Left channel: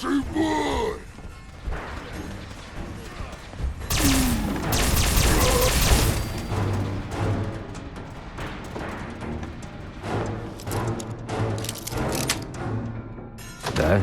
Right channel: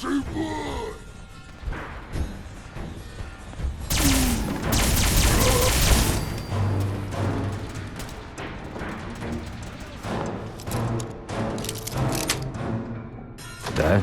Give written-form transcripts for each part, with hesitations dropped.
Хороший бой! Да?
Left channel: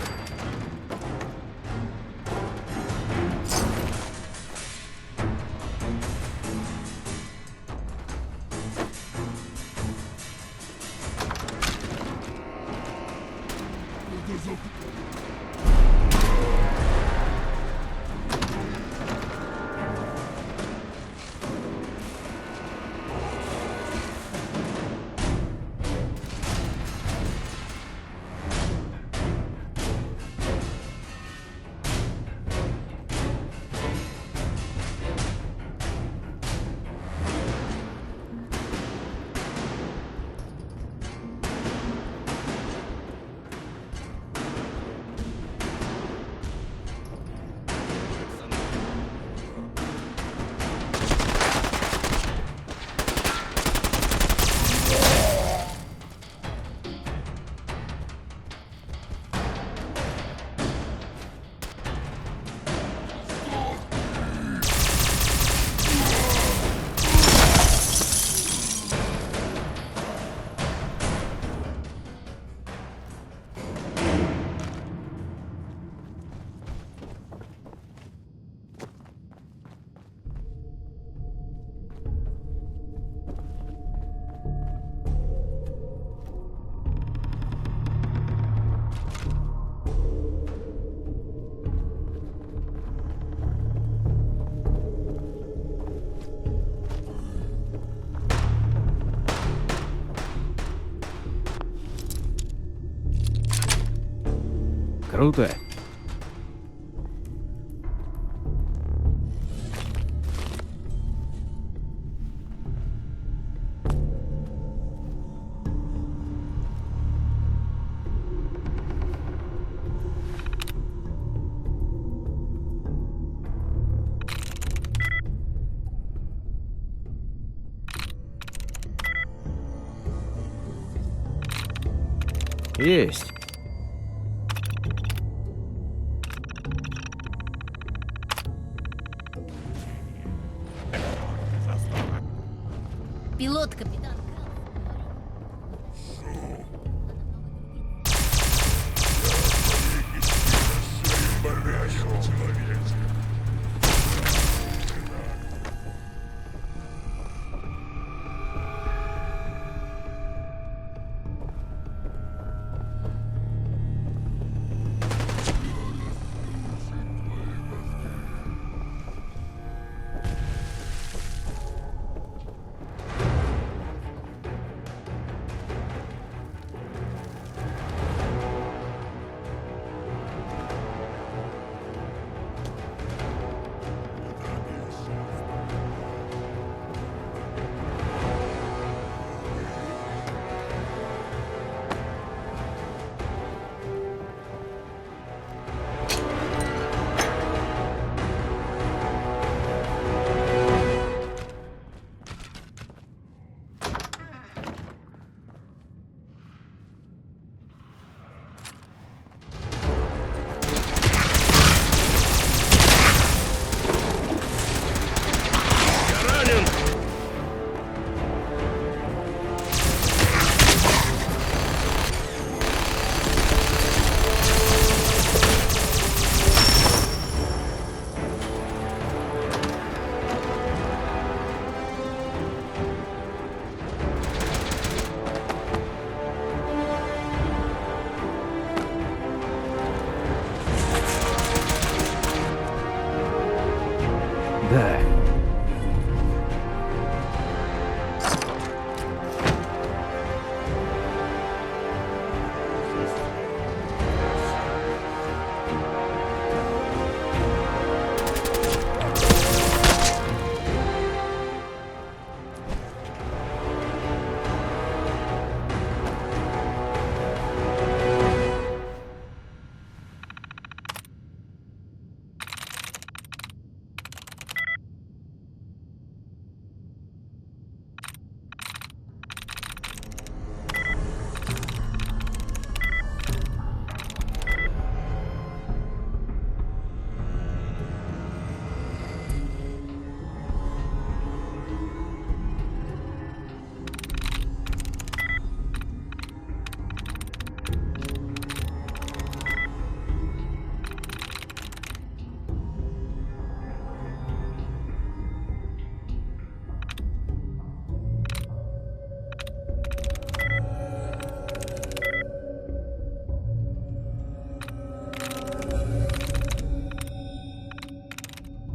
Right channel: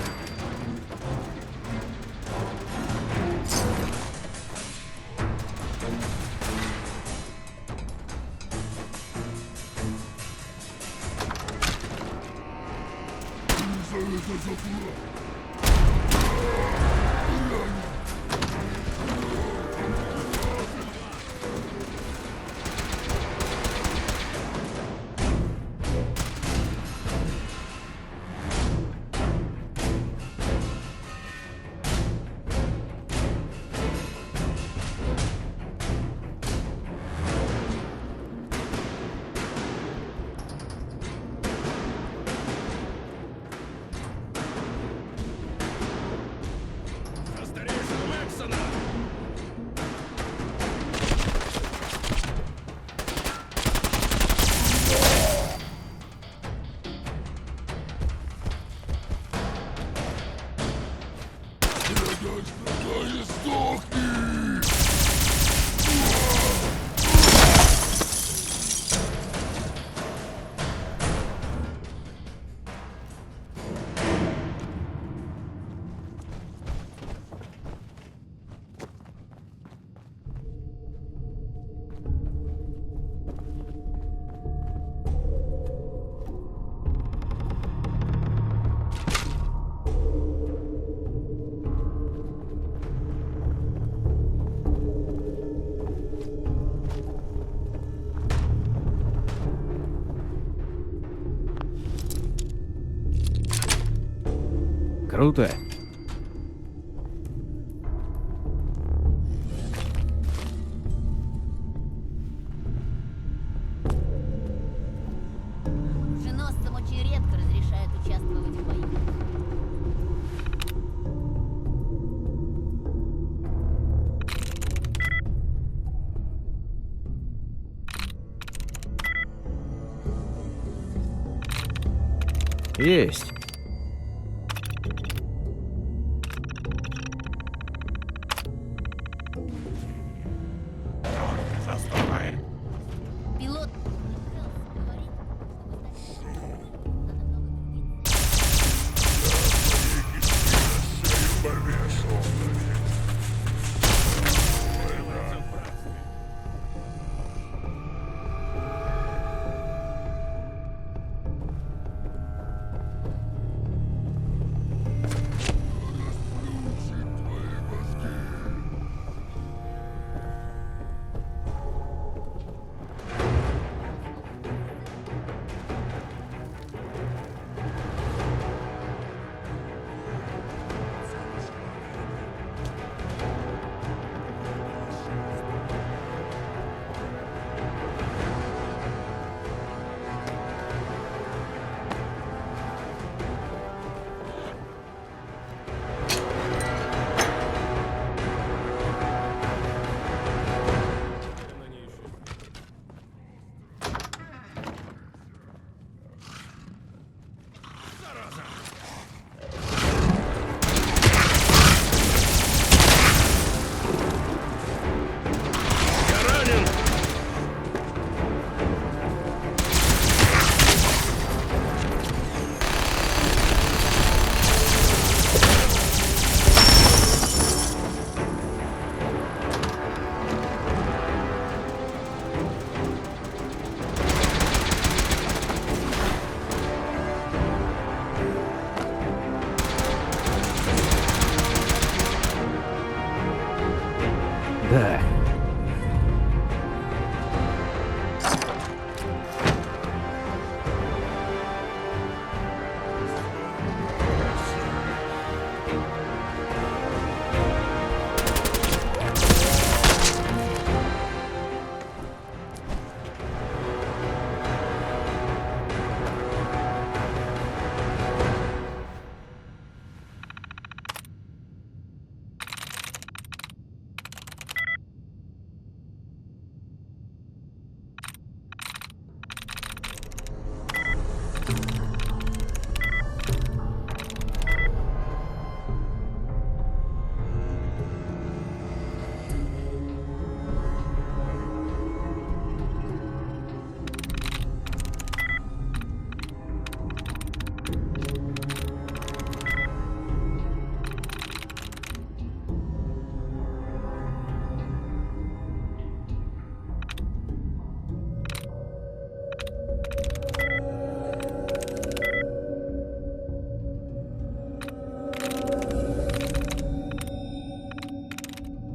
Круто. Женосцам очень редко разрешают участвовать в бою. Есть. Пилот, капитан Крэлс, говорит,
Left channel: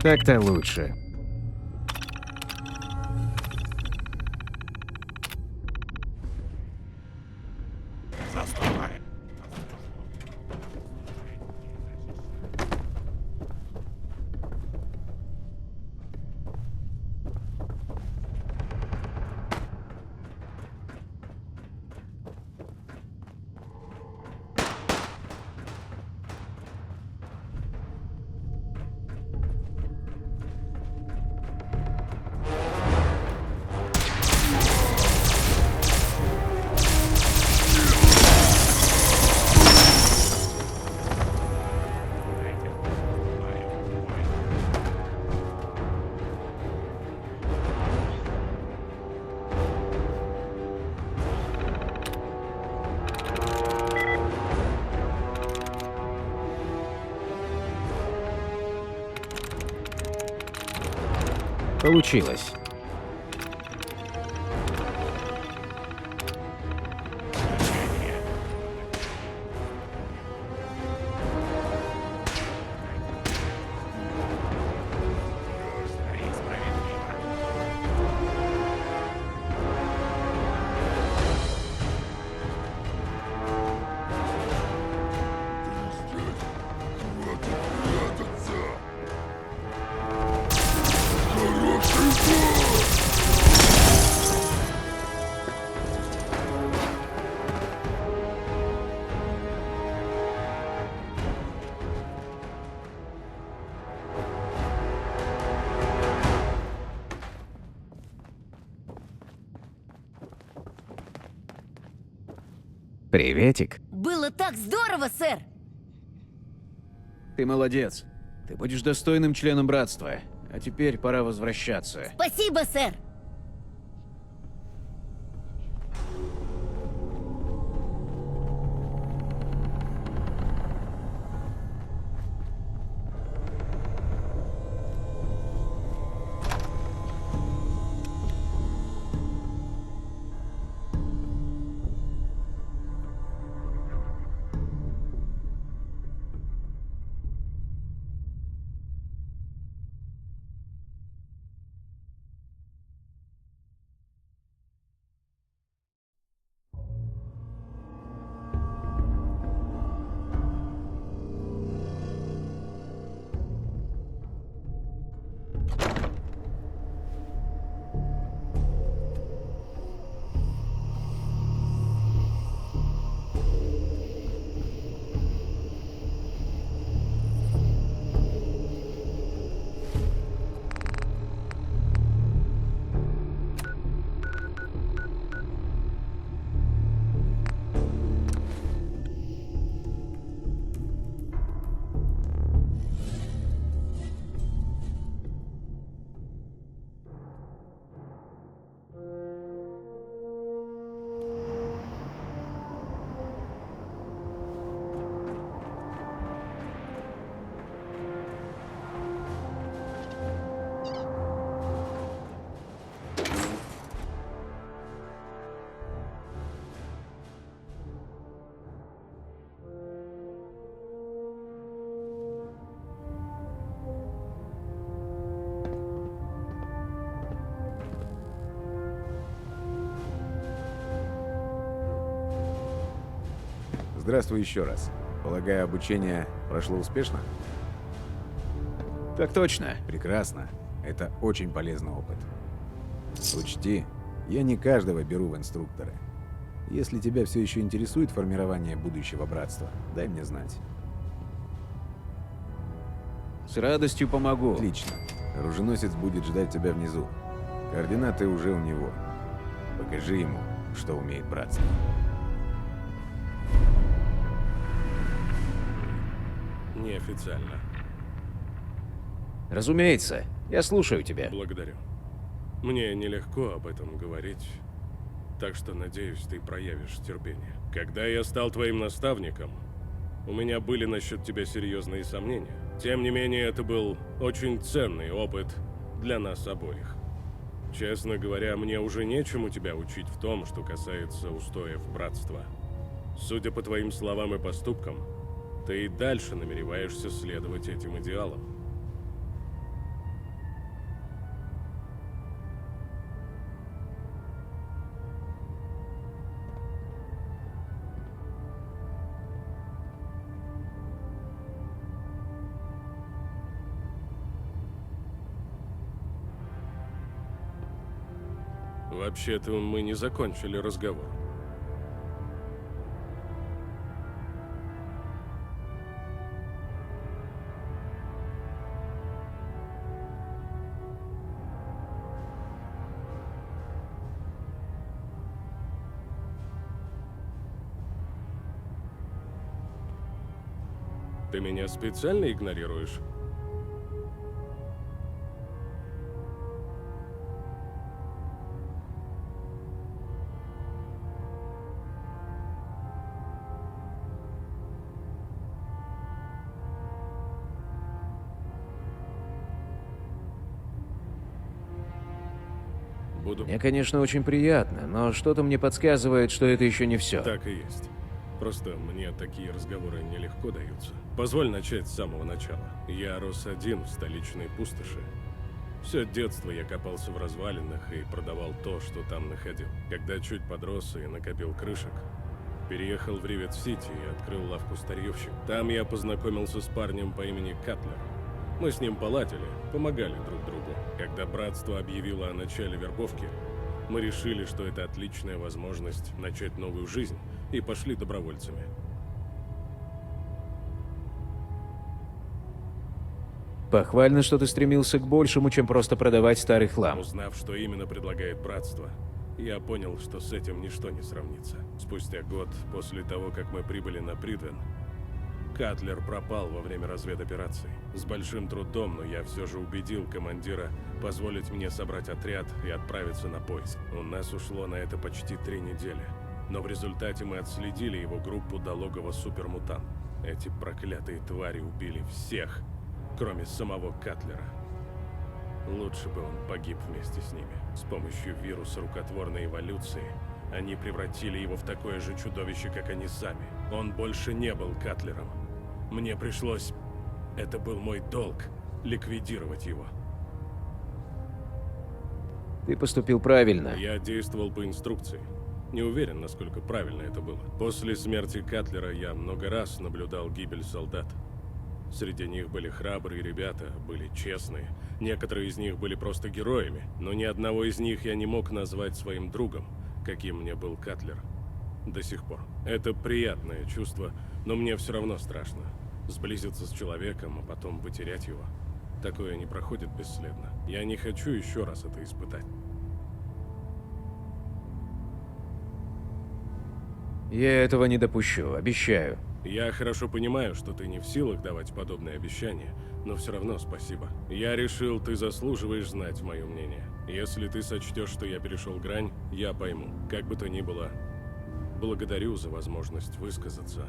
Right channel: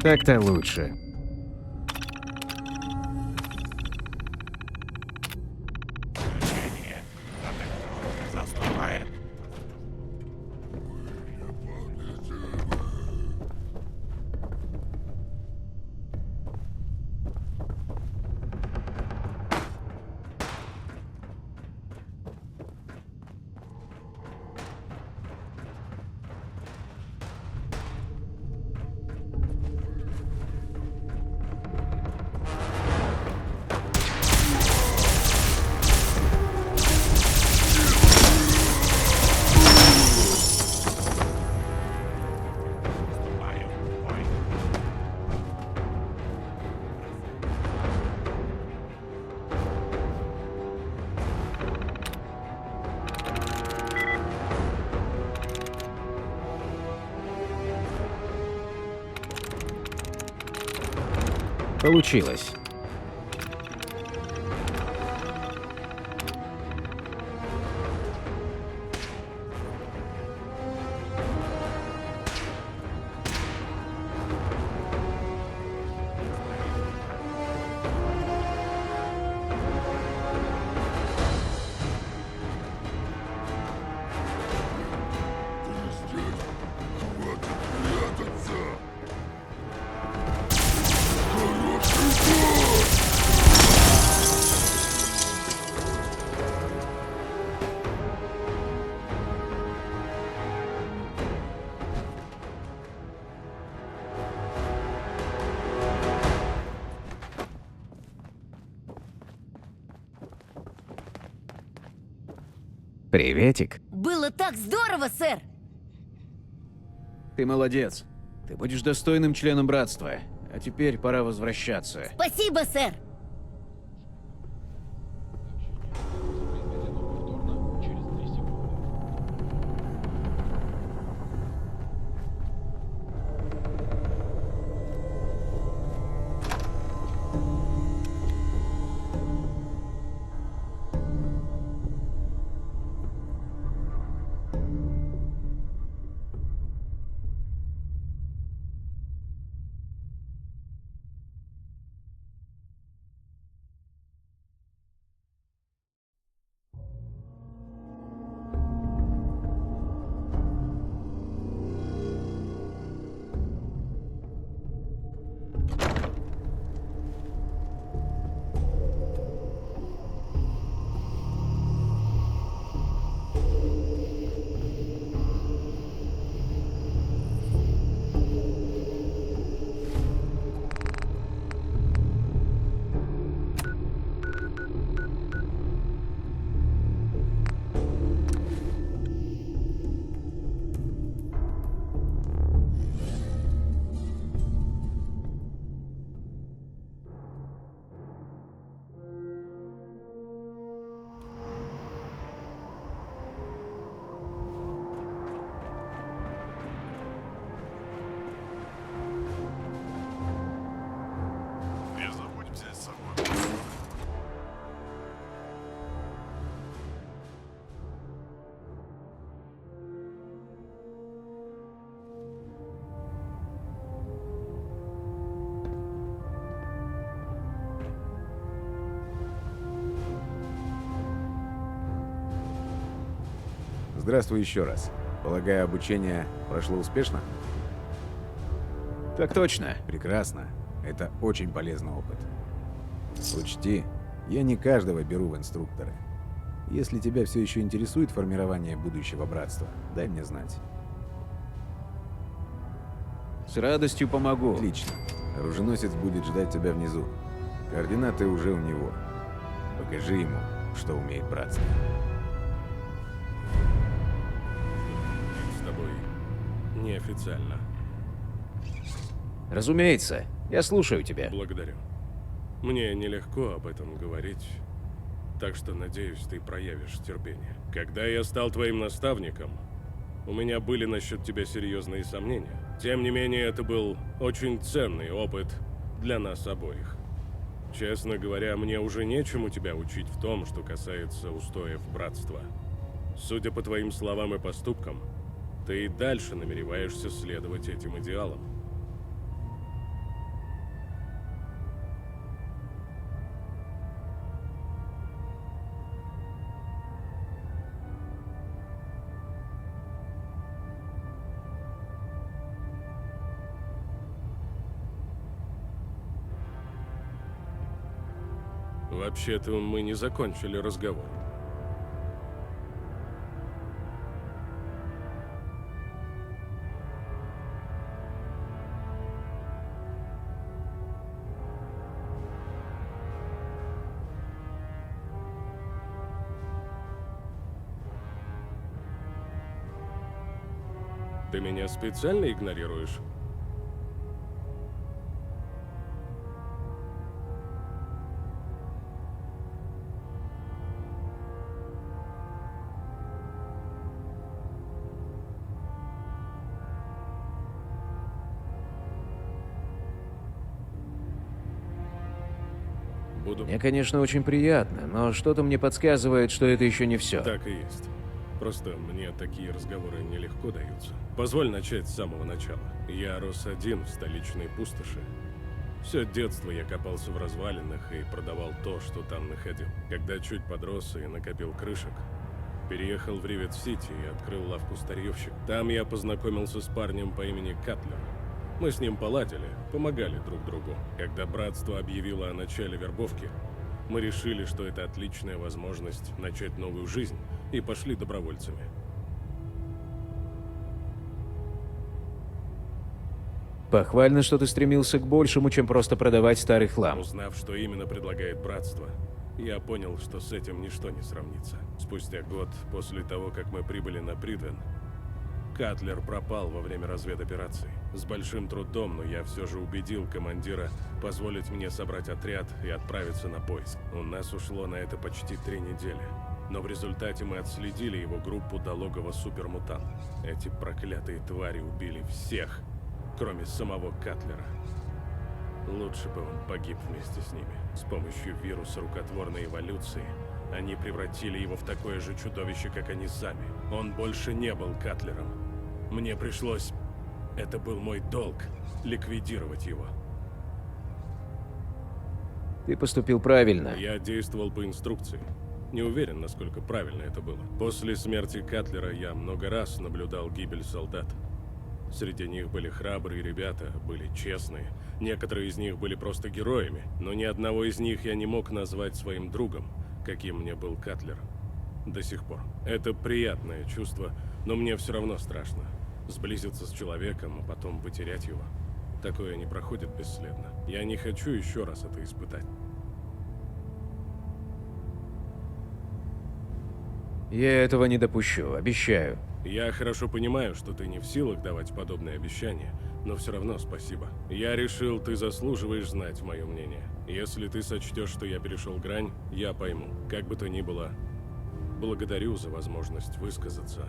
Так-то лучше. Получилось. Приветик. Было так здорово, сэр! Ты молодец. Ты будешь достойным членом братства. А теперь пора возвращаться. Спасибо, сэр! Здравствуй еще раз. Полагаю, обучение прошло успешно? Так точно. Прекрасно. Это очень полезный опыт. Учти, я не каждого беру в инструкторы. Если тебя все еще интересует формирование будущего братства, дай мне знать. С радостью помогу. Отлично. Оруженосец будет ждать тебя внизу. Координаты уже у него. Покажи ему, что умеет братство. С тобой неофициально. Разумеется. Я слушаю тебя. Благодарю. Мне нелегко об этом говорить, так что, надеюсь, ты проявишь терпение. Когда я стал твоим наставником, у меня были насчет тебя серьезные сомнения. Тем не менее, это был очень ценный опыт для нас обоих. Честно говоря, мне уже нечему тебя учить в том, что касается устоев братства. Судя по твоим словам и поступкам, ты и дальше намереваешься следовать этим идеалам. Вообще-то мы не закончили разговор. Ты меня специально игнорируешь? Буду... Мне, конечно, очень приятно, но что-то мне подсказывает, что это еще не все. Так и есть. Просто мне такие разговоры нелегко даются. Позволь начать с самого начала. Я рос один в столичной пустоши. Все детство я копался в развалинах и продавал то, что там находил. Когда чуть подрос и накопил крышек, переехал в Ривет-Сити и открыл лавку старьевщик. Там я познакомился с парнем по имени Катлер. Мы с ним поладили, помогали друг другу. Когда братство объявило о начале вербовки, мы решили, что это отличная возможность начать новую жизнь, и пошли добровольцами. Похвально, что ты стремился к большему, чем просто продавать старый хлам. Узнав, что именно предлагает братство, я понял, что с этим ничто не сравнится. Спустя год после того, как мы прибыли на Придвен, Катлер пропал во время разведоперации. С большим трудом, но я все же убедил командира позволить мне собрать отряд и отправиться на поиск. У нас ушло на это почти 3 недели. Но в результате мы отследили его группу до логова супермутант. Эти проклятые твари убили всех, кроме самого Катлера. Лучше бы он погиб вместе с ними. С помощью вируса рукотворной эволюции они превратили его в такое же чудовище, как они сами. Он больше не был Катлером. Мне пришлось... Это был мой долг — ликвидировать его. Ты поступил правильно. Я действовал по инструкции. Не уверен, насколько правильно это было. После смерти Катлера я много раз наблюдал гибель солдат. Среди них были храбрые ребята, были честные. Некоторые из них были просто героями, но ни одного из них я не мог назвать своим другом, каким мне был Катлер. До сих пор. Это приятное чувство, но мне все равно страшно. Сблизиться с человеком, а потом потерять его. Такое не проходит бесследно. Я не хочу еще раз это испытать. Я этого не допущу, обещаю. Я хорошо понимаю, что ты не в силах давать подобные обещания, но все равно спасибо. Я решил, ты заслуживаешь знать мое мнение. Если ты сочтешь, что я перешел грань, я пойму. Как бы то ни было, благодарю за возможность высказаться.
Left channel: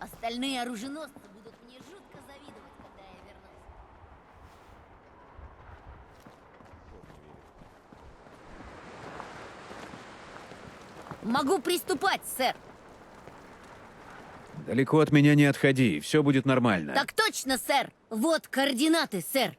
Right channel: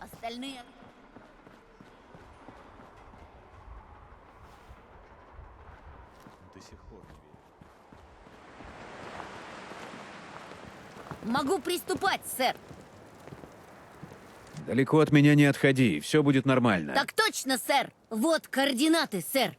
Остальные оруженосцы будут мне жутко завидовать, когда я вернусь. До сих пор не верю. Могу приступать, сэр. Далеко от меня не отходи, все будет нормально. Так точно, сэр. Вот координаты, сэр.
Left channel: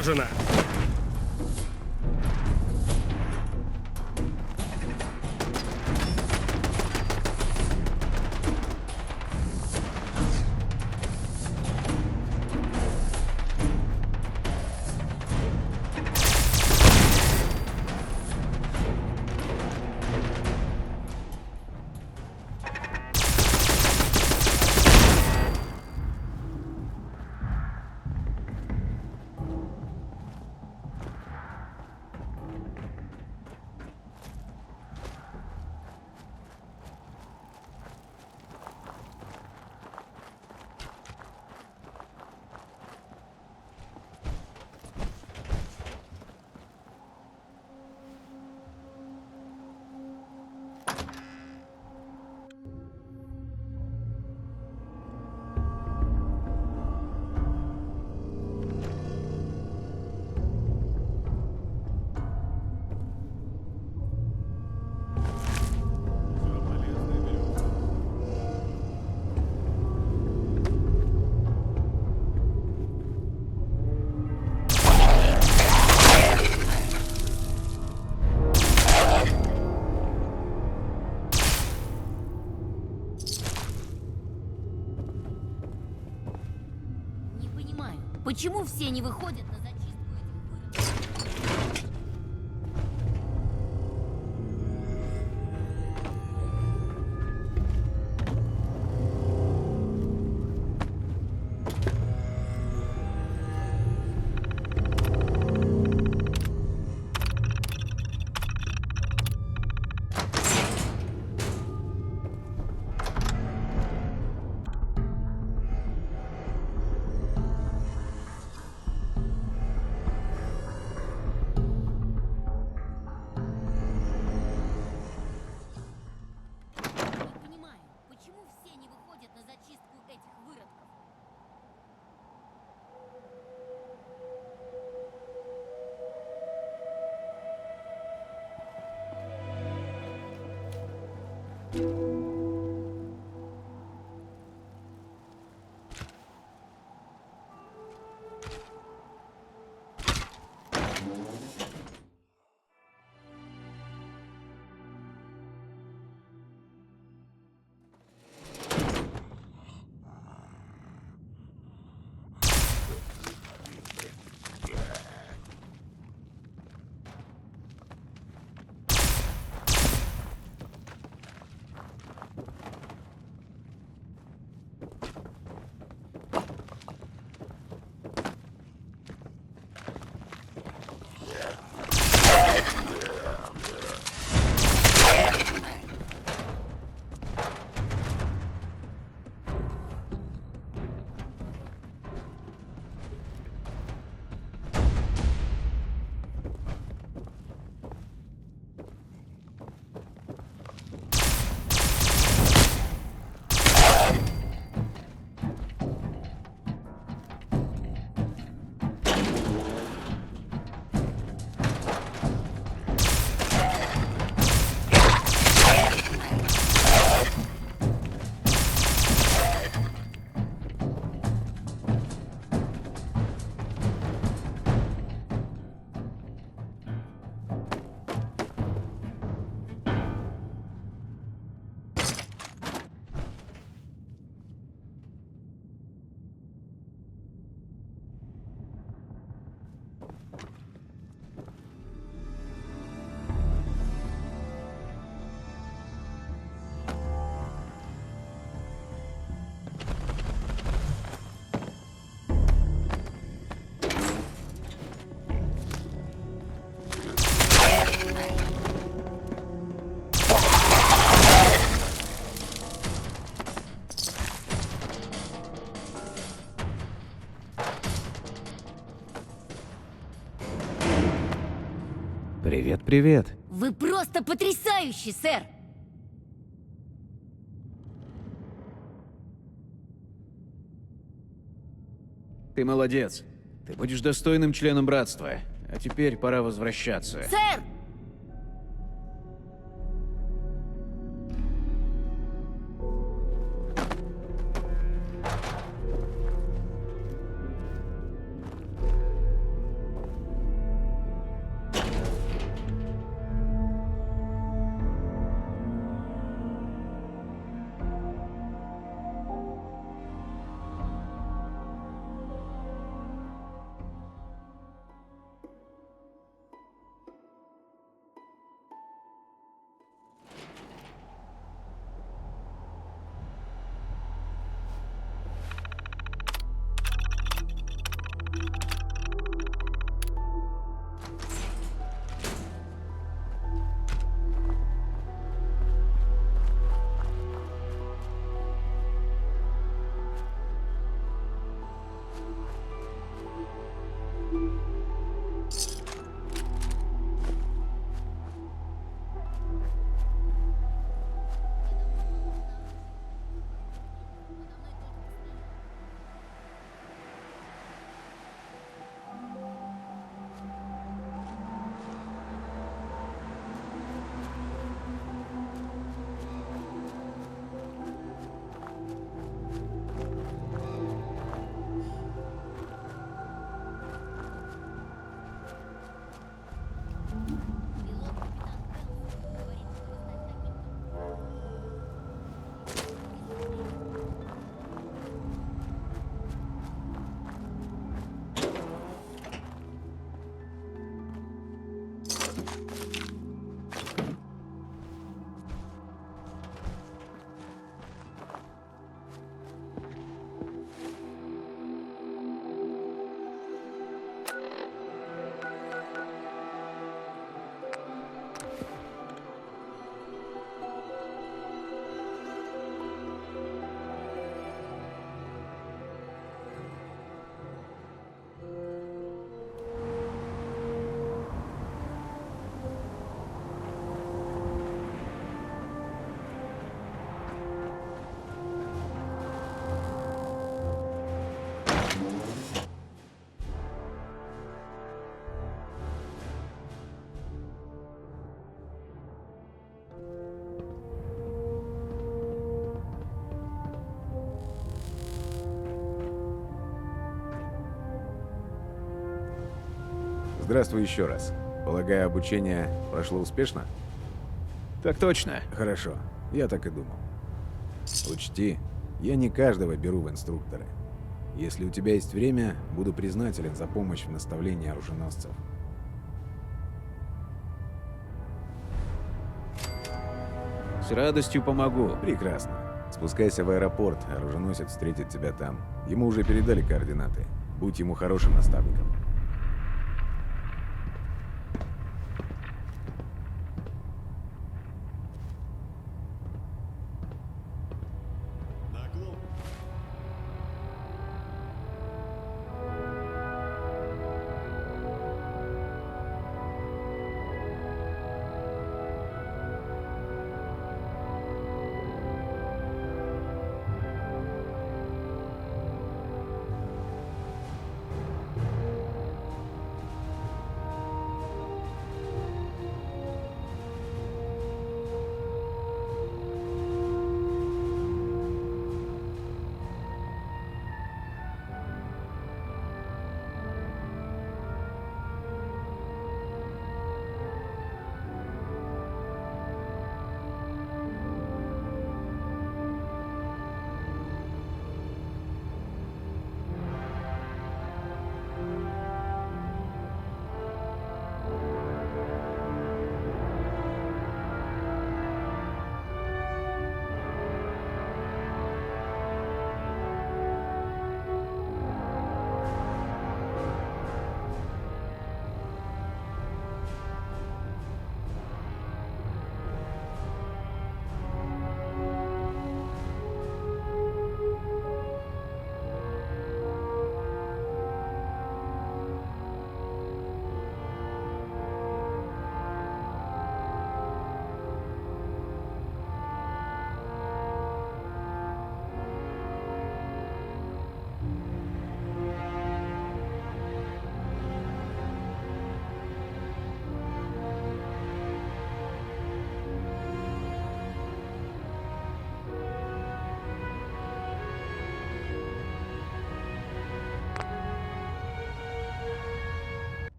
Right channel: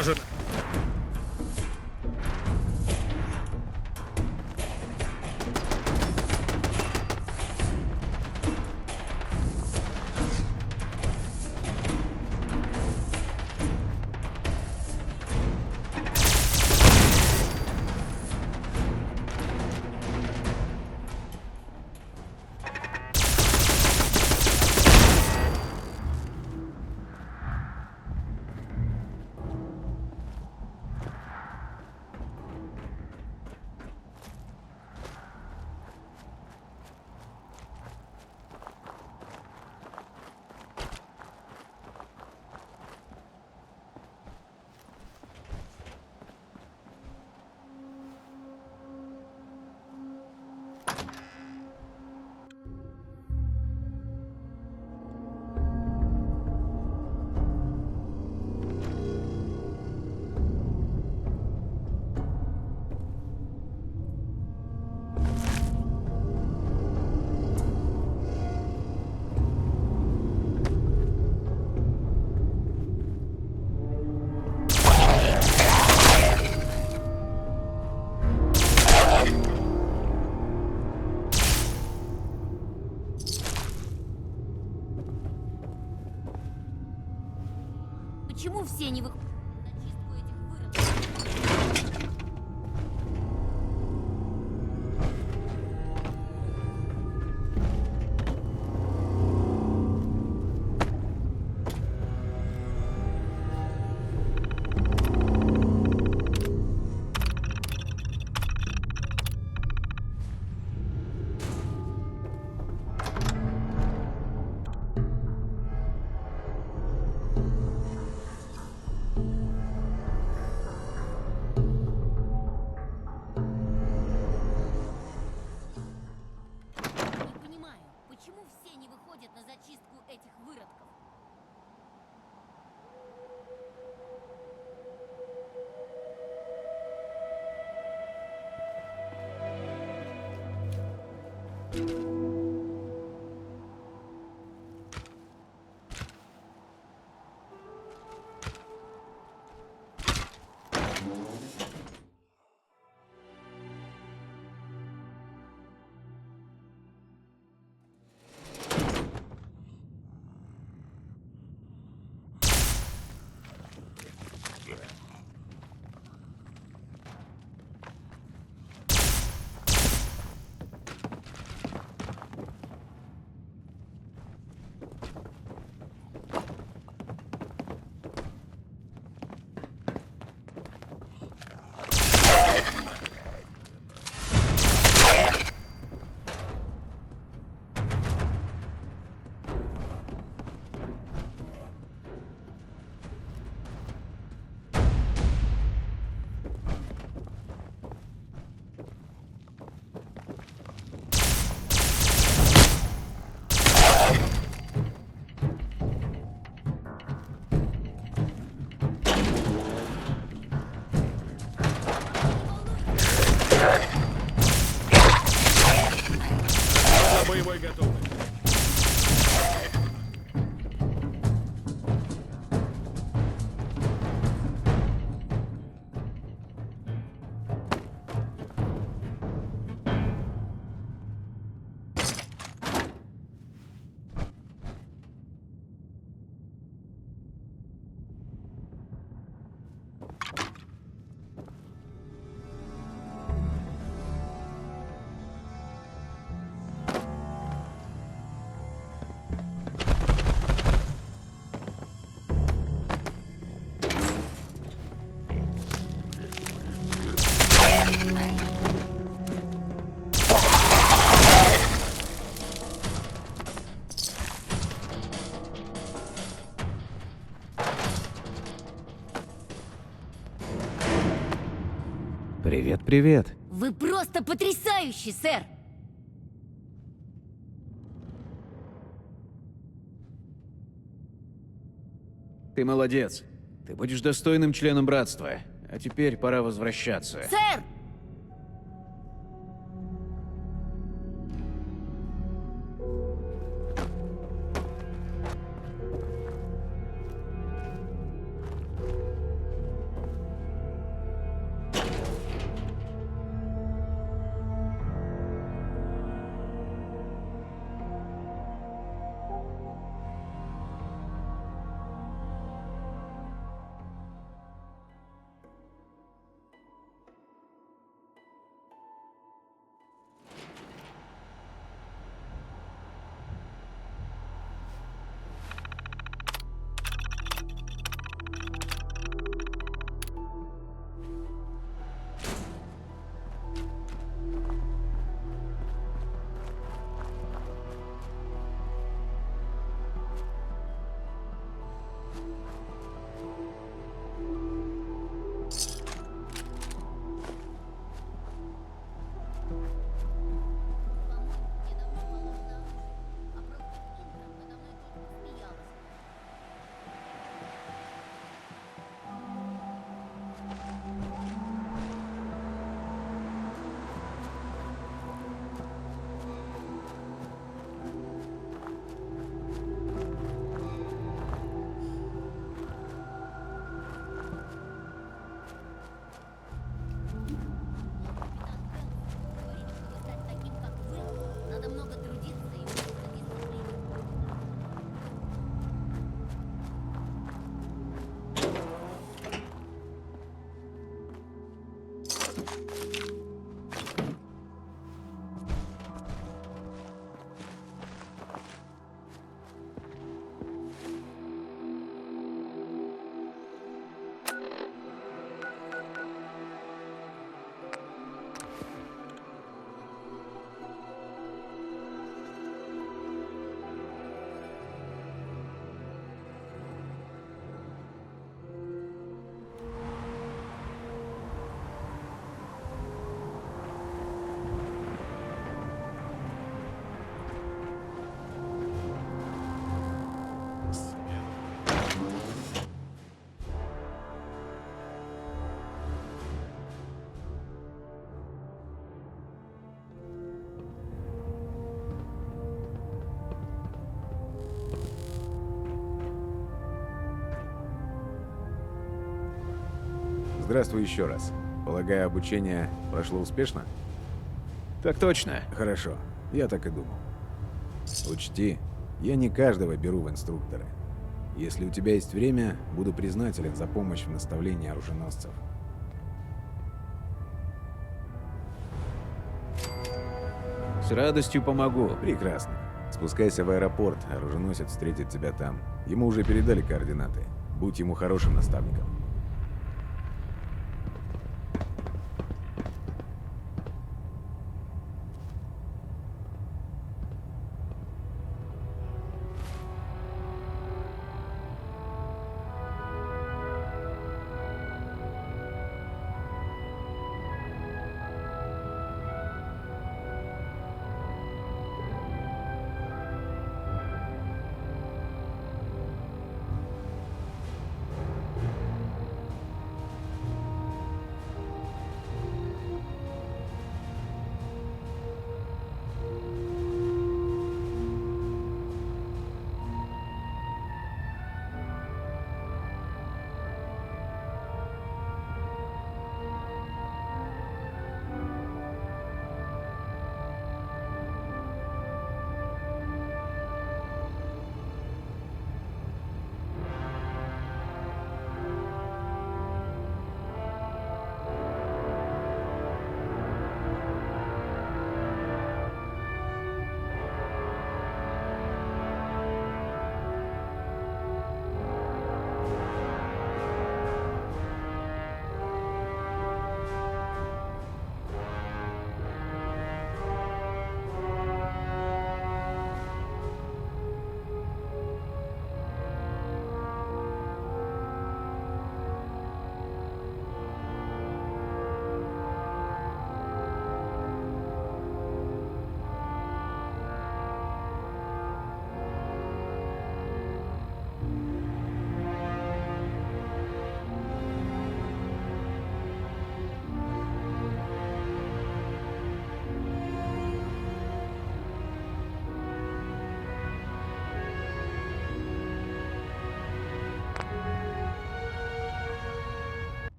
уничтожена! Почему все не выходят на зачистку этих выродков? На зачистку этих выродков. Привет, привет. Вы просто потрясающий, сэр! Ты молодец. Ты будешь достойным членом братства. А теперь пора возвращаться. Сэр! Здравствуй еще раз. Полагаю, обучение прошло успешно? Так точно. Хорошо, я так и думал. Учти, я не каждого беру в инструкторы. Если у тебя есть время, буду признателен за помощь в наставлении оруженосцев. С радостью помогу. Прекрасно. Спускайся в аэропорт, оруженосец встретит тебя там. Ему уже передали координаты. Будь ему хорошим наставником.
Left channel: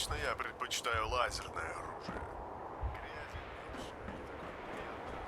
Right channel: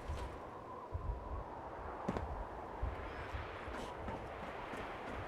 Лично я предпочитаю лазерное оружие. Грязи меньше, и такой приятный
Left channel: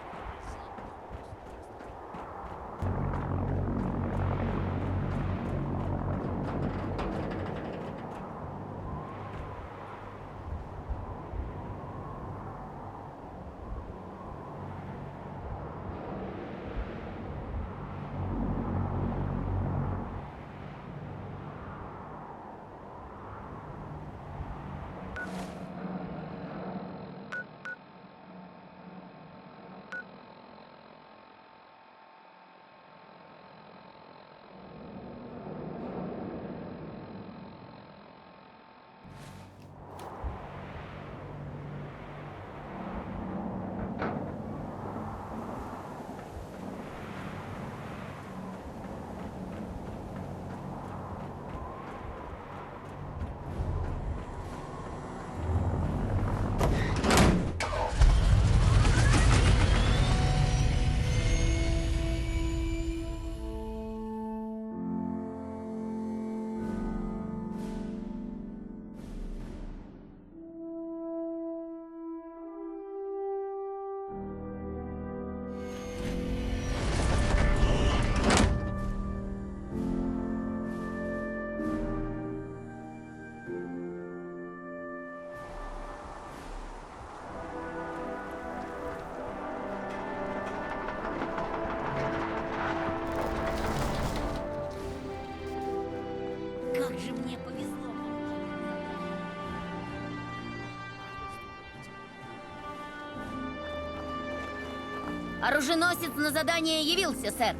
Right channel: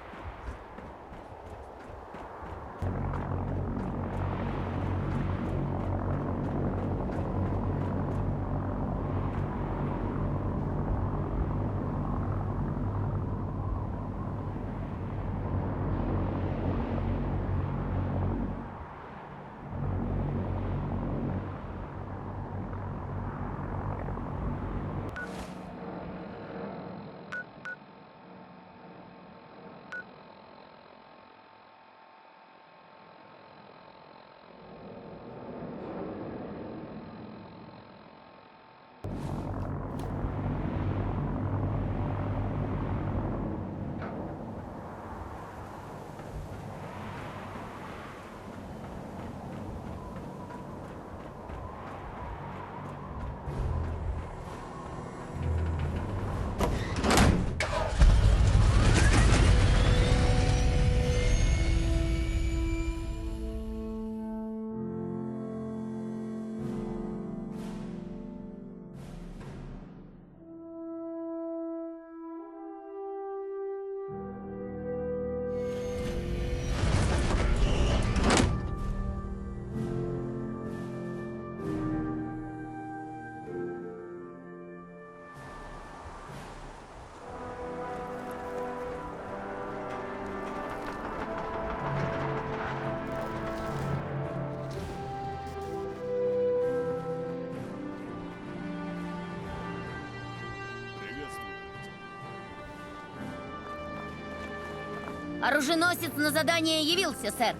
Оруженосец на задание явился, сэр.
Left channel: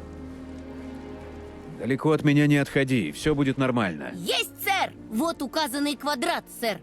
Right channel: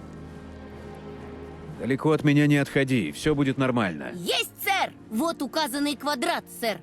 Далеко от меня не отходи, все будет нормально. Есть, сэр! Вот указанный квадрат, сэр.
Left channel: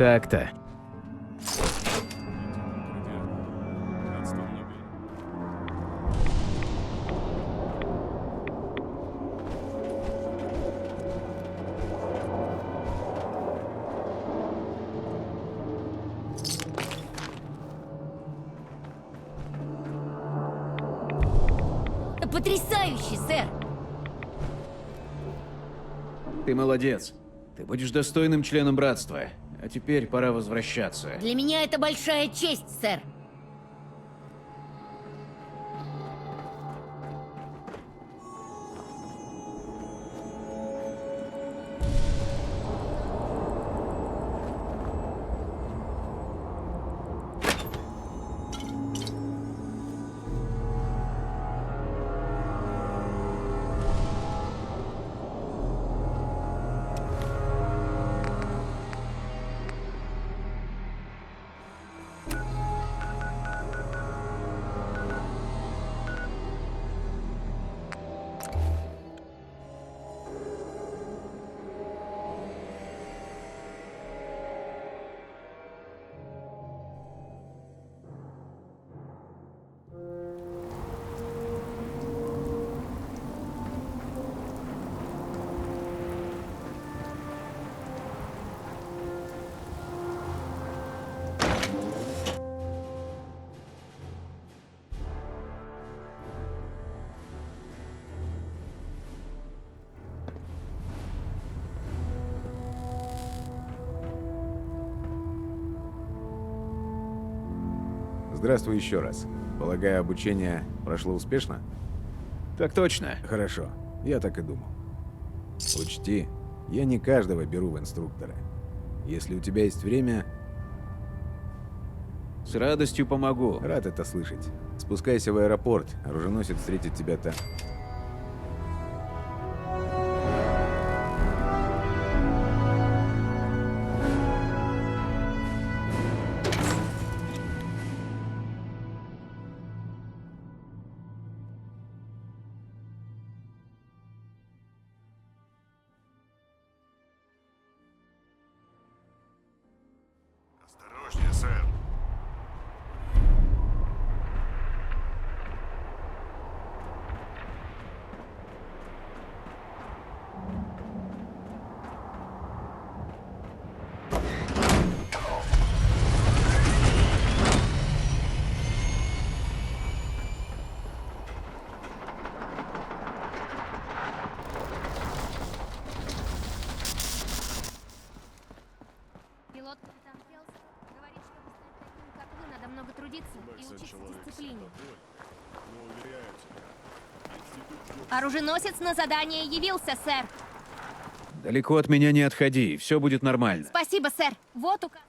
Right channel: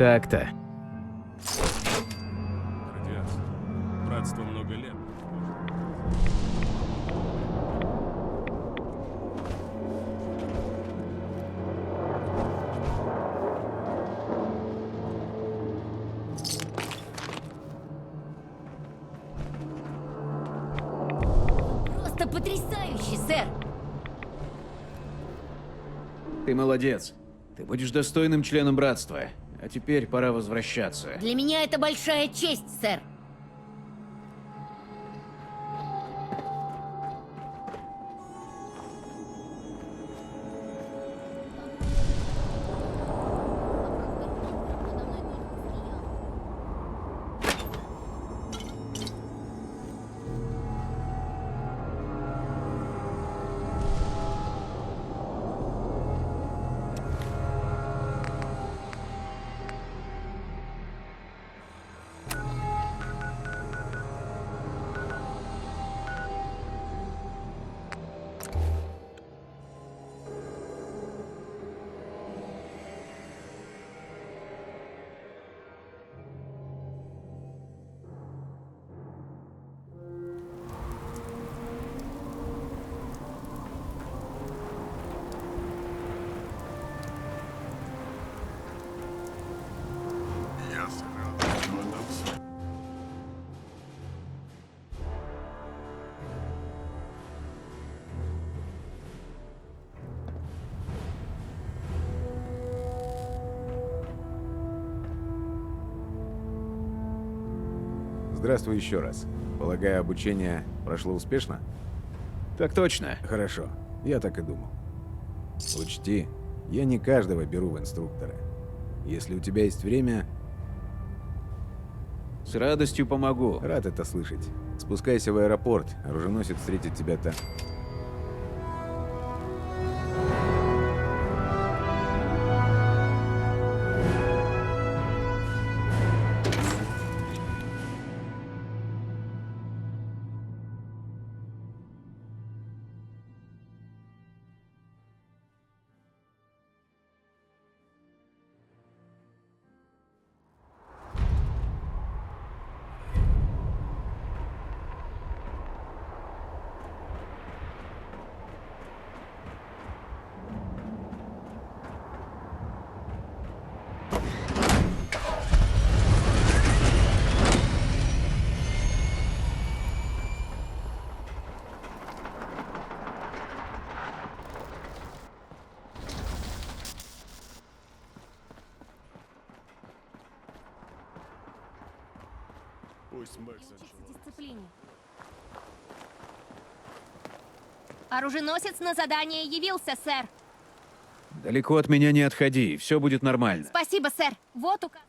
Так-то. Радиация. Братство много лет. Просто потрясающе, сэр! Ты молодец. Ты будешь достойным членом братства. А теперь пора возвращаться. Для меня это большая честь, сэр. Здравствуй еще раз. Полагаю, обучение прошло успешно? Так точно. Хорошо. Я так и думал. Учти, я не каждого беру в инструкторы. Если у тебя есть время, С радостью помогу. рад это слышать. Спускайся в аэропорт, оруженосец встретит тебя там. Осторожнее, сэр. Пилот капитан Хелс говорит, что как вы надо много трудиться и учиться дисциплине. Оруженосец на задание явился, сэр. Далеко от меня не отходи, все будет нормально. Спасибо, сэр. Вот указ.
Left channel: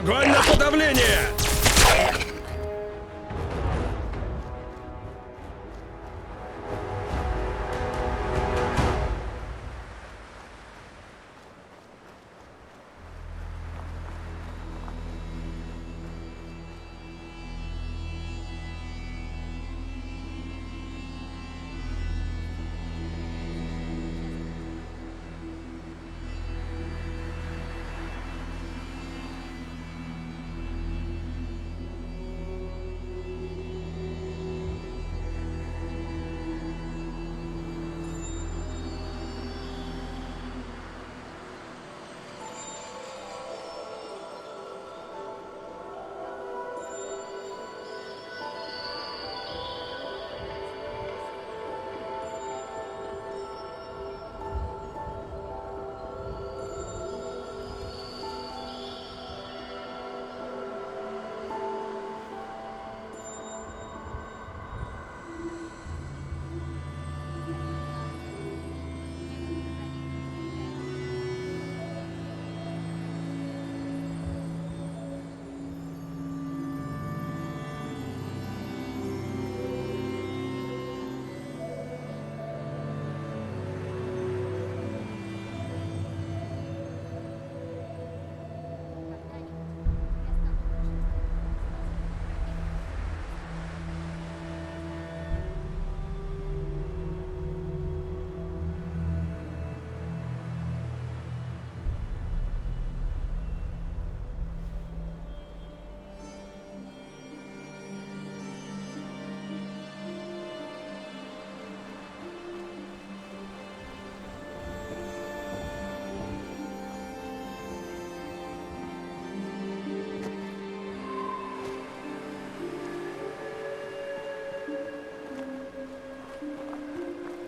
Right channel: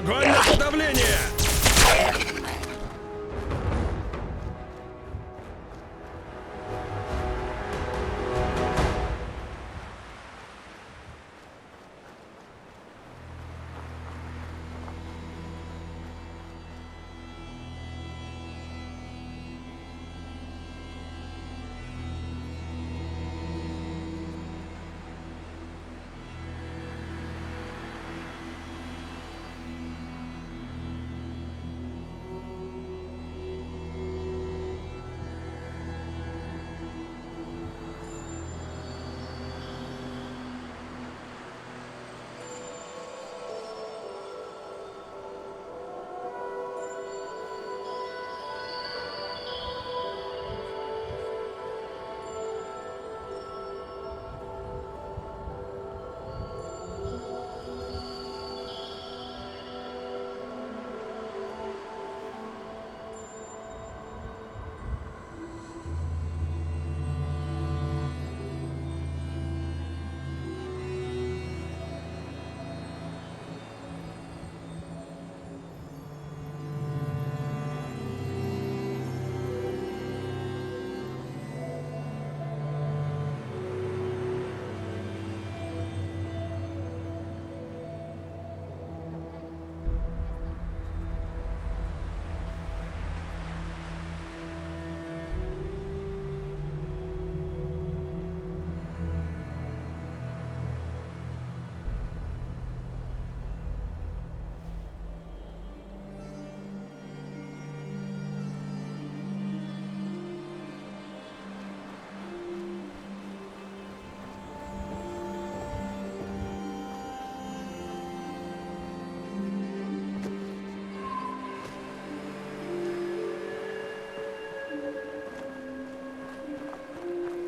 Огонь на подавление!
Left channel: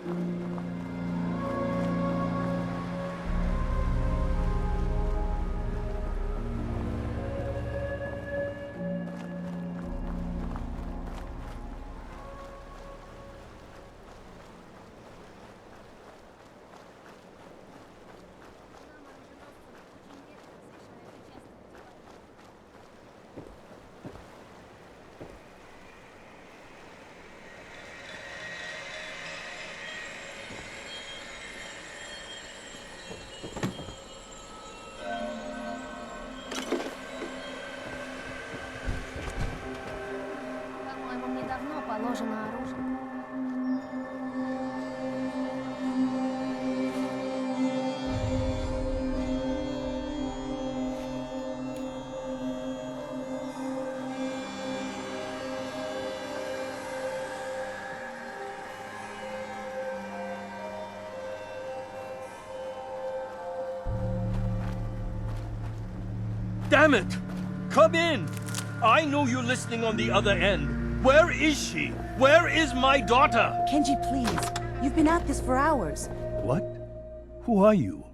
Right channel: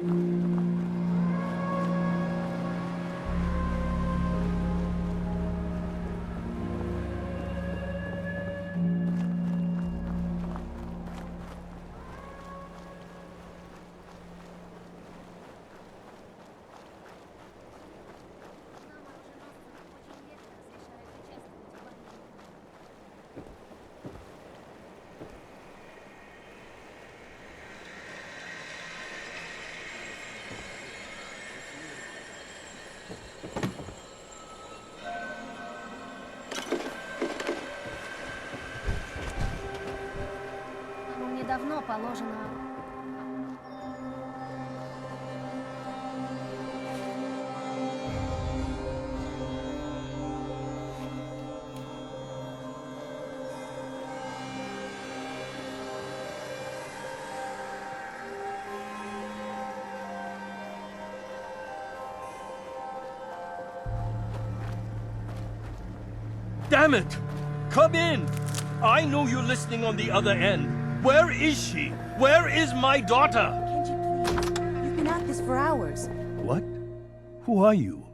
Нам, оруженосцам, очень редко разрешают участвовать в войне. По-моему, мне давно положено оружие. Damn it! Come in! I know you're listening on the other end. Where is she? Where is my daughter? Kenji, please. You've been at this for hours. What? Who are you?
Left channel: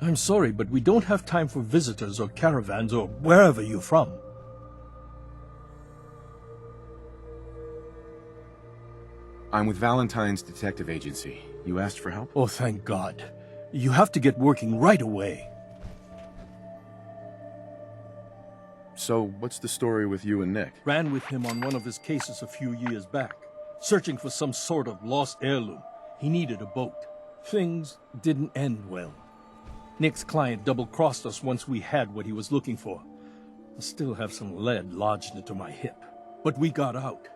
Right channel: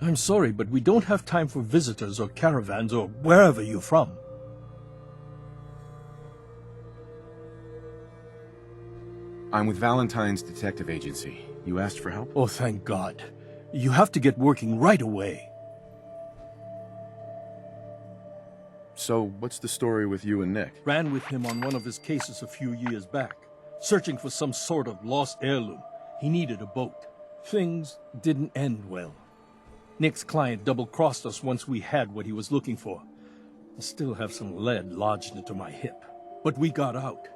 I'm sorry, but we don't have time for visitors or caravans or wherever you're from. I'm with Valentine's detective agency. You asked for help? Oh, thank God. You have to get working right away. So, what's the story with you and Nick? Ran with him on one of his cases a few years back, searching for some sort of lost heirloom. He needed a boat. Things didn't end well. Nick's client double-crossed us once we had what he was looking for. I still have some lead lodged into my hip. But we got out.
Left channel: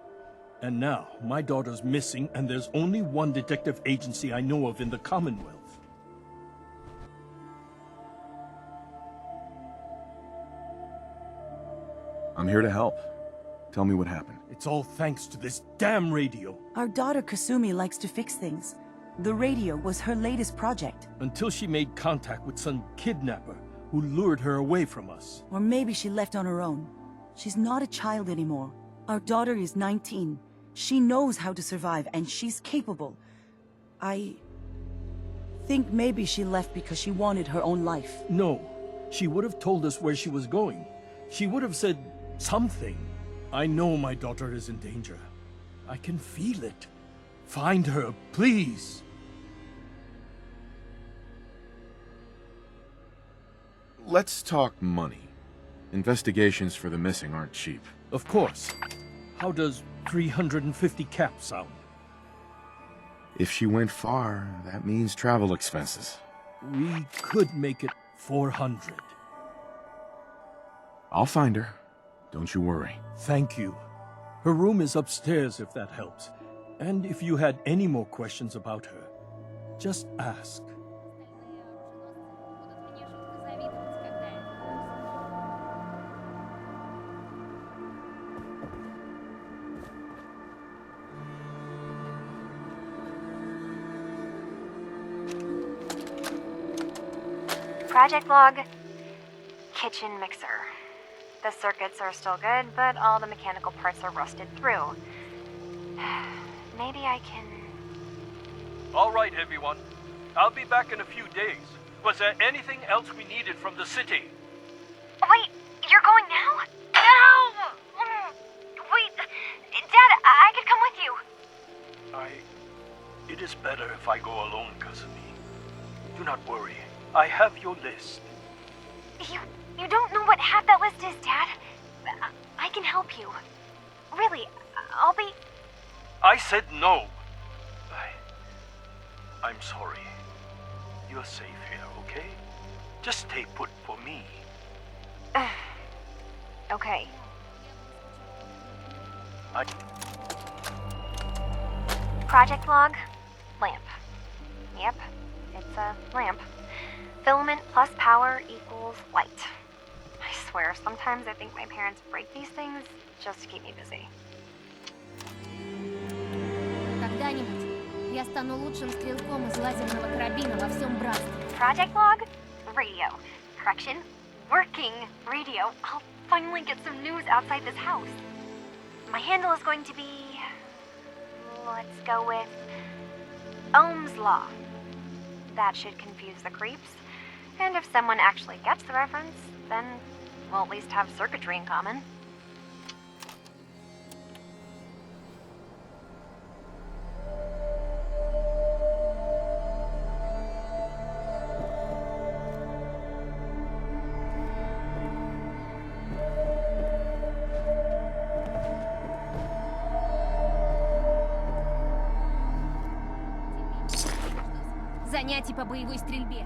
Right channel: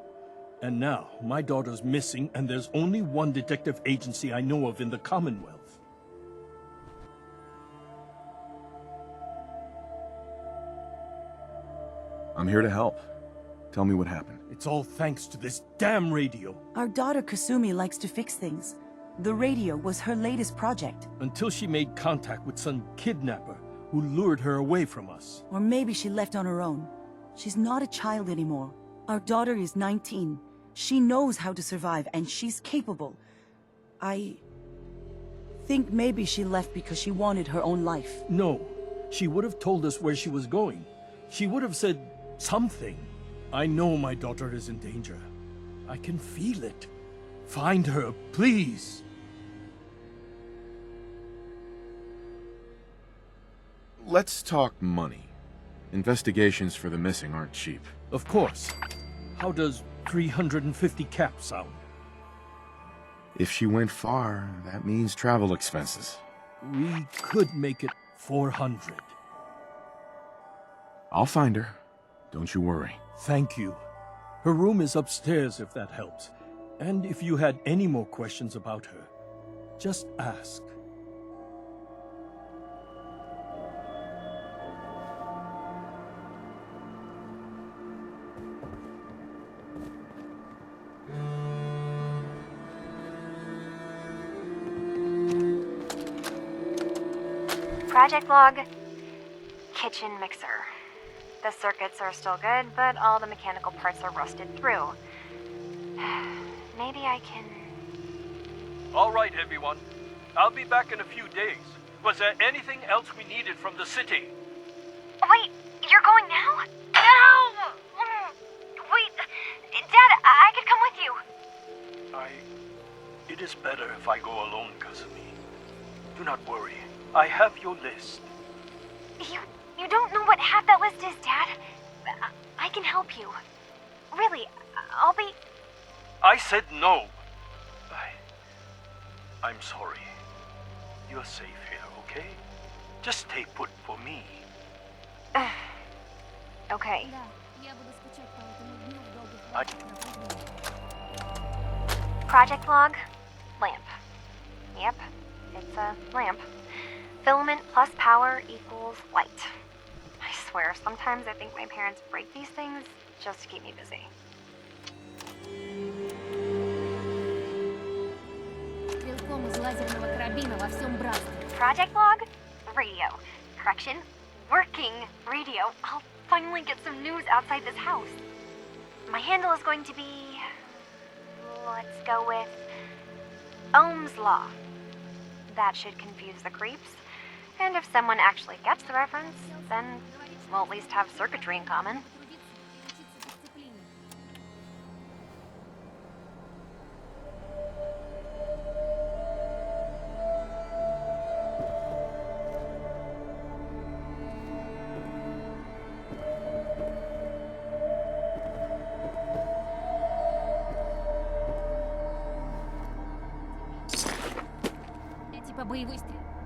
And now, my daughter's missing, and there's only one detective agency I know of in the Commonwealth. I'm here to help. Tell me what happened. It's all thanks to this damn radio. Our daughter Kasumi likes to fix things. The radio was her latest project. Until she made contact with some kidnapper who lured her away from us. Or maybe she left on her own. She's not a child anymore. Our daughter is 19. She knows how to survive, and she's capable. I think maybe she left because she wanted her own life. No, she would have told us where she was going. She would have said something. I know my daughter is in danger. I can feel it. Find her, please. Let's talk money. Investigations for the missing aren't cheap. Of course. How does 350 cap sound? If she went far, that means travel expenses. We could make it 400. I'll find her. Don't you worry. Thank you. Her room is upstairs if that helps. And if you had any more questions about her, just ask. Project log. Kitchen mixer. The circuits are still good, but all the mechanical parts are rusted through. Maybe I can... All right, everyone. I'll be back in a few days. Was there anything else we needed from the city? Wait, you're going now? No! Wait, Dad, I could come with you. It is better if I go alone, Kasumi. Do not worry. I have your list. You don't know what half that list is, Dad. I can help you. Really, I'll be... I said no. I'm sorry. You're safe here, okay? Just stay put for me. Okay. Project log. Lamp. Yep, it's a lamp. Filament plus power equals light. I swear, sometimes I think my parents break these things just to keep me busy. Когда-нибудь я стану лучшим стрелком из лазерного карабина во всем братстве. Project log. Radio. Correction. Working radio. I'll finally get some news outside this house. My handle is going to be... Let's go with... Ohm's Law. That should confuse the creeps. And if someone actually gets the reference, then we'll at least have circuitry in common. Занятий по боевой стрельбе.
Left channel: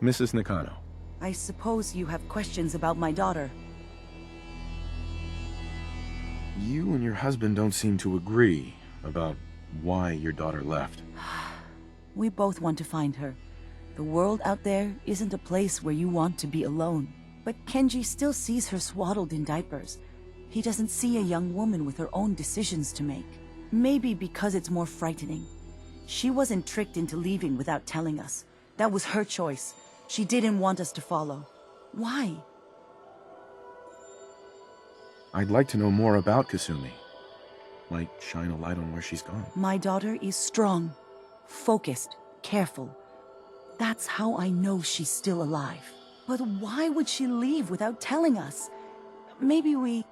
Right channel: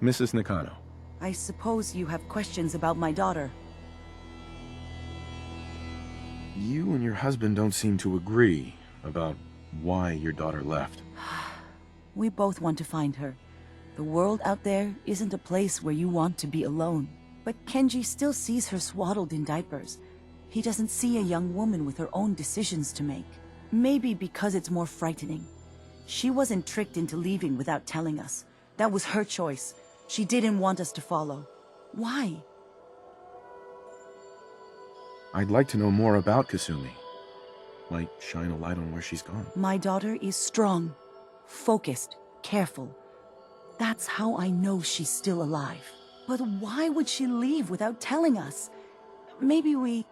Mrs. Nakano. I suppose you have questions about my daughter. You and your husband don't seem to agree about why your daughter left. We both want to find her. The world out there isn't a place where you want to be alone. But Kenji still sees her swaddled in diapers. He doesn't see a young woman with her own decisions to make. Maybe because it's more frightening. She wasn't tricked into leaving without telling us. That was her choice. She didn't want us to follow. Why? I'd like to know more about Kasumi. Might shine a light on where she's gone. My daughter is strong, focused, careful. That's how I know she's still alive. But why would she leave without telling us? Maybe we...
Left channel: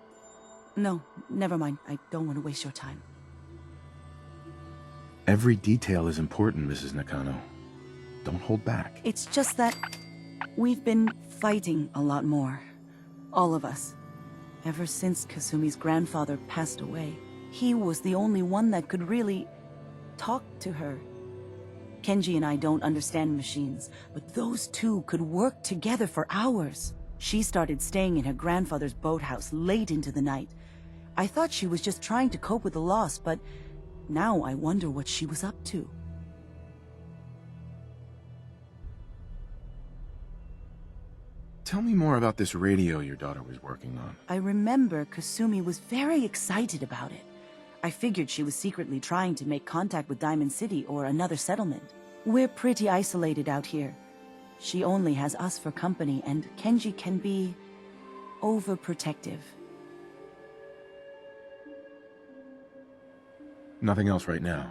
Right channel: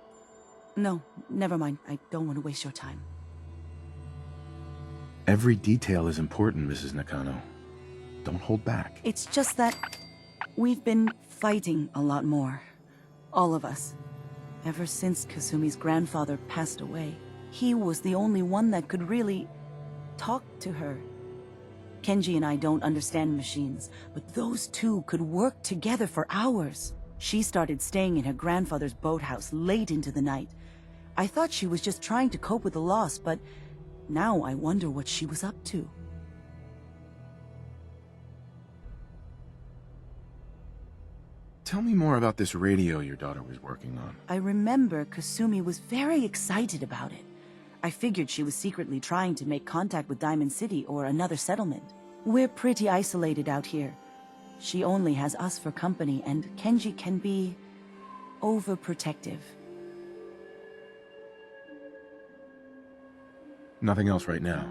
No, never mind. I don't want to waste your time. Every detail is important, Mrs. Nakano. Don't hold back. It's just that we've been fighting a lot more. All of us. Ever since Kasumi's grandfather passed away. He was the only one that could really talk to her. Kenji and I don't understand machines, but those two could work together for hours. She started staying in her grandfather's boathouse late into the night. I thought she was just trying to cope with the loss, but now I wonder what she was up to. Tell me more about this radio your daughter was working on. I remember Kasumi was very excited about it. I figured she was secretly trying to make contact with Diamond City or another settlement. We're pretty isolated out here. She only has us for company, and Kenji can be overprotective. Nothing else right now.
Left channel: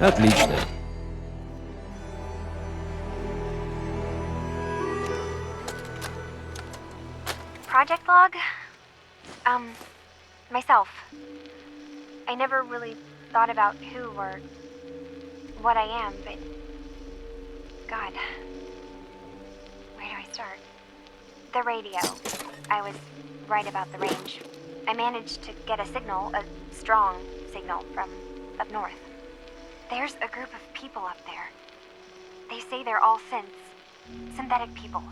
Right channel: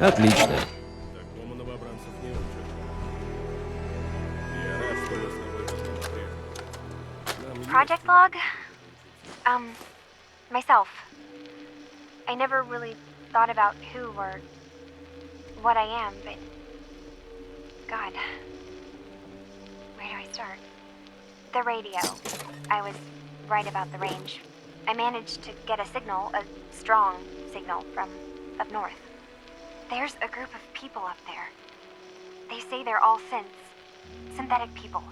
Отлично. Project log? Myself. I never really thought about who or what I am, but... God. Where do I start? The radio. I was right about the range. I managed to get a signal, a strong signal, from up north. There's a group of people up there. They say they're all synths. Synthetic people.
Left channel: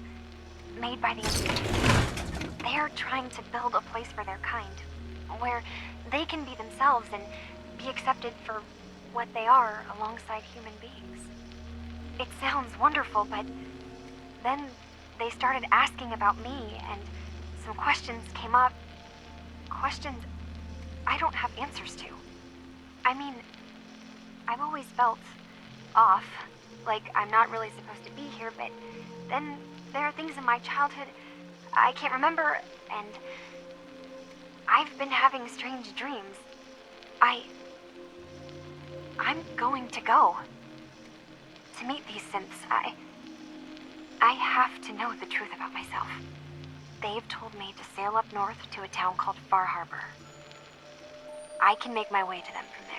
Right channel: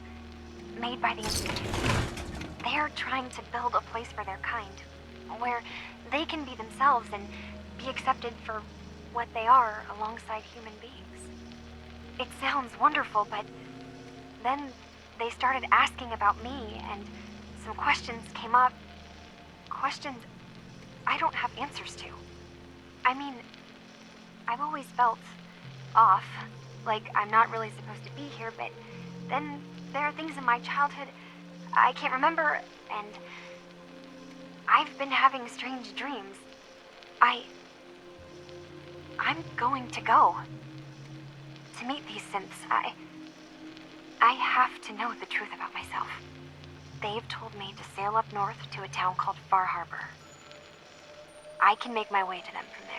Made by the Institute. They're trying to build a place for their kind, where they can be themselves and be accepted for what they are alongside human beings. It sounds wonderful, but then they started asking about me, and some questions came up. Questions I don't have answers to. I mean, I've always felt off, like I'm not really supposed to be here, but then there are things in my childhood I can't remember, and I've been having strange dreams. I'm going to go. To meet these synths, I have to know the truth about myself. They've told me to sail up north to a town called Far Harbor. I can make my way to them from there.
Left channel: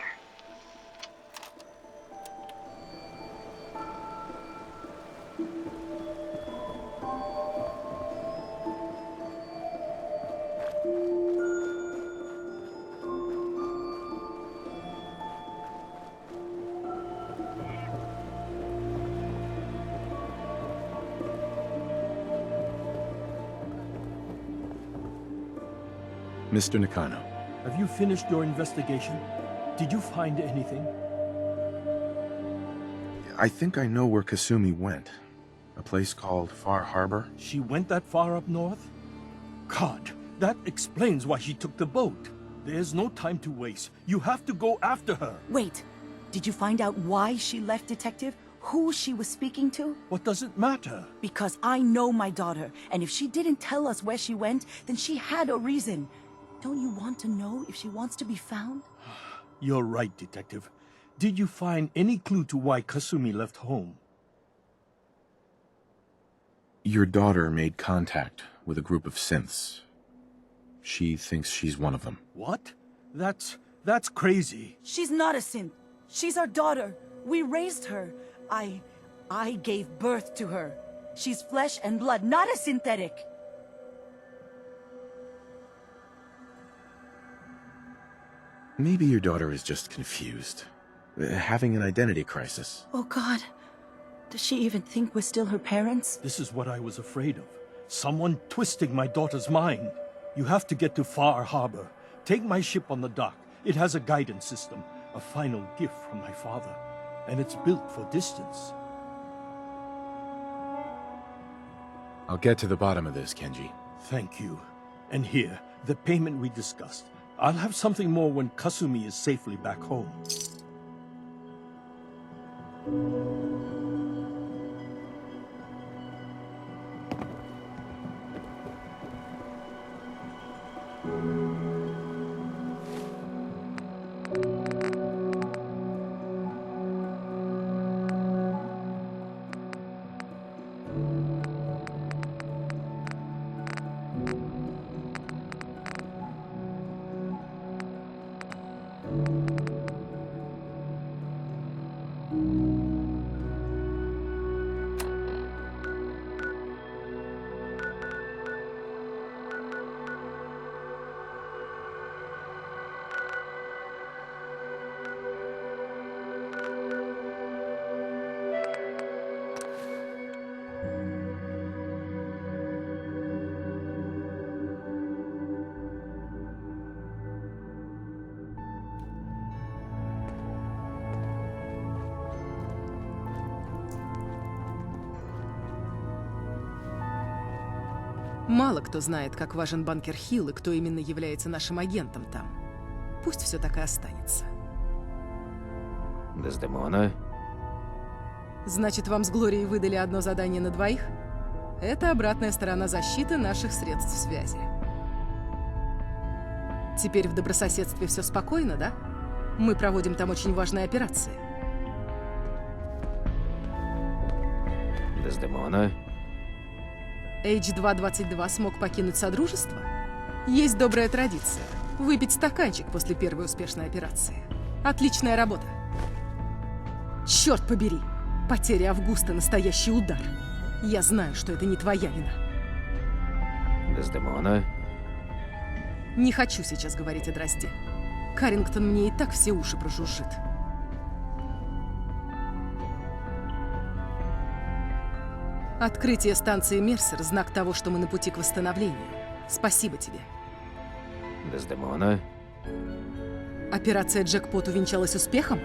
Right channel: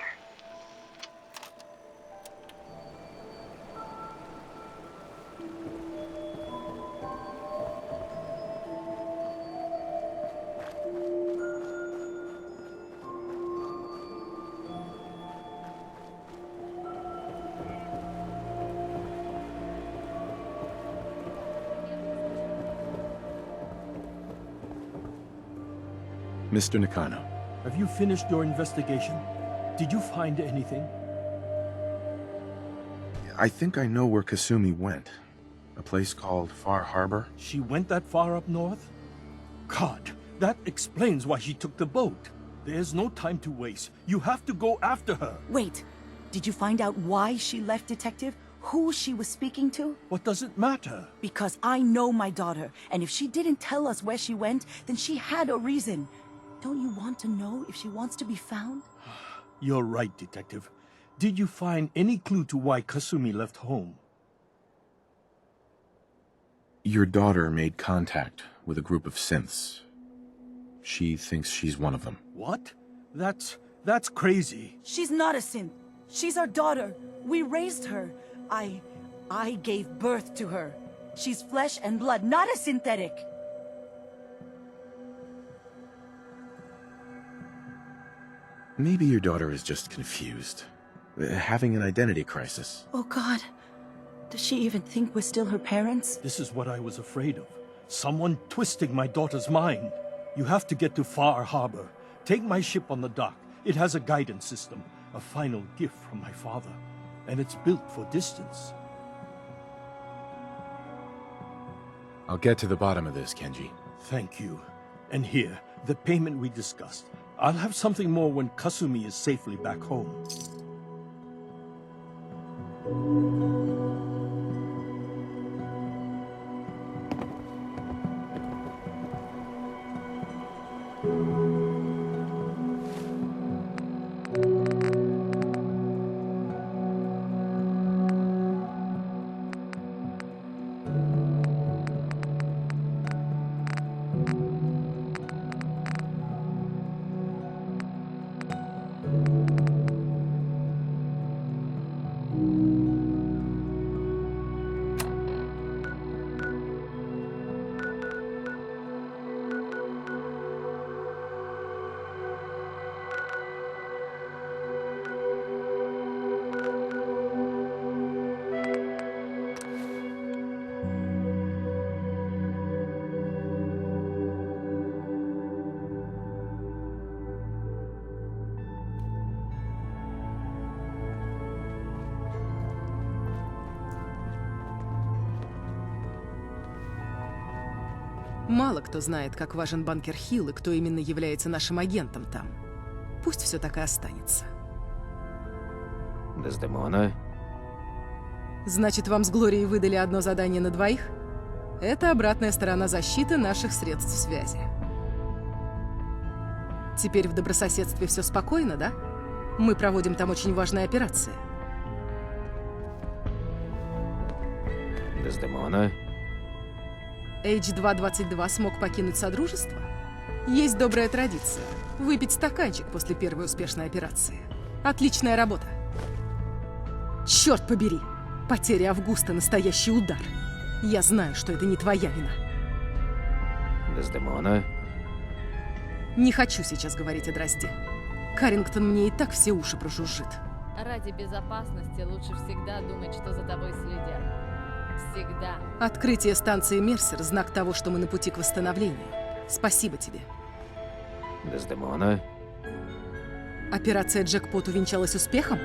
Mr. Nakano. Have you finished your investigation? Did you find anything? I think I know where Kasumi went. A place called Far Harbor. She went that far up north? God, that explains why she took the boat. There's no time to waste. You have to go after her. Wait, did you find out why she left, Detective? Who she was speaking to? What does it matter? Because I know my daughter, and if she didn't tell us where she went, then she had a reason. Don't you want to know if she wants to be found? You're right, Detective. Did you find any clue to why Kasumi left home? Your daughter made contact with a group of synths. She thinks she's one of them. What? That's crazy. She's not a synth. She's our daughter. We raised her. I gave birth to her. She's flesh and blood, not a synthetic. Maybe your daughter is just confused. Having an identity crisis. Oh God. Does she even think we're still her parents? This is what I was afraid of. Someone twisting my daughter's mind. You have to get to Far Harbor. Take my ship on the dock. It has a guidance system. A final gift from my father. And it's built for distance. I'll get to the bottom of this, Kenji. Thank you. And here, the payment we discussed. I'll have something more when Kasumi is safely back home. Мало кто знает, как важен банкер Хилл и кто именно является нашим агентом там. Пусть все так и останется. Дездемона? Значит, вам с Глорией выдали одно задание на двоих? Это обратная сторона защиты наших средств связи. Теперь в добрососедстве все спокойно, да? Мы проводим там очень важные операции. Дездемона. H222 смог покинуть Содружество? Есть добрая традиция – выпить стаканчик после первой успешной операции. Отличная работа. Черт побери! Потеря Августа – настоящий удар. Я знаю, что это не твоя вина. Дездемона. Не хочу сейчас говорить о Дрозде. Каррингтон мне и так все уши прожужжит. Ради безопасности лучше всегда думать, что за тобой следят. Всегда. Открытие станции Мерсер – знак того, что мы на пути к восстановлению. Спасибо тебе. Дездемона. Операция «Джекпот» увенчалась успехом?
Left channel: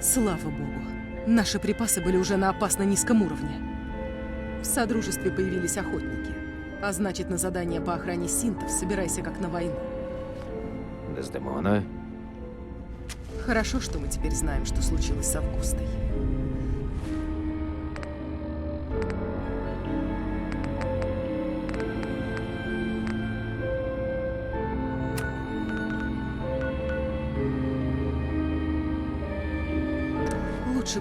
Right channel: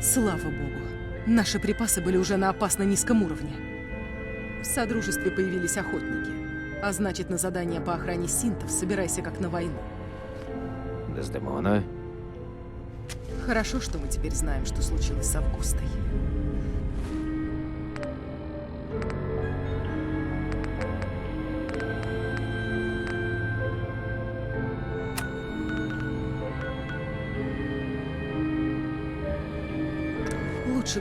Слава богу. Наши припасы были уже на опасно низком уровне. В Содружестве появились охотники. А значит, на задание по охране синтов собирайся как на войну. Дездемона. Хорошо, что мы теперь знаем, что случилось с Августой. Лучше...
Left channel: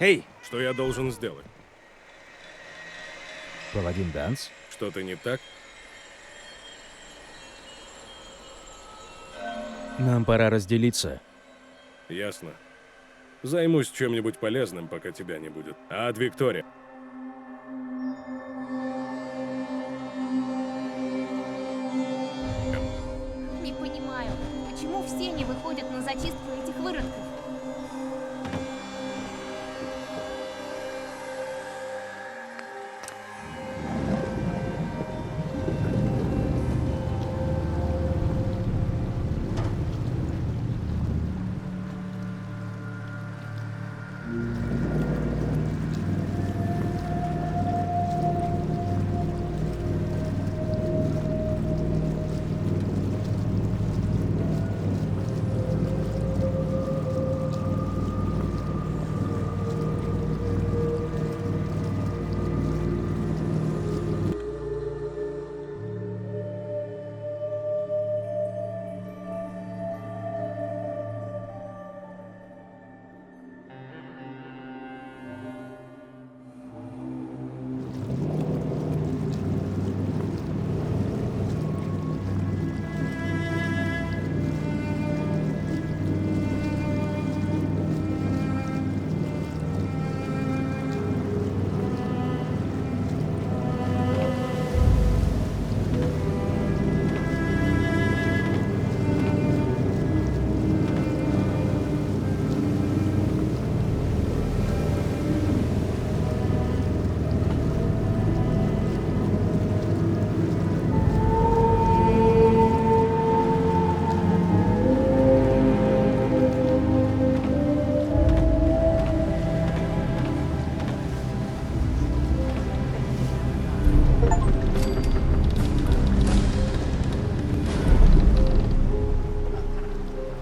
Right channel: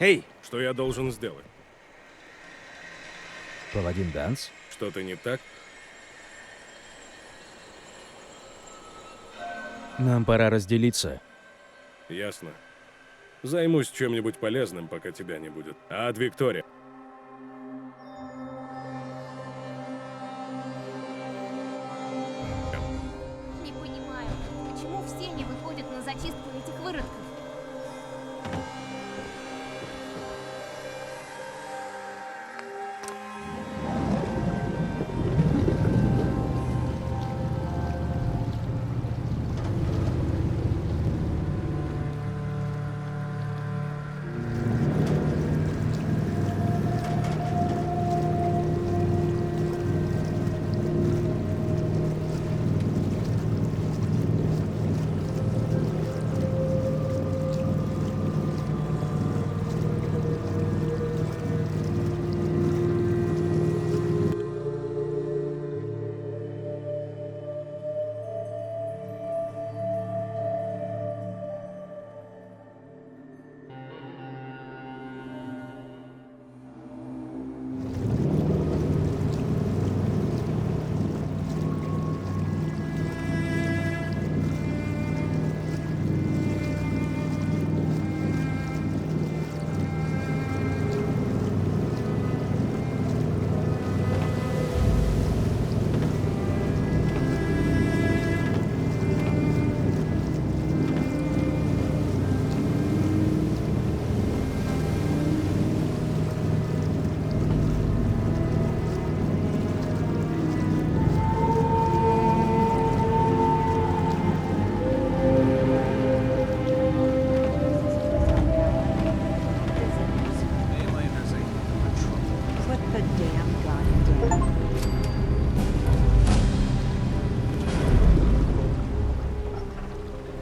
Эй! Что я должен сделать? Паладин Данс? Что-то не так? Нам пора разделиться. Ясно. Займусь чем-нибудь полезным, пока тебя не будет. Ад Виктория. Не понимаю, почему все не выходят на зачистку этих выродков?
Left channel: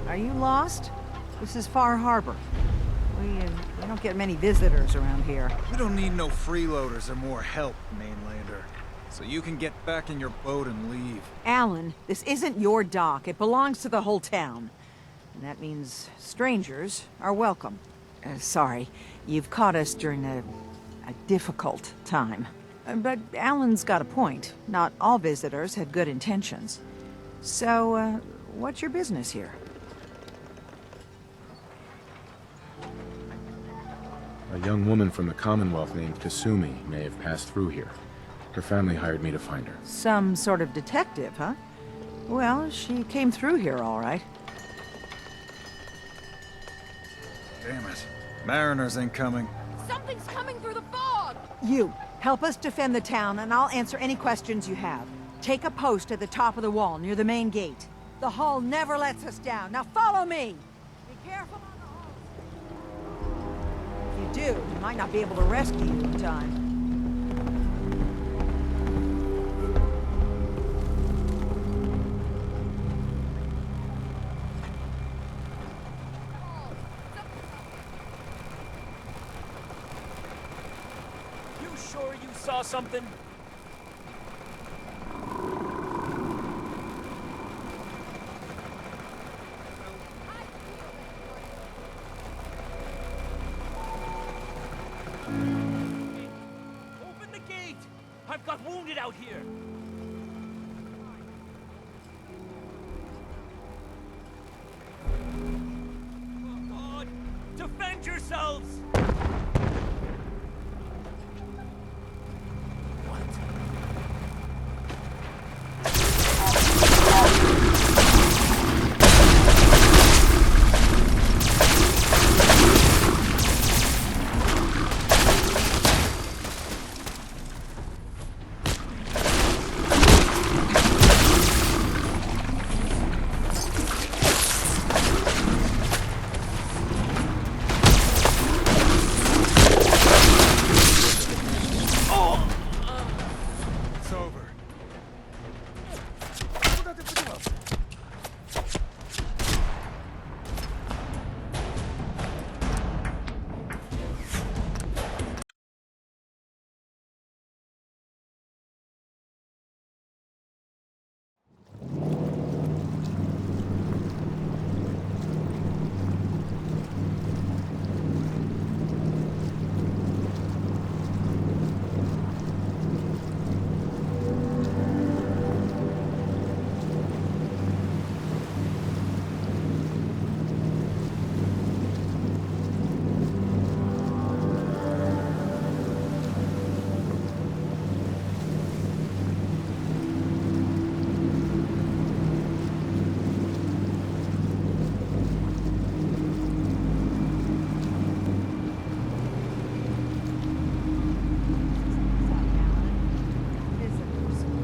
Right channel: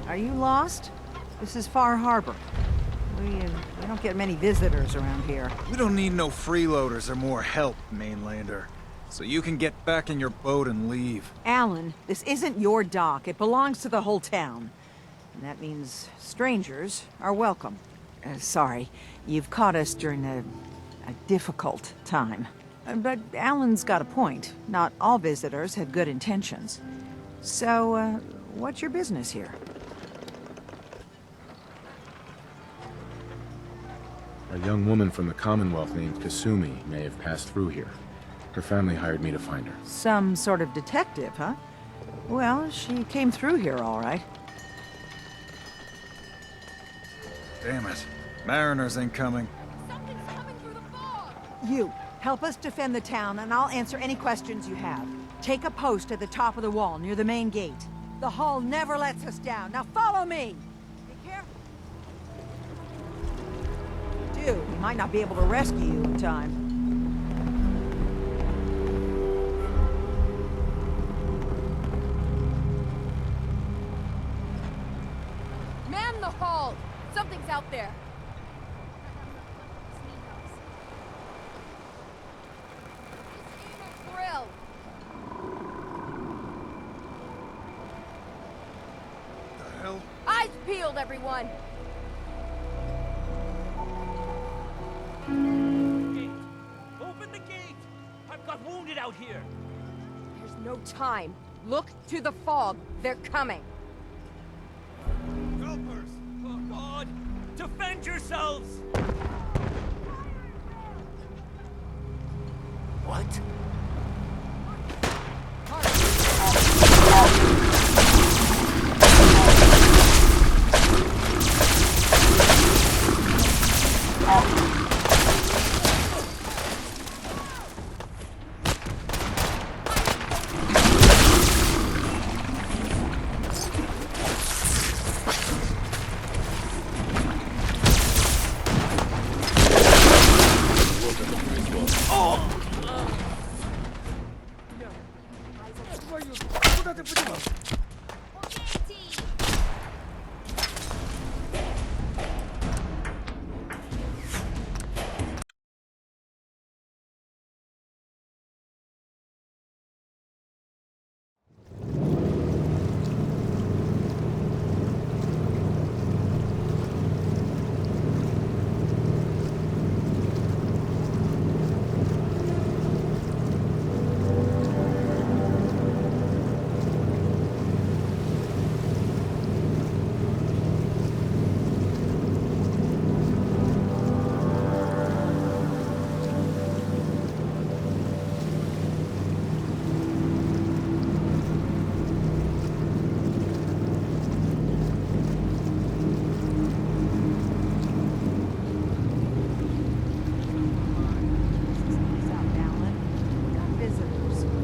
Are you lost? This is Far Harbor. We don't get many visitors around here. We don't need no freeloaders or more help, mainlander. So you can get back in your boat and leave. Alan, this isn't your dock. It belongs to the whole town. And that means strangers are welcome. Sorry, you've caught us during a difficult time. But Alan's got a point. Not all visitors have good intentions. So, what's your business here? A young woman from the Commonwealth named Kasumi may have passed through here. Her family hired me to find her. Some sort of detective, huh? Well, she came through here all right. Damn it. Mariners incoming. Something's coming through the fog! You, help us defend the town, and I'll answer any questions you have. Take a post at the top of the wall near the main gate. The hall never lets us down. Now follow me! Be careful. If you do, we might not be able to rescue you in time. Man the hall! Something's out there. You sure you saw something? Thrill. Hell? Eyes peeled, everyone. Gate. Open the gate! I've got wounded out here. There's no time. Look to the fog. They're coming. Helpers! Oh God! Defend yourselves! What?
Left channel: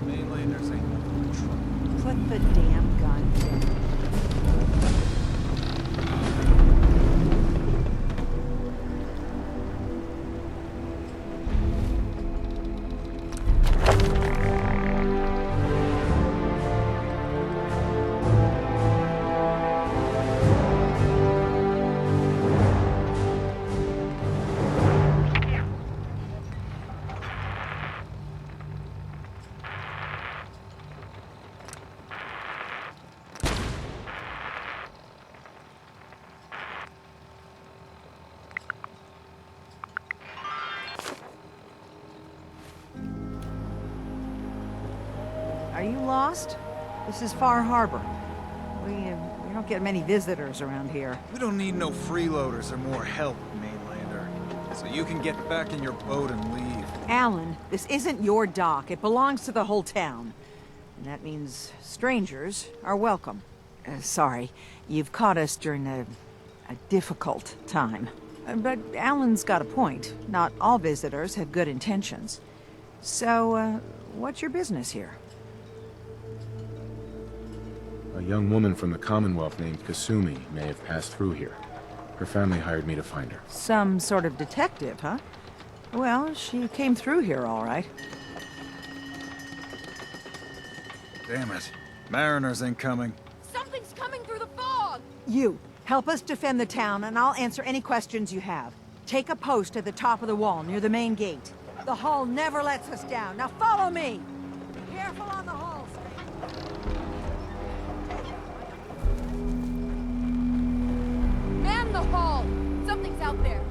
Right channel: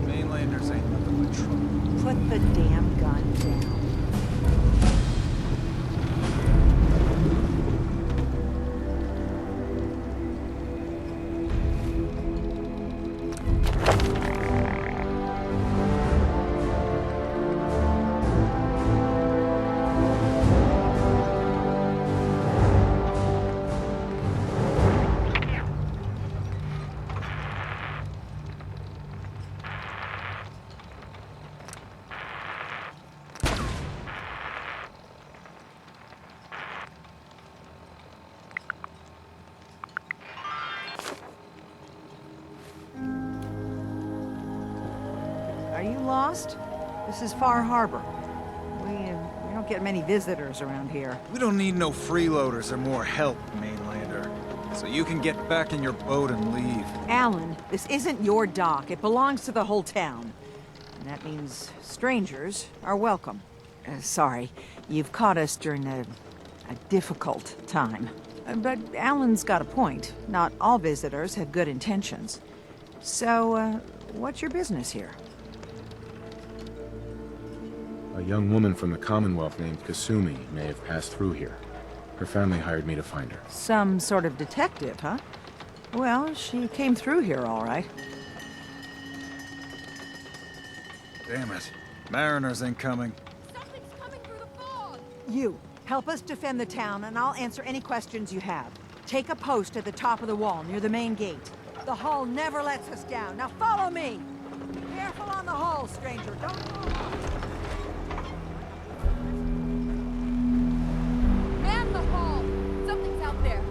Mainlanders ain't nothing but trouble. Put the damn gun down. Are you lost? This is Far Harbor. We don't get many visitors around here. We don't need no freeloaders or more help, Mainlander. So you can get back in your boat and leave. Alan, this isn't your dock. It belongs to the whole town. And that means strangers are welcome. Sorry, you've caught us during a difficult time. But Alan's got a point. Not all visitors have good intentions. So, what's your business here? A young woman from the Commonwealth named Kasumi may have passed through here. Her family hired me to find her. Some sort of detective, huh? Well, she came through here all right. Damn it. Mariners incoming. Something's coming through the fog! You, help us defend the town, and I'll answer any questions you have. Take a post at the top of the wall near the main gate. The hall never lets us down. Now follow me! Be careful on the hall, stranger. Man the hall! Something's out there.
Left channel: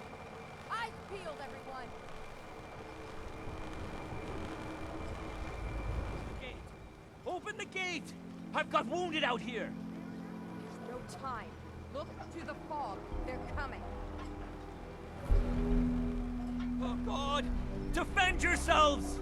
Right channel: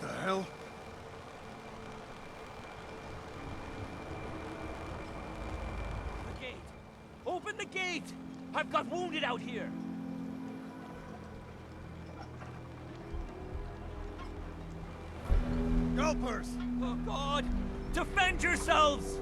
The hell? Eyes peeled, everyone. The gate. Open the gate! I've got wounded out here. There's no time. Look to the fog. They're coming. Helpers! Oh God! Defend yourselves!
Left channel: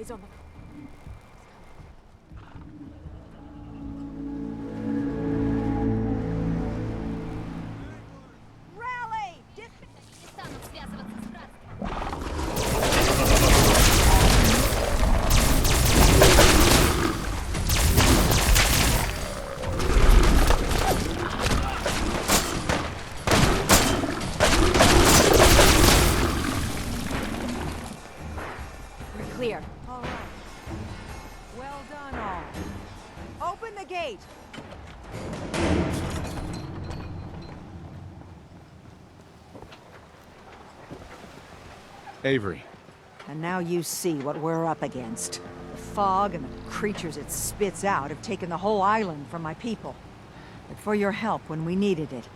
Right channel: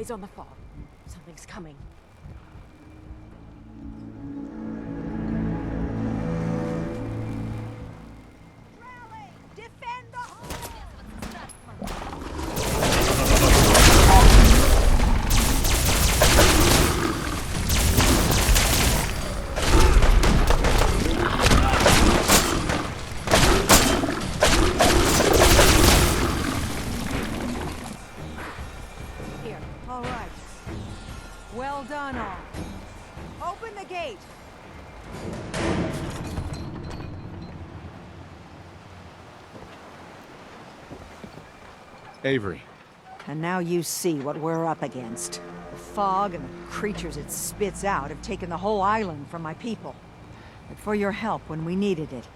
Eyes on the fall. Something's coming. Rally! Defend Clear. All right. Well done, all. Open the gate. Avery. And now you see what we're up against. The fog and the creatures it spits out have taken the whole island from my people. But for your help when we needed it,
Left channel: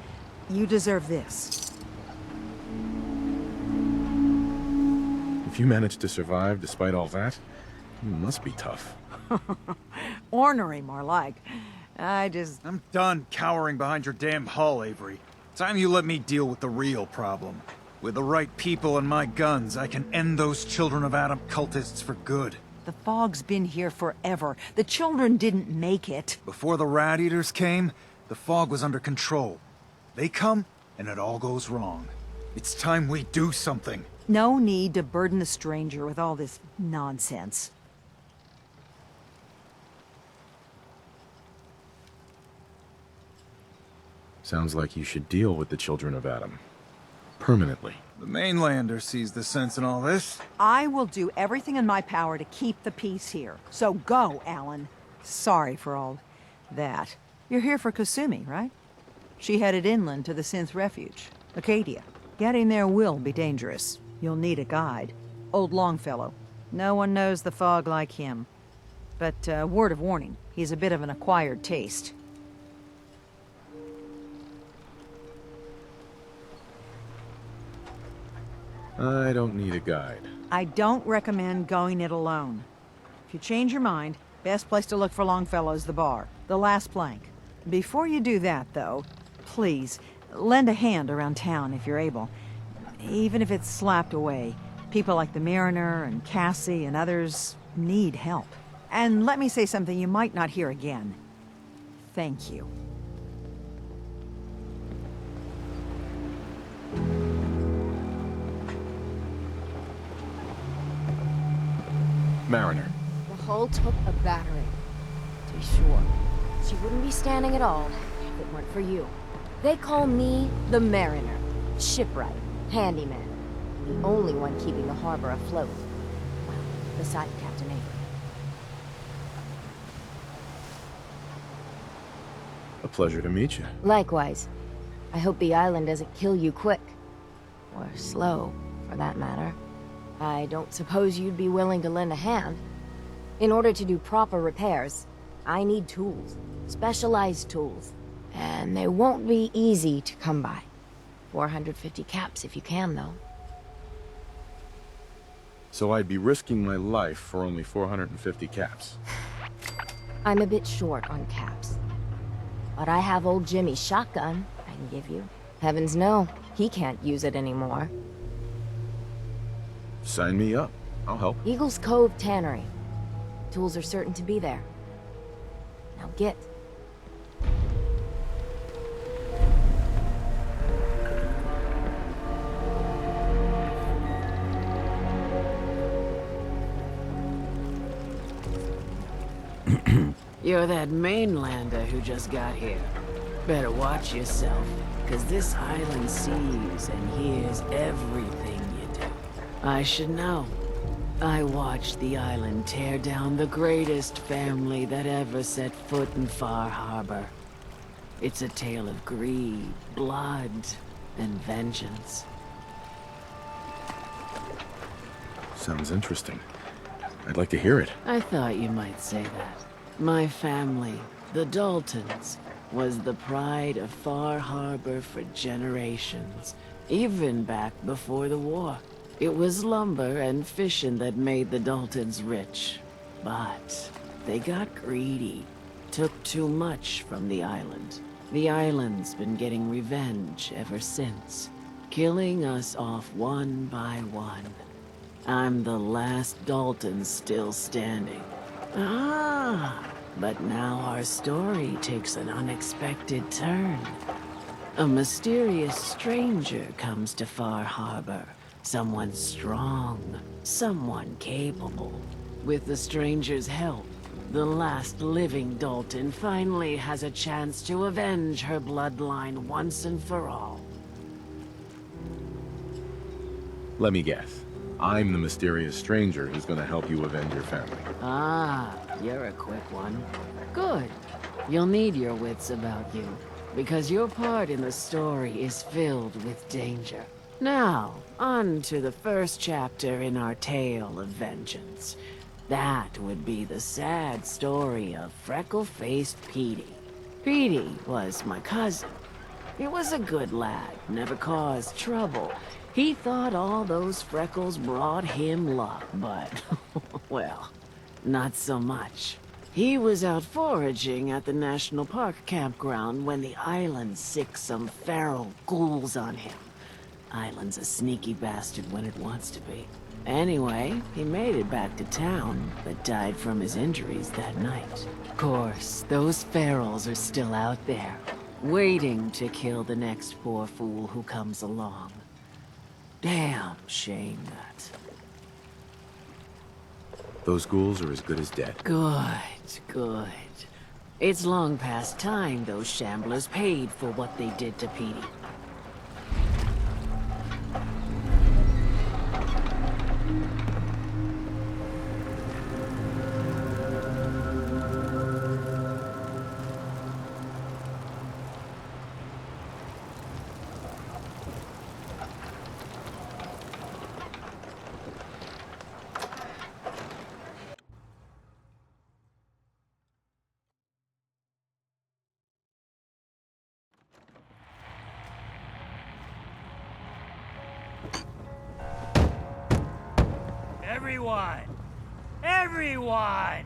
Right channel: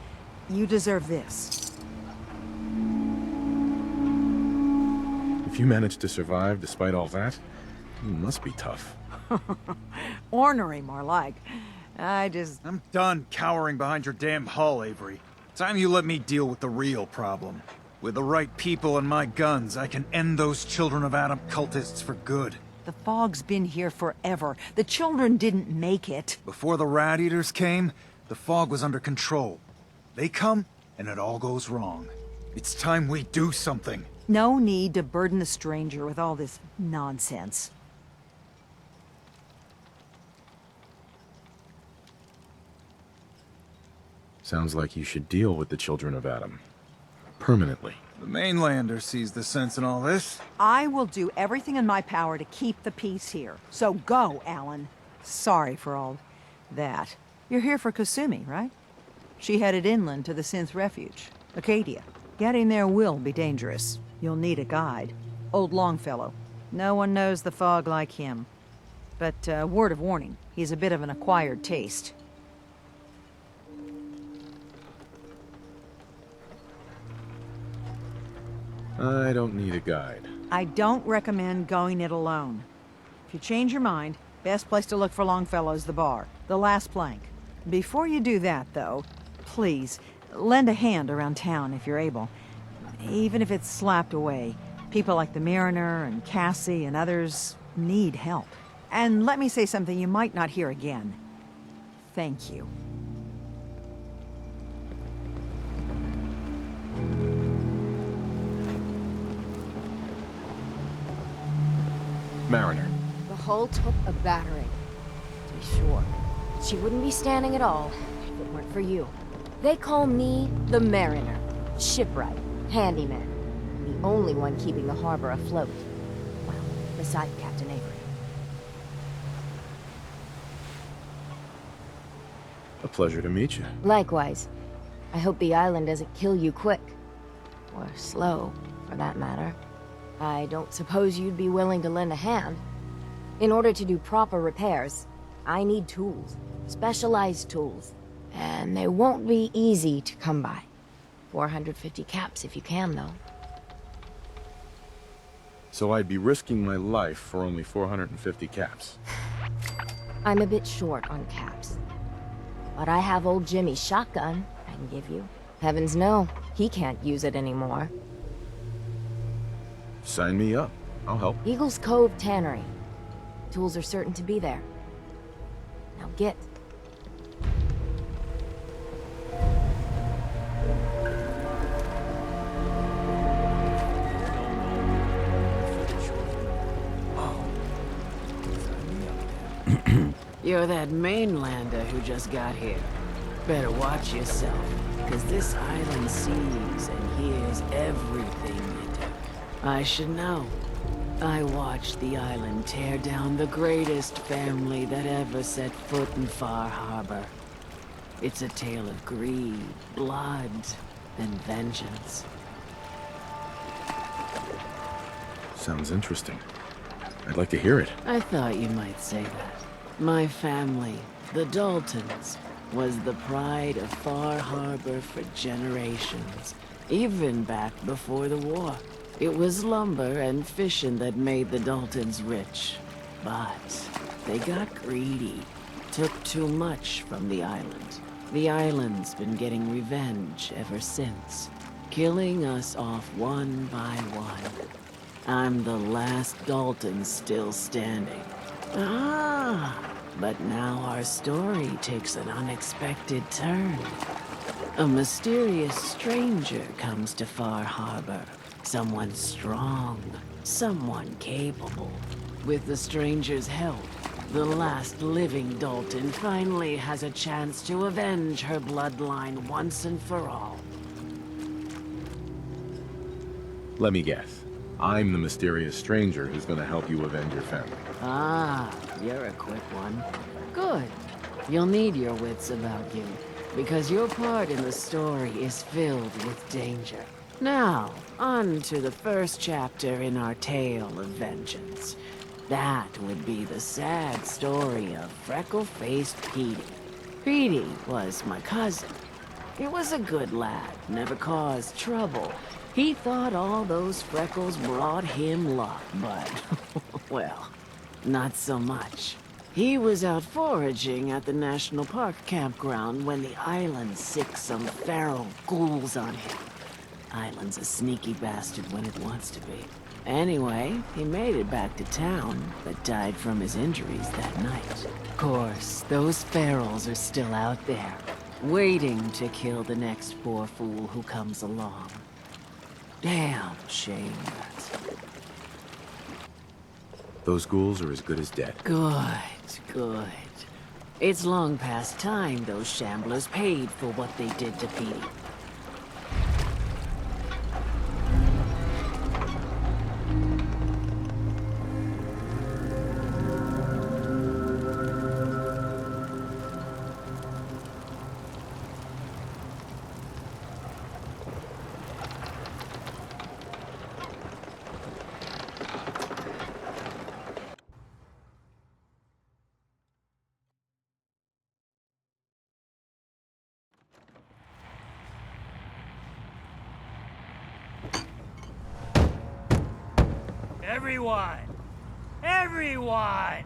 you deserve this. If you managed to survive despite all that, you must be tough. Ornery, more like. I'm done cowering behind your damn hull, Avery. Time you let me deal with the real problem. With the right people and my guns, I can end those Children of Adam cultists for good. The fog's been here forever. The children didn't make it. Before the Rat Eaters came, the fog was under control. They come, and it all goes wrong. It's time we do something. No need to burden the stranger with all this nonsense. Sounds like you should deal with the Children of Adam. Permanently. The mainlander sees the sense in all this. I will do everything in my power to keep the peace here. So go, Alan. Sorry for all that. You're here for Kasumi, right? She headed inland to the Synth Refuge, Acadia. Getting there will be dangerous. You'll need a guide. Old Longfellow. No one knows the fog like him. But, word of warning, he's a bit of an acquired taste. I don't need a guide. I don't recommend going it alone. If you change your mind, best place to look for Longfellow's the bar, the last plank. Before you do that, though, please, lend a hand around town if you're able. Even if it's slapped away. People like the Mariner and Cassie and others need help. And let me say something you might not hear again. Thank you. Mariner. The hull took a battering, to be sure. She wouldn't be standing at all if it weren't for you. They call me the Mariner, shipwright, handyman, and the only one keeping the harbor afloat. Well, beside Captain Avery. A pleasure to meet you. Likewise. I hope the island doesn't kill you quick. Or slow, for that matter. I don't suppose you'd be willing to lend a hand. In order to do proper repairs, I need tools. Specialized tools. And they won't be easy to come by. 450 caps if you can, though. So I'd be risking my life for only 450 caps. I'm a bit short on caps. But I have old Jimmy's shotgun I can give you. Heavens no, he can't use it anymore. Sign me up. I'll help. Eagle's Cove Tannery. Tools are certain to be there. Now get. You're that mainlander who just got here. Better watch yourself, because this island sees and hears everything you do. I should know. I watched the island tear down the greatest family that ever set foot in Far Harbor. It's a tale of greed, blood, and vengeance. Sounds interesting. I'd like to hear it. I thought you might say that. My family, the Daltons, was the pride of Far Harbor for generations, even back before the war. It was lumber and fishing that made the Daltons rich. But they got greedy, took too much from the island. The island's been getting revenge ever since, killing us off one by one. I'm the last Dalton still standing. Ah, but now our story takes an unexpected turn. A mysterious stranger comes to Far Harbor. Someone strong, someone capable. With the stranger's help, the last living Dalton finally has a chance to avenge her bloodline once and for all. Let me guess. I'm the mysterious stranger who's gonna help you avenge your family. Ah, you're a quick one. Good. You'll need your wits about you, because your part in the story is filled with danger. Now, on to the first chapter in our tale of vengeance. That would be the sad story of freckle-faced Petey. Petey was my cousin. He was a good lad, never caused trouble. He thought all those freckles brought him luck, but, well, not so much. He was out foraging at the National Park campground when the island sicked some feral ghouls on him. Island's a sneaky bastard when it wants to be. Anyway, he made it back to town, but died from his injuries that night. Of course, those ferals are still out there, waiting to kill the next poor fool who comes along. Damn shame that. Those ghouls are as good as dead. Good, good. It's long past time those shamblers paid for what they did to Petey. Everyone! Everyone!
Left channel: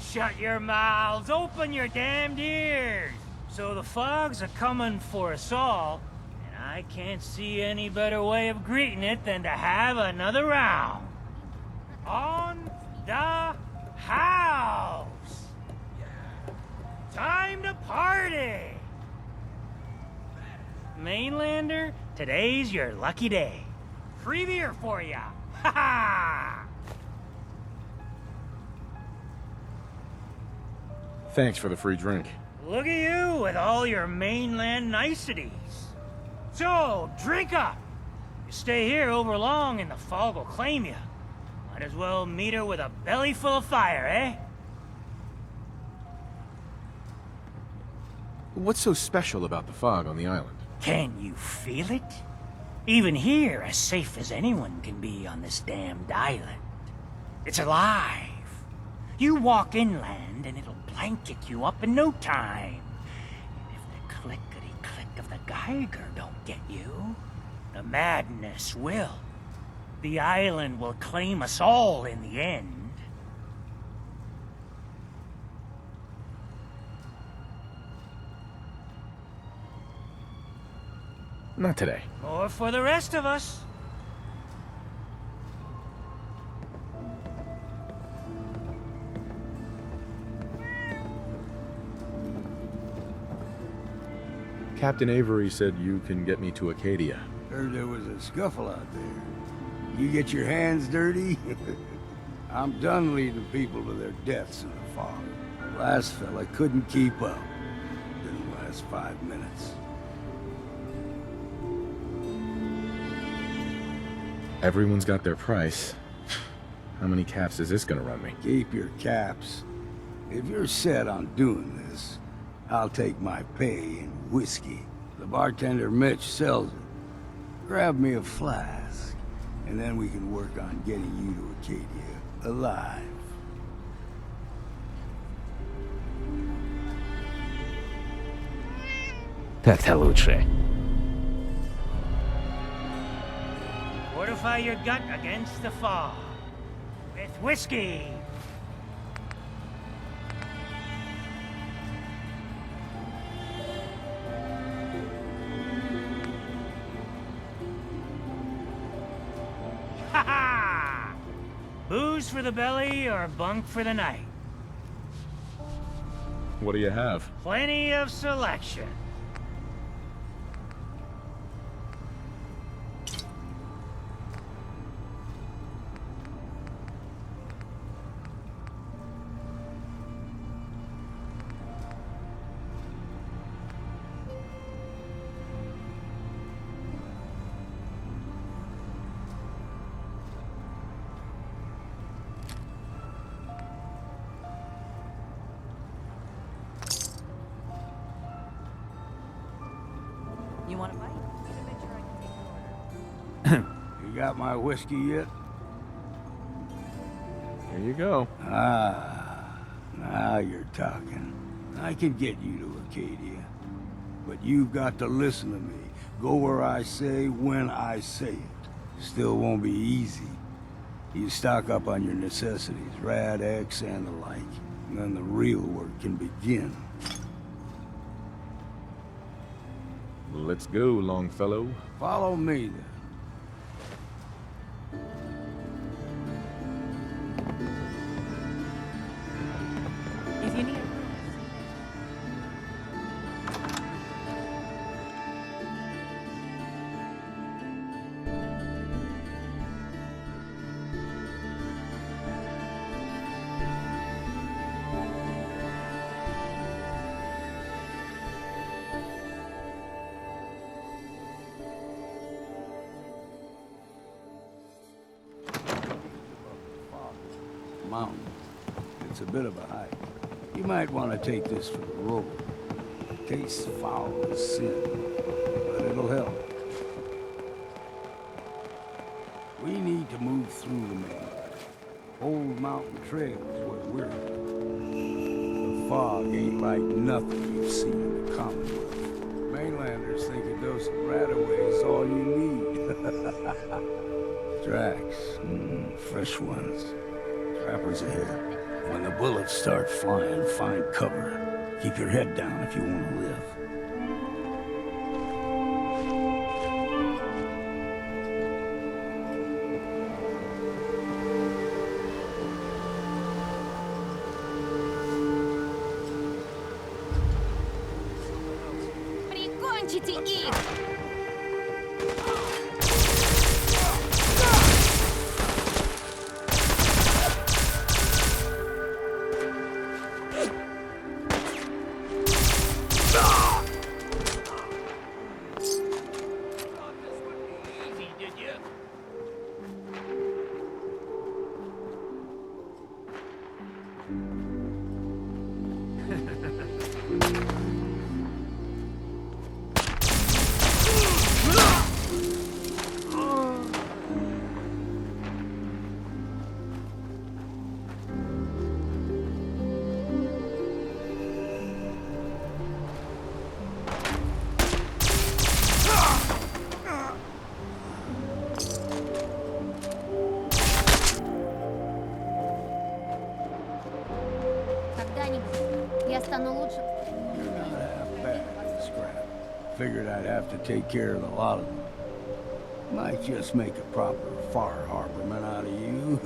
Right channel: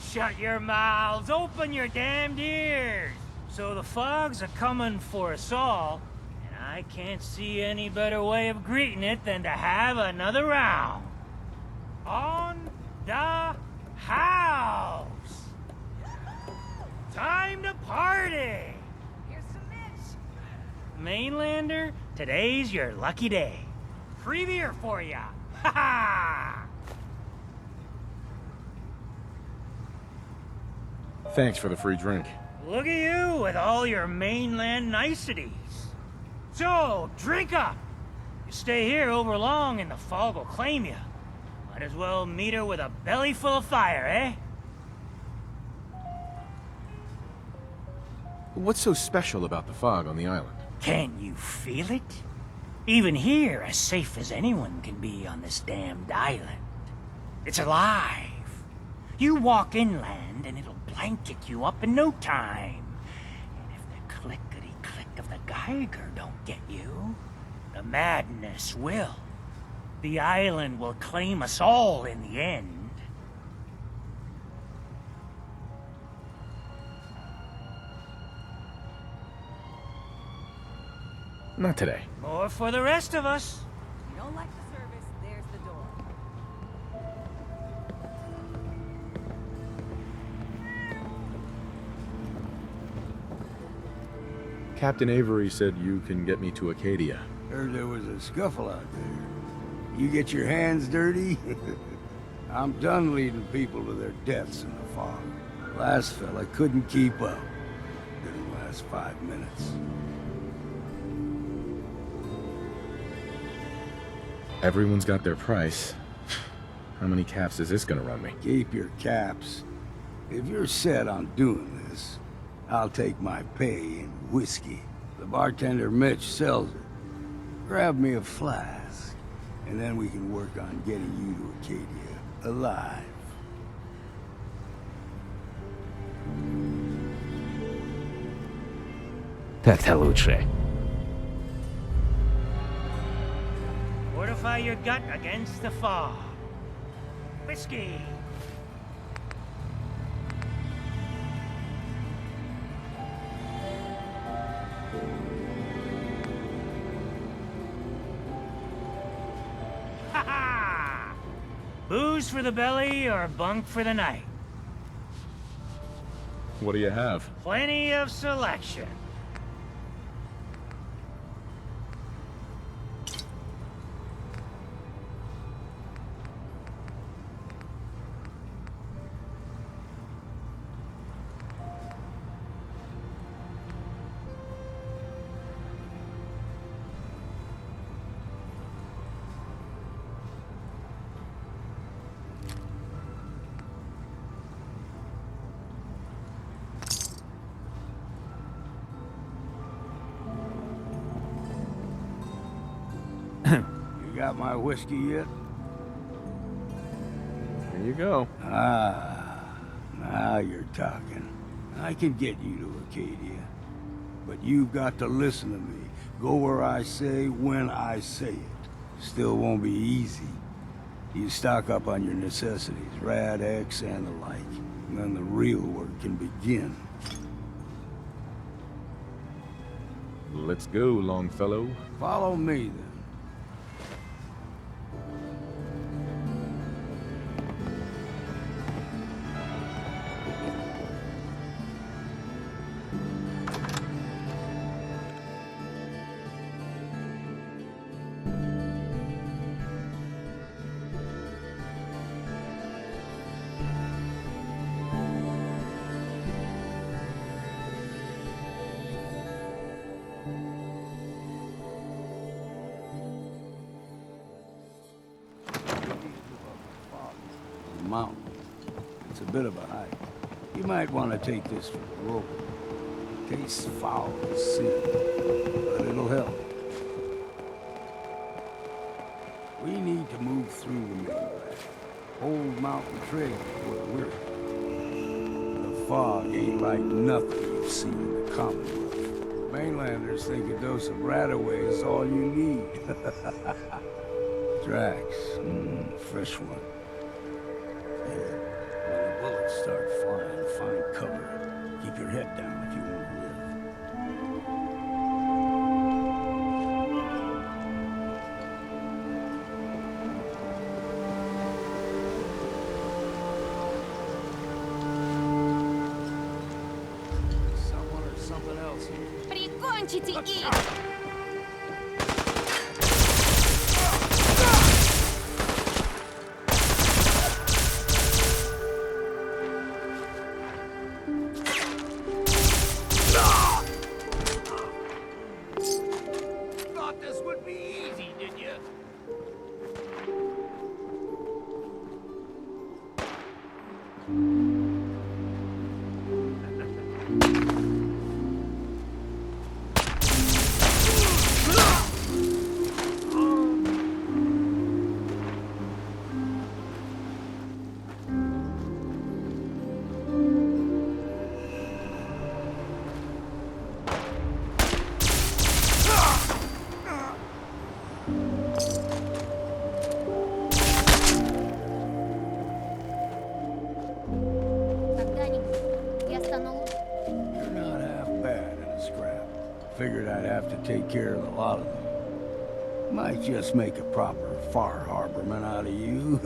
Shut your mouths, open your damned ears! So the fogs are coming for us all, and I can't see any better way of greeting it than to have another round. On the house! Time to party! Mainlander, today's your lucky day. Free beer for ya! Ha ha! Thanks for the free drink. Look at you with all your mainland niceties. So, drink up. You stay here over long and the fog will claim you. Might as well meet her with a belly full of fire, eh? What's so special about the fog on the island? Can you feel it? Even here, as safe as anyone can be on this damned island. It's alive. You walk inland and it'll blanket you up in no time. And if the clickety-click of the Geiger don't get you, the madness will. The island will claim us all in the end. Not today. More for the rest of us. Don't like the service, there's the door. Captain Avery said you can get me to Acadia. Heard there was a scuffle out there. You get your hands dirty? I'm done leading people to their deaths in the fog. The last fella couldn't keep up. Didn't last 5 minutes. Everyone's got their price. How many caps is this gonna run me? Keep your caps. If you're set on doing this, I'll take my pay in whiskey. The bartender Mitch sells it. Grab me a flask, and then we can work on getting you to Acadia alive. Так-то лучше. Fortify your gut against the fog. With whiskey. Booze for the belly or bunk for the night? What do you have? Plenty of selection. You got my whiskey yet? Here you go. Ah, now you're talking. I can get you to Acadia. But you've got to listen to me. Go where I say, when I say it. Still won't be easy. You stock up on your necessities, Rad, X, and the like. And then the real work can begin. Let's go, Longfellow. Follow me, then. Mountain. It's a bit of a hike. You might want to take this for the road. It tastes foul as sin, but it'll help. We need to move through the mainland. Old Mountain Trail is where we're. The fog ain't like nothing you've seen in the Commonwealth. Mainlanders think a dose of Radaway is all you need. Tracks, fresh ones. Trappers ahead. When the bullets start flying, find cover. Keep your head down if you want to live. Прикончите их! Figured I'd have to take care of a lot of them. Might just make a proper Far Harborman out of you.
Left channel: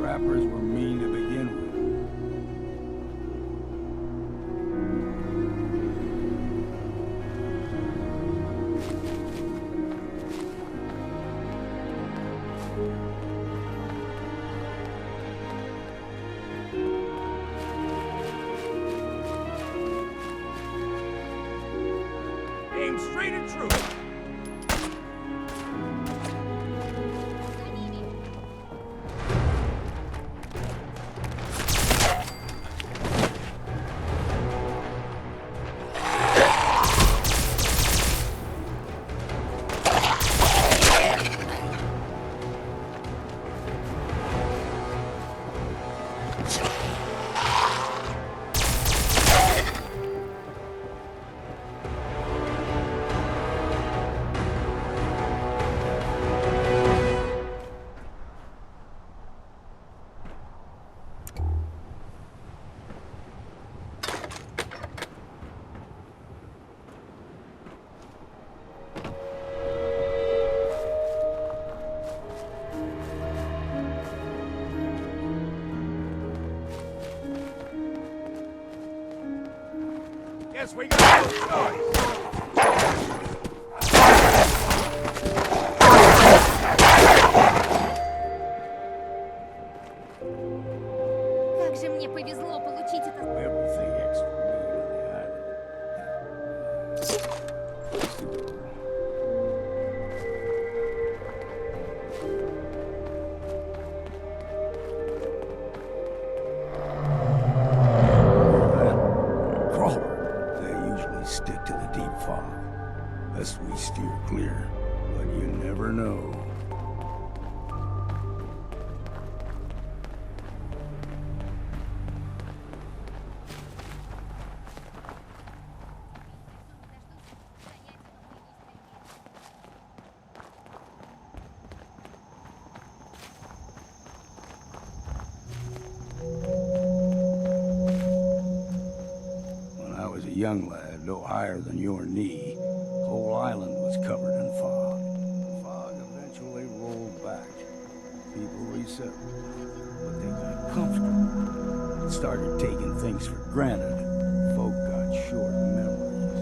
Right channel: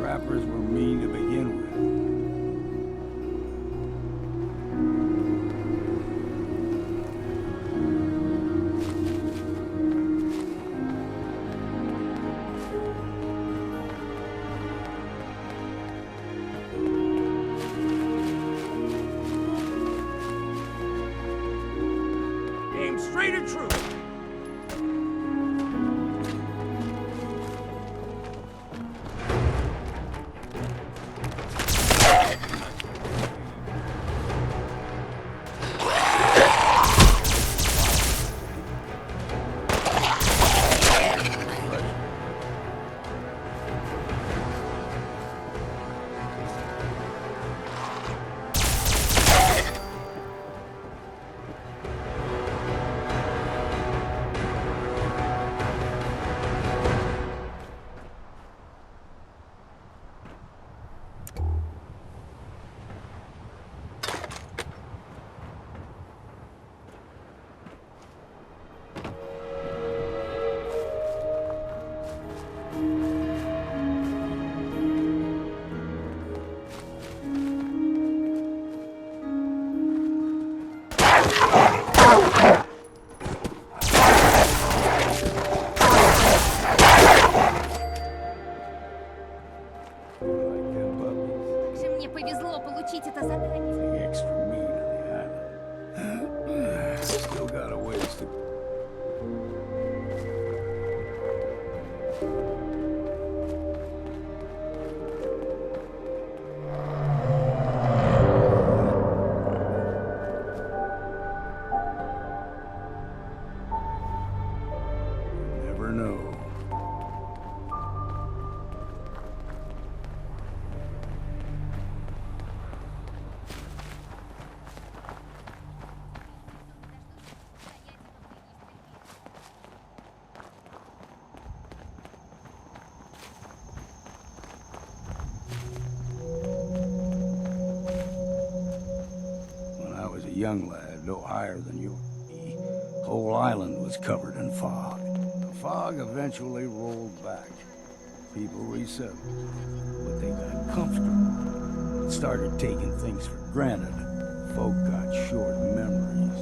Trappers were mean to begin with. Straight and true. повезло получить это задание. Everything extra mean on the island. Still got a ways to go. They usually stick to the deep fog. Best we steer clear, but you never know. Young lad, no higher than your knee, whole island was covered in fog. The fog eventually rolled back. People resettled, but they got comfortable. Started taking things for granted. Folk got short memories.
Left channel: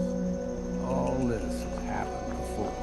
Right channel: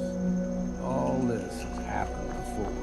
All this has happened before.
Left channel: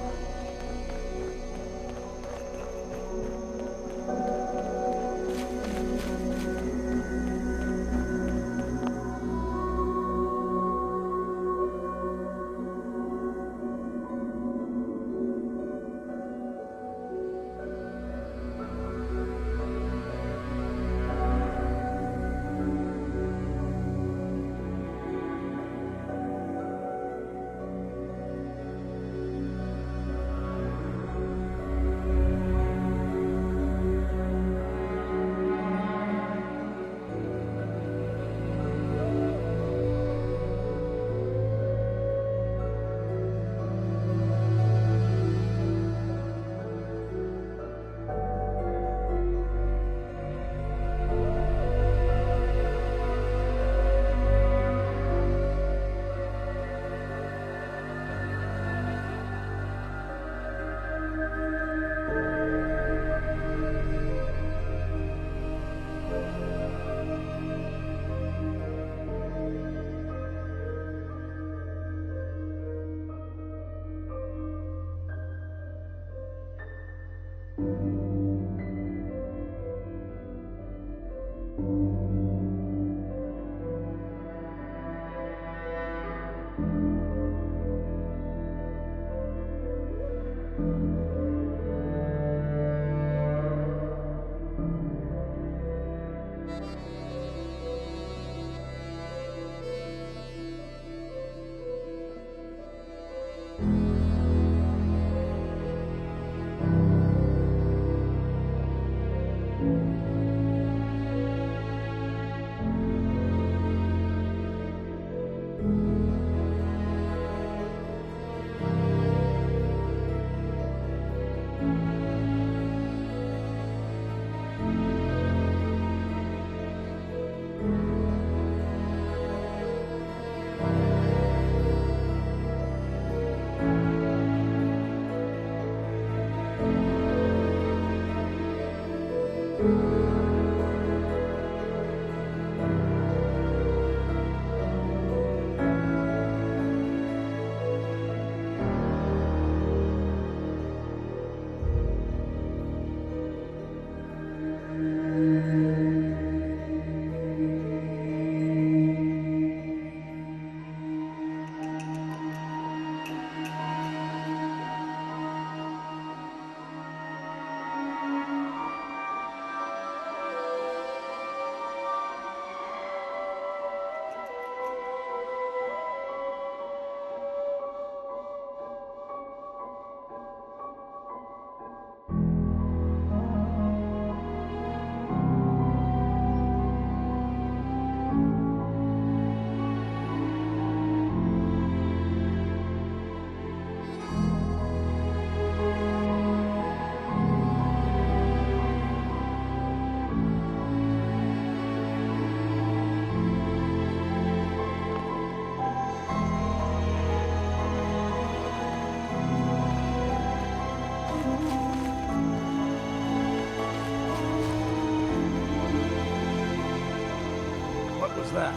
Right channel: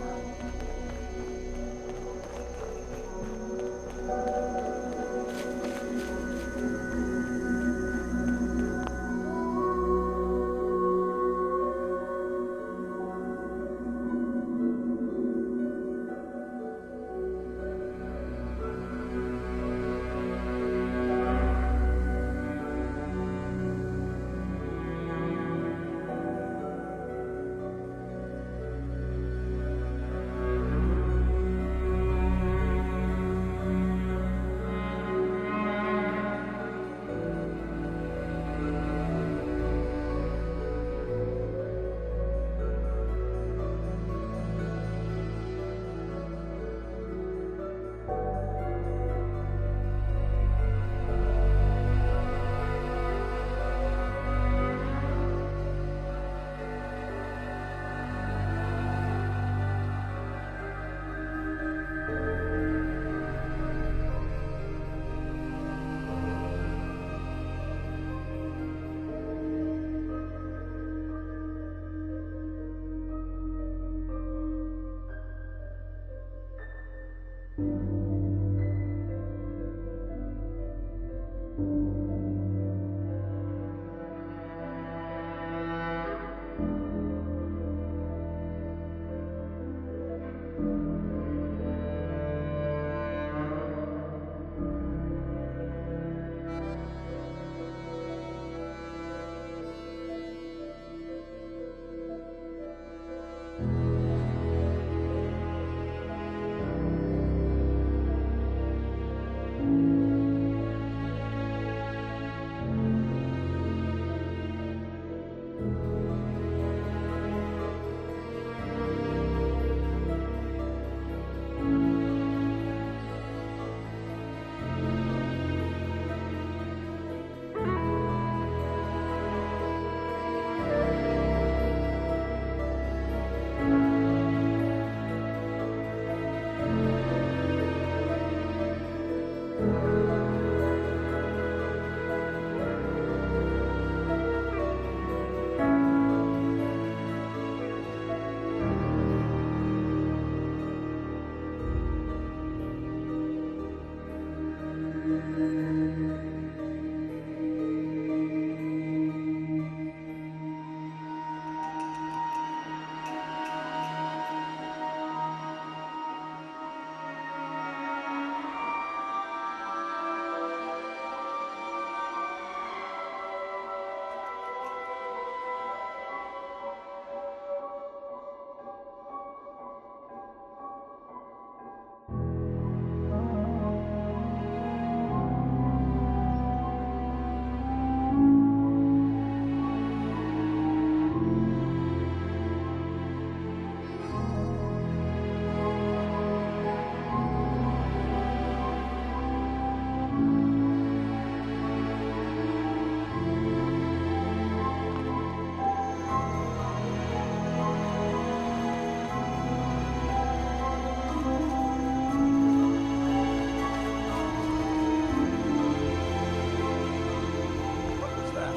that?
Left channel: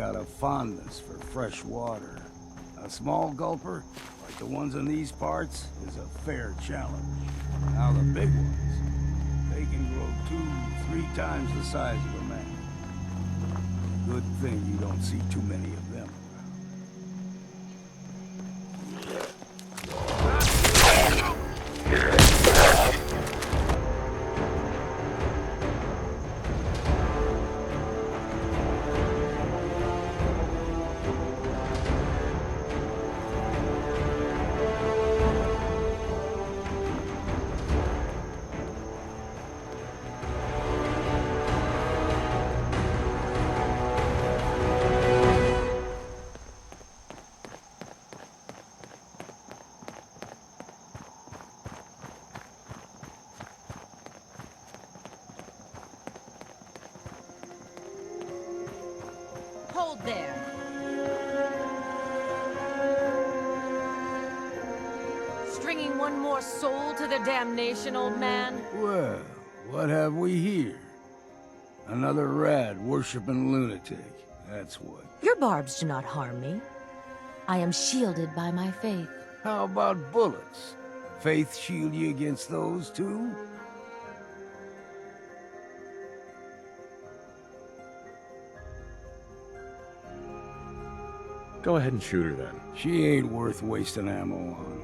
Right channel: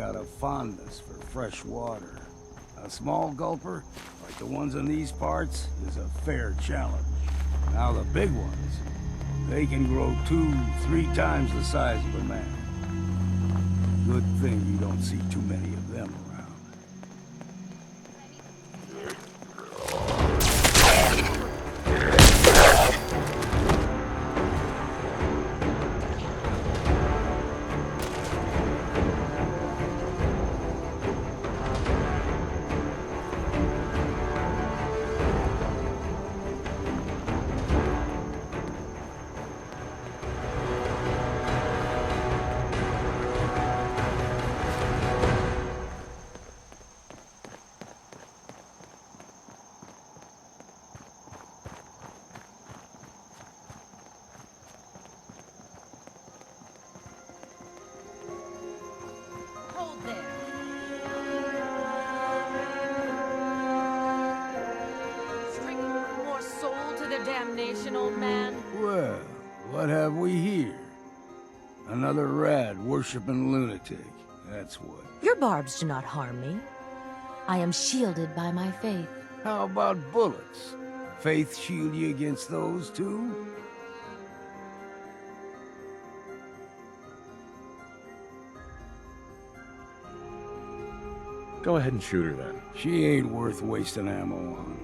got a fondness for fresh water. A small gulper, like the ones in these parts, is a fair challenge. Now the big ones, they can grow 2-3 times the size of a man. Good thing you don't see too many of them around. Hold there. Stringing one more soul to their damnation, old man? Well, what have we here? Another rad-worshipping lunatic, that's what. Your barbs do not harm me. I am shielded by my faith. How about bullets? Faith shield you against those, too? Go ahead and shoot her then. She ain't worth wasting ammo on.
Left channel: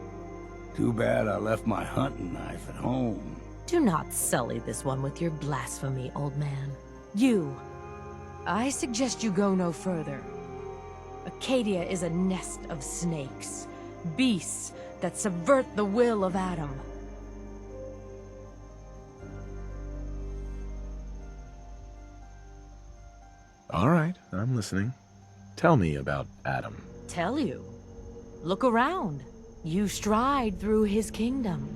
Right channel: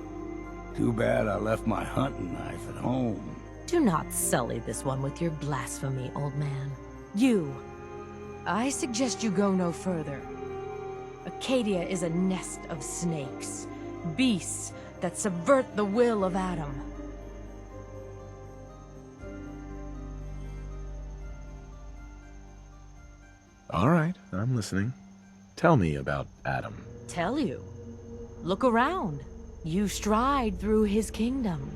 Too bad I left my hunting knife at home. Do not sully this one with your blasphemy, old man. You. I suggest you go no further. Acadia is a nest of snakes. Beasts that subvert the will of Adam. All right, I'm listening. Tell me about Adam. Tell you. Look around. You stride through his kingdom.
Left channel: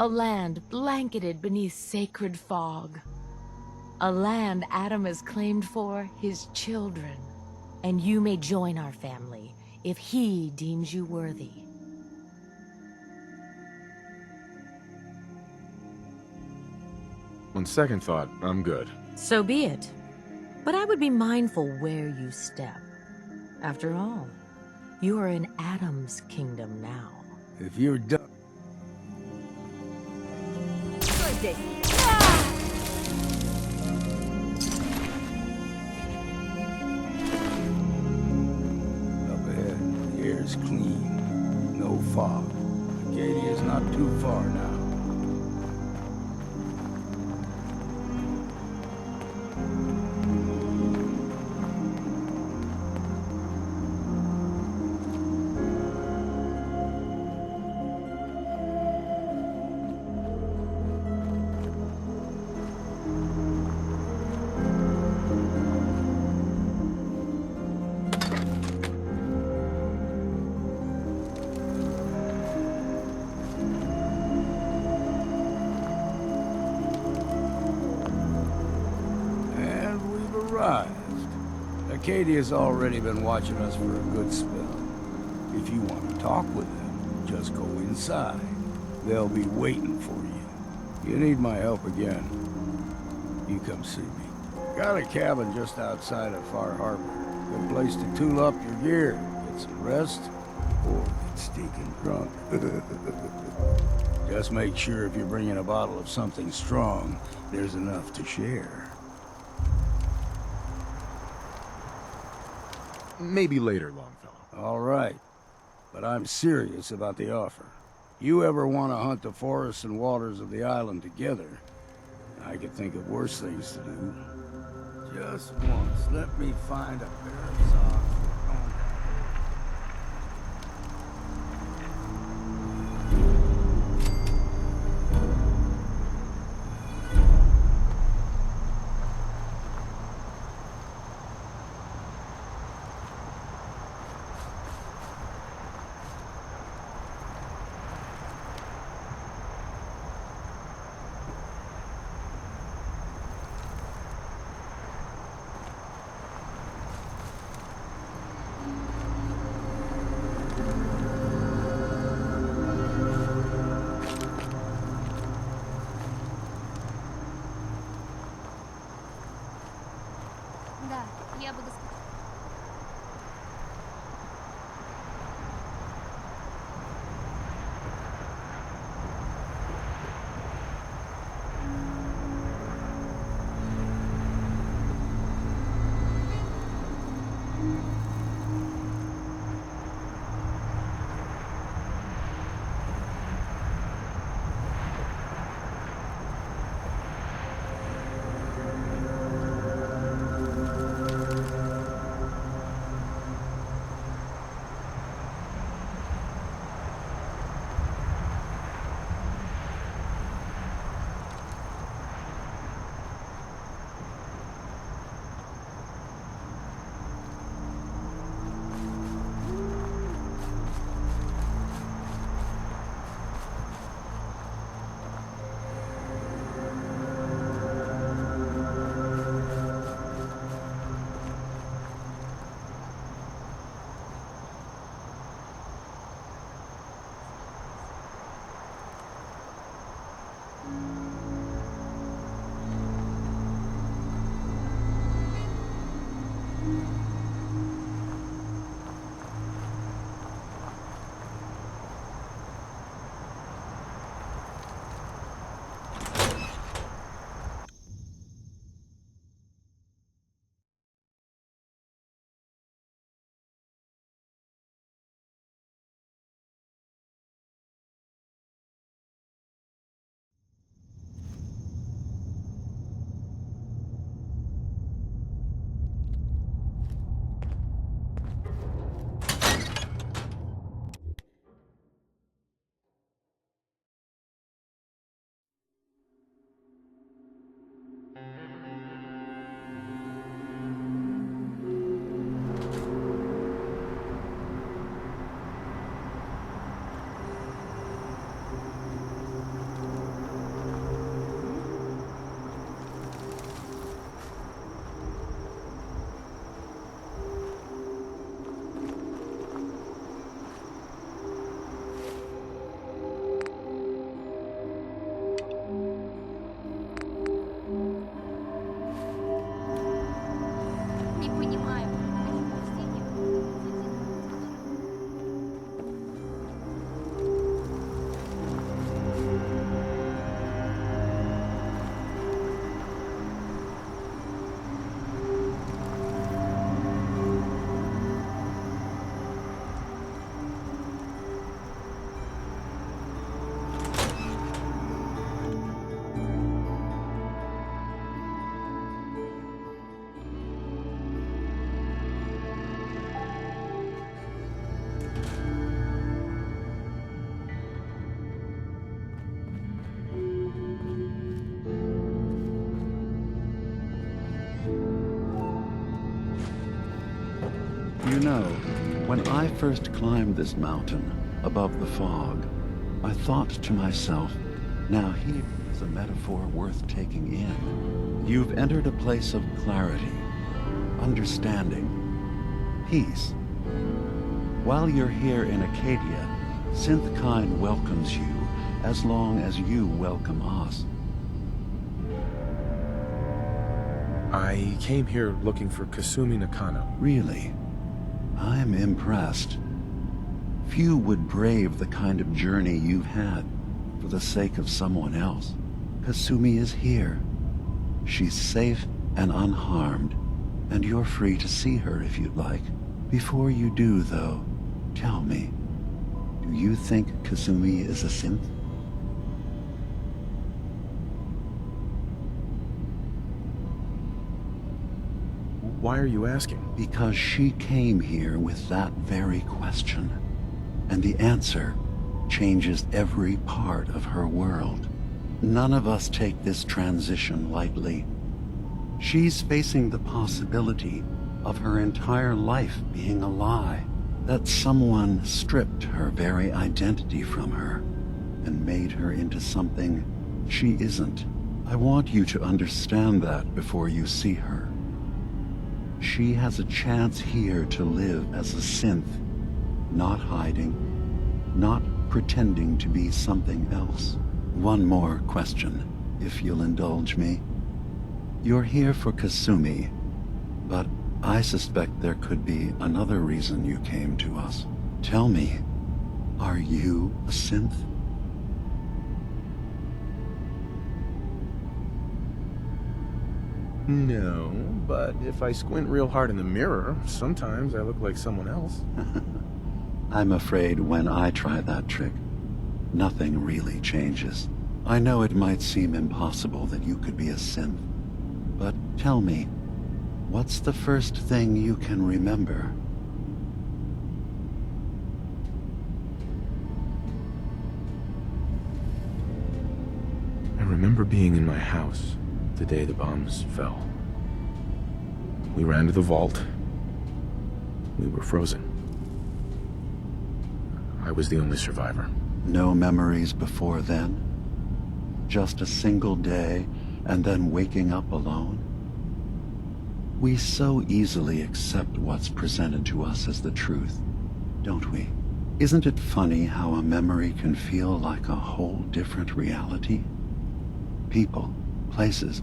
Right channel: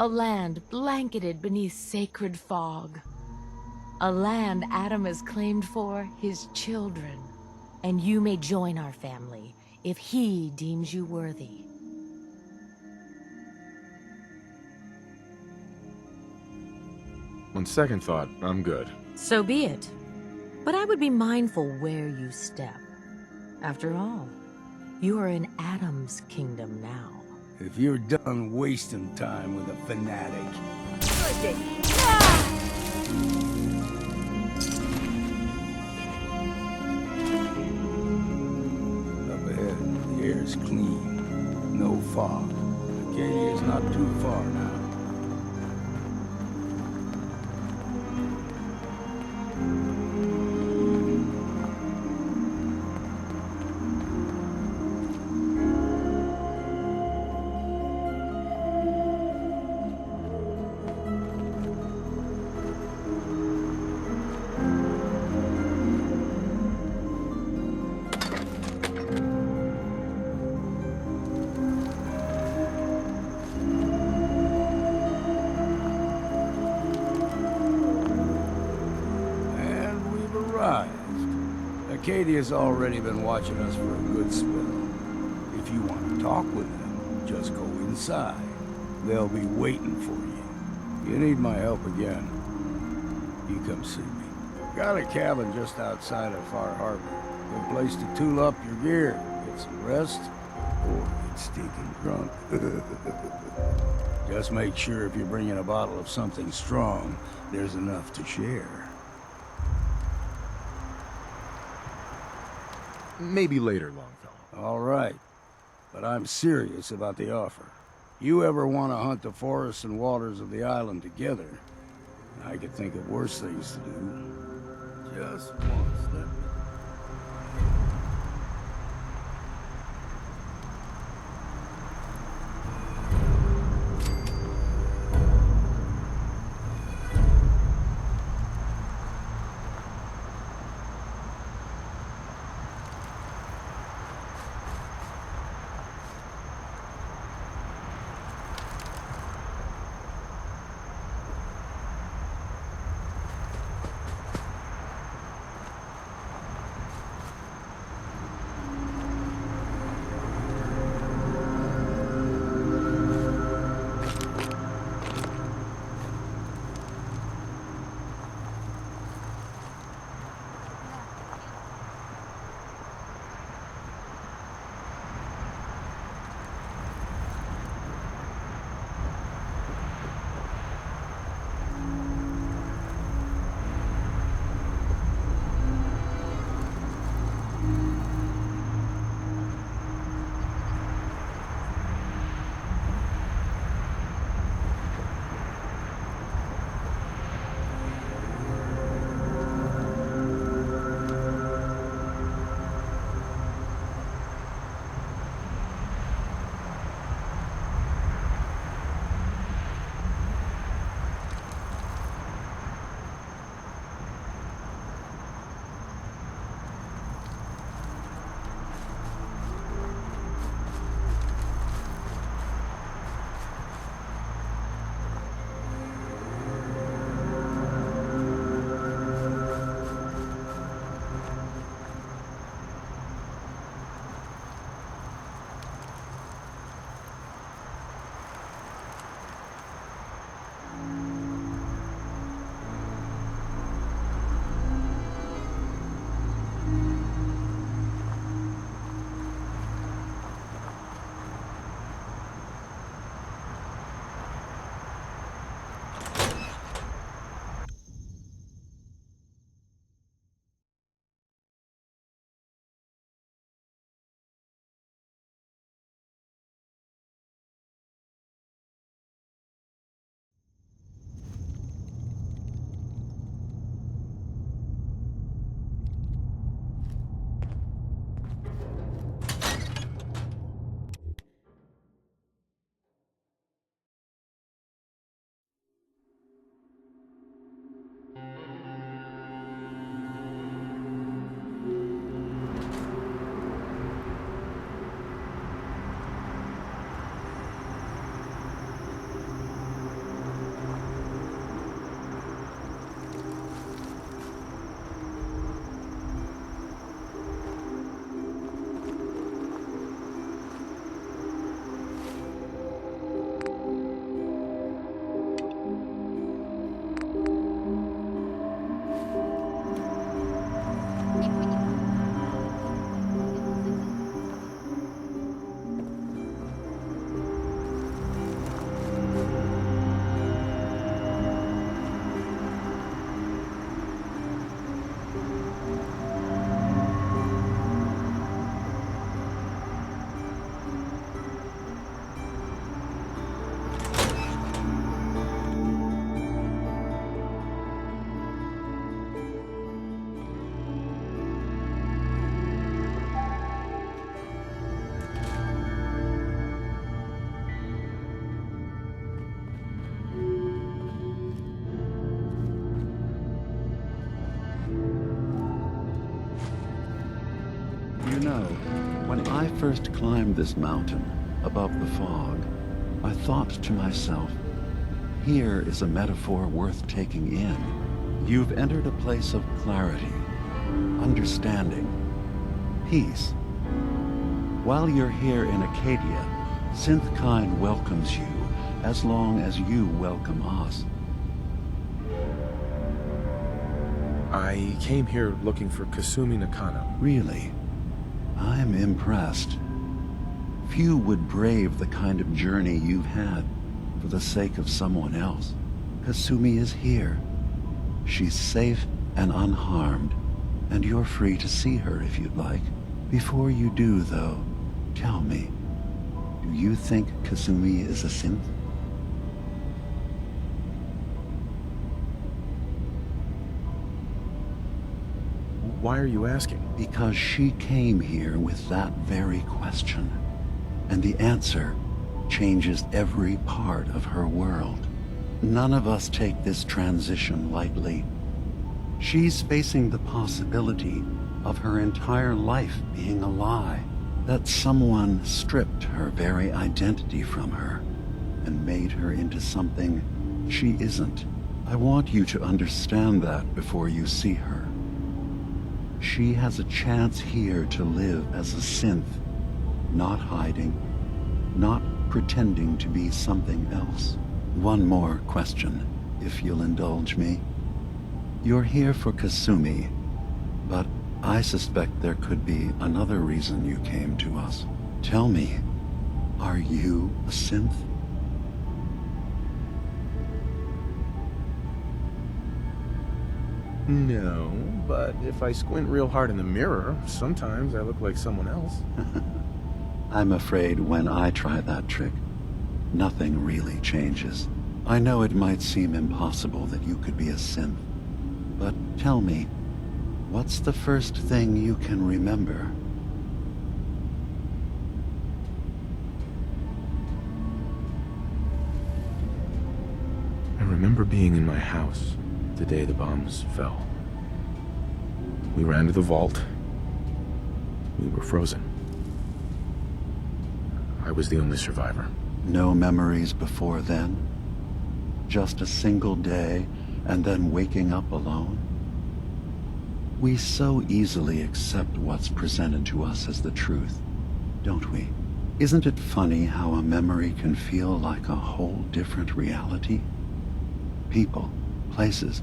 A land blanketed beneath sacred fog. A land Adam has claimed for his children. And you may join our family if he deems you worthy. On second thought, I'm good. So be it. But I would be mindful where you step. After all, you are in Adam's kingdom now. If you're done wasting time with a fanatic. Good day. Up ahead, the air's clean. No fog. Acadia's not too far now. Acadia's already been watching us for a good spell. If you want to talk with them, just go inside. They'll be waiting for you. You need my help again, you come see me. Got a cabin just outside of Far Harbor. Good place to tool up your gear, get some rest, or get stinking drunk. Just make sure if you're bringing a bottle of something strong, there's enough to share. Maybe later, Longfellow. All right. But I'm serious about the offer. You ever want to hunt the forests and waters of the island together, I could think of worse things to do. Just once, let me find a... You know, when I first climbed this mountain above the fog, I thought to myself, now here is a metaphor worth taking in. You've entered a place of clarity, understanding, peace. While you're here in Acadia, Synthkind welcomes you as long as you welcome us. I came here looking for Kasumi Nakano. Really? I'm impressed. Few would brave the kind of journey you've had for the sake of someone else. Kasumi is here. She's safe and unharmed, and you're free to see her if you'd like. Before you do, though, tell me, do you think Kasumi is a synth? Why are you asking? Because she came here with that very question, and the answer changes every part of her world. None of us take this transition lightly. She's facing the possibility of her entire life being a lie, that someone stripped her very identity from her and made her into something she isn't. I want you to understand that before you see her. She has a chance here to live as a synth, not hiding, not pretending to be something else. One more question, if you'll indulge me. You're here for Kasumi, but I suspect there could be another reason you came to us. Tell me, are you a synth? No, but if I squint real hard in the mirror, sometimes I look like someone else. I'm afraid when I try that trick, nothing really changes. I know it might seem impossible that you could be a synth, but tell me, what's the first thing you can remember? I remember being in my house the day the bombs fell. We ran to the vault. We were frozen. I was the only survivor. No memories before then? Just a single day, and then waking up alone? We so easily accept what's presented to us as the truth, don't we? Isn't it funny how a memory can feel like a whole different reality? People, places,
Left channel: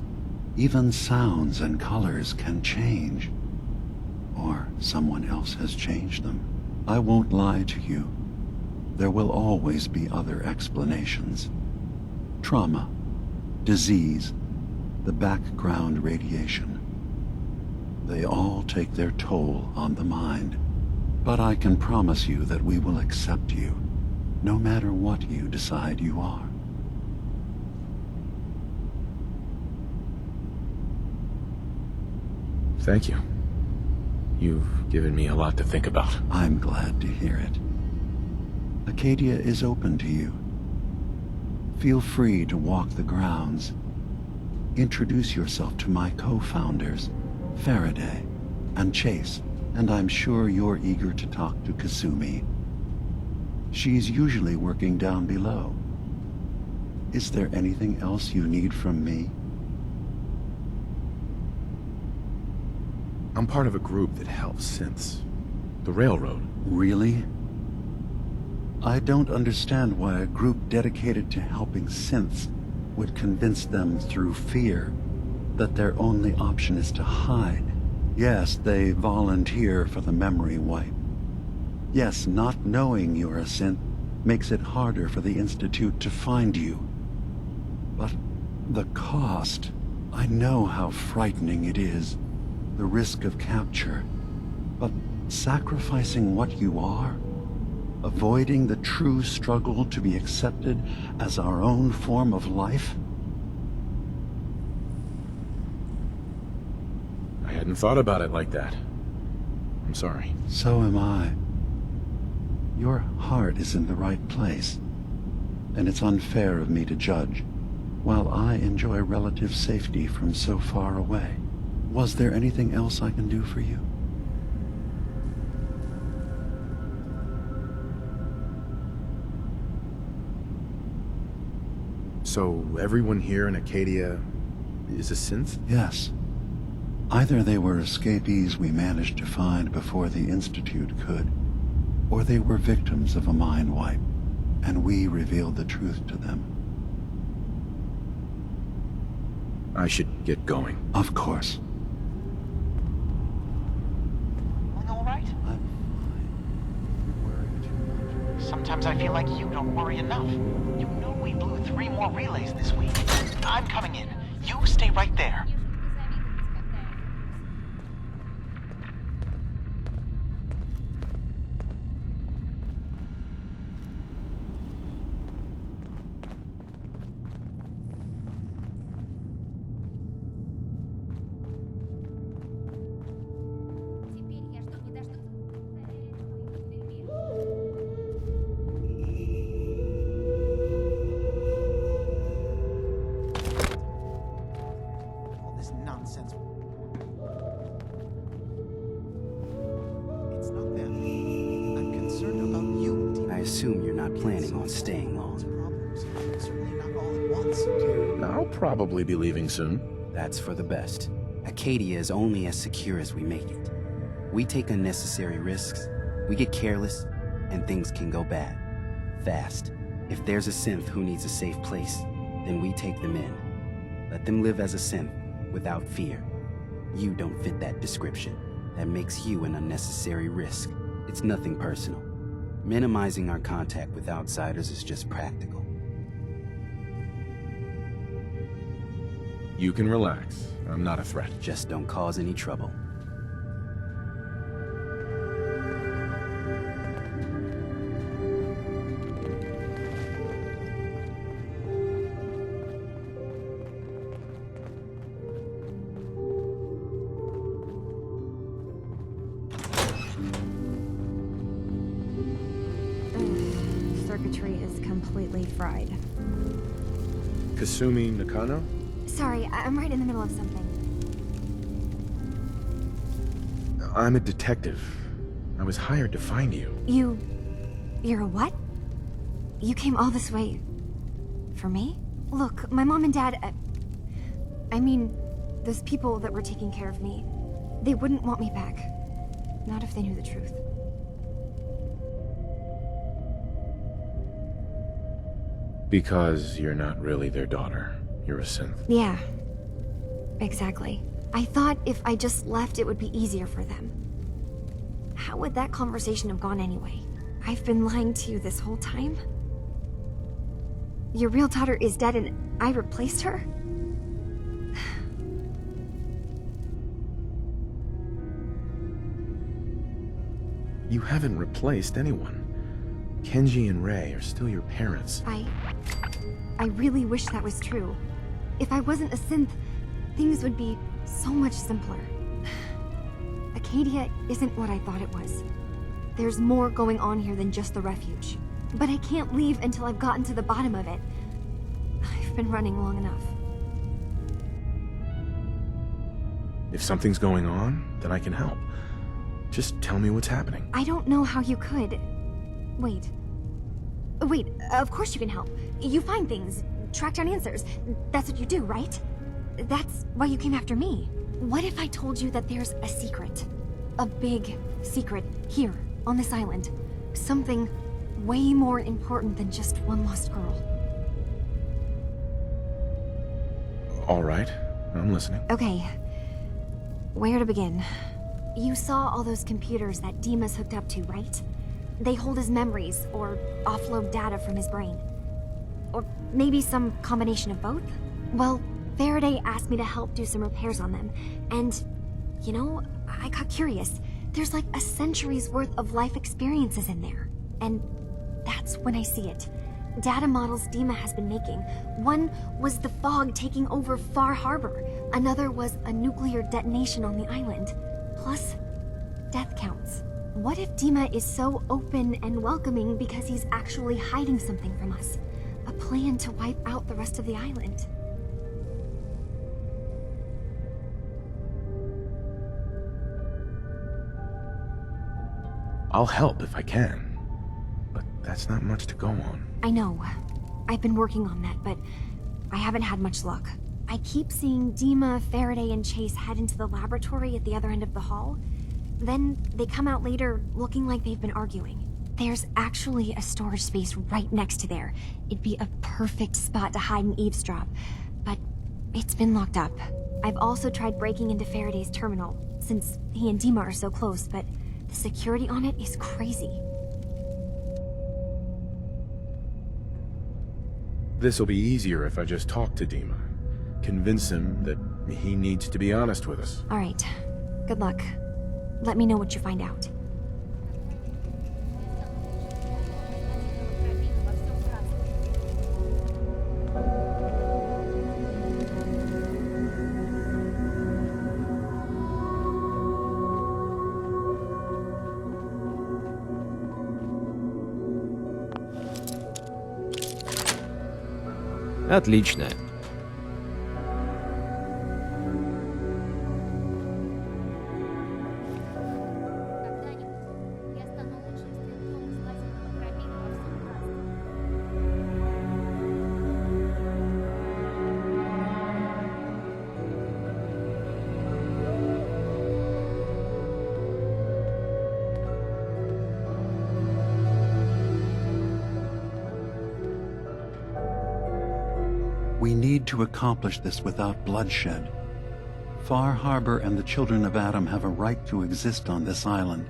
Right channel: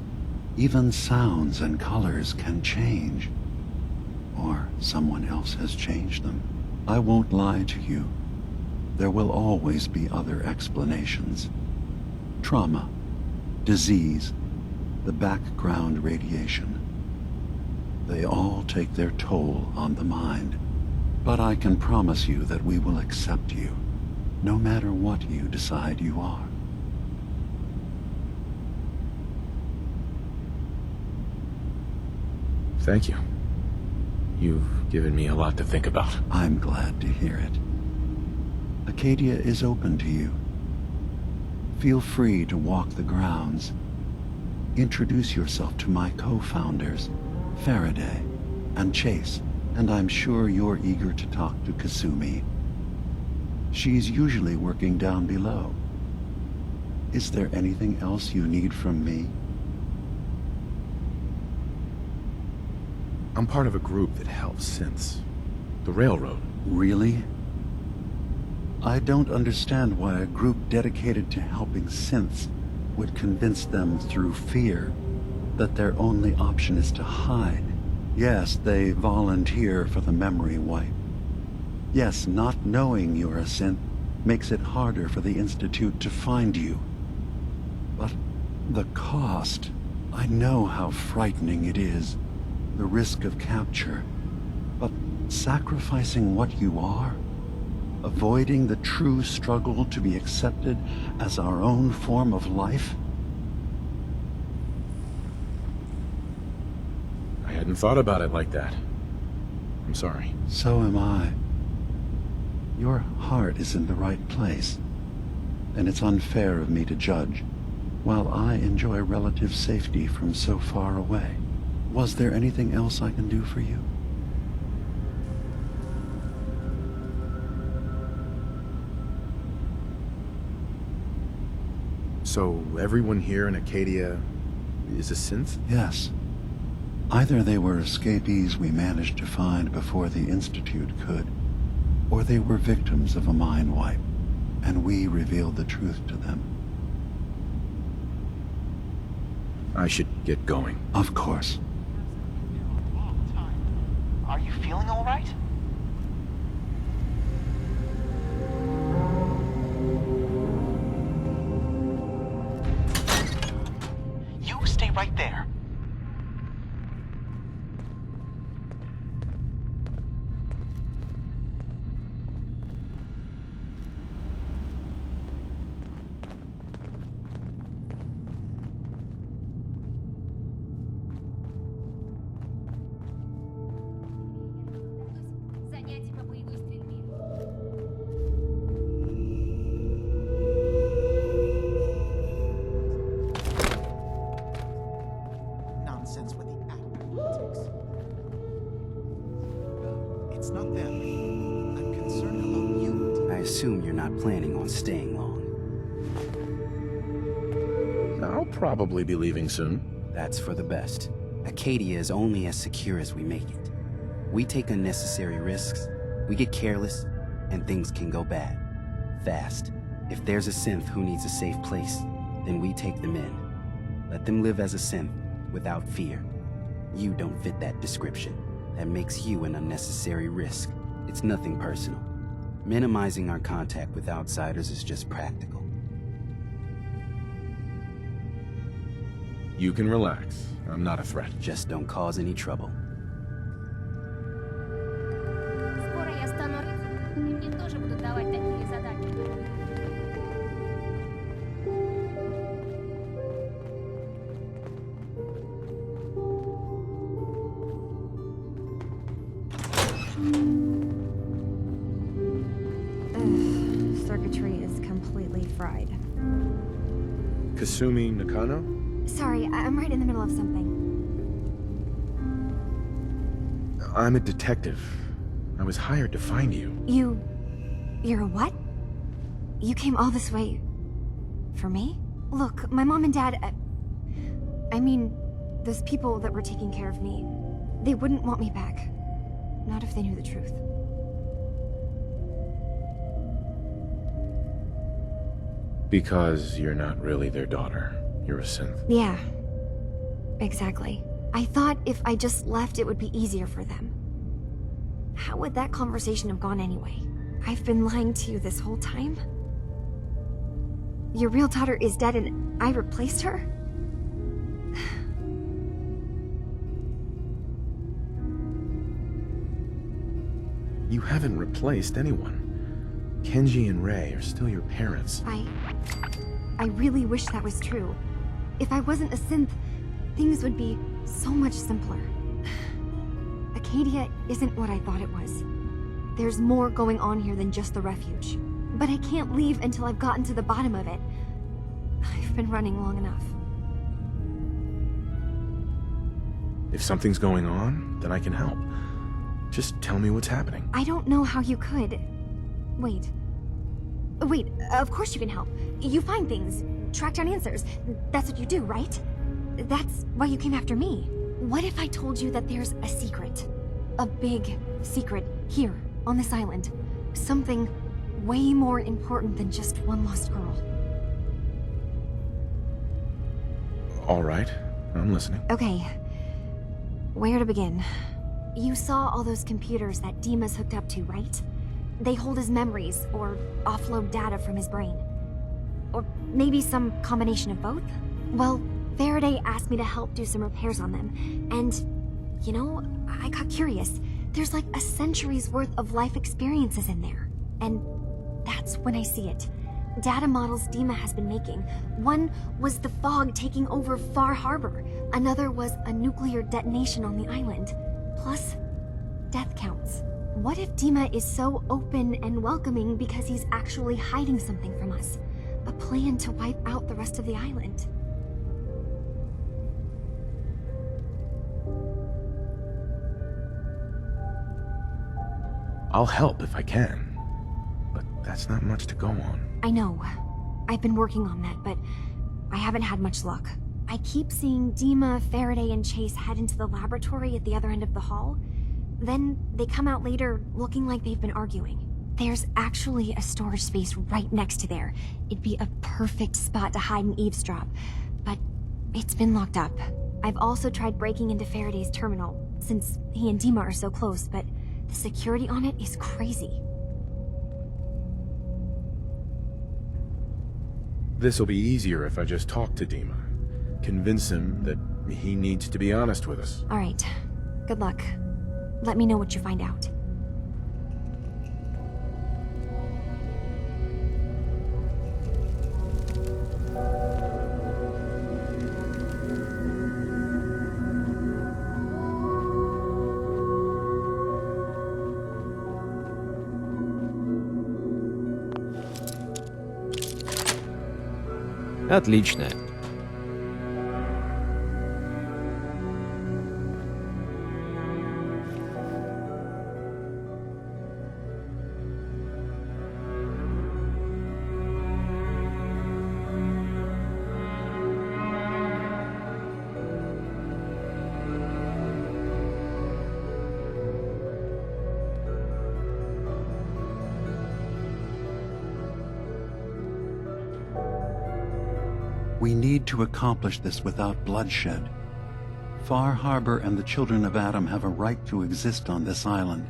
even sounds and colors can change. Or someone else has changed them. I won't lie to you. There will always be other explanations. Trauma, disease, the background radiation. They all take their toll on the mind. But I can promise you that we will accept you, no matter what you decide you are. Thank you. You've given me a lot to think about. I'm glad to hear it. Acadia is open to you. Feel free to walk the grounds. Introduce yourself to my co-founders, Faraday and Chase, and I'm sure you're eager to talk to Kasumi. She's usually working down below. Is there anything else you need from me? I'm part of a group that helps synths. The Railroad. Really? I don't understand why a group dedicated to helping synths would convince them through fear that their only option is to hide. Yes, they volunteer for the memory wipe. Yes, not knowing you're a synth makes it harder for the Institute to find you. But the cost, I know how frightening it is. The risk of capture, but sacrificing what you are, avoiding the true struggle to be accepted as our own form of life? I hadn't thought about it like that. I'm sorry. So am I. Your heart is in the right place, and it's unfair of me to judge, while I enjoy relative safety from so far away. Was there anything else I can do for you? So everyone here in Acadia is a synth? Yes. Either they were escapees we managed to find before the Institute could, or they were victims of a mind wipe, and we revealed the truth to them. I should get going. Of course. Are you feeling all right? Sometimes I feel like you don't worry enough. You know we blew 3 more relays this week. I'm coming in. You stay right there. I assume you're not planning on staying long. I'll probably be leaving soon. That's for the best. Acadia is only as secure as we make it. We take unnecessary risks, we get careless, and things can go bad. Fast. If there's a synth who needs a safe place, then we take them in. Let them live as a synth, without fear. You don't fit that description. That makes you an unnecessary risk. It's nothing personal. Minimizing our contact with outsiders is just practical. You can relax. I'm not a threat. Just don't cause any trouble. Circuitry is completely fried. Kasumi Nakano? Sorry, I'm right in the middle of something. I'm a detective. I was hired to find you. You're a what? You came all this way... for me? Look, my mom and dad... I mean, those people that were taking care of me, they wouldn't want me back. Not if they knew the truth. Because you're not really their daughter. You're a synth. Yeah, exactly. I thought if I just left, it would be easier for them. How would that conversation have gone anyway? I've been lying to you this whole time? Your real daughter is dead and I replaced her? You haven't replaced anyone. Kenji and Rei are still your parents. I really wish that was true. If I wasn't a synth, things would be so much simpler. Acadia isn't what I thought it was. There's more going on here than just the refuge. But I can't leave until I've gotten to the bottom of it. I've been running long enough. If something's going on, then I can help. Just tell me what's happening. I don't know how you could. Wait, of course you can help. You find things, track down answers. That's what you do, right? That's why you came after me. What if I told you that there's a secret? A big secret here, on this island. Something way more important than just one lost girl. All right, I'm listening. Okay, where to begin? You saw all those computers that Dima's hooked up to, right? They hold his memories, or offload data from his brain. Or maybe some combination of both? Well, Faraday asked me to help do some repairs on them, and, you know, I got curious. There's like a century's worth of life experiences in there. And that's when I see it. Data models Dima has been making. One was the fog taking over Far Harbor. Another was a nuclear detonation on the island. Plus, death counts. What if Dima is so open and welcoming because he's actually hiding something from us? A plan to wipe out the rest of the island. I'll help if I can, but that's not much to go on. I know. I've been working on that, but I haven't had much luck. I keep seeing Dima, Faraday, and Chase head into the laboratory at the other end of the hall. Then they come out later looking like they've been arguing. There's actually a storage space right next to there. It'd be a perfect spot to hide and eavesdrop, but it's been locked up. I've also tried breaking into Faraday's terminal, since he and Dima are so close, but the security on it is crazy. This'll be easier if I just talk to Dima. Convince him that he needs to be honest with us. All right. Good luck. Let me know what you find out. Отлично. We need to accomplish this without bloodshed. Far Harbor and the children of Adam have a right to exist on this island,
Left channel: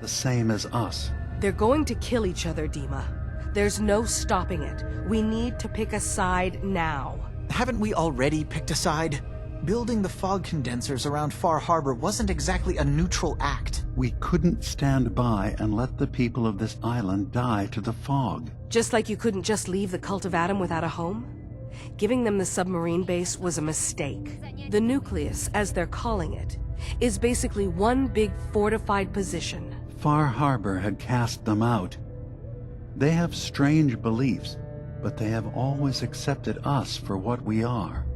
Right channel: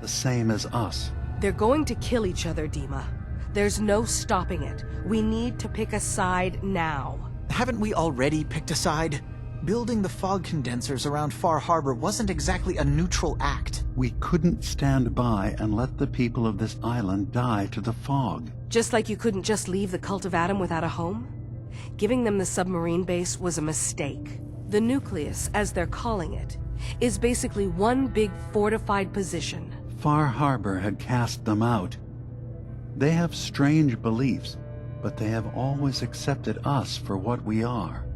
the same as us. They're going to kill each other, Dima. There's no stopping it. We need to pick a side now. Haven't we already picked a side? Building the fog condensers around Far Harbor wasn't exactly a neutral act. We couldn't stand by and let the people of this island die to the fog. Just like you couldn't just leave the Cult of Adam without a home? Giving them the submarine base was a mistake. The nucleus, as they're calling it, is basically one big fortified position. Far Harbor had cast them out. They have strange beliefs, but they have always accepted us for what we are.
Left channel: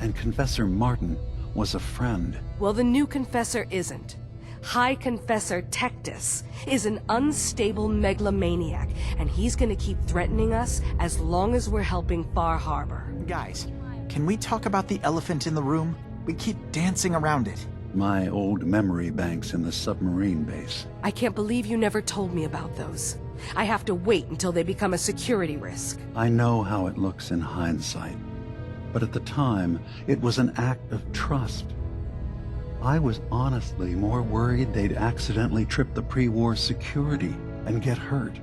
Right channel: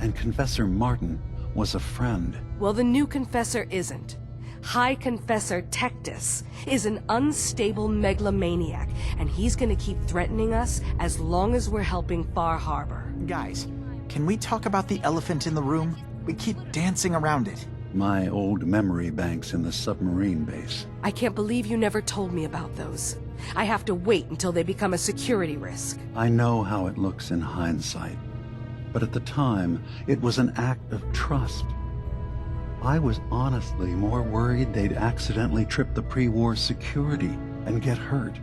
And Confessor Martin was a friend. Well, the new Confessor isn't. High Confessor Tectus is an unstable megalomaniac, and he's gonna keep threatening us as long as we're helping Far Harbor. Guys, can we talk about the elephant in the room? We keep dancing around it. My old memory banks in the submarine base. I can't believe you never told me about those. I have to wait until they become a security risk. I know how it looks in hindsight, but at the time, it was an act of trust. I was honestly more worried they'd accidentally trip the pre-war security and get hurt.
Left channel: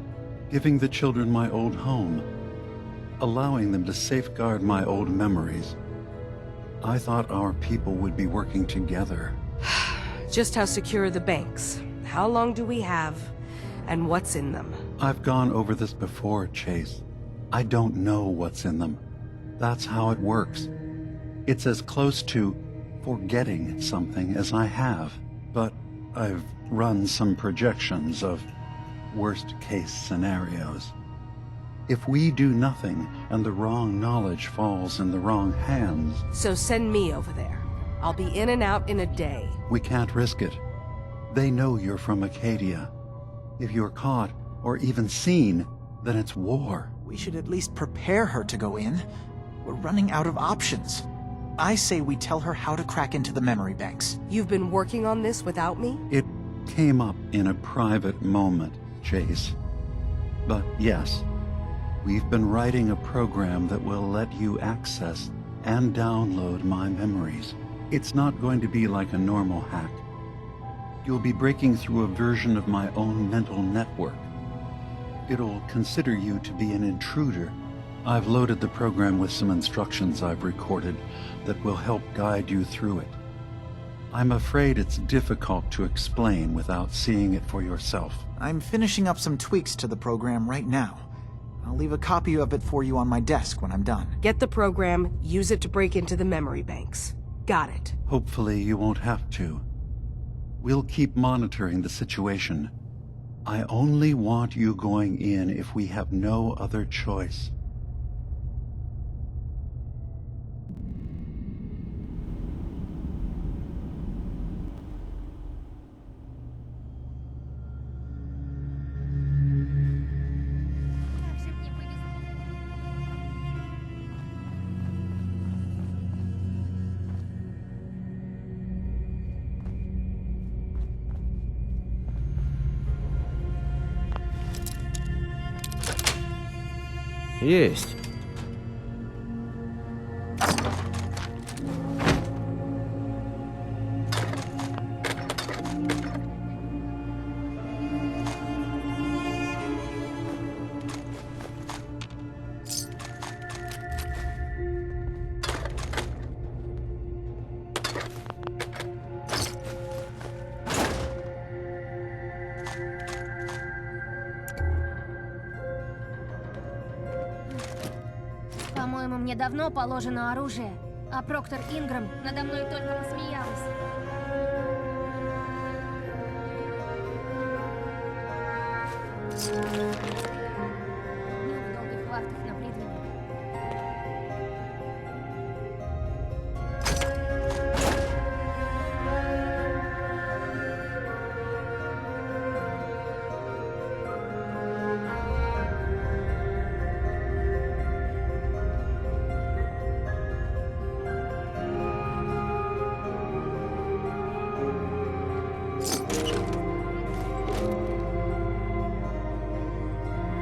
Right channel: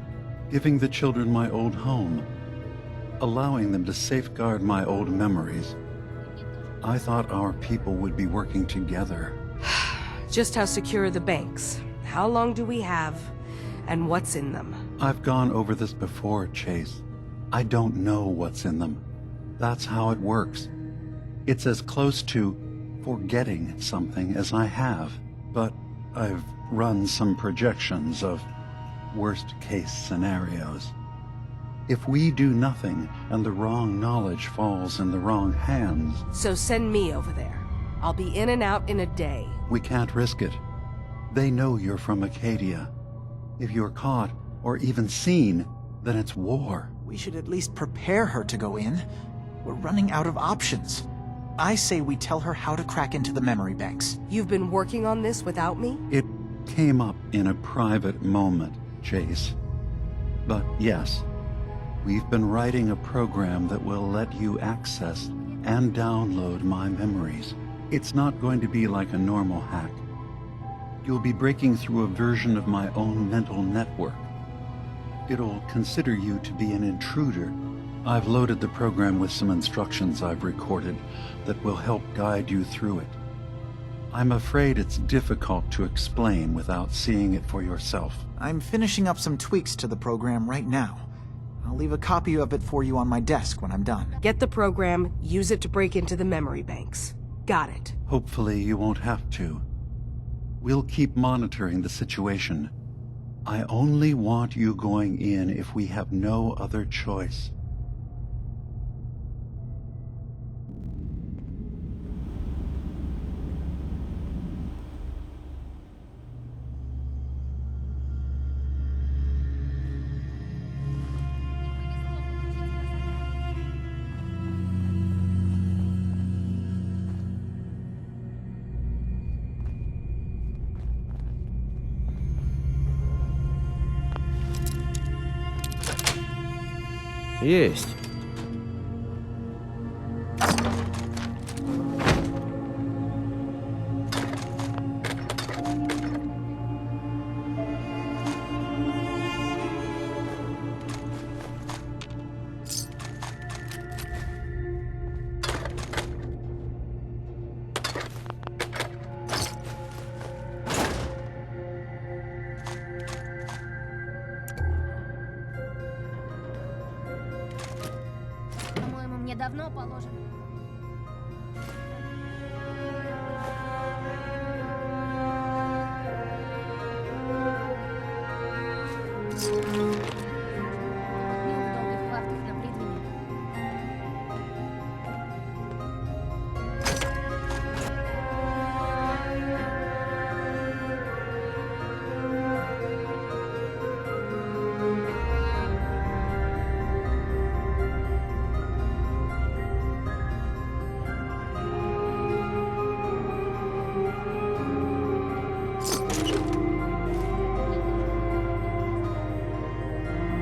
Giving the children my old home, allowing them to safeguard my old memories. I thought our people would be working together. Just how secure are the banks? How long do we have? And what's in them? I've gone over this before, Chase. I don't know what's in them. That's how it works. It's as close to forgetting something as I have, but I've run some projections of worst-case scenarios. If we do nothing and the wrong knowledge falls in the wrong hands... So send me over there. I'll be in and out in a day. We can't risk it. They know you're from Acadia. If you're caught, or even seen, then it's war. We should at least prepare her to go in. We're running out of options. I say we tell her how to crack into the memory banks. You've been working on this without me? It came up in a private moment, Chase. But yes, we've been writing a program that will let you access and download my memories. It's not going to be like a normal hack. You'll be breaking through a version of my own mental network. It'll consider you to be an intruder. I've loaded the program with some instructions I've recorded that will help guide you through it. I'm afraid it's difficult to explain without seeing it for yourself. I'm finishing up some tweaks to the program right now. I'll leave a copy of it for you on my desk when I'm done. Get the program, use it to break into the memory banks. Got it. Hopefully you won't have to. We'll keep monitoring the situation. I only want you going in if we have no other choice. Есть. По-моему, мне давно положено оружие, а Проктор Инграм надо мной только посмеялась. Дню в долгих хватках на Придвине.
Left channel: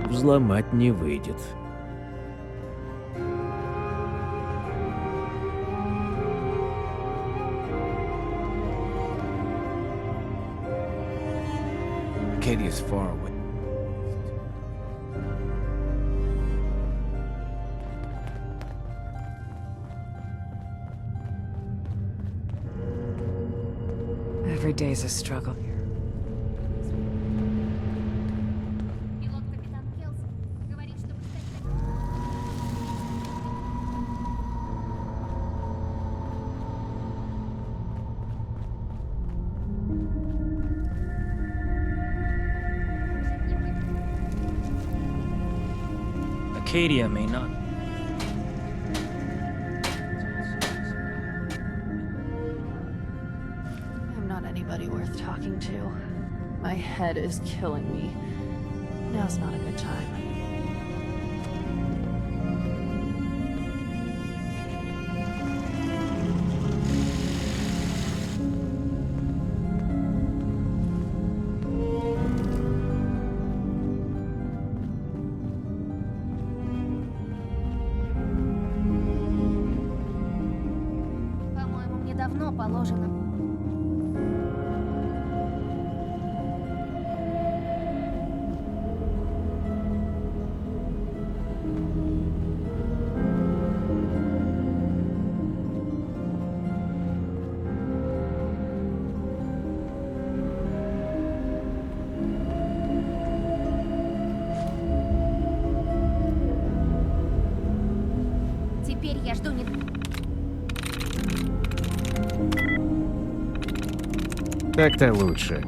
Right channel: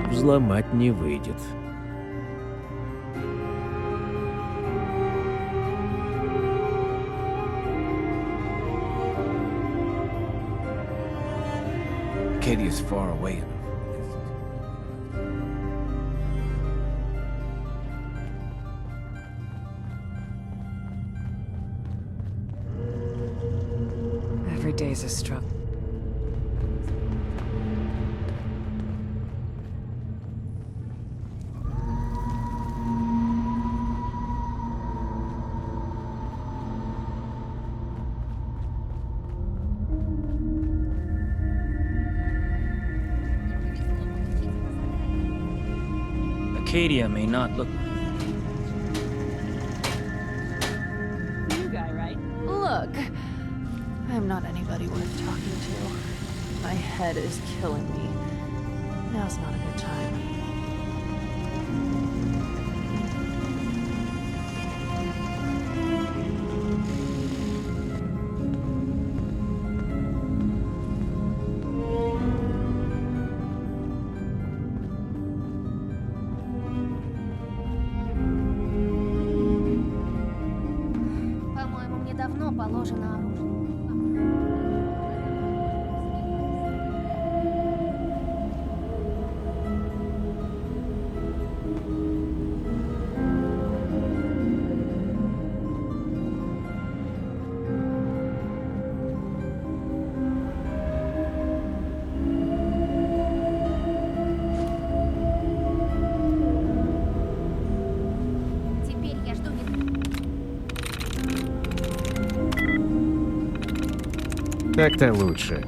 Взломать не выйдет. Katie is far away. Every day's a struggle. Acadia may not look... Look, I'm not anybody worth talking to. My head is killing me. Now's not a good time. По-моему, мне давно положено оружие. Теперь я жду не... Так-то лучше.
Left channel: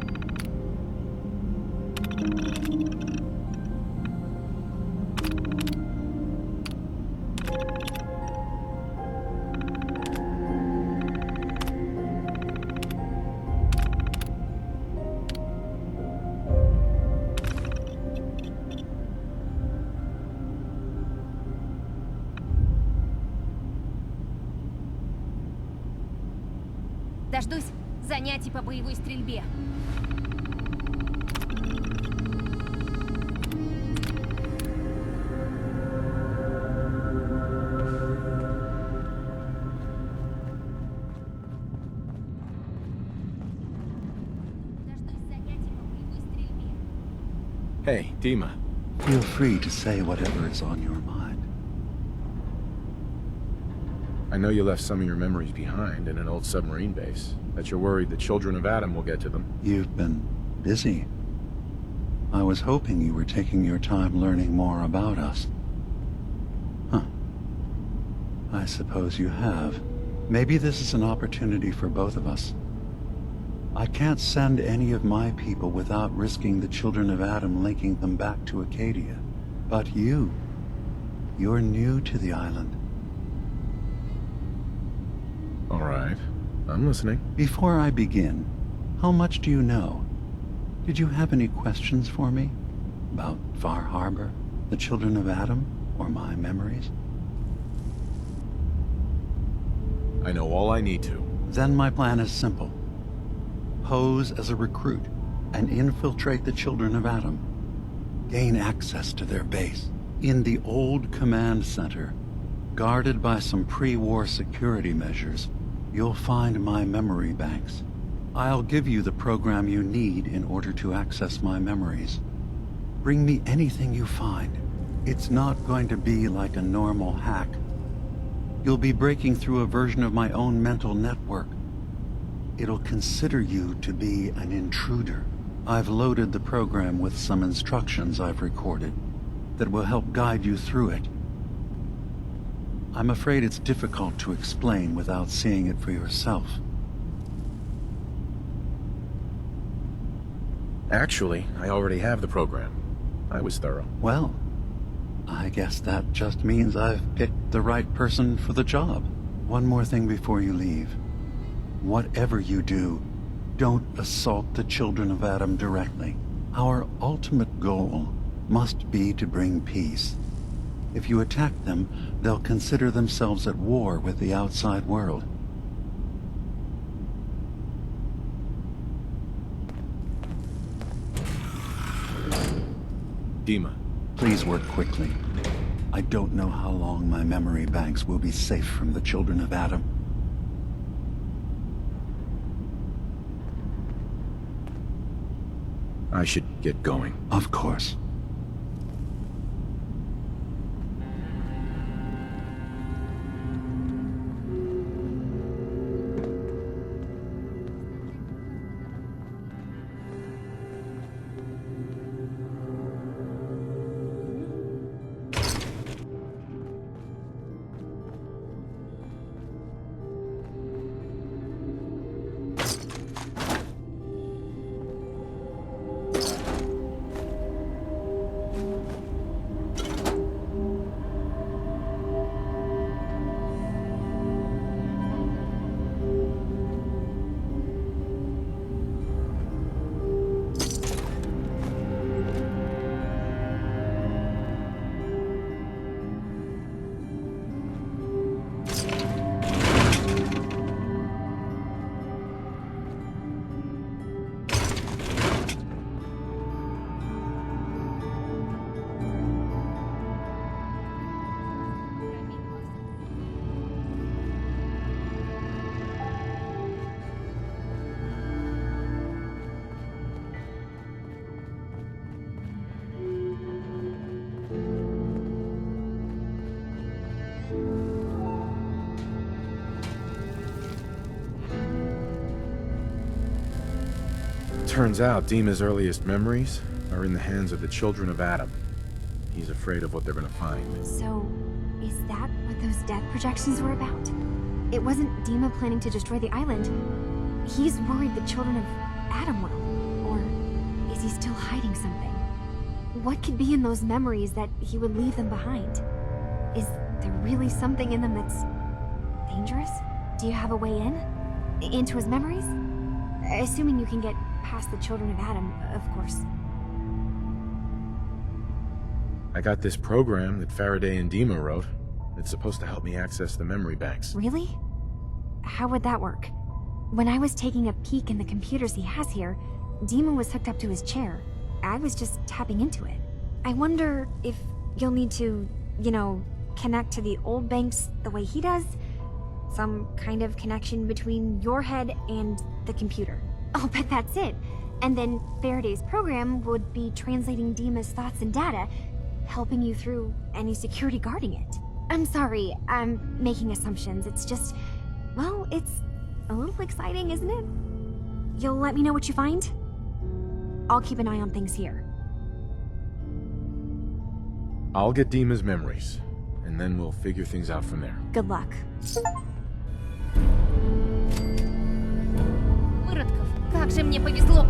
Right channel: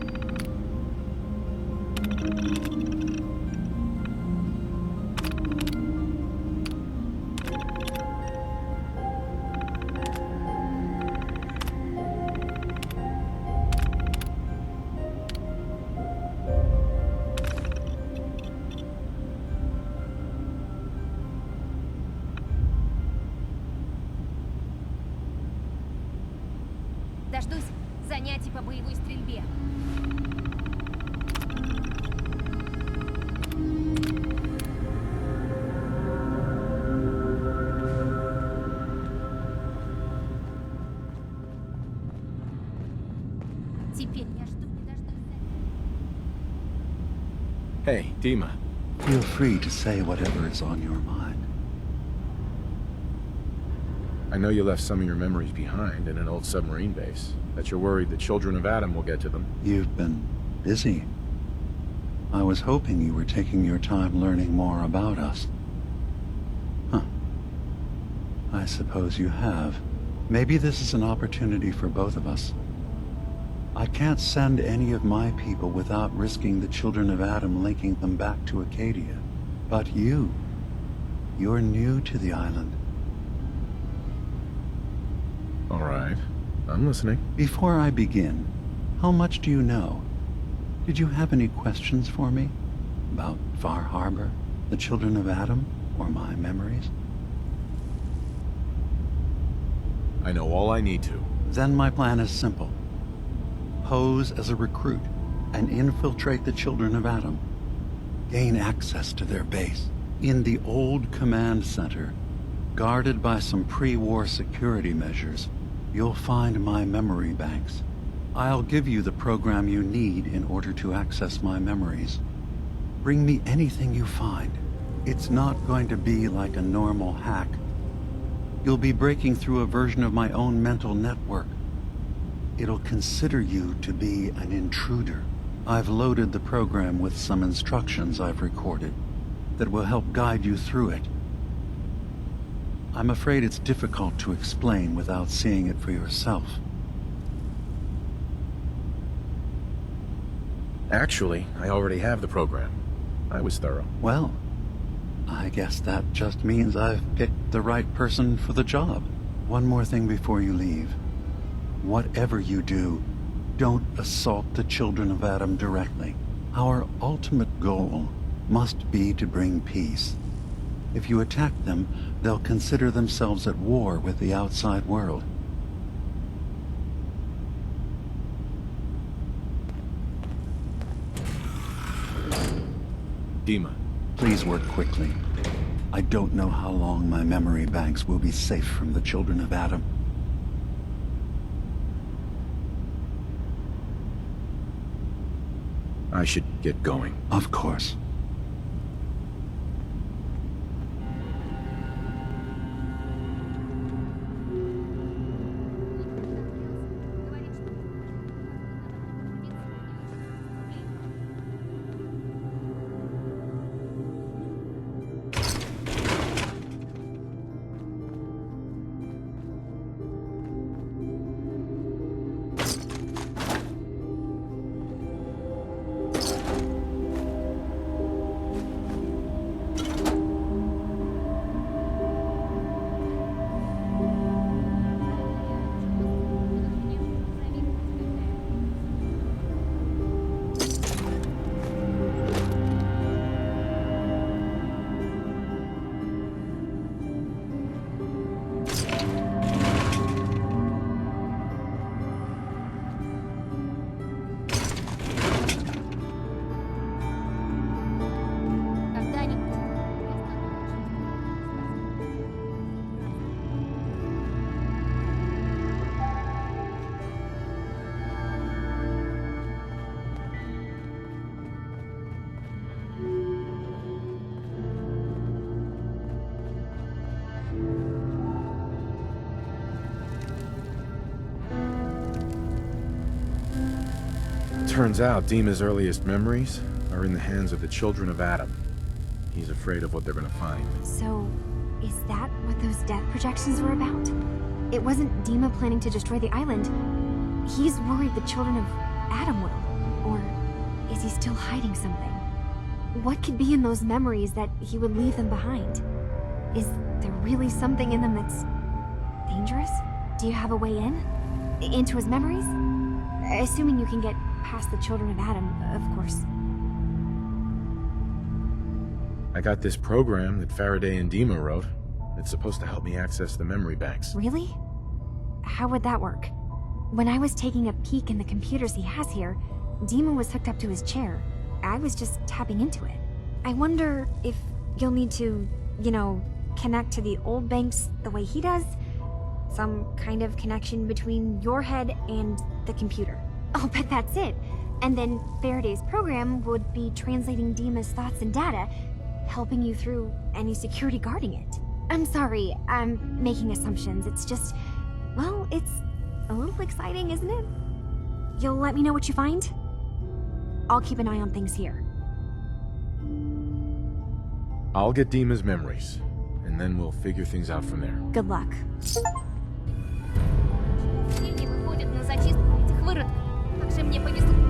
Дождусь занятий по боевой стрельбе. Теперь я жду не дождусь занятий по боевой стрельбе. Hey, Dima. Feel free to say whatever is on your mind. I know you left some of your memories behind in an old submarine base, that you're worried the children of Adam will get to them. You've been busy. I was hoping you were taking your time learning more about us. Huh. I suppose you have. Maybe this is an opportunity for both of us. I can't send any of my people without risking the children of Adam linking them back to Acadia. But you're new to the island. All right. I'm listening. Before I begin, how much do you know? Did you have any questions for me? About Far Harbor, the children of Adam, or my memories? I know all I need to. Then my plan is simple. Pose as a recruit and infiltrate the children of Adam. Gain access to their base. In the old command center, guarded by some pre-war security measures, you'll find my memory banks. I'll give you the program you need in order to access my memories. Bring me anything you find. It's not going to be like a normal hack. You'll be breaking through a version of my own mental network. It'll consider you to be an intruder. I've loaded the program with some instructions I've recorded that will help guide you through it. I'm afraid it's difficult to explain without seeing it for yourself. Actually, I already have the program. I was thorough. Well, I guess that just means I've picked the right person for the job. One more thing before you leave. Whatever you do, don't assault the children of Adam directly. Our ultimate goal must be to bring peace. If you attack them, they'll consider themselves at war with the outside world. Dima. Please work quickly. I don't know how long my memory banks will be safe from the children of Adam. I should get going. Of course. Turns out Dima's earliest memories are in the hands of the children of Adam. He's afraid of what they're gonna find. So, is that what those death projections were about? It wasn't Dima planning to destroy the island. He's worried the children of Adam will. Or is he still hiding something? What could be in those memories that he would leave them behind? Is there really something in them that's dangerous? Do you have a way in? Into his memories? Assuming you can get past the children of Adam, of course. I got this program that Faraday and Dima wrote. It's supposed to help me access the memory banks. Really? How would that work? When I was taking a peek in the computers he has here, Dima was hooked up to his chair. I was just tapping into it. I wonder if you'll need to, you know, connect to the old banks the way he does? Some kind of connection between your head and the computer. I'll bet that's it. And then Faraday's program would be translating Dima's thoughts and data, helping you through any security guarding it. I'm sorry, I'm making assumptions. It's just, well, it's a little exciting, isn't it? You'll let me know what you find? I'll keep an eye on things here. I'll get Dima's memories, and then we'll figure things out from there. Good luck. Как же мне повезло!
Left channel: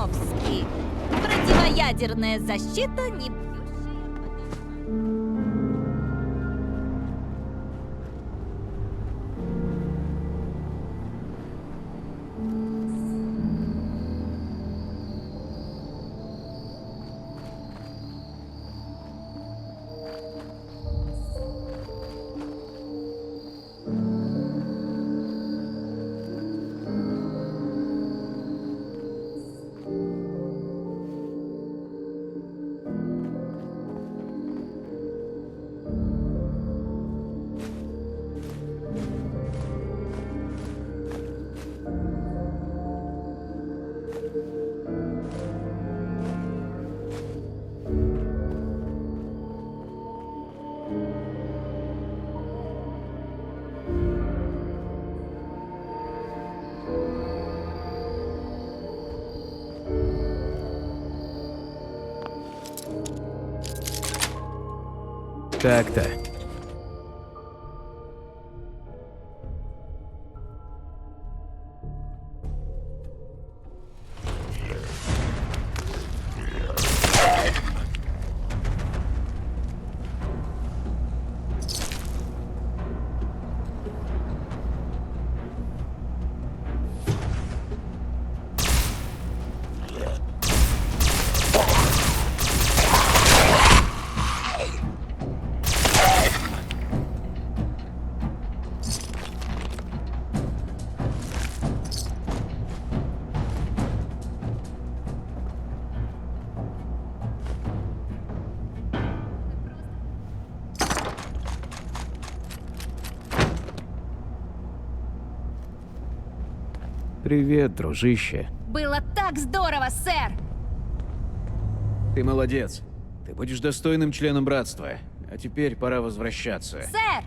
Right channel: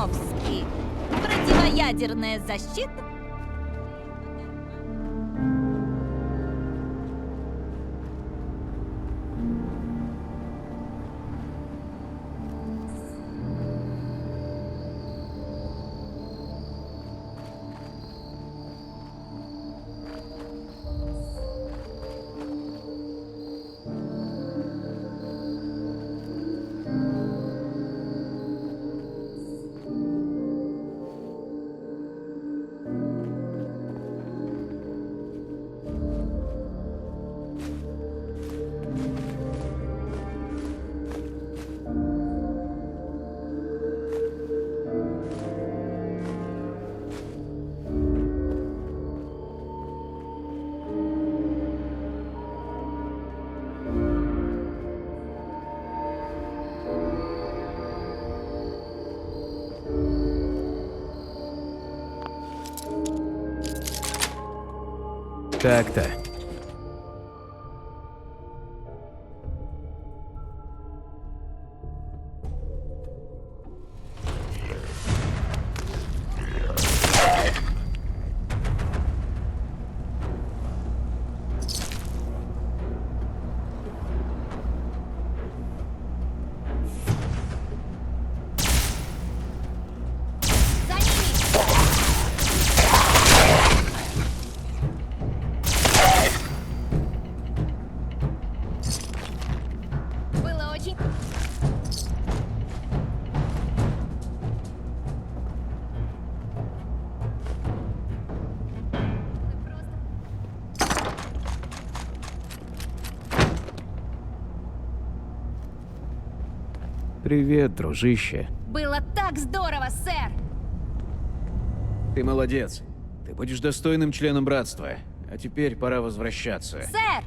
чертовски. Противоядерная защита не... Так-то. Привет, дружище. Было так здорово, сэр! Ты молодец. Ты будешь достойным членом братства. А теперь пора возвращаться. Сэр!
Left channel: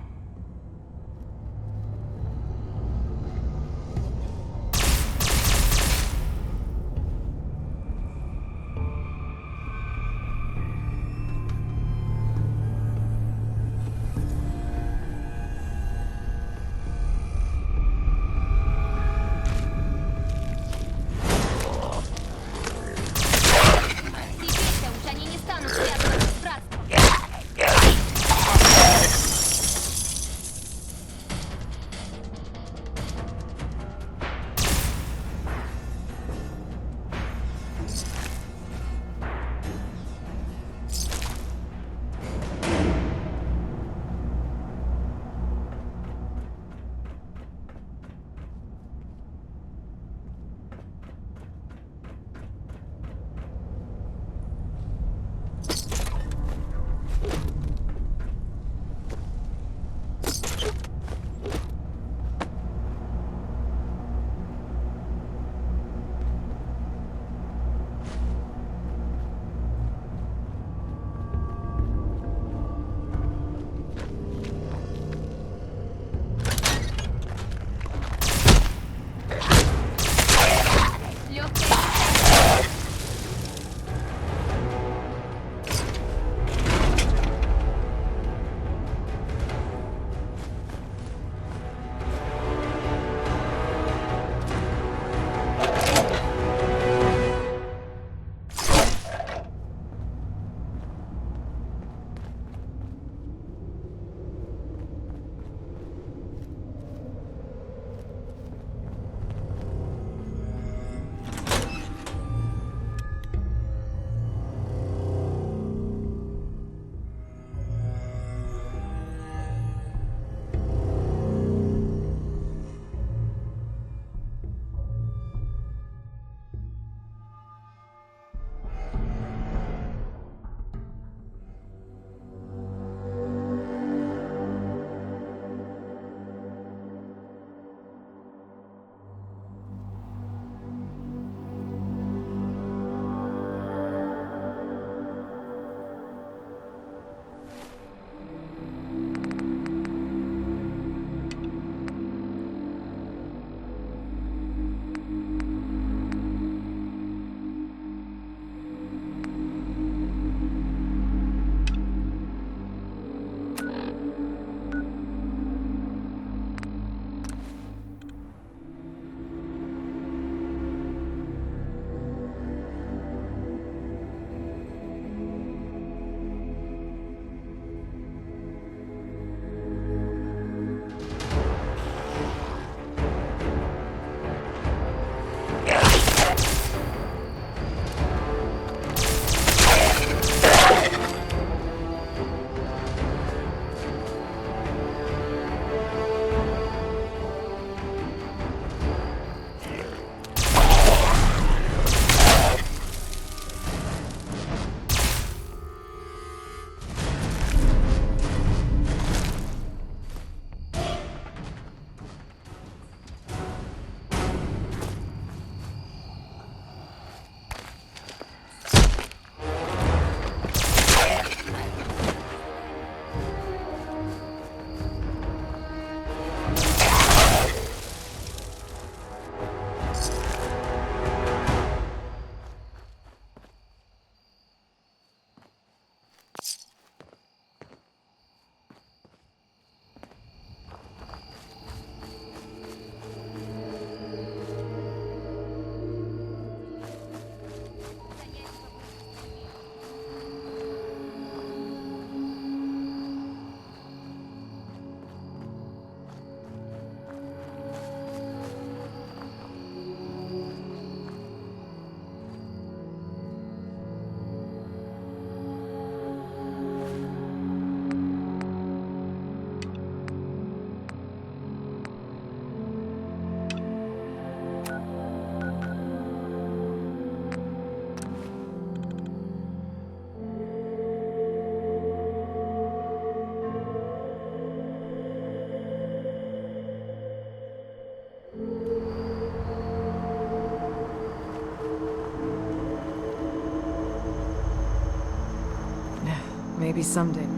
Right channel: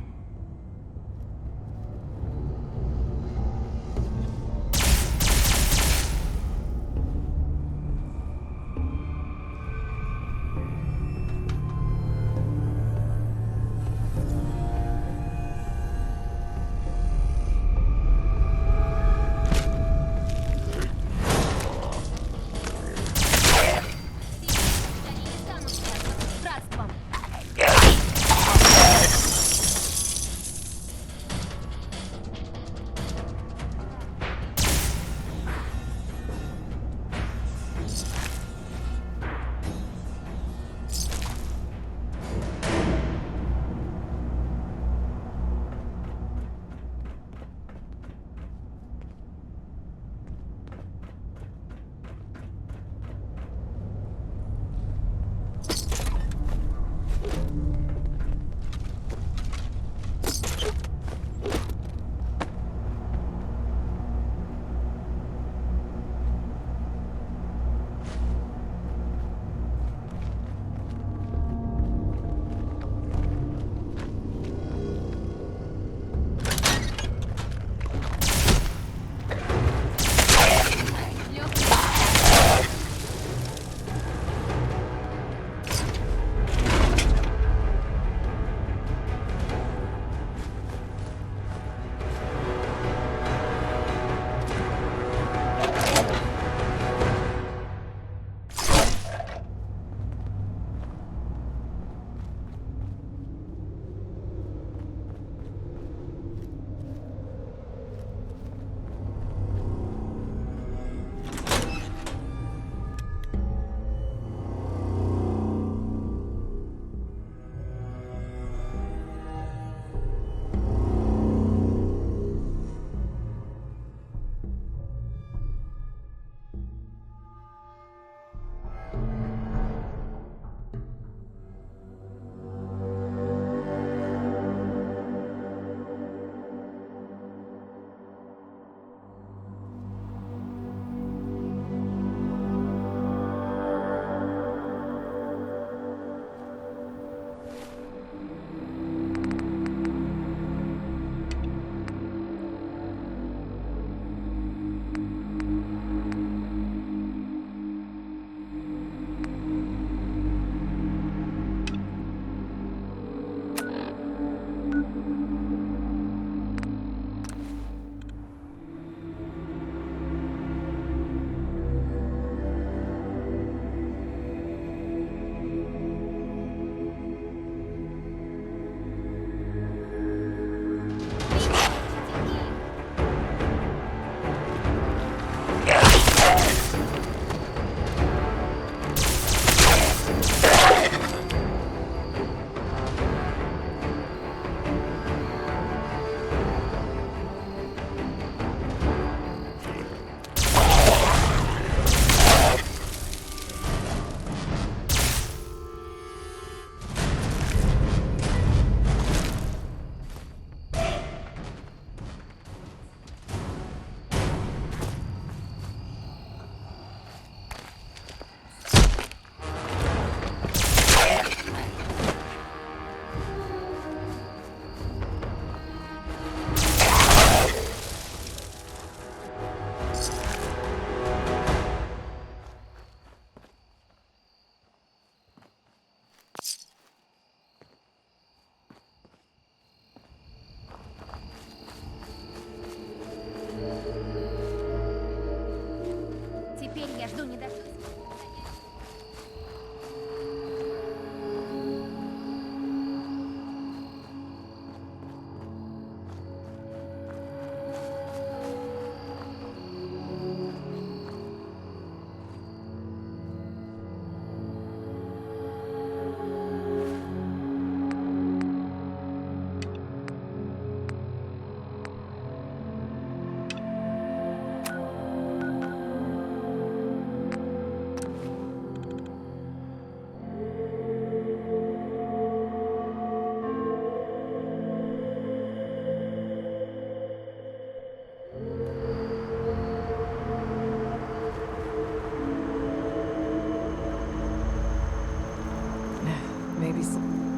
Maybe someday.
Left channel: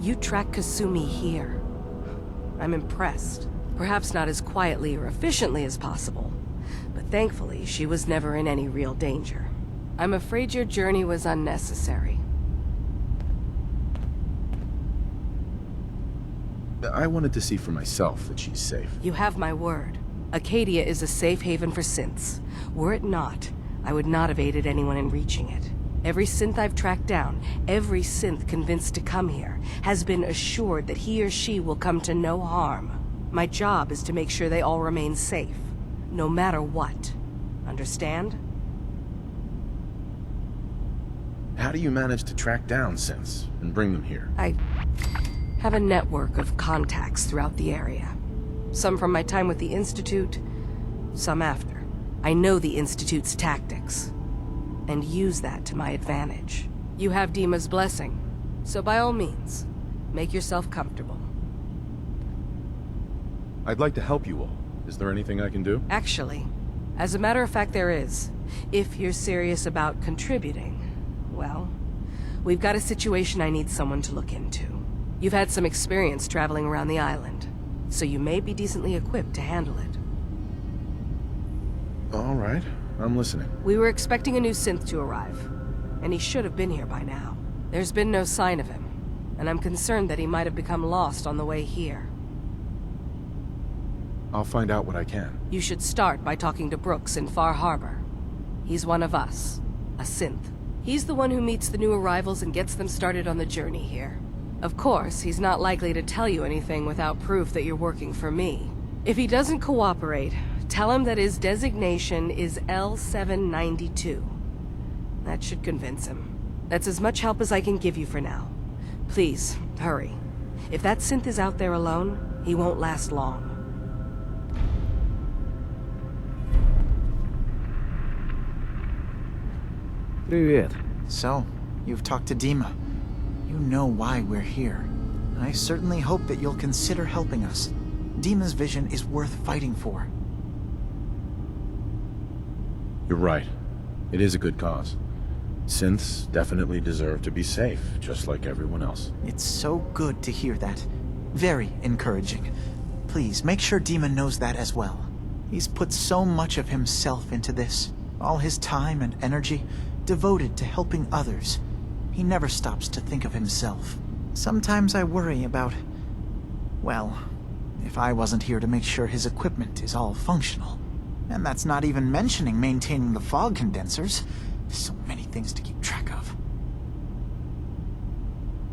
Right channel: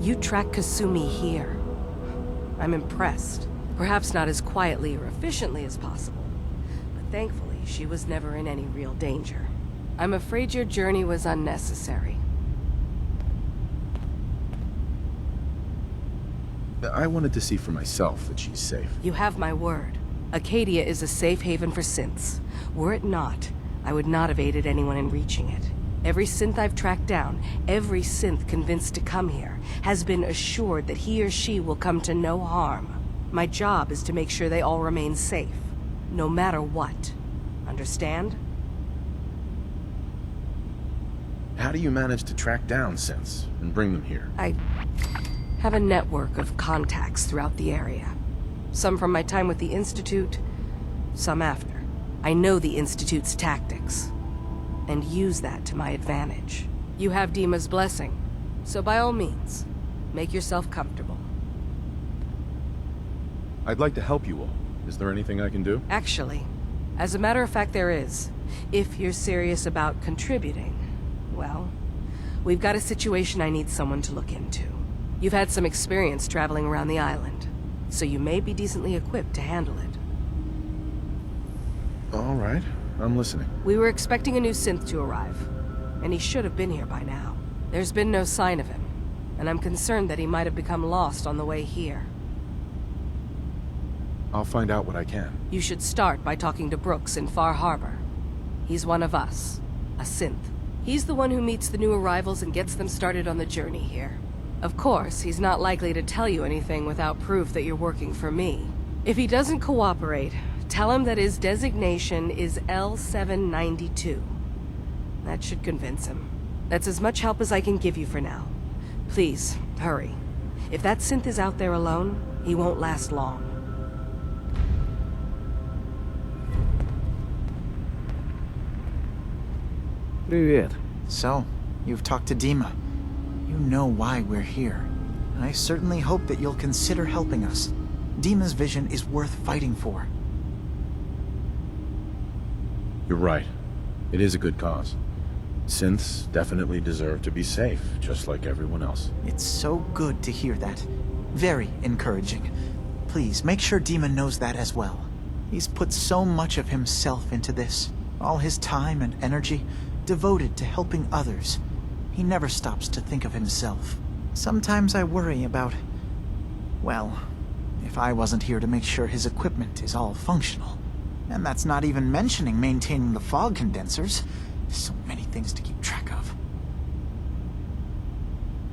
You tracked Kasumi here. I'm impressed. Perhaps not as quietly or efficiently as possible, but thankfully she was never in any real danger. I'm afraid your journey was unnecessary. I wanted to see for myself that she's safe. You have my word. Acadia is a safe haven for synths. Were it not, I would not have aided anyone in reaching it. Every synth I've tracked down, every synth convinced to come here, has been assured that he or she will come to no harm. My job is to make sure they all remain safe, no matter what. Understand? How do you manage to track down synths and bring them here? I have a network of contacts throughout the area. Some from my time with the Institute, some after. I know the Institute's tactics, and use that to my advantage. You have Dima's blessing, so by all means, make yourself comfortable. I'd like to help you all. Is there anything I can do? Actually, as a matter of fact there is. If you're serious about contributing, well, we've got a situation I need someone to look into. You've had some experience traveling around the island, so you may be decently equipped to handle it. All right, I'm listening. We were expecting a new synth to arrive, and he should have been here by now. There's been no sign of him, and I'm concerned that he might have become lost on the way here. I'll find out what I can. You should start by talking to Brooks in Far Harbor. He's one of us, a synth. He's the one who meets the new arrivals and gets them started on the journey here. Of course, he's not likely to tell you anything without proof that you're working for me. If he doesn't cooperate, tell him that his designation is L792. That should convince him. That's as much help as I can give you for now. Please, hurry. If that synth is out there alone, he won't last long. Привет. So, you've talked to Dima. You know why we're here. I certainly hope that you'll consider helping us. Dima's vision is worth fighting for. You're right. It is a good cause. Synths definitely deserve to be safe, just like everyone else. It's so good to hear that. Very encouraging. Please, make sure Dima knows that as well. He's put so much of himself into this. All his time and energy devoted to helping others. He never stops to think of himself. Sometimes I worry about... well, if I wasn't here to make sure his equipment is all functional. And that's not even mentioning maintaining the fog condensers. So many things to keep track of.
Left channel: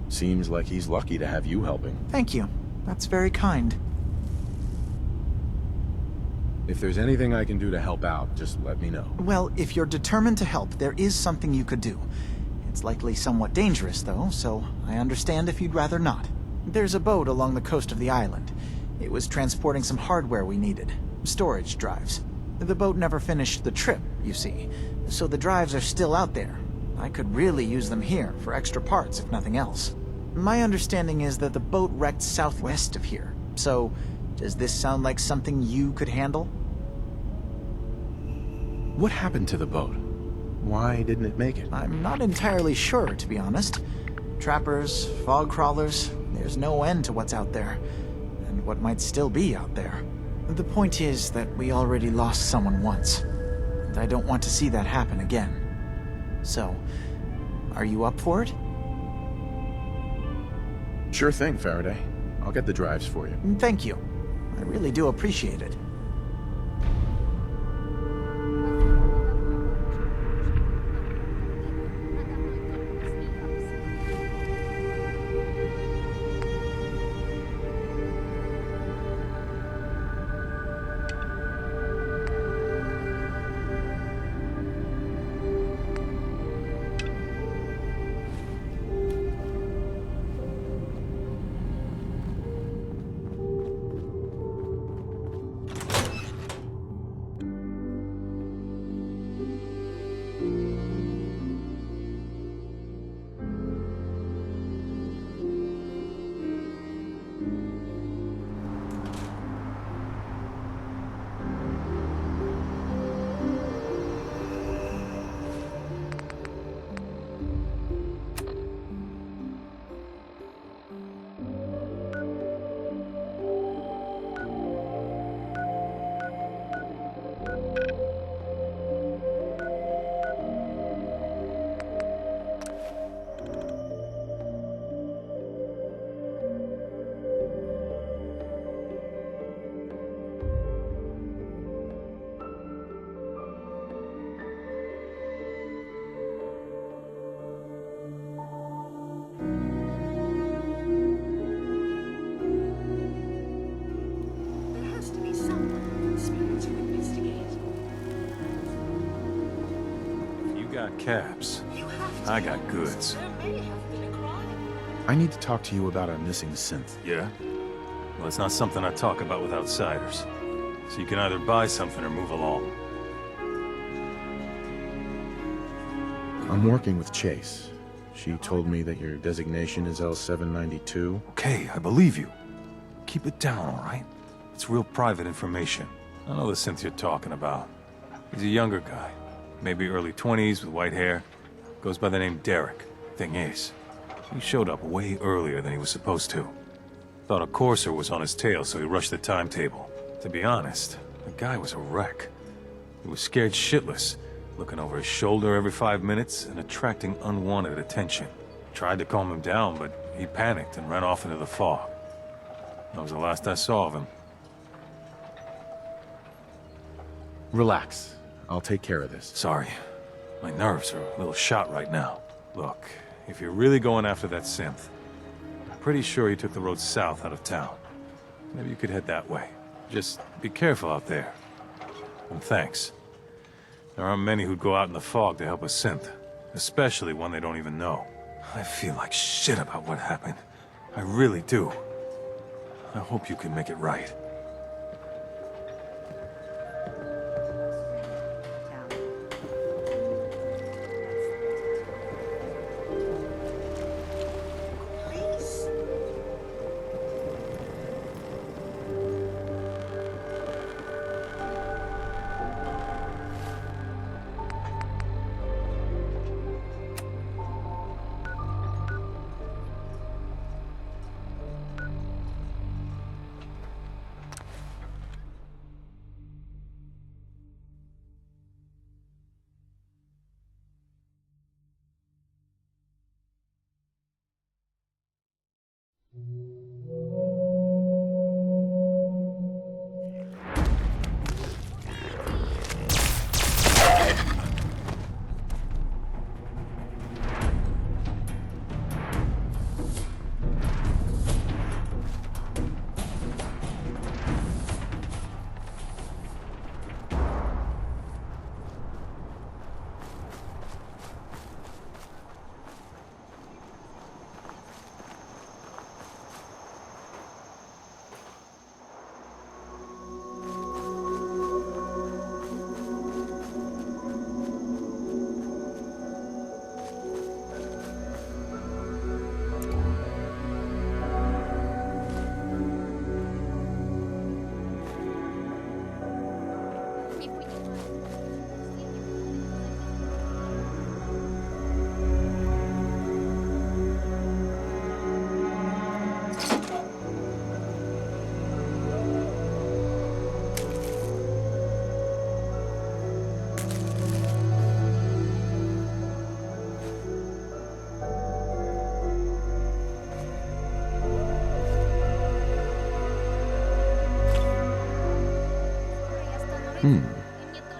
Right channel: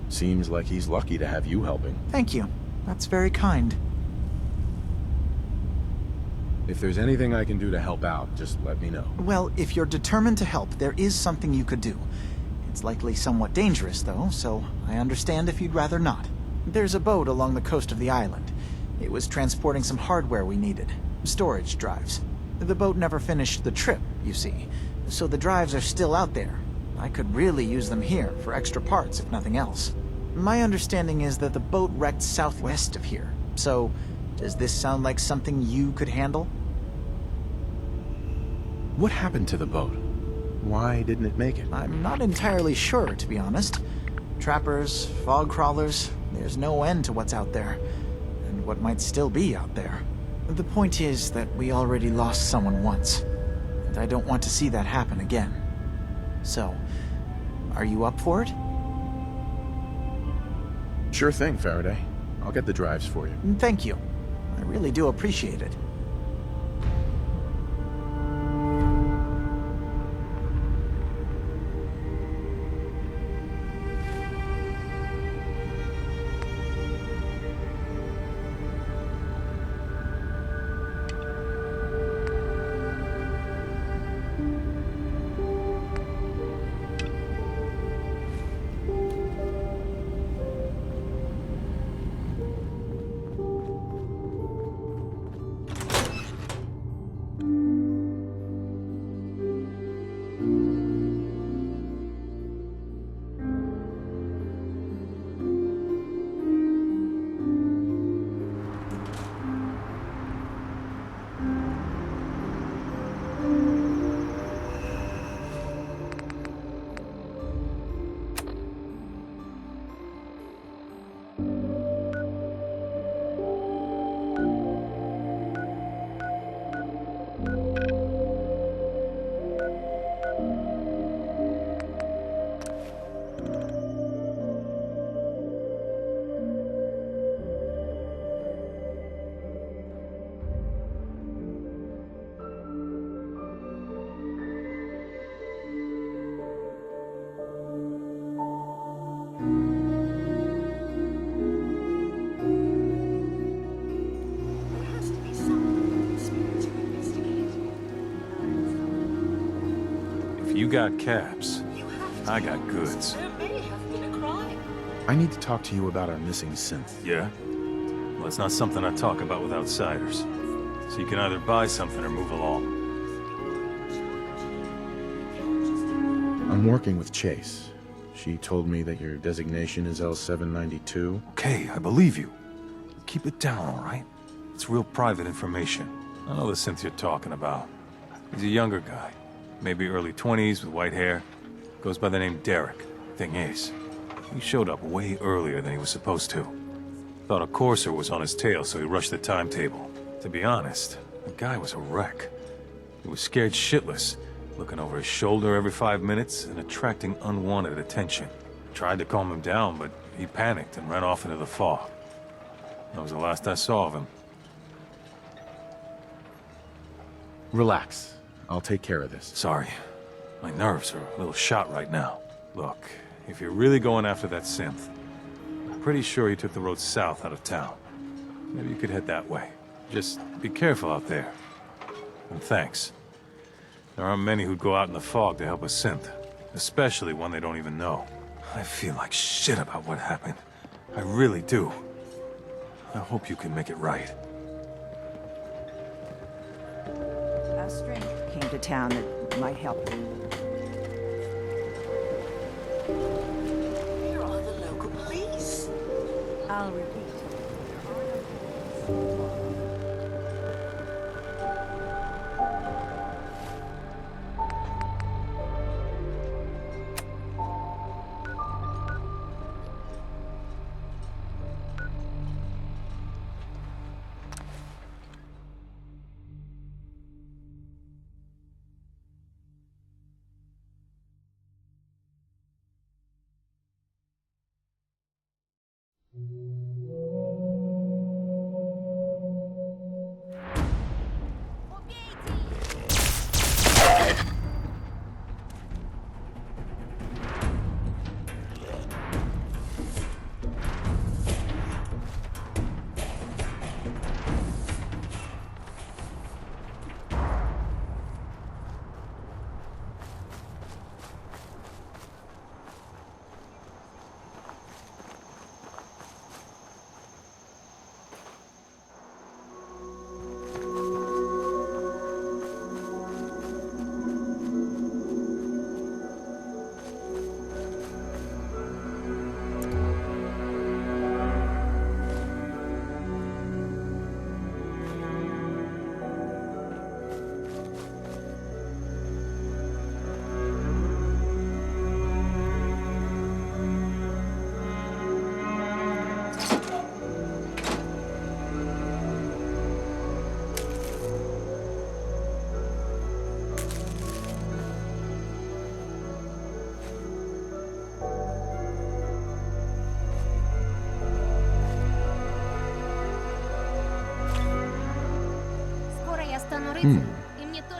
Seems like he's lucky to have you helping. Thank you. That's very kind. If there's anything I can do to help out, just let me know. Well, if you're determined to help, there is something you could do. It's likely somewhat dangerous, though, so I understand if you'd rather not. There's a boat along the coast of the island. It was transporting some hardware we needed. Storage drives. The boat never finished the trip, you see, so the drives are still out there. I could really use them here for extra parts, if nothing else. My understanding is that the boat wrecked southwest of here, so does this sound like something you could handle? What happened to the boat? Why didn't it make it? I'm not entirely sure, to be honest. Trappers, fog crawlers, there's no end to what's out there, and what might still be out there. The point is that we already lost someone once, and I don't want to see that happen again. So, are you up for it? Sure thing, Faraday. I'll get the drives for you. Thank you. I really do appreciate it. got caps. I got goods. There may have been a crime. I need to talk to you about our missing synth. Yeah? Well, it's not something I talk about with outsiders. So you can either buy something or move along. I'm working with Chase. She told me that your designation is L792. Okay, I believe you. Keep it down, all right? It's real private information. I know the synth you're talking about. He's a younger guy. Maybe early 20s with white hair. Goes by the name Derek. Thing is, he showed up way earlier than he was supposed to. Thought a courser was on his tail, so he rushed the timetable. To be honest, the guy was a wreck. He was scared shitless, looking over his shoulder every 5 minutes and attracting unwanted attention. Tried to calm him down, but he panicked and ran off into the fog. That was the last I saw of him. Relax. I'll take care of this. Sorry. My nerves are a little shot right now. Look, if you're really going after that synth, I'm pretty sure he took the road south out of town. Maybe you could head that way. Just be careful out there. And thanks. There aren't many who'd go out in the fog to help a synth, especially one they don't even know. I feel like shit about what happened. I really do. I hope you can make it right. A stranger came to town that might help. Local police.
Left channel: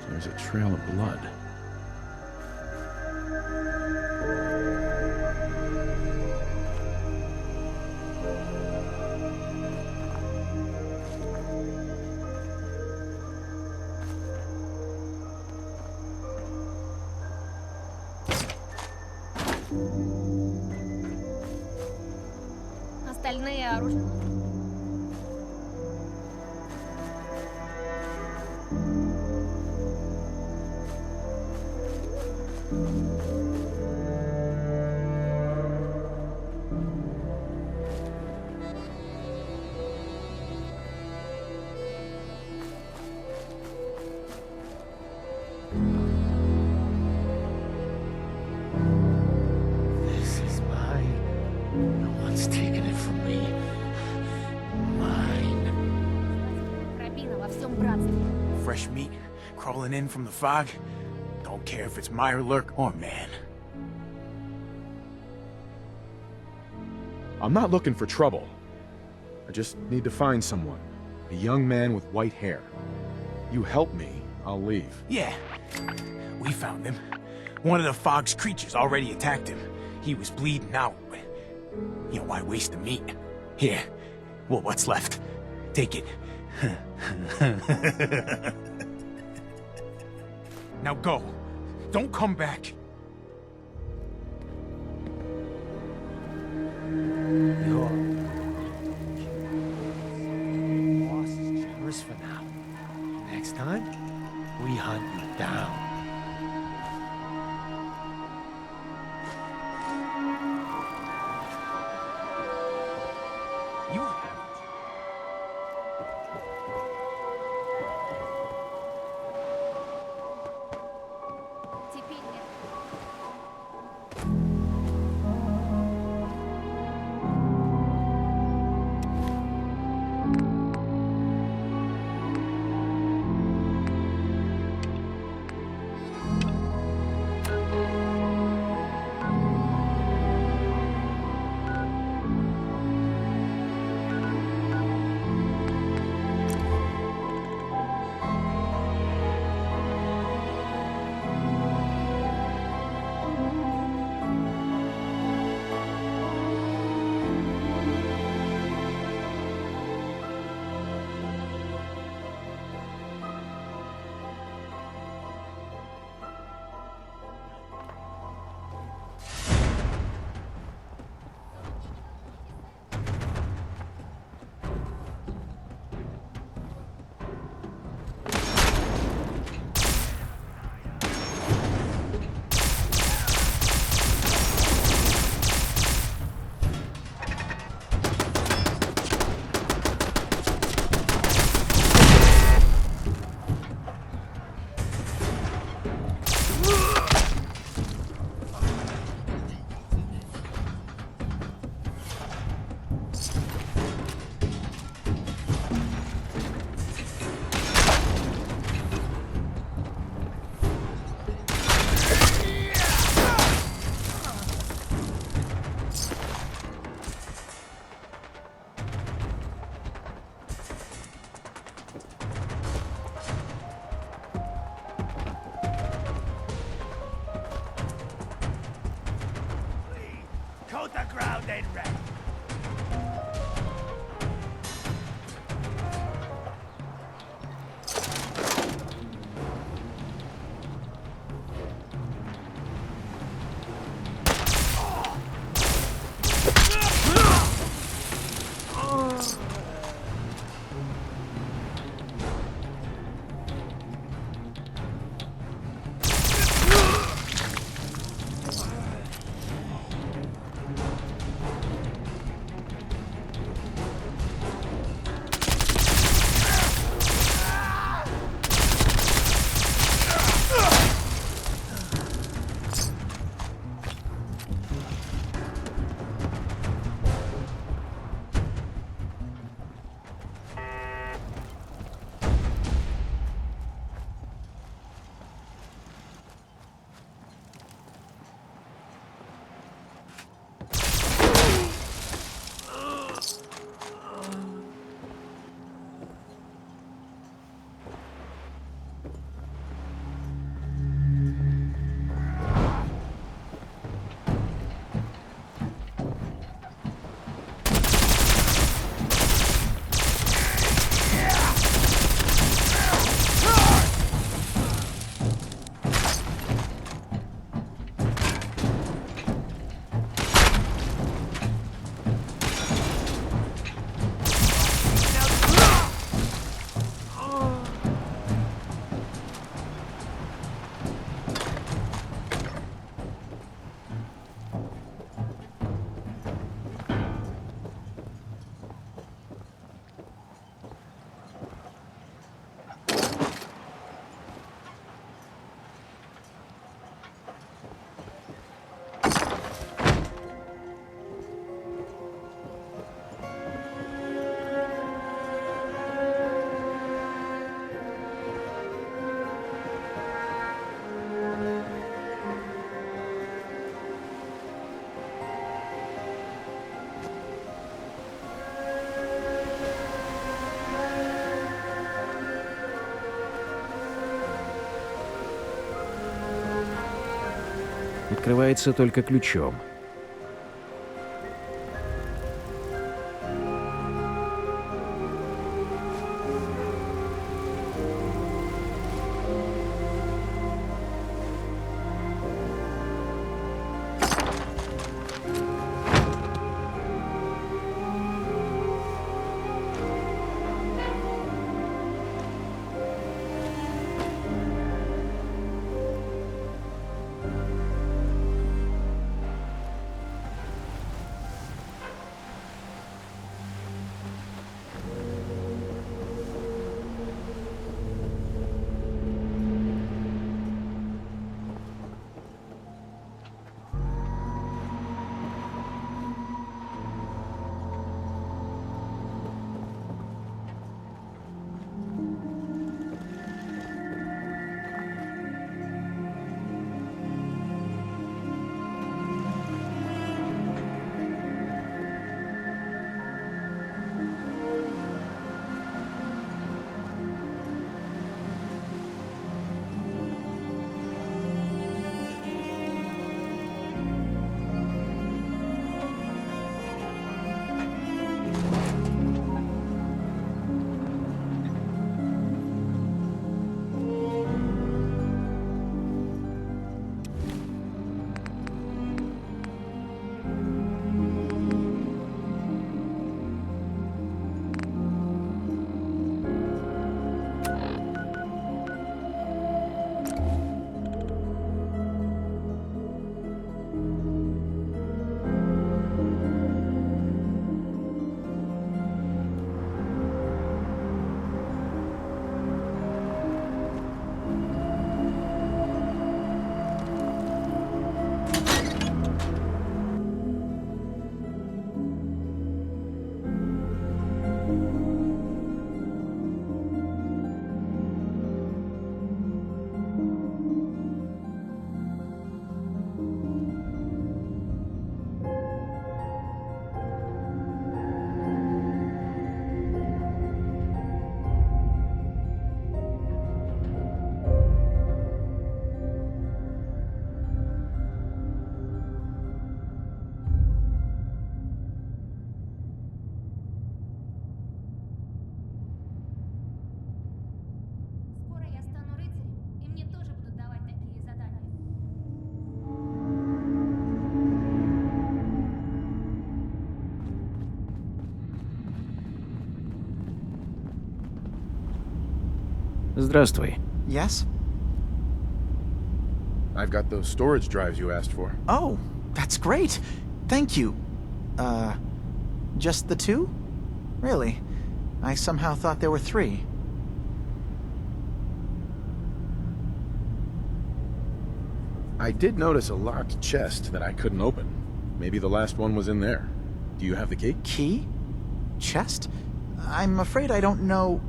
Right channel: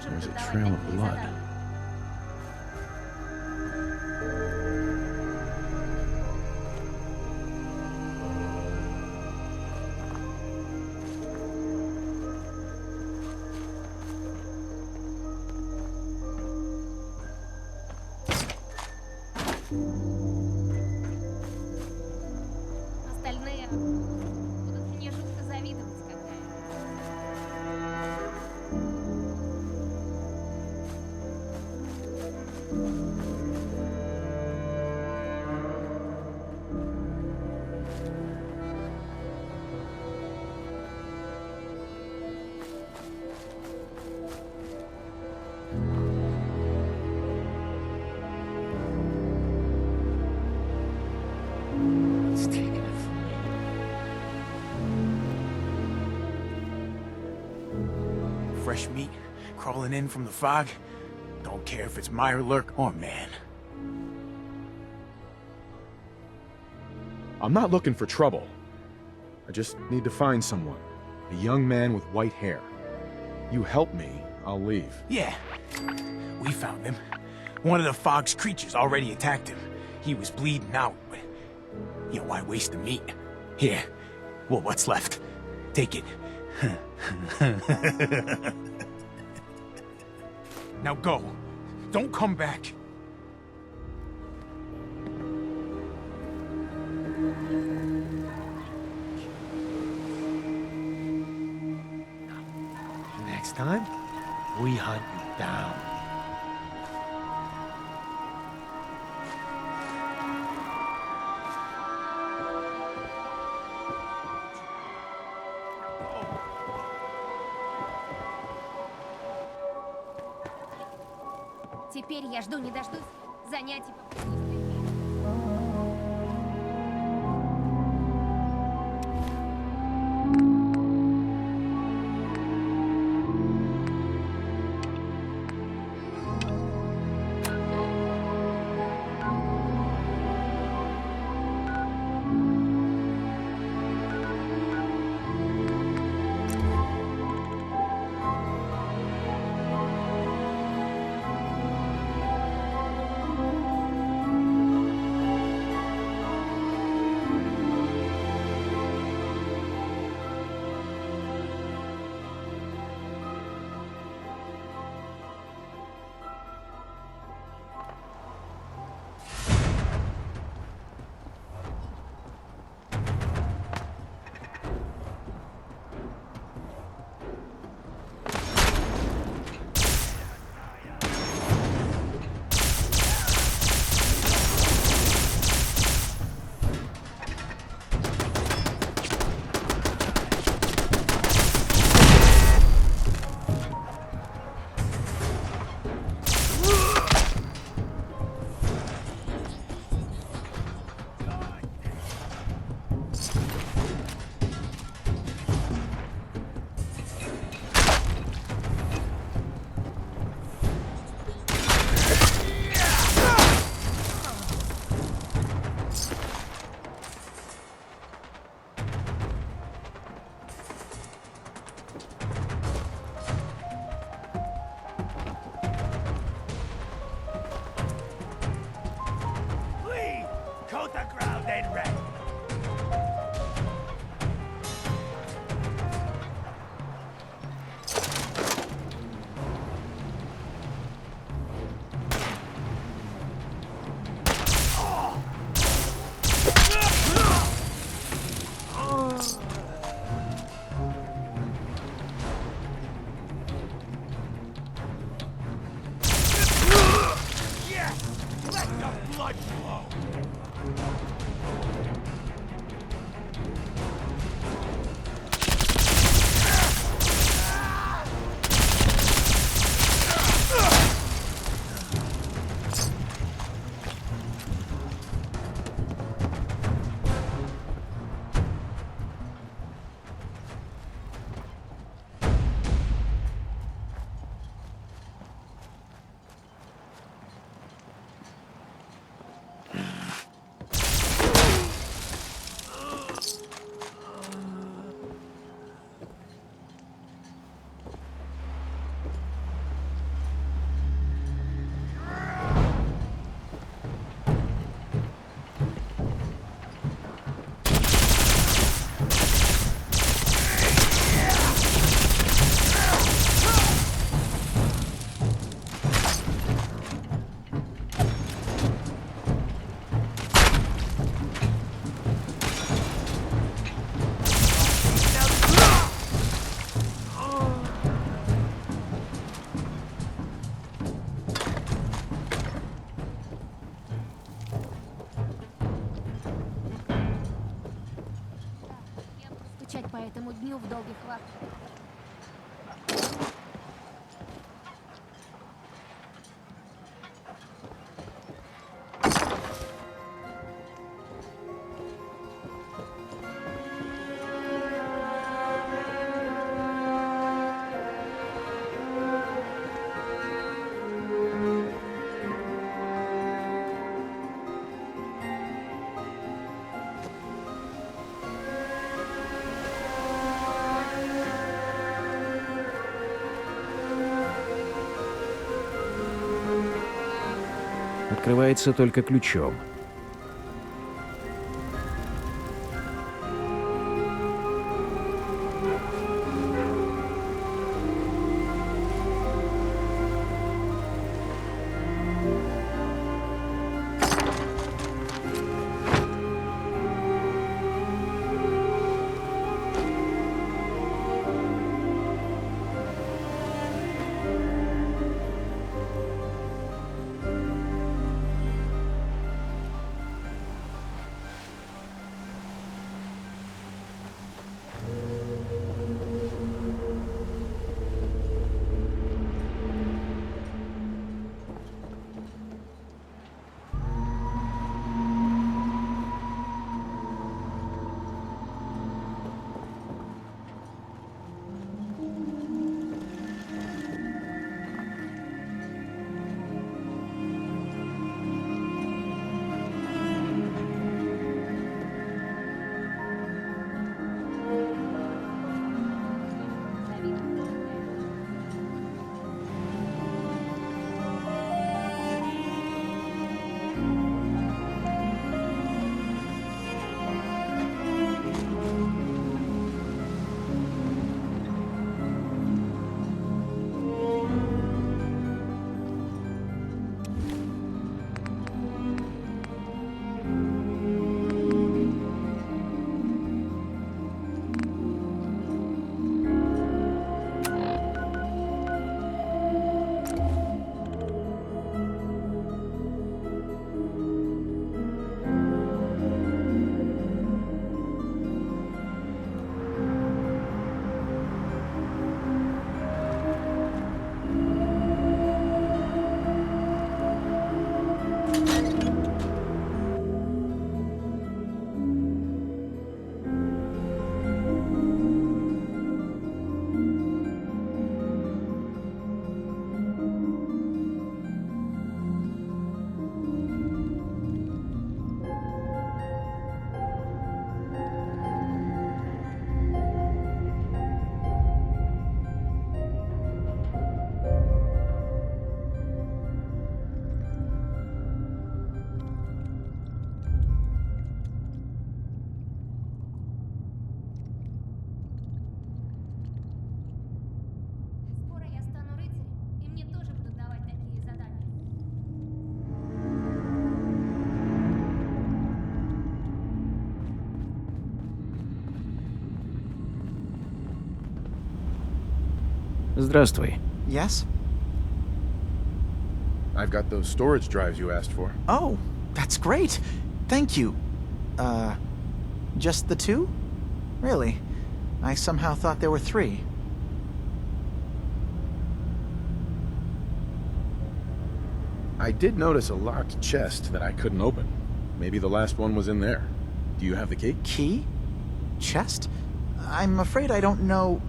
There's a trail of blood. Остальные оружия. Мне что-то завидовать. This is mine. No one's taken it from me. Mine. Пробина во всем братстве. Fresh meat crawling in from the fog. Don't care if it's Mirelurk or man. I'm not looking for trouble. I just need to find someone. A young man with white hair. You help me, I'll leave. Yeah, we found him. One of the fog's creatures already attacked him. He was bleeding out, but, you know, why waste the meat? Here, well, what's left? Take it. Now go. Don't come back. we hunt you down. Теперь я жду не дождусь занятий. Coat the ground and rest. По этому дню в долгих лапах. Открывается только ключом. Здравствуй. Yes? I've got those storage drives you asked for. Oh, that's great. Thank you. Just the 2? Really? I somehow thought there were 3. I did notice a locked chest that I couldn't open. Maybe the last one was in there. Do you have the key? Key? Chest? I'm afraid I don't know.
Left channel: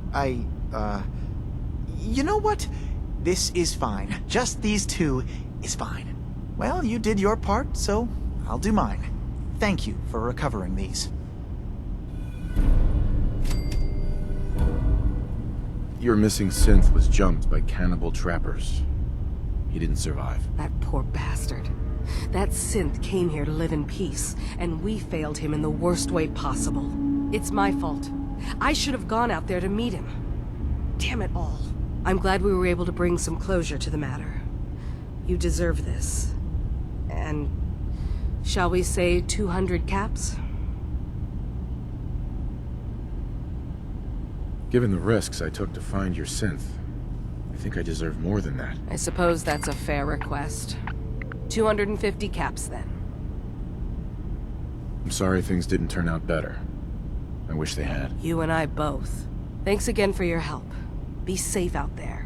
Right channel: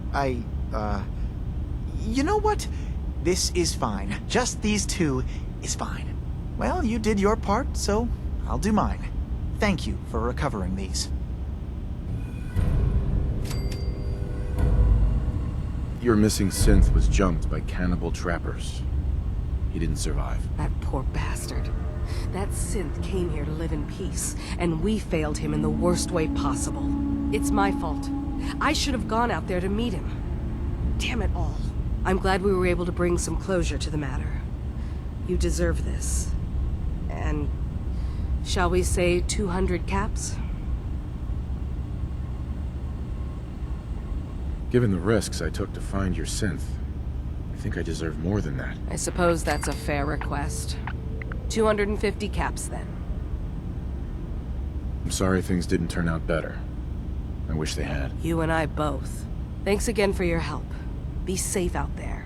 You know what? This is fine. Just these 2 is fine. Well, you did your part, so I'll do mine. Thank you for recovering these. Your missing synth was jumped by cannibal trappers. He didn't survive. That poor bastard. That synth came here to live in peace, and we failed him in the worst way possible. It's my fault. I should have gone out there to meet him. Damn it all. I'm glad we were able to bring some closure to the matter. You deserve this. And shall we say 200 caps? Given the risks I took to find your synth, I think I deserve more than that. I suppose that's a fair request. 250 caps, then. I'm sorry things didn't turn out better. I wish they had. You and I both. Thanks again for your help. Be safe out there.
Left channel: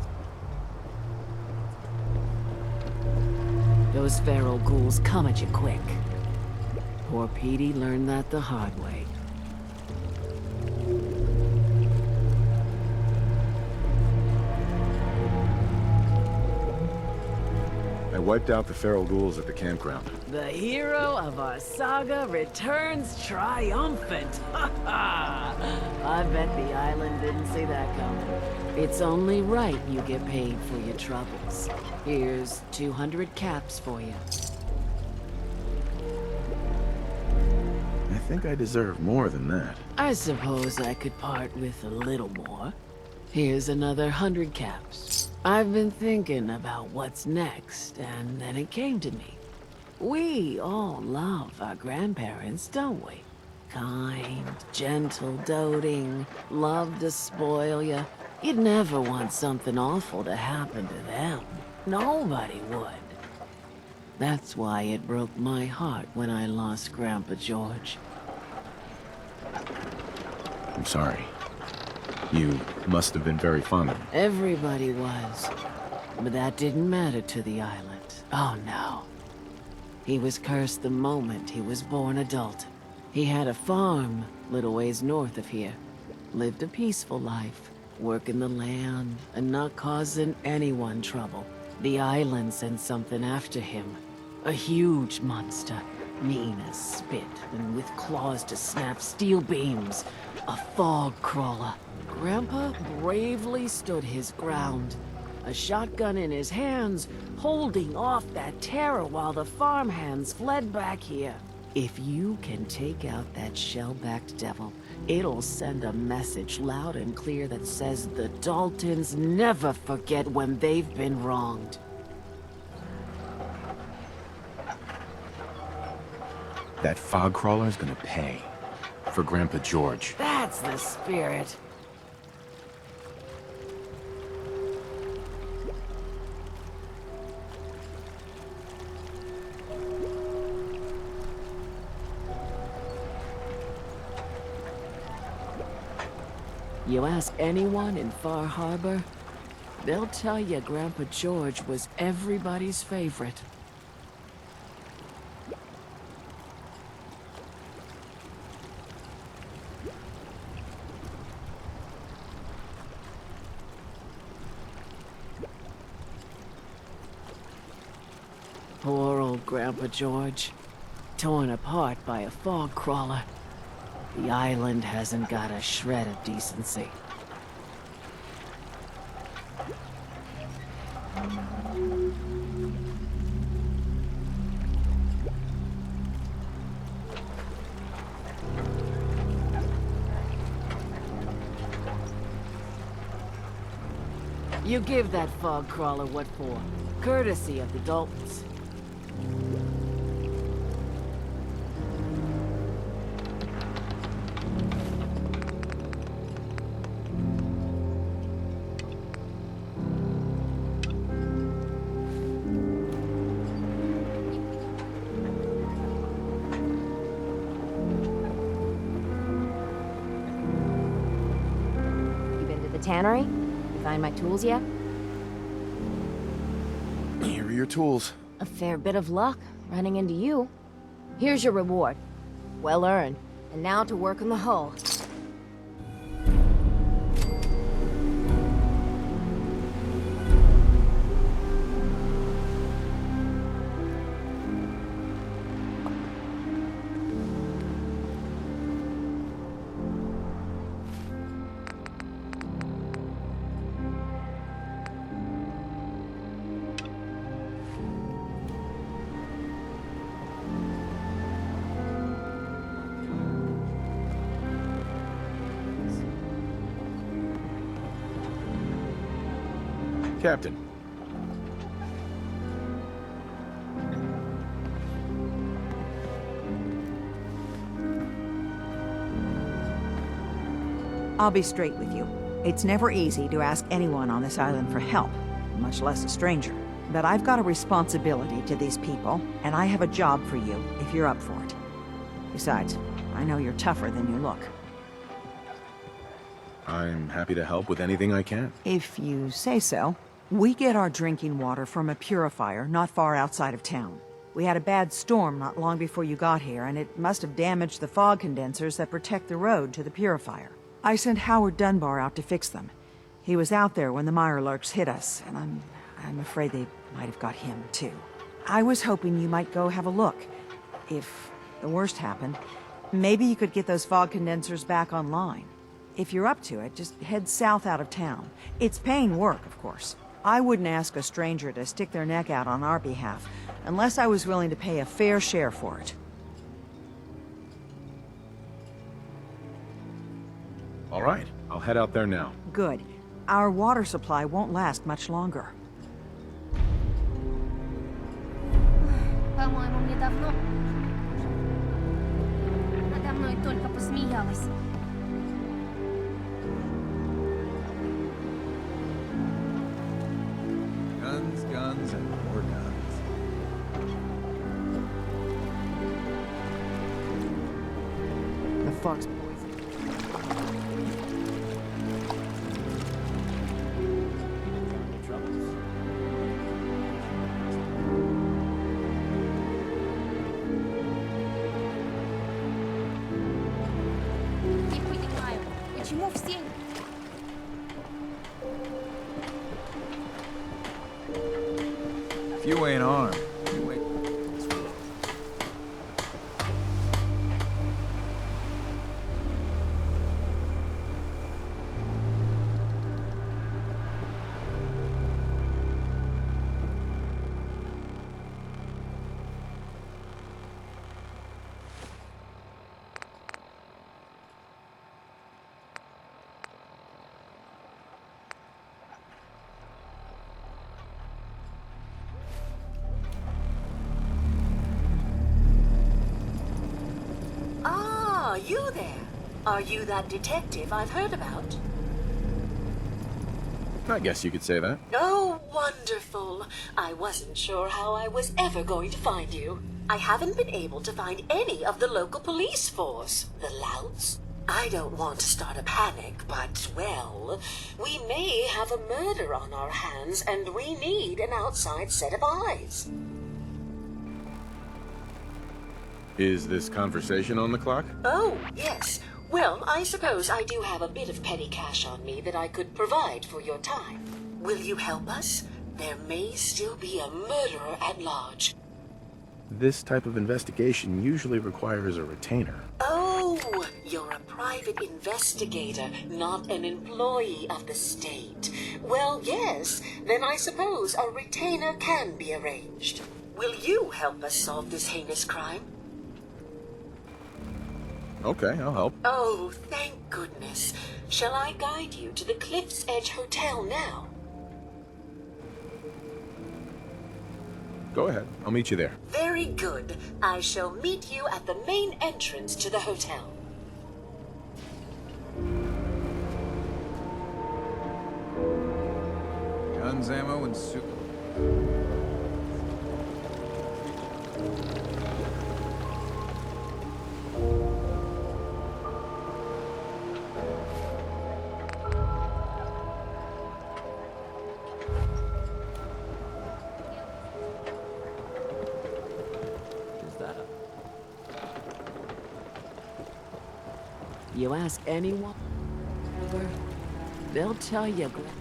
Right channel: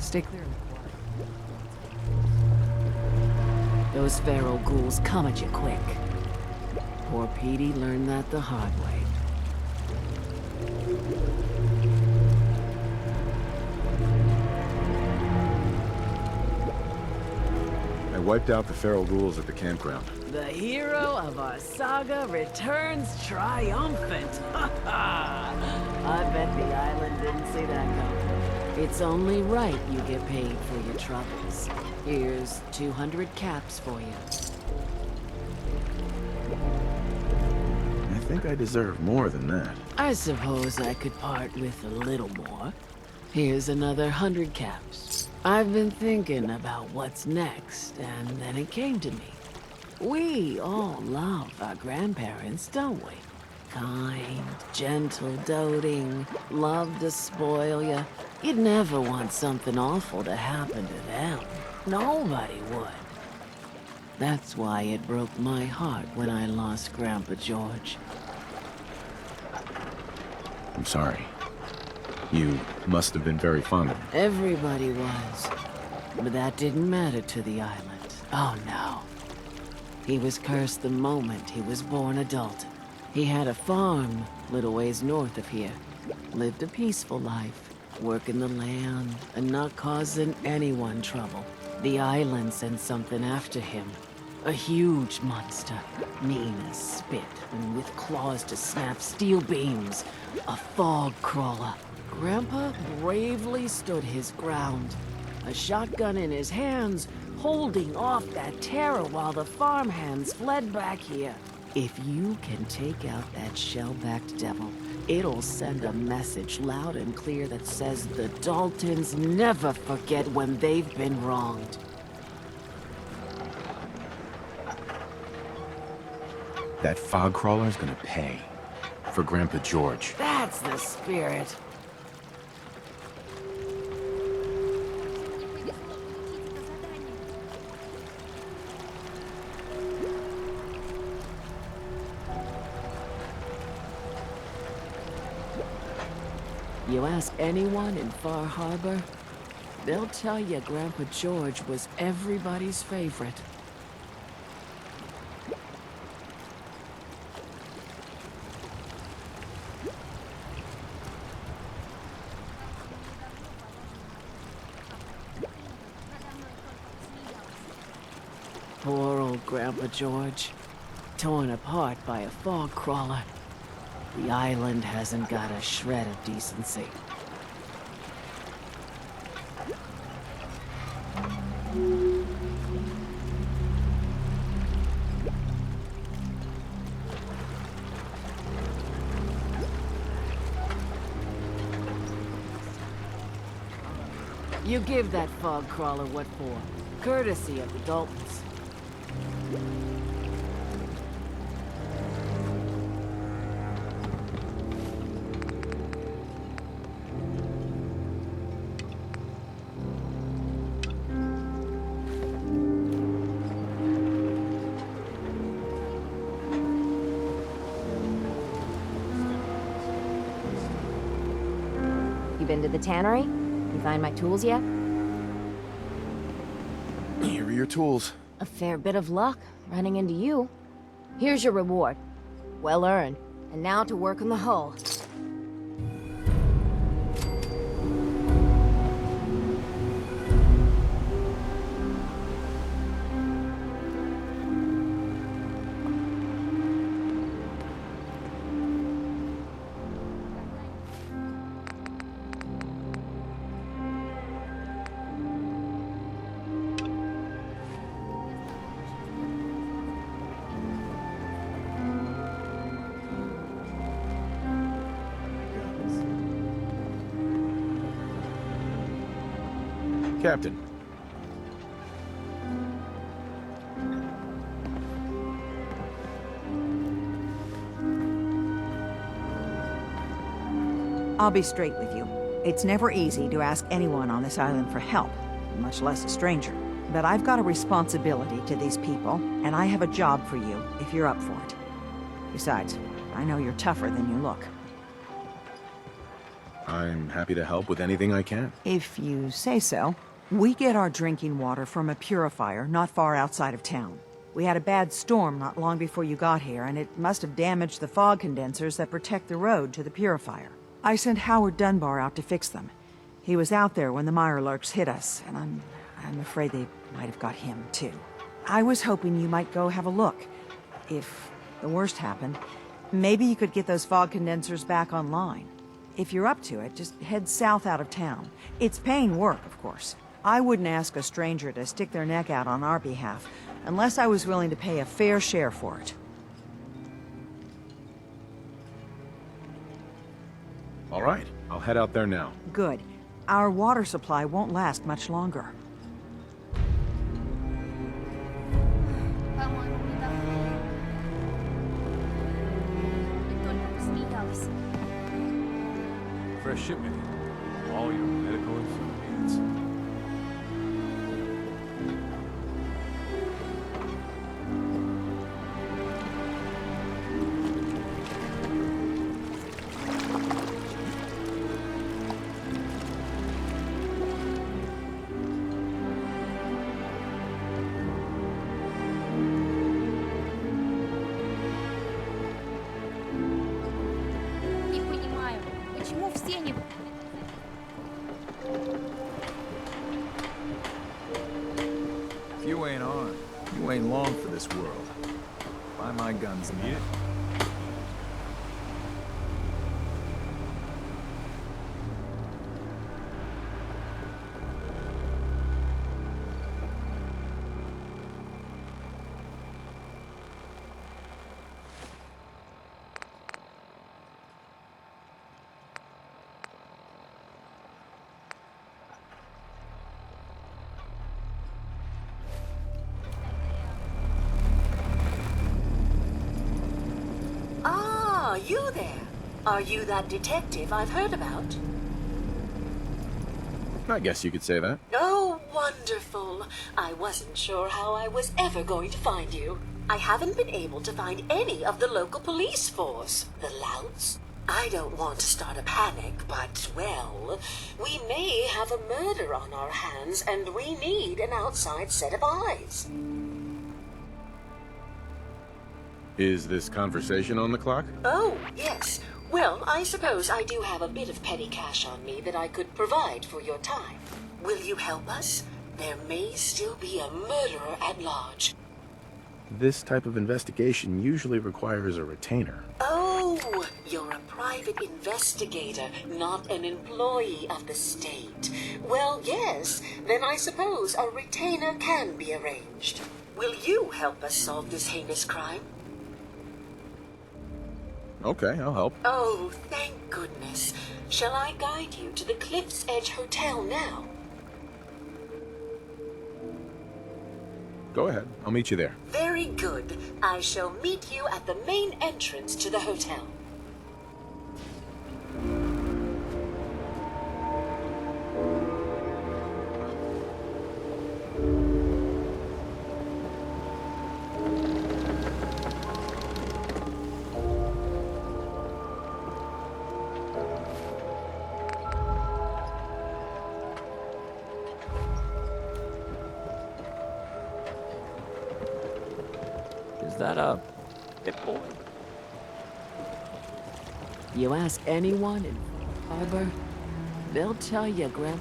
Stay clear. Those feral ghouls come at you quick. Poor Petey learned that the hard way. I wiped out the feral ghouls at the campground. The hero of our saga returns triumphant. I bet the island didn't see that coming. It's only right you get paid for your troubles. Here's 200 caps for you. I think I deserve more than that. I suppose I could part with a little more. Here's another 100 caps. I've been thinking about what's next, and then it came to me. We all love our grandparents, don't we? Kind, gentle, doting, love to spoil you. You'd never want something awful to happen to them. Nobody would. That's why it broke my heart when I lost Grandpa George. I'm sorry. You must have been very fond of him. Everybody was. But that didn't matter to the island. Oh no. He was cursed the moment he was born adult. He had a farm, little ways north of here. Lived a peaceful life, working the land, and not causing anyone trouble. The island sent something after him. A huge monster, mean as spit, and with claws to snap steel beams. A fog crawler. Grandpa bravely stood his ground. A shotgun in his hands, holding off that terror while the farmhands fled back here. If you can take out that shell-backed devil, it'll send a message loud and clear that says the Daltons never forget when they've been wronged. That fog crawler's gonna pay. For Grandpa George. That's the spirit. You ask anyone in Far Harbor, they'll tell you Grandpa George was everybody's favorite. Poor old Grandpa George, torn apart by a fog crawler. The island hasn't got a shred of decency. You give that fog crawler what for? Courtesy of the Daltons. Been to the tannery? You find my tools yet? Here are your tools. A fair bit of luck running into you. Here's your reward. Well earned. And now to work on the hull. Captain. I'll be straight with you. It's never easy to ask anyone on this island for help, much less a stranger. But I've got a responsibility to these people, and I have a job for you if you're up for it. Besides, I know you're tougher than you look. I'm happy to help with anything I can. If you say so. We get our drinking water from a purifier not far outside of town. We had a bad storm not long before you got here, and it must have damaged the fog condensers that protect the road to the purifier. I sent Howard Dunbar out to fix them. He was out there when the Mirelurks hit us, and I'm afraid they might have got him, too. I was hoping you might go have a look. If the worst happened, maybe you could get those fog condensers back online. If you're up to it, just head south out of town. It's paying work, of course. I wouldn't ask a stranger to stick their neck out on our behalf, unless I was willing to pay a fair share for it. All right, I'll head out there now. Good. Our water supply won't last much longer. По-моему, мне давно... Надо мной только посмеялась. Fresh shipment. All your medical equipment. Guns, more guns. The fuck's... Почему все не... If you ain't armed, you ain't long for this world. Buy my guns and get it. Ah, you there. Are you that detective I've heard about? I guess you could say that. Oh, wonderful. I wasn't sure how I was ever going to find you. I haven't been able to find any of the local police force. The louts? I don't want to start a panic, but, well, we may have a murder on our hands, and we need an outside set of eyes. Is this conversation on the clock? Oh, yes. Well, I suppose I do have a bit of petty cash on me that I could provide for your time. Will you help us? There may still be a murderer at large. This type of investigation usually requires a retainer. Oh, you're a private investigator, not an employee of the state. Well, yes, then I suppose a retainer can be arranged. Will you help us solve this heinous crime? Okay, I'll help. Oh, thank goodness. Shall I guide you to the Cliff's Edge Hotel now? Go ahead. I'll meet you there. Very good. I shall meet you at the main entrance to the hotel. Guns, ammo, and soup. Is that a... You ask anyone in Harbor, they'll tell you, Grandpa.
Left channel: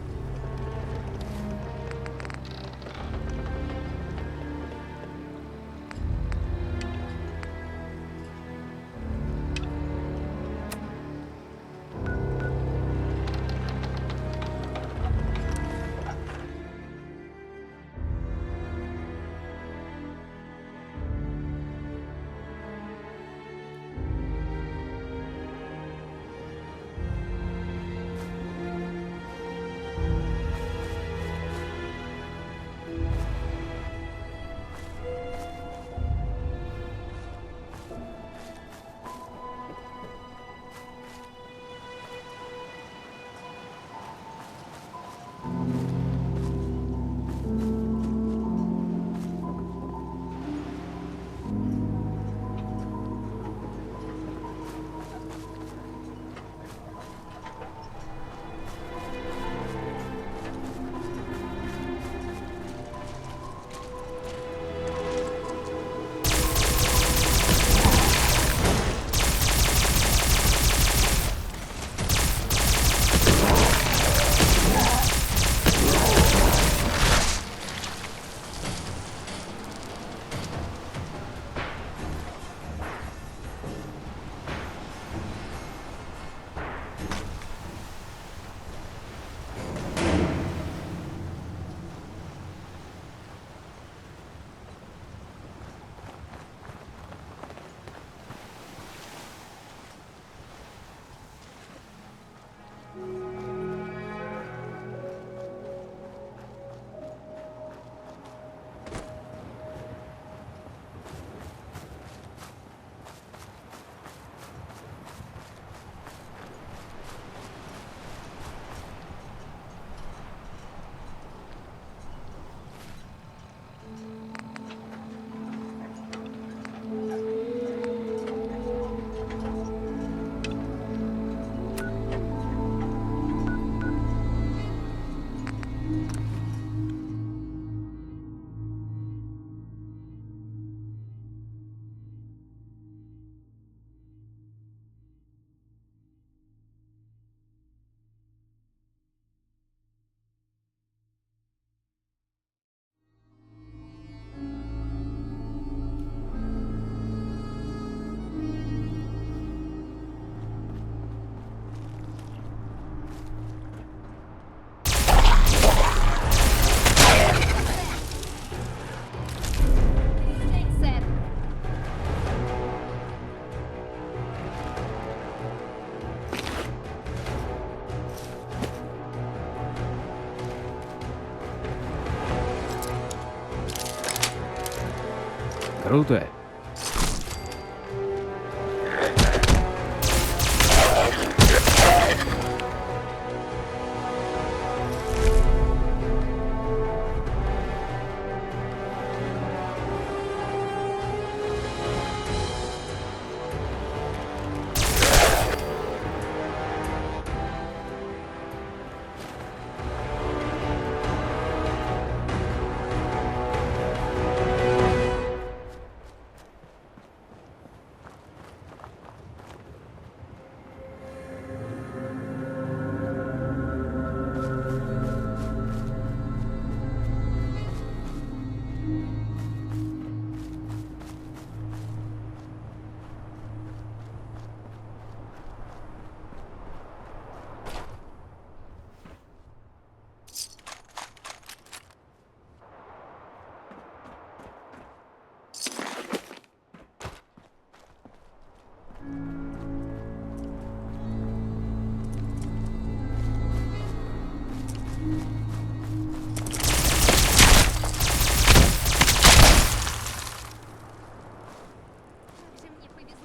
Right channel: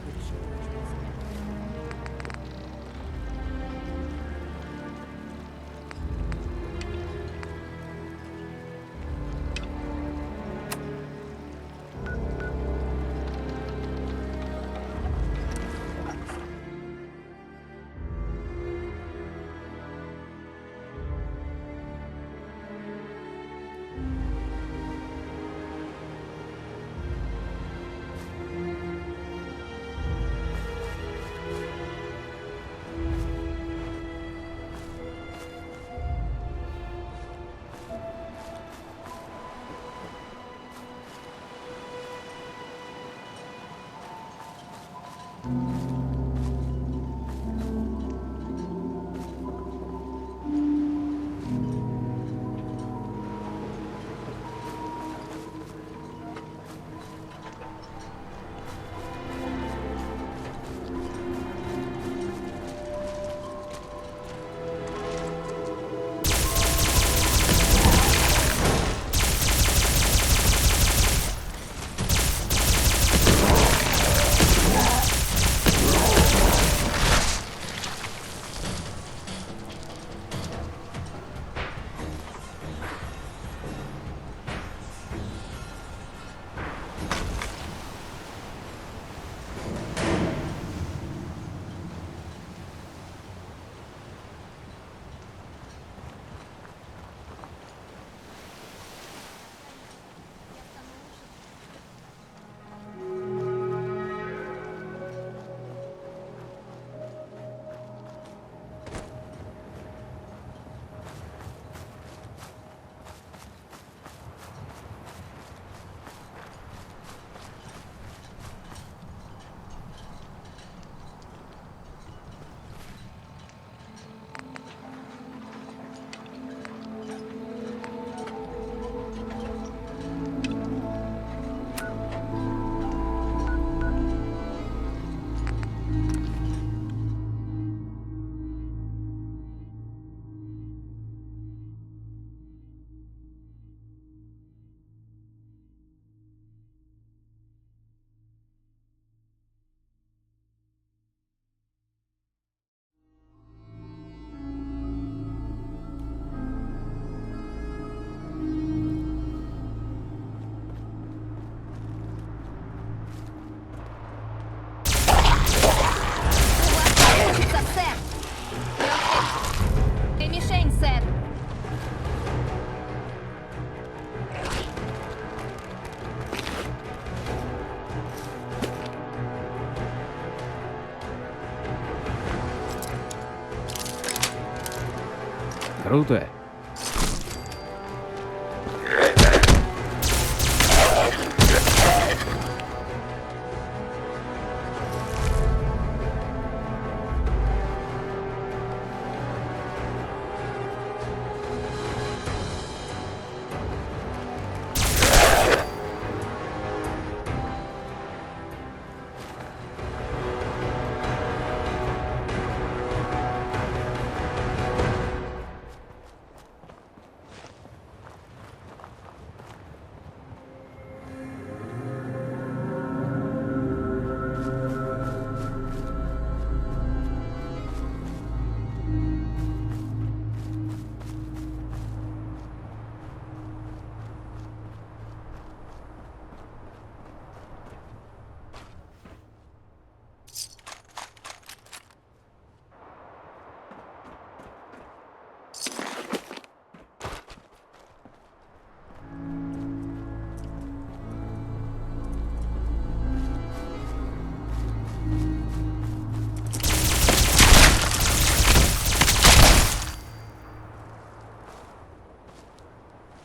Круто.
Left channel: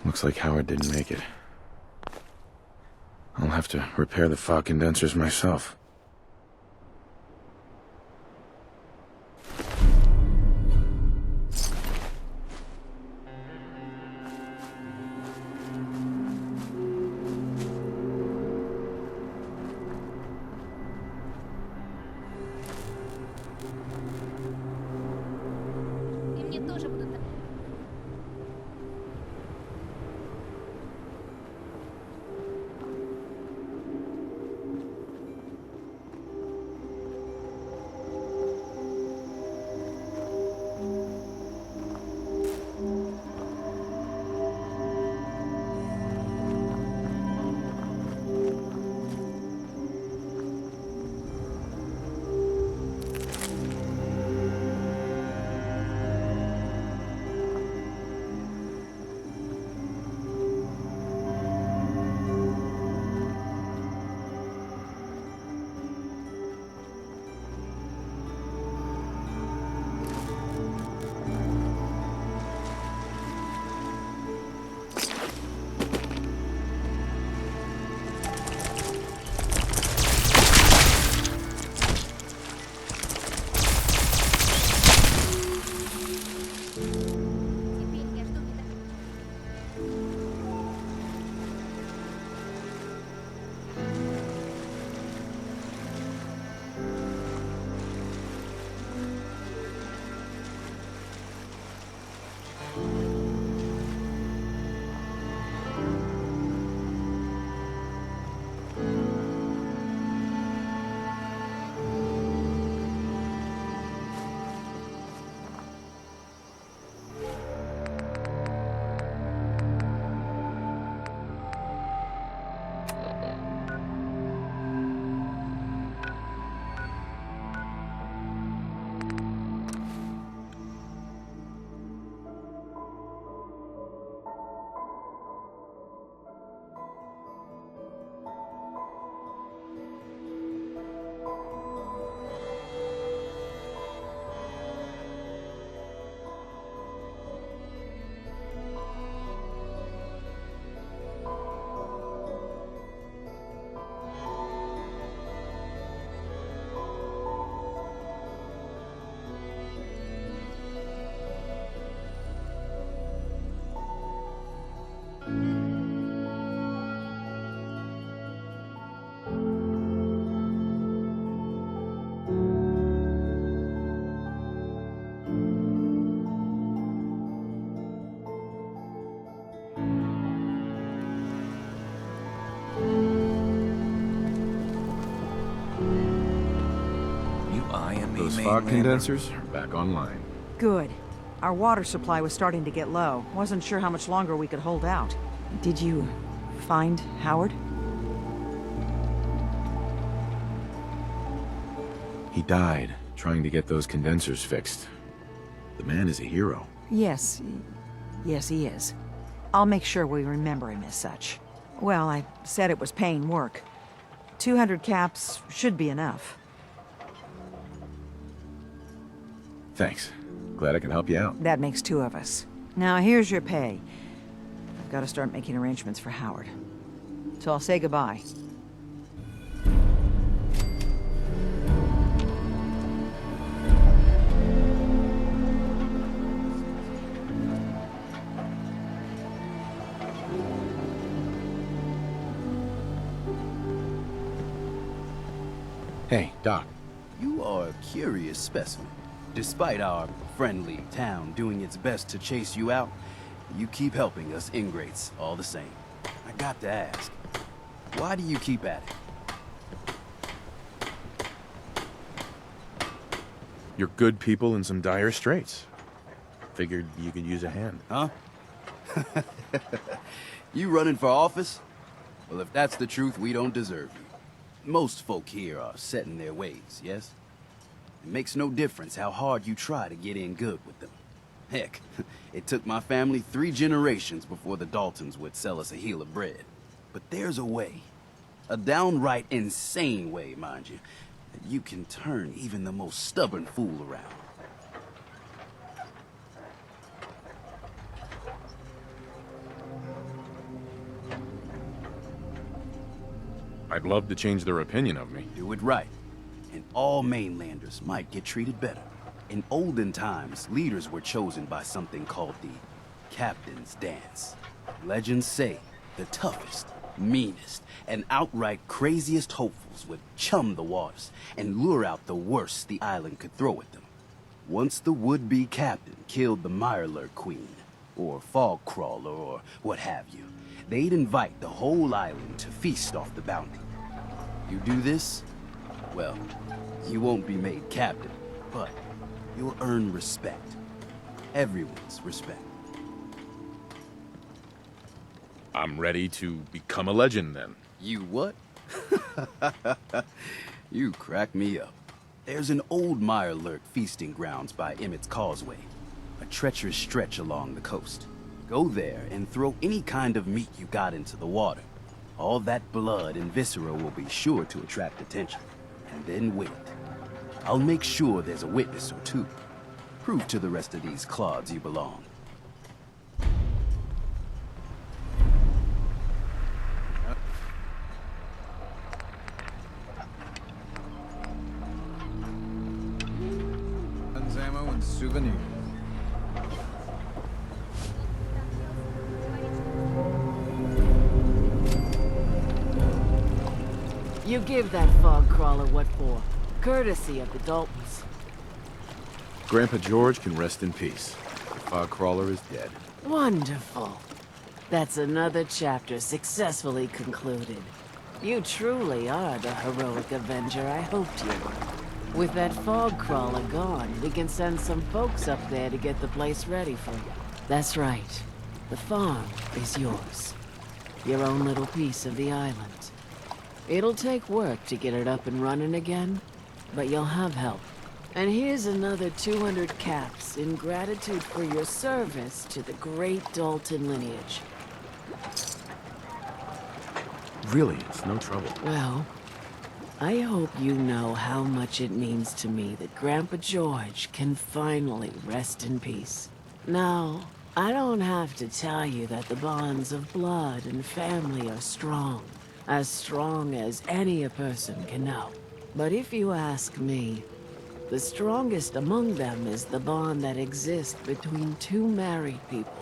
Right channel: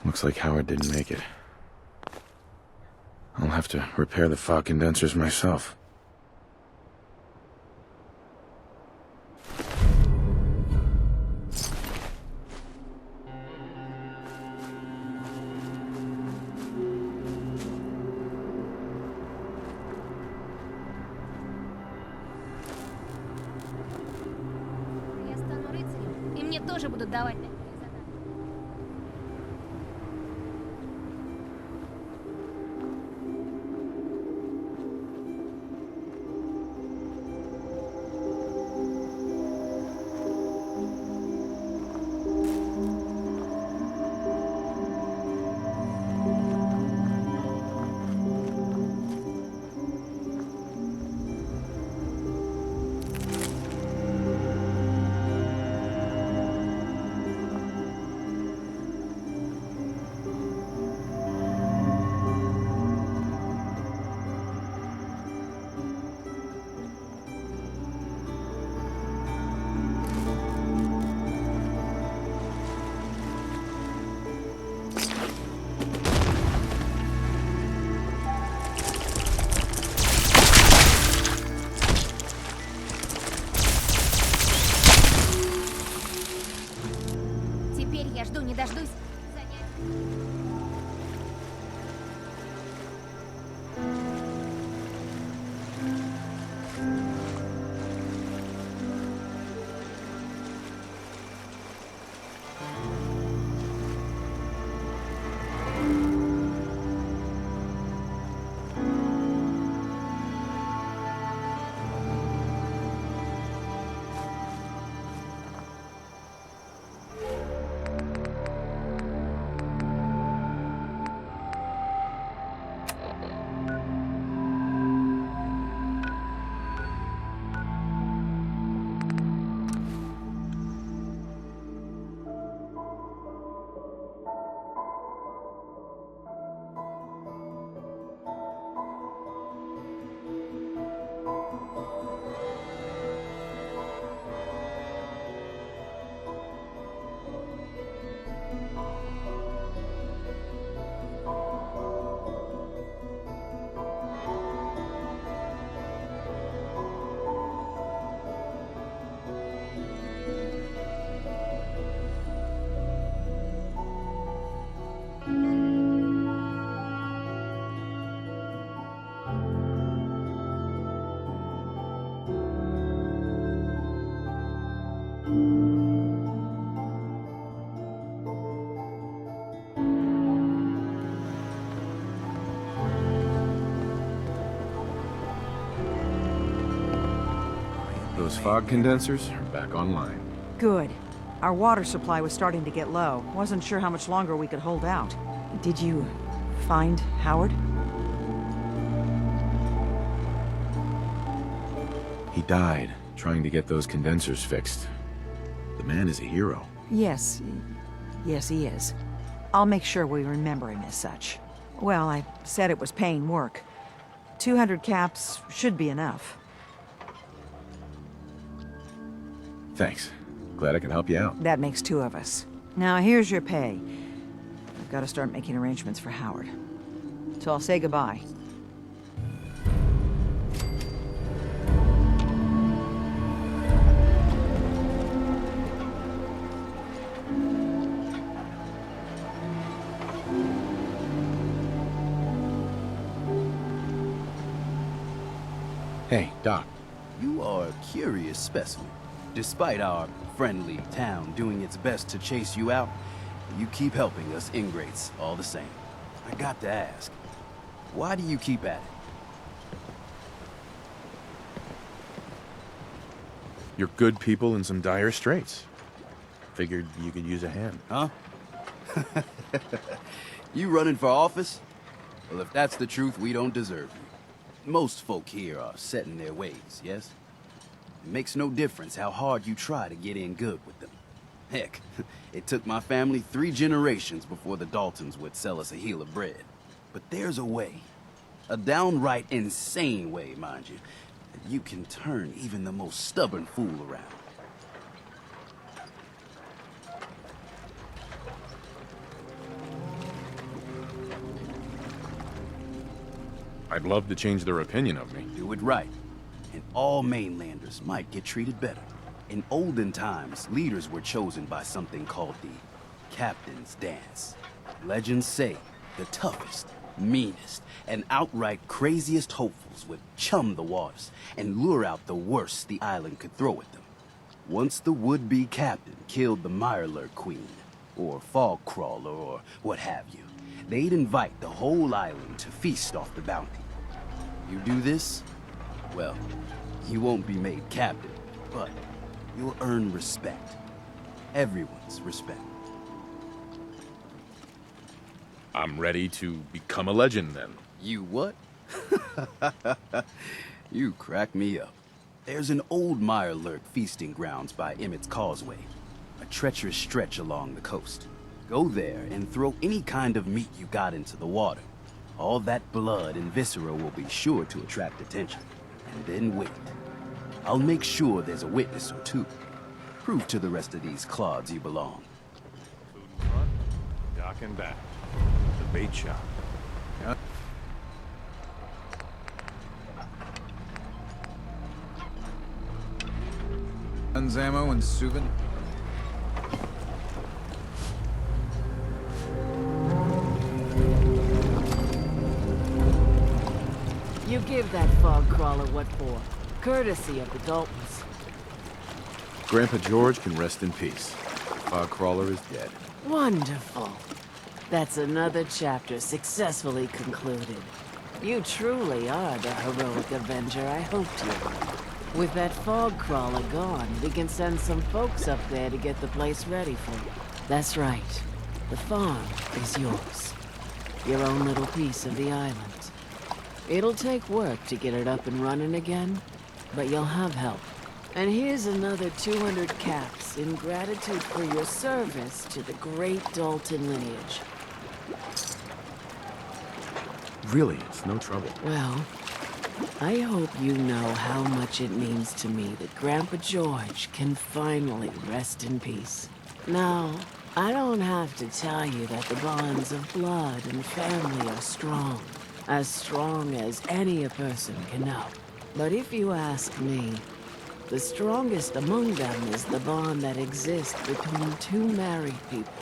Looks like Howard didn't make it. I'll have to repair the fog condensers myself. И мне тоже будут давать. Those fog condensers are back online. Good. Our water supply was starting to get low. Wasn't sure how much longer we could hold out. Did you find Howard? He died trying to get those condensers fixed. The man is a hero. Yes. Yes, he is. I'll make sure we remember him as such. Well, I said it was paying work. 200 caps should be enough. Thanks. Glad I can help you out. That makes two of us. Now here's your pay. I've got to start making arrangements for Howard. So I'll say goodbye. Hey, Doc. You are a curious specimen. Despite our friendly town doing its best to chase you out, you keep helping us ingrates all the same. I got to ask, why do you keep at it? You're good people in some dire straits. Figured you could use a hand. Huh? You running for office? Well, if that's the truth, we don't deserve you. Most folk here are set in their ways, yes? It makes no difference how hard you try to get in good with them. Heck, it took my family 3 generations before the Daltons would sell us a heel of bread. But there's a way, a downright insane way, mind you, that you can turn even the most stubborn fool around. I'd love to change their opinion of me. Do it right, and all mainlanders might get treated better. In olden times, leaders were chosen by something called the Captain's Dance. Legends say the toughest, meanest, and outright craziest hopefuls would chum the waters and lure out the worst the island could throw at them. Once the would-be captain killed the Mirelurk Queen, or Fog Crawler, or what have you, they'd invite the whole island to feast off the bounty. You do this, well, you won't be made captain, but you'll earn respect. Everyone's respect. I'm ready to become a legend, then. You what? You crack me up. There's an old Mirelurk feasting grounds by Emmett's Causeway, a treacherous stretch along the coast. Go there and throw any kind of meat you got into the water. All that blood and viscera will be sure to attract attention. And then wait. I'll make sure there's a witness or two. Prove to the rest of these clods you belong. Dock and back. Bait shop. Guns, ammo, and souvenirs. You give that fog crawler what for? Courtesy of the Daltons. Grandpa George can rest in peace. The fog crawler is dead. Wonderful. That's another chapter successfully concluded. You truly are the heroic avenger I hoped you were. With that fog crawler gone, we can send some folks up there to get the place ready for you. That's right. The farm is yours. Your own little piece of the island. It'll take work to get it up and running again, but you'll have help. And here's another 200 caps in gratitude for your service to the great Dalton lineage. Really, it's no trouble. Well, I hope you know how much it means to me that Grandpa George can finally rest in peace. Now, I don't have to tell you that the bonds of blood and family are strong. As strong as any a person can know. But if you ask me, the strongest among them is the bond that exists between 2 married people.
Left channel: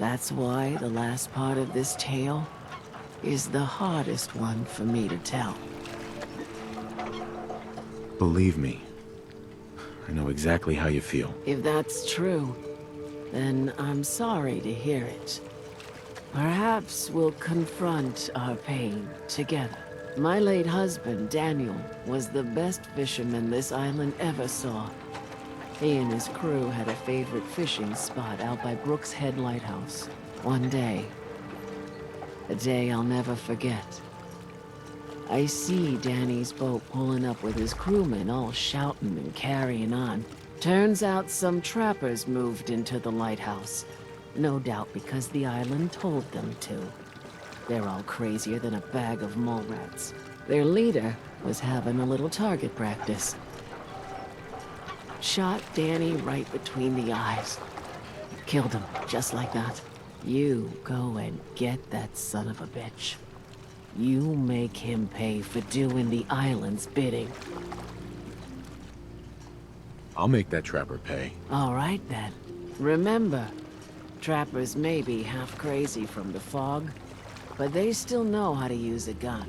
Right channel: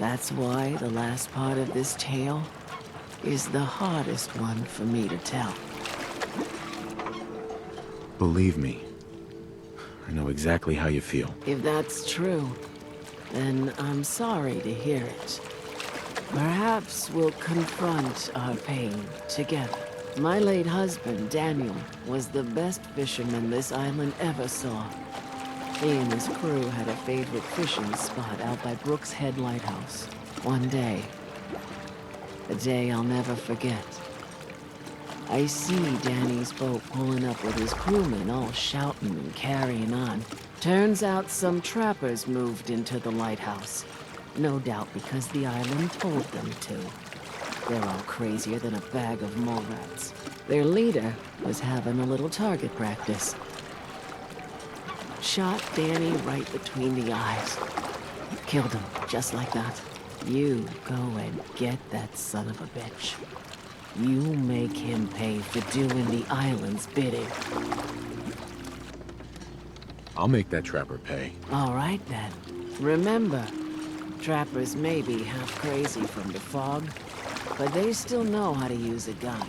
That's why the last part of this tale is the hardest one for me to tell. Believe me, I know exactly how you feel. If that's true, then I'm sorry to hear it. Perhaps we'll confront our pain together. My late husband, Daniel, was the best fisherman this island ever saw. He and his crew had a favorite fishing spot out by Brooks Head Lighthouse. One day, a day I'll never forget, I see Danny's boat pulling up with his crewmen all shouting and carrying on. Turns out some trappers moved into the lighthouse. No doubt because the island told them to. They're all crazier than a bag of mole rats. Their leader was having a little target practice. Shot Danny right between the eyes. Killed him, just like that. You go and get that son of a bitch. You make him pay for doing the island's bidding. I'll make that trapper pay. All right, then. Remember, trappers may be half crazy from the fog, but they still know how to use a gun.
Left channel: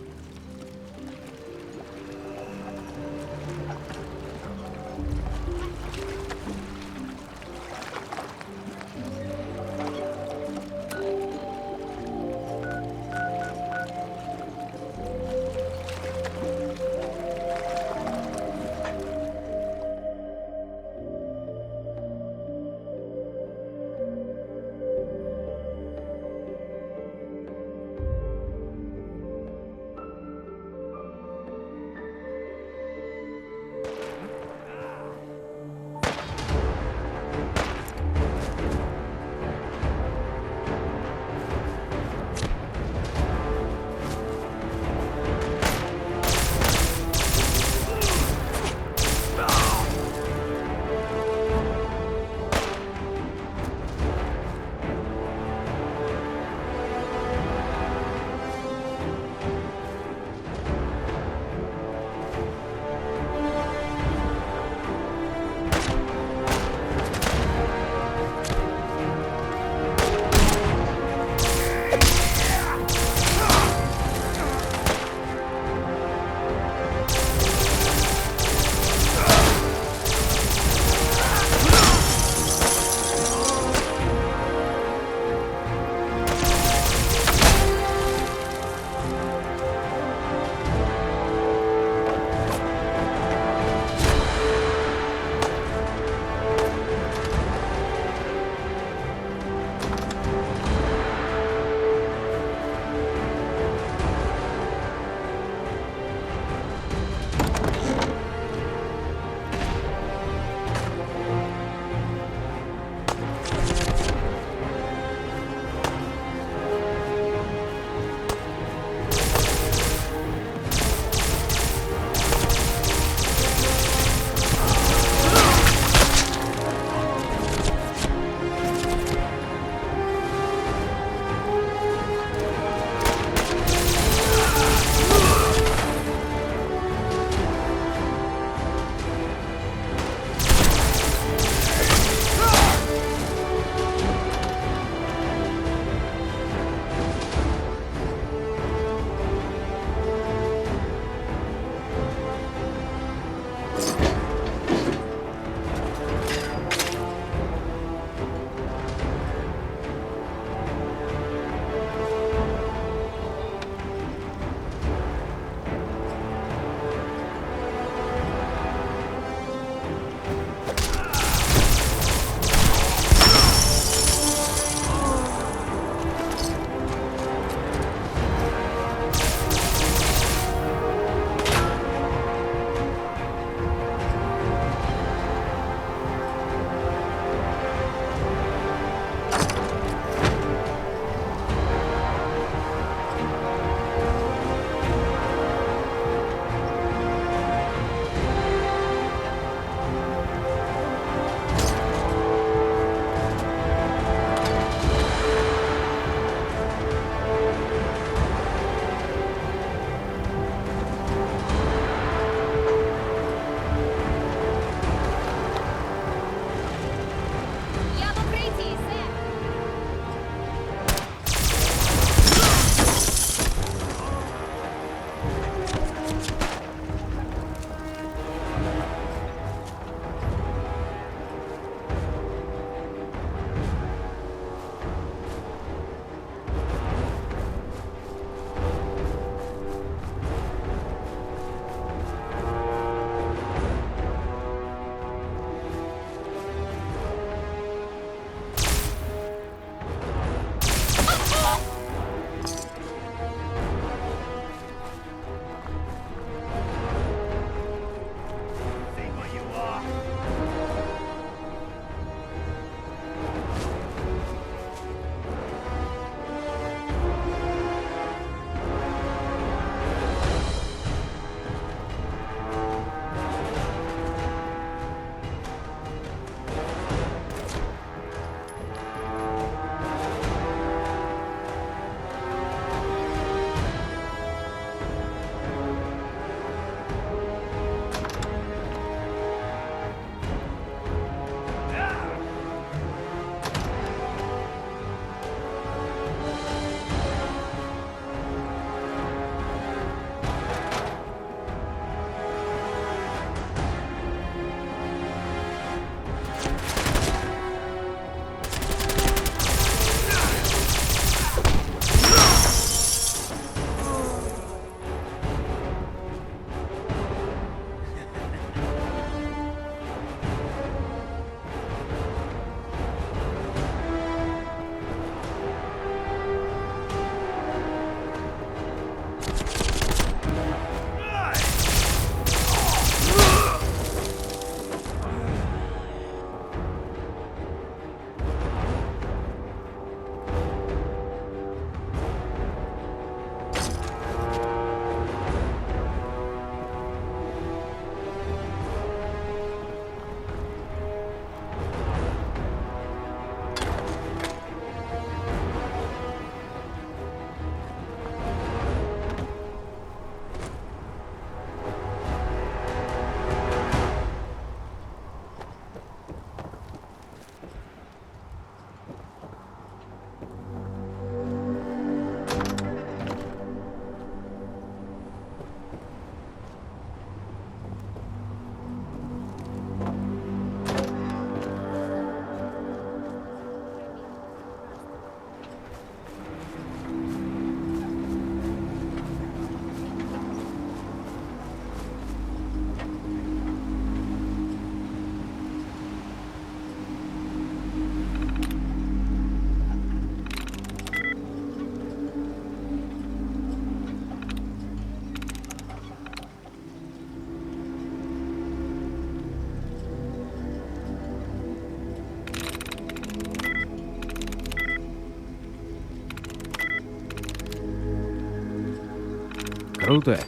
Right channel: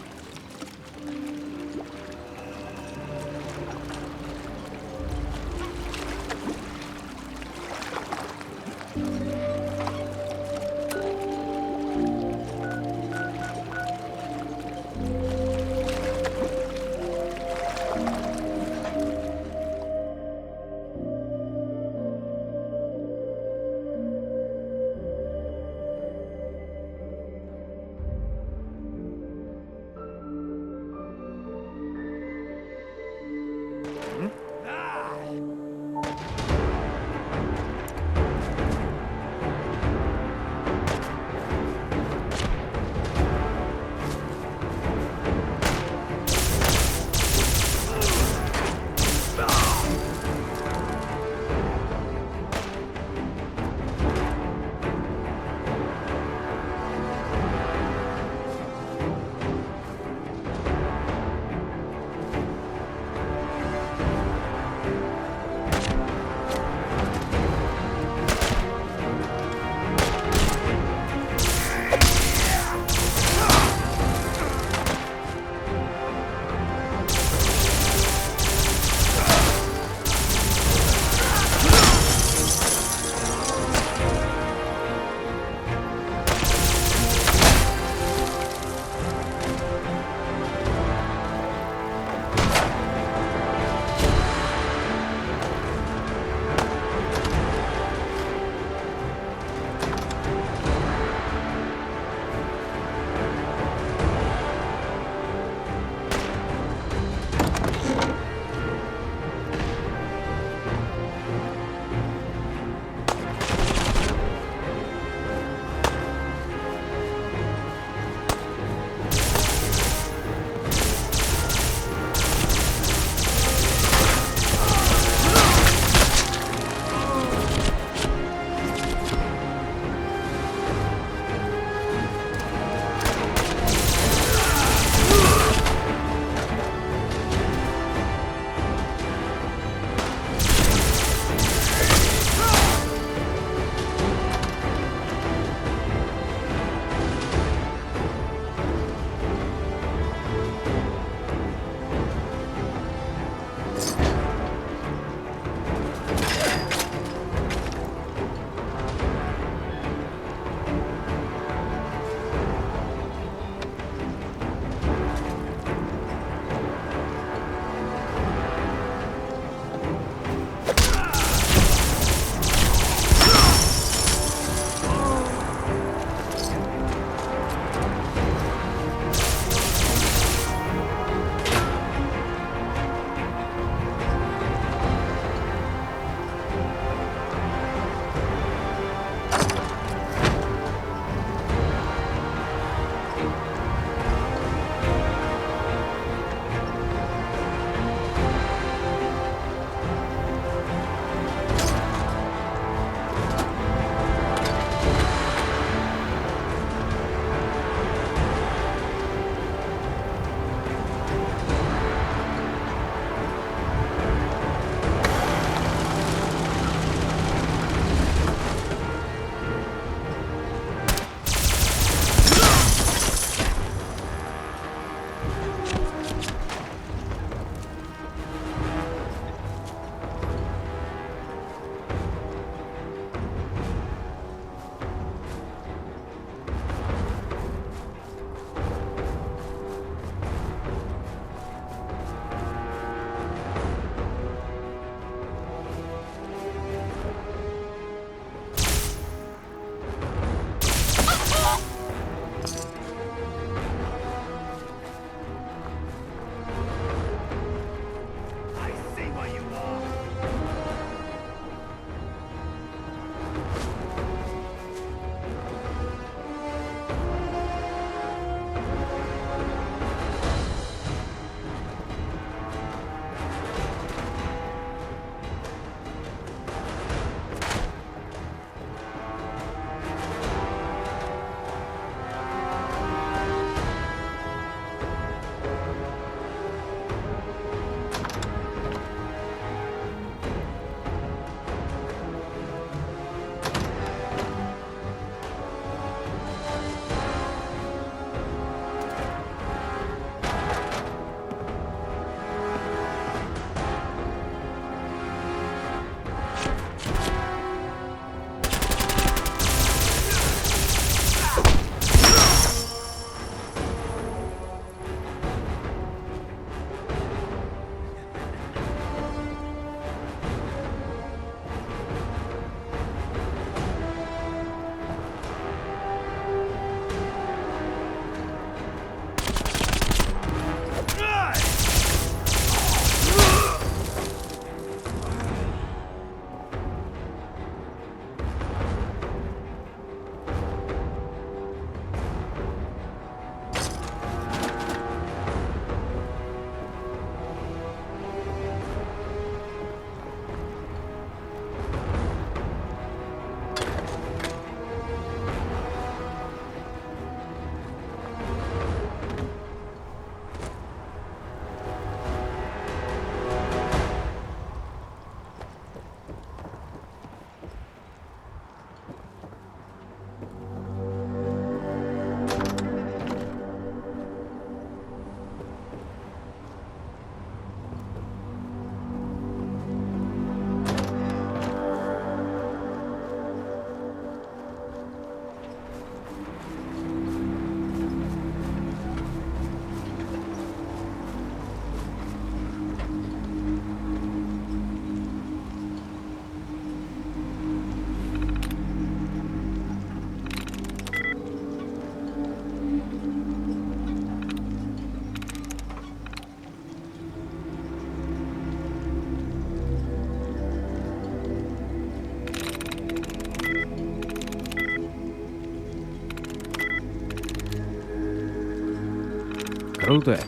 Круто.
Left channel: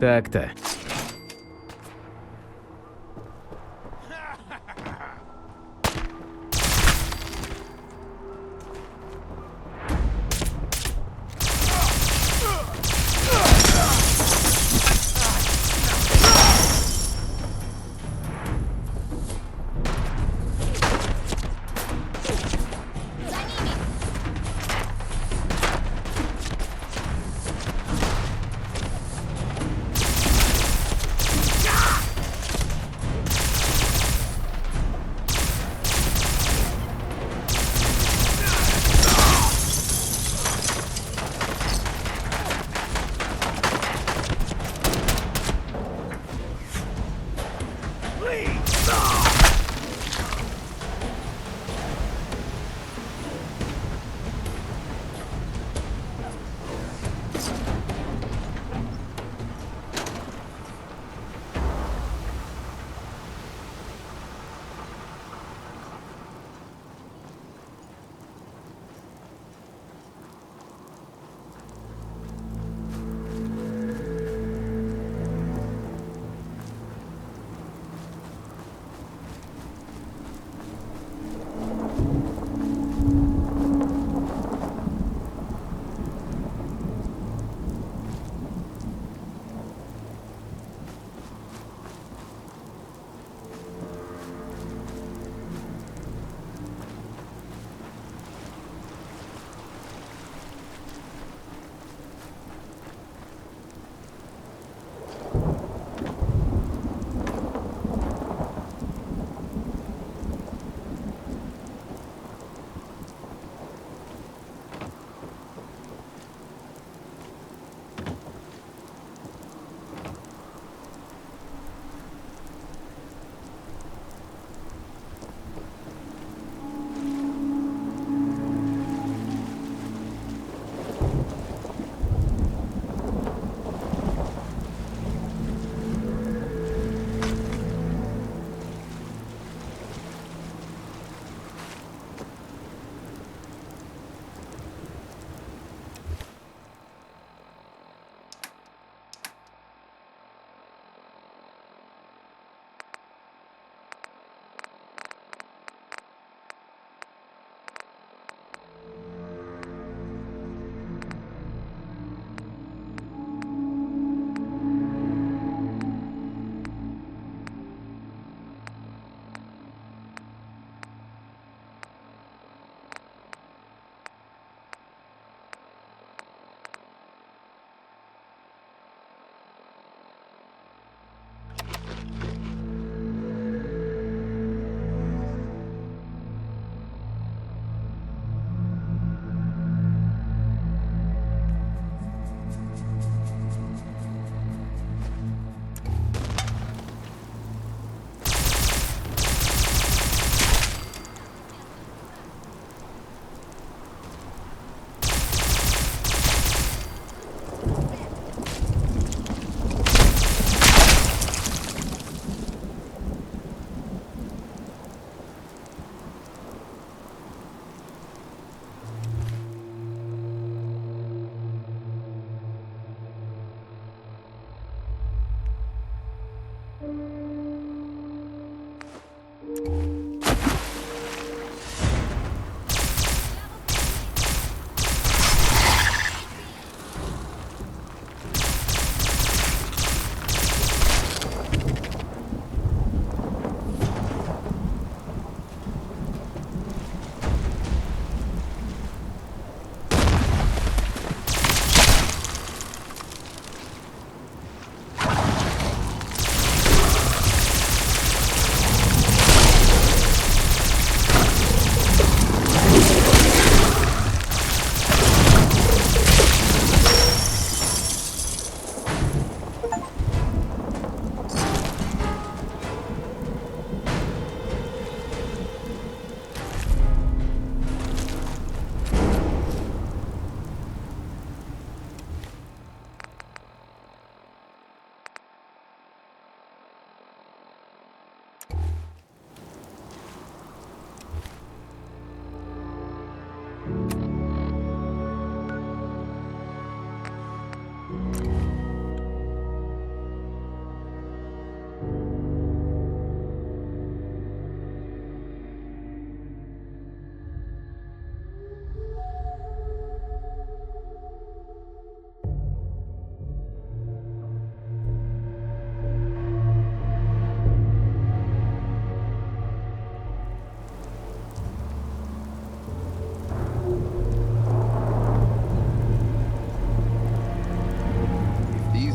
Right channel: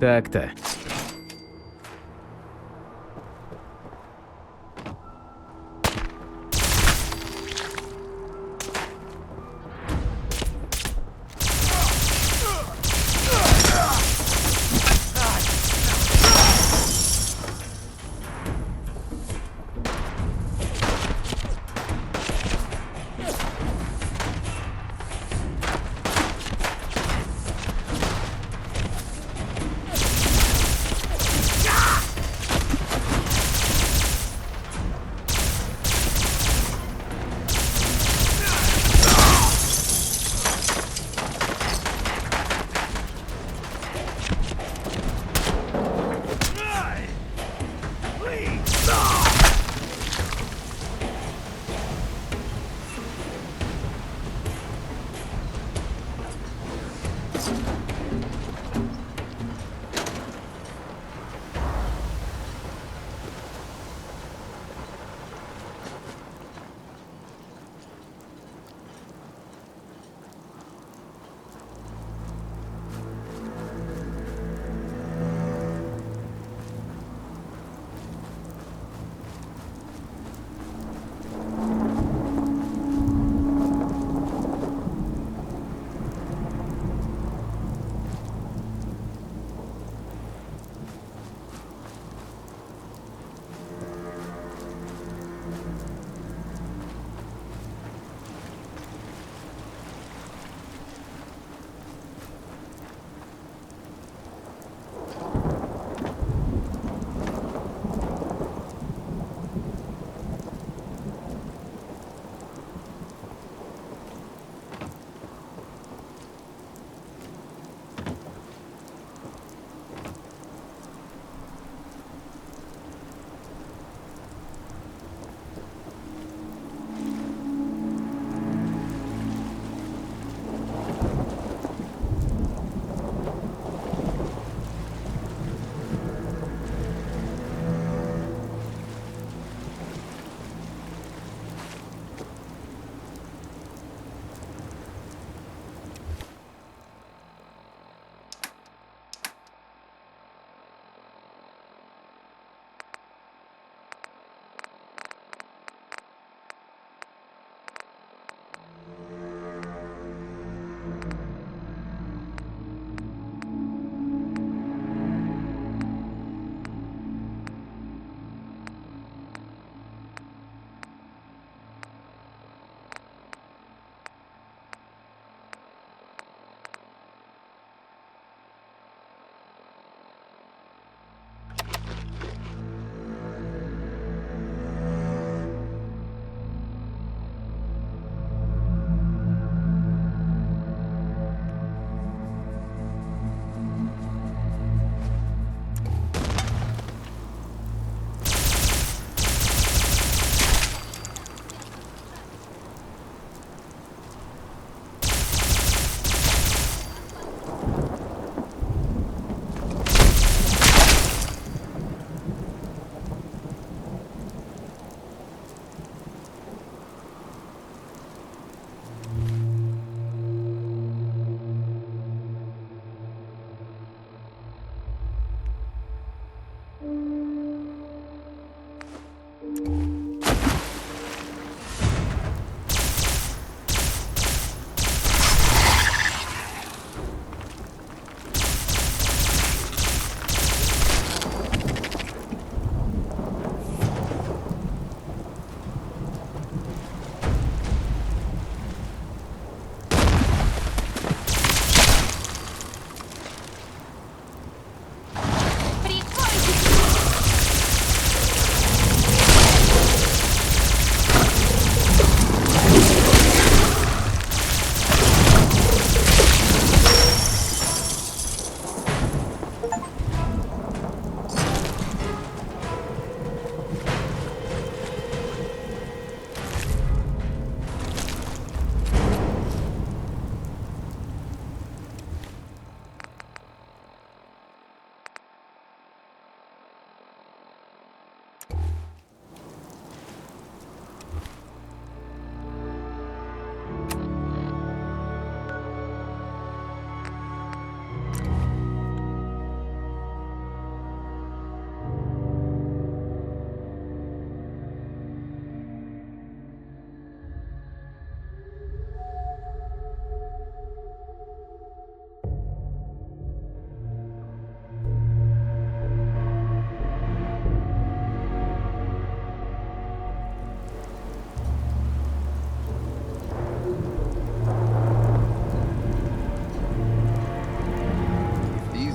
Так-то.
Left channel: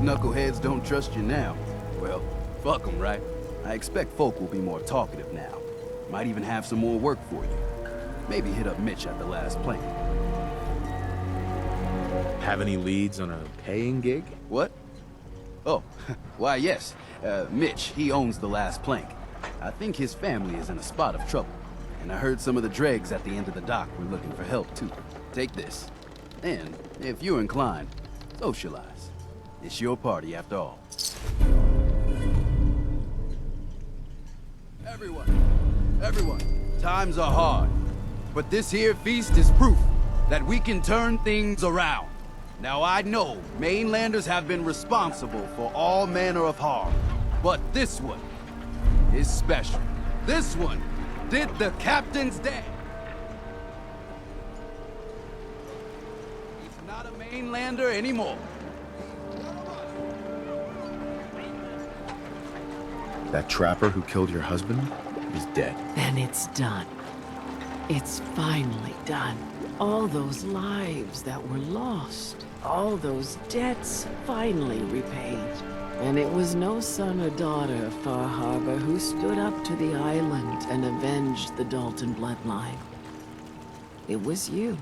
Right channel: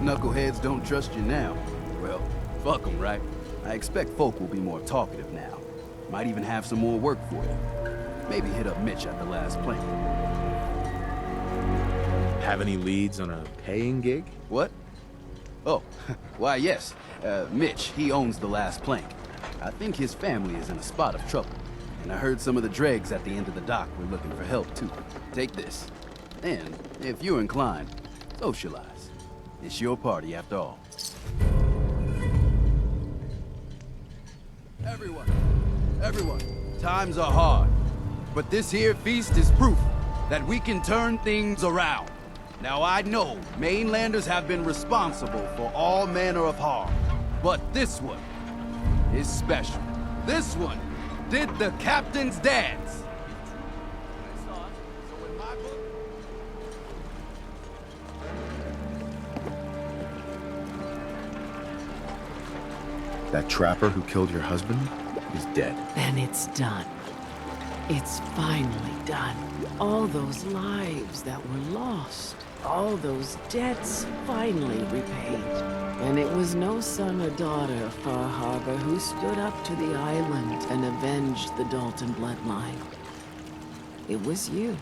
knuckleheads don't trust you now, well, fuck them, right? I expect folk will be more talkative now. Might even have some more work for you. Maybe hit up Mitch at the last plank. Have any leads on a paying gig? What? Oh, why yes. Mitch, he owns the last plank. I think his family is in a spot of trouble. And I heard some of the dregs at the end of the dock were looking for help too. Take this. And, if you're inclined, socialize. It's your party after all. Everyone, times are hard. But this here feast is proof that we can turn things around. Now I know mainlanders have been responsible for all manner of harm, but this one is special. This one did the captain's dance. He's not a mainlander anymore. That trapper who killed your husband is dead. Then it's done. It's finally done. All those lives that were lost, all those debts finally repaid. And it was no son or daughter of Far Harbor who stood up to the island and avenged the Dalton bloodline. It was you,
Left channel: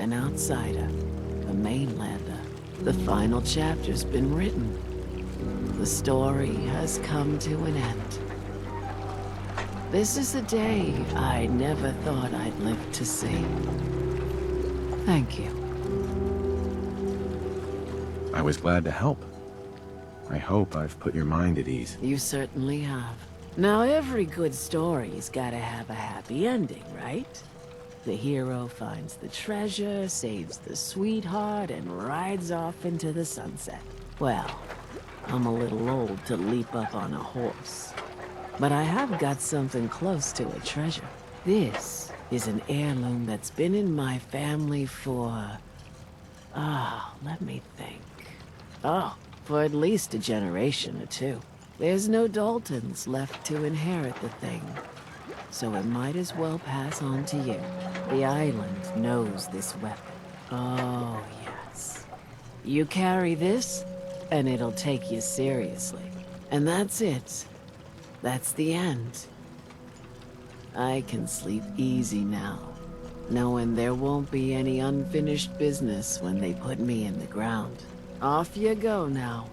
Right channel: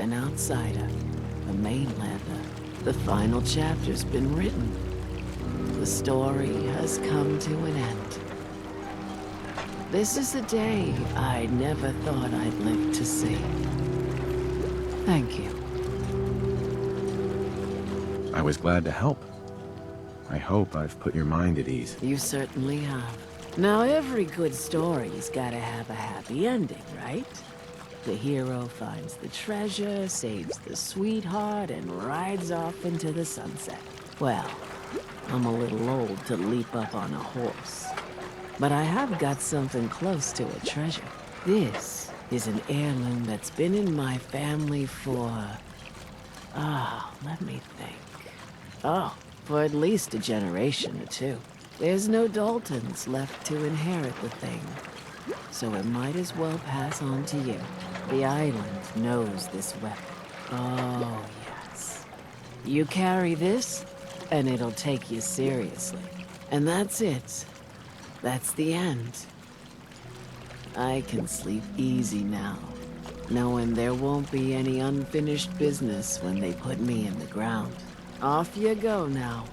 an outsider, a mainlander. The final chapter's been written. The story has come to an end. This is a day I never thought I'd live to see. Thank you. I was glad to help. I hope I've put your mind at ease. You certainly have. Now, every good story's gotta have a happy ending, right? The hero finds the treasure, saves the sweetheart, and rides off into the sunset. Well, I'm a little old to leap up on a horse. But I have got something close to a treasure. This is an heirloom that's been in my family for... let me think. For at least a generation or two. There's no Daltons left to inherit the thing. So it might as well pass on to you. The island knows this weapon. Oh, yes. You carry this, and it'll take you seriously. And that's it. That's the end. I can sleep easy now, knowing there won't be any unfinished business when they put me in the ground. Off you go now.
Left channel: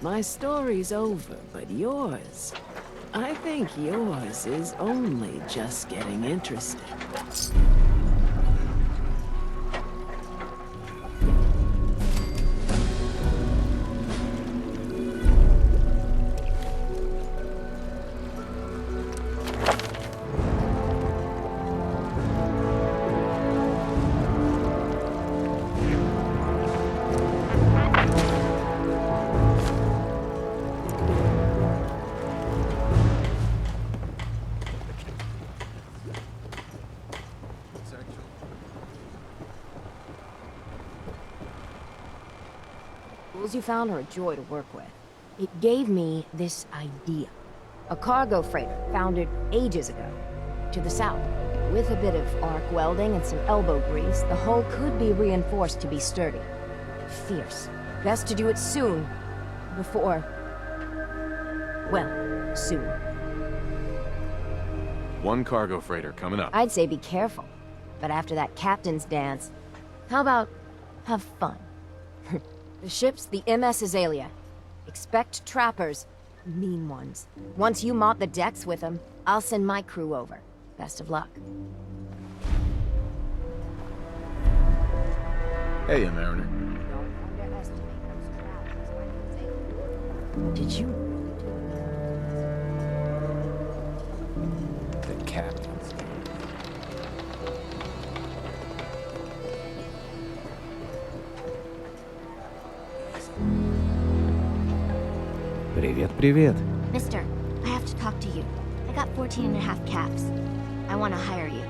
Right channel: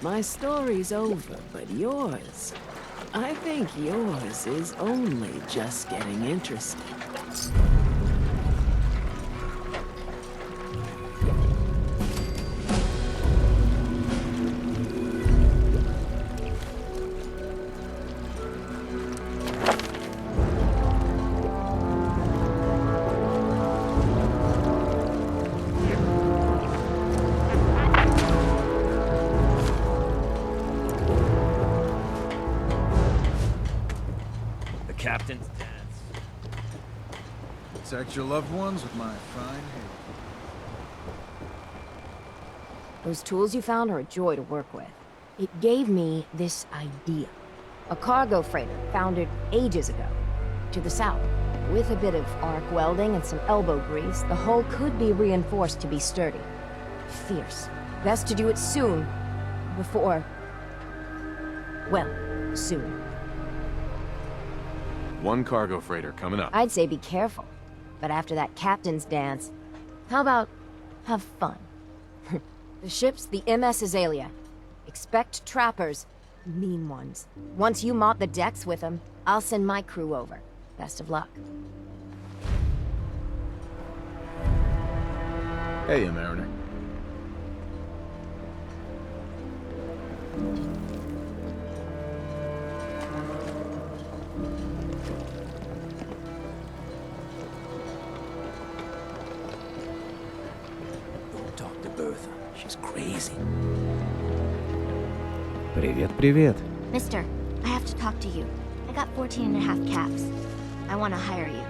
My story's over, but yours... I think yours is only just getting interesting. Protect your loved ones with my fine hand. Those tools you found are a joy to work with. It gave me this idea. A cargo freighter founded ages ago, to the south. With a bit of arc welding and some elbow grease, the hull could be reinforced to be sturdy. Fierce. Best to do it soon, before... well, soon. One cargo freighter coming up. I'd say be careful. But after that captain's dance, how about have fun? The ship's the MS Azalea. Expect trappers, mean ones. Once you mop the decks with them, I'll send my crew over. Best of luck. Hey, Mariner. Did you? The captain. Crazy. Привет. Mister, I have to talk to you. I got 14 and a half caps. I want to hire you.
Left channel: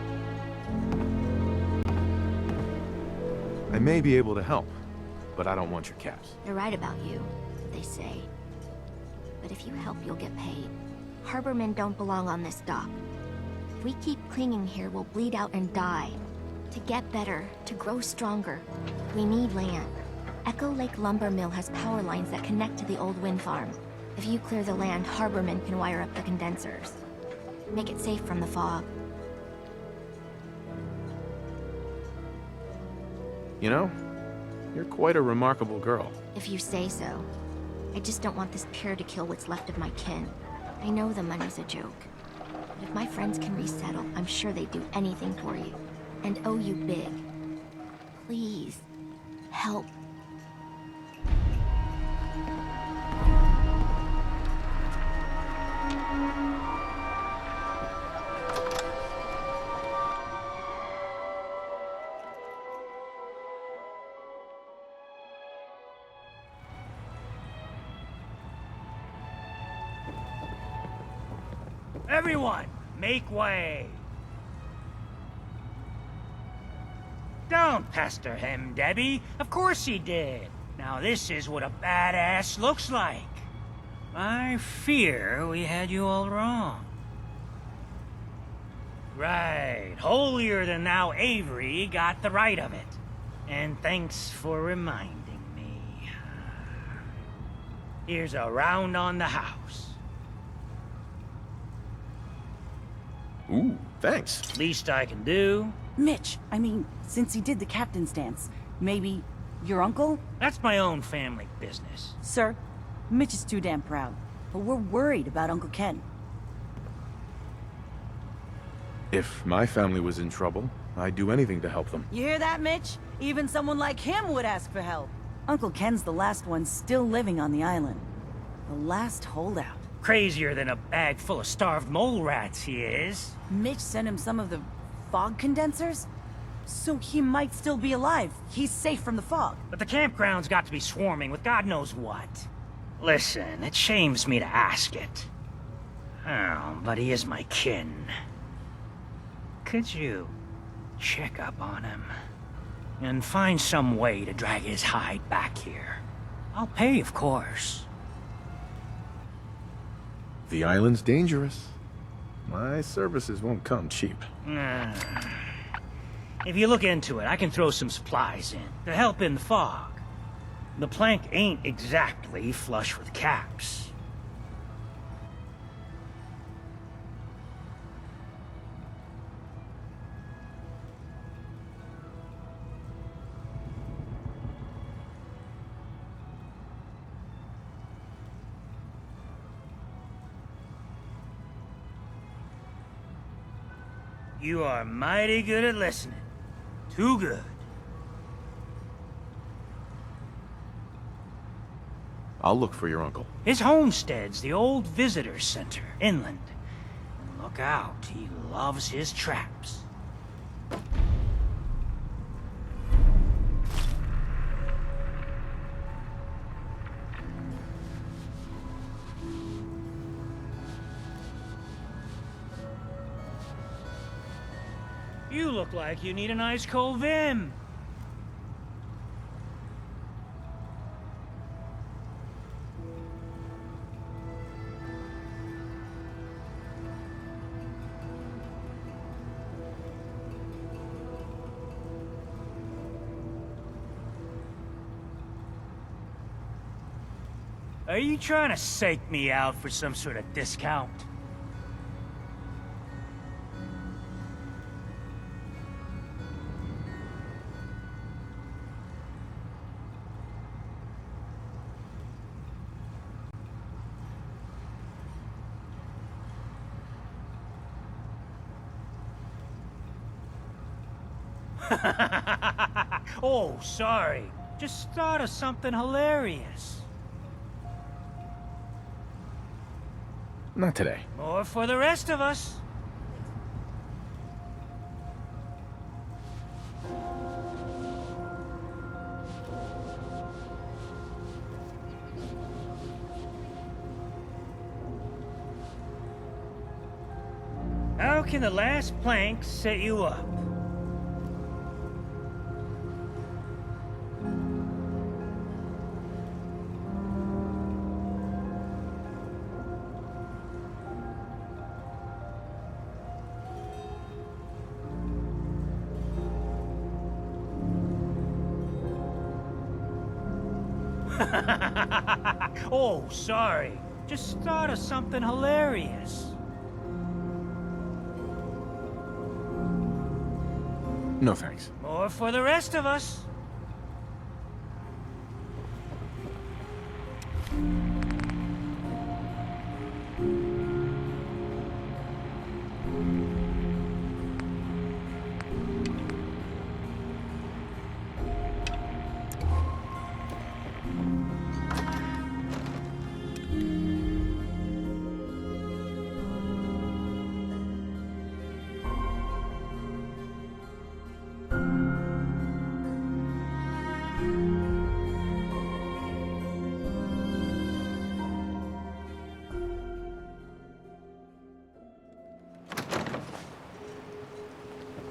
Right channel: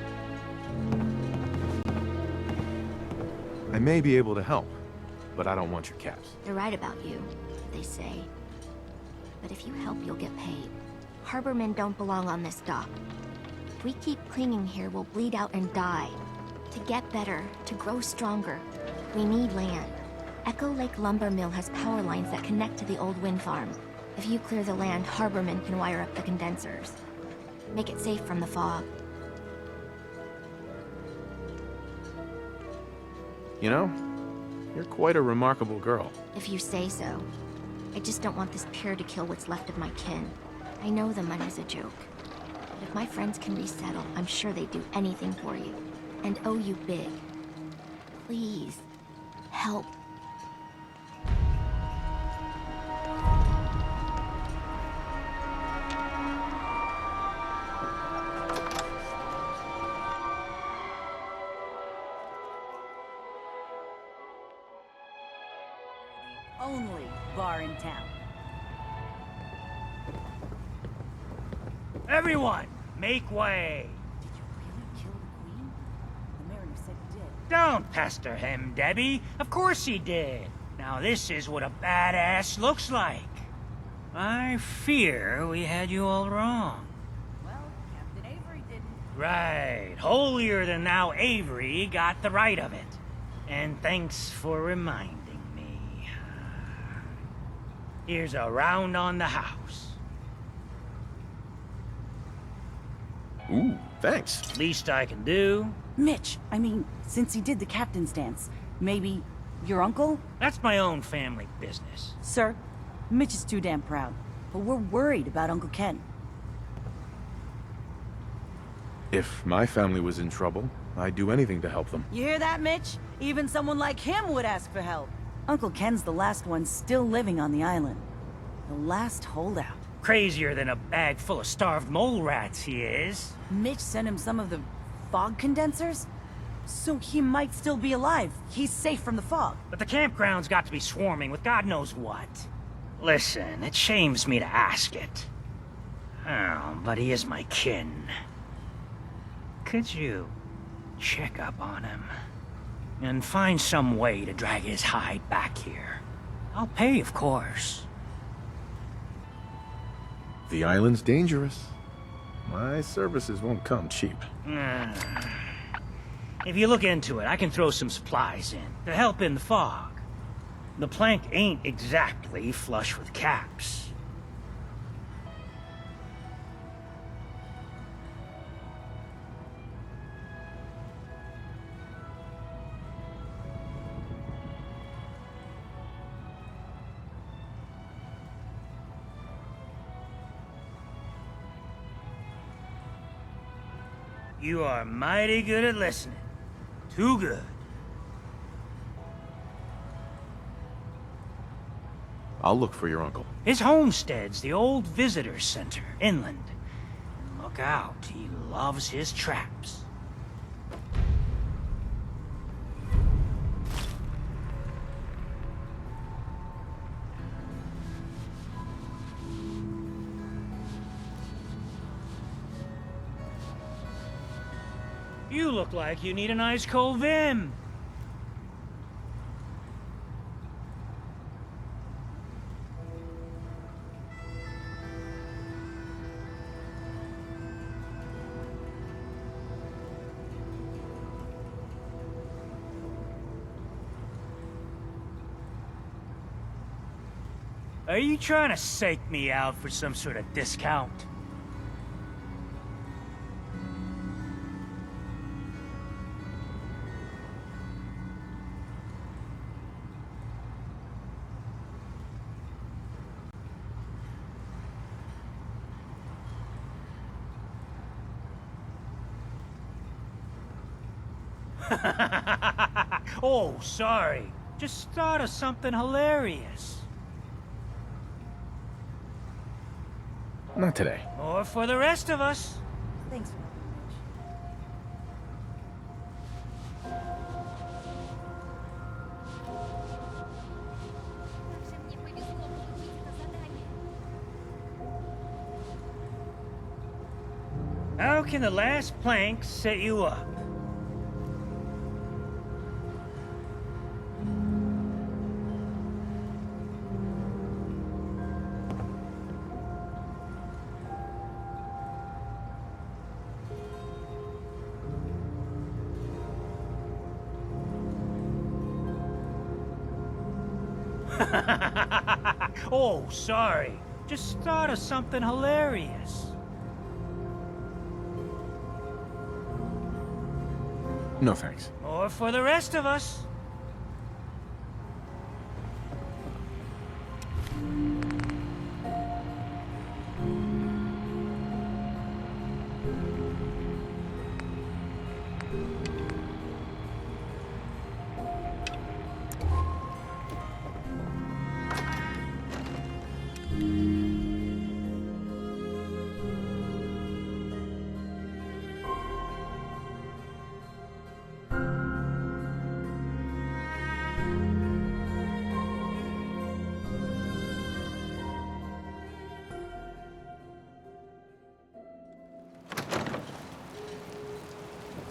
I may be able to help, but I don't want your caps. They're right about you, they say. But if you help, you'll get paid. Harbormen don't belong on this dock. If we keep clinging here, we'll bleed out and die. To get better, to grow stronger, we need land. Echo Lake Lumber Mill has power lines that connect to the old wind farm. If you clear the land, Harbormen can wire up the condensers. Make it safe from the fog. You know, you're quite a remarkable girl. If you say so. I just don't want this pier to kill what's left of my kin. I know the money's a joke. But if my friends can resettle, I'm sure they'd do anything for you. And owe you big. Please, help. Only bar in town. Everyone, make way! Don't pester him, Debbie. Of course he did. Now this is what a badass looks like. I fear we had you all wrong. Right. Holier than thou Avery got the right of it. And thanks for reminding me. Here's a round on the house. Ooh, thanks. Least I can do. Mitch, I mean, since he did the captain's dance, maybe your uncle? That's my own family business. Sir, Mitch is too damn proud, but we're worried about Uncle Ken. If my family was in trouble, I'd do anything to help them. You hear that, Mitch? Even someone like him would ask for help. Uncle Ken's the last one still living on the island. The last holdout. Crazier than a bag full of starved mole rats, he is. Mitch sent him some of the fog condensers? So he might still be alive. He's safe from the fog. But the campground's got to be swarming with God knows what. Listen, it shames me to ask it. Oh, but he is my kin. Could you check up on him? And find some way to drag his hide back here. I'll pay, of course. The island's dangerous. My services won't come cheap. If you look into it, I can throw some supplies in to help in the fog. The plank ain't exactly flush with caps. You are mighty good at listening. Too good. I'll look for your uncle. His homestead's the old visitor center, inland. And look out, he loves his traps. You look like you need an ice cold Vim. Are you trying to psych me out for some sort of discount? Oh, sorry. Just thought of something hilarious. Not today. More for the rest of us. Thanks. How can the last plank set you up? Oh, sorry. Just thought of something hilarious. No thanks. More for the rest of us.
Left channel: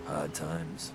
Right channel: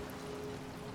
Hard times.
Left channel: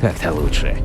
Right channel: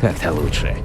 Так-то лучше.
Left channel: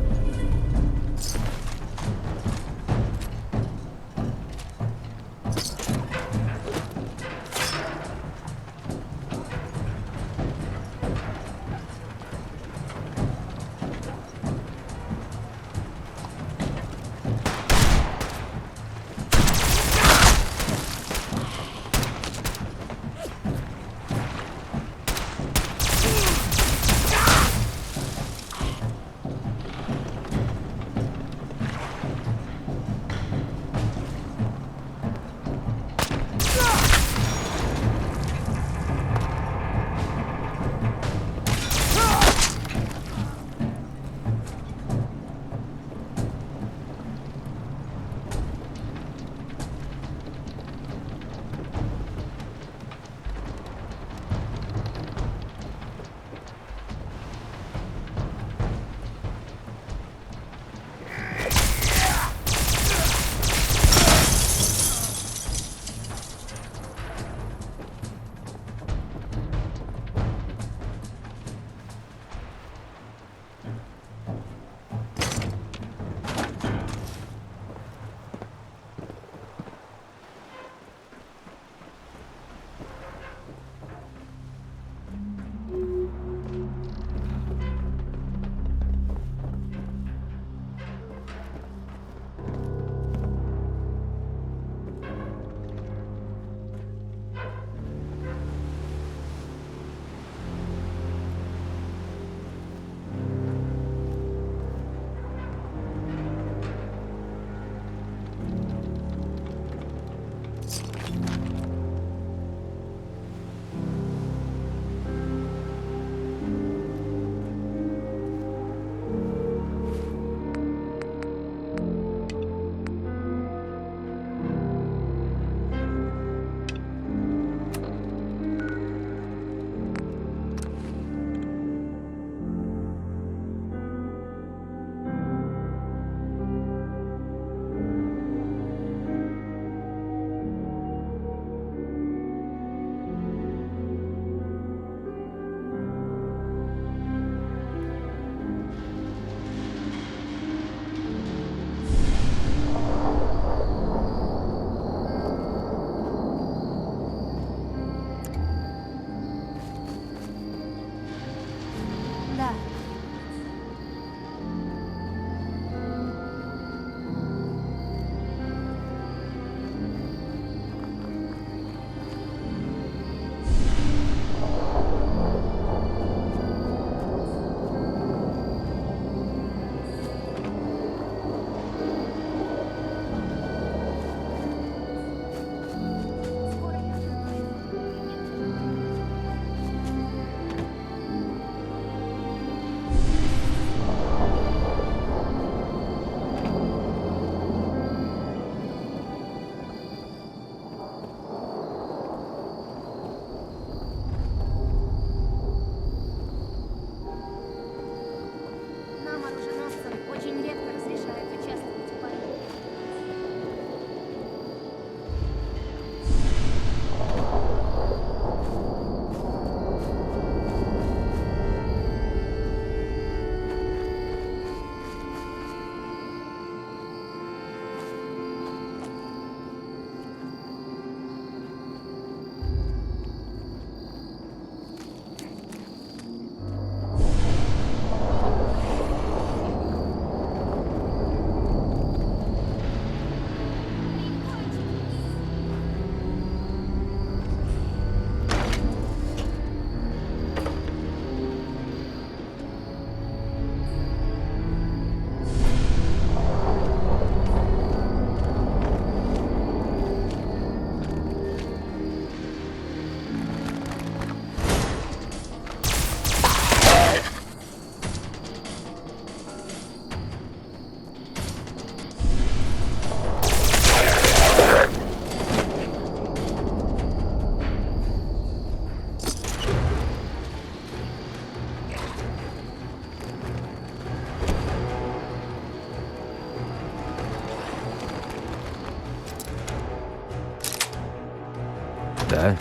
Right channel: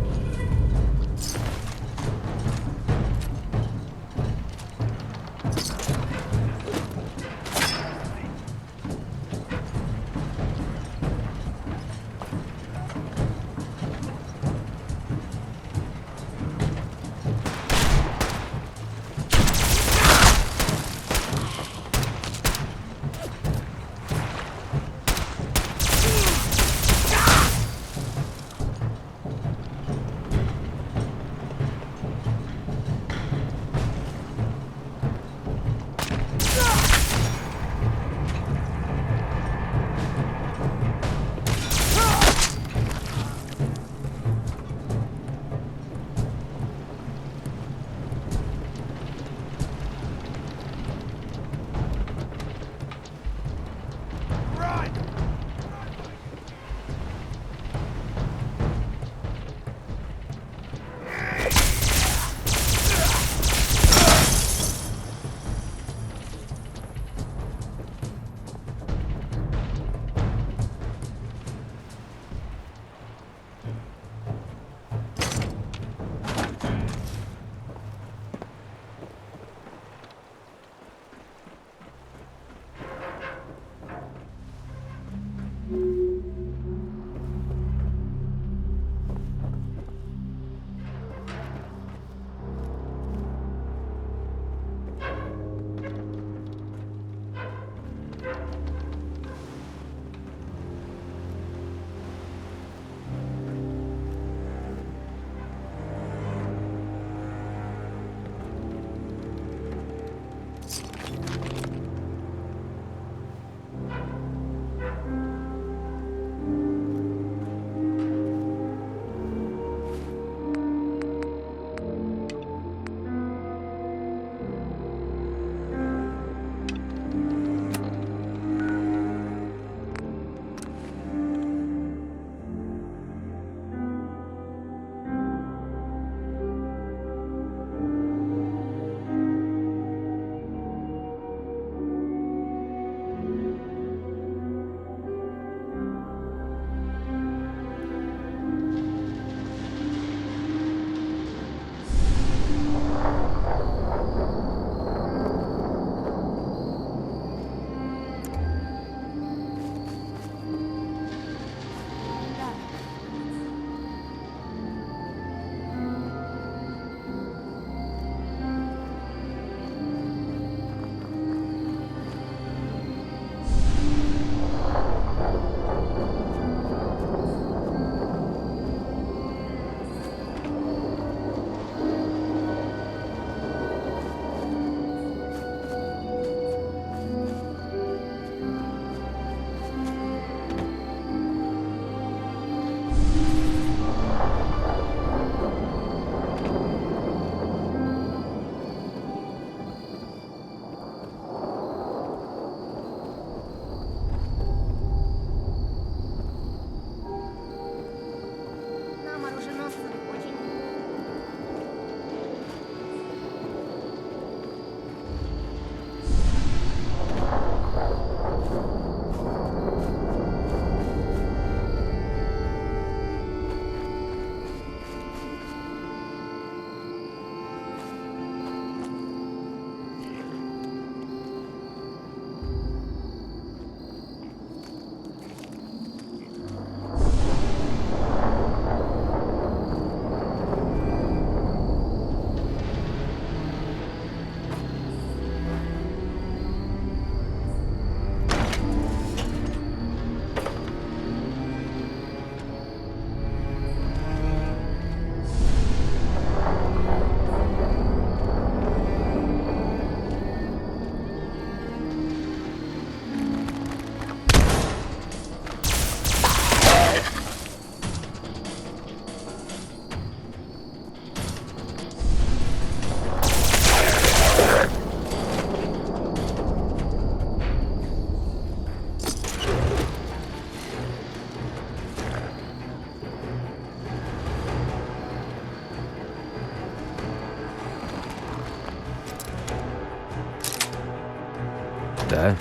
Да?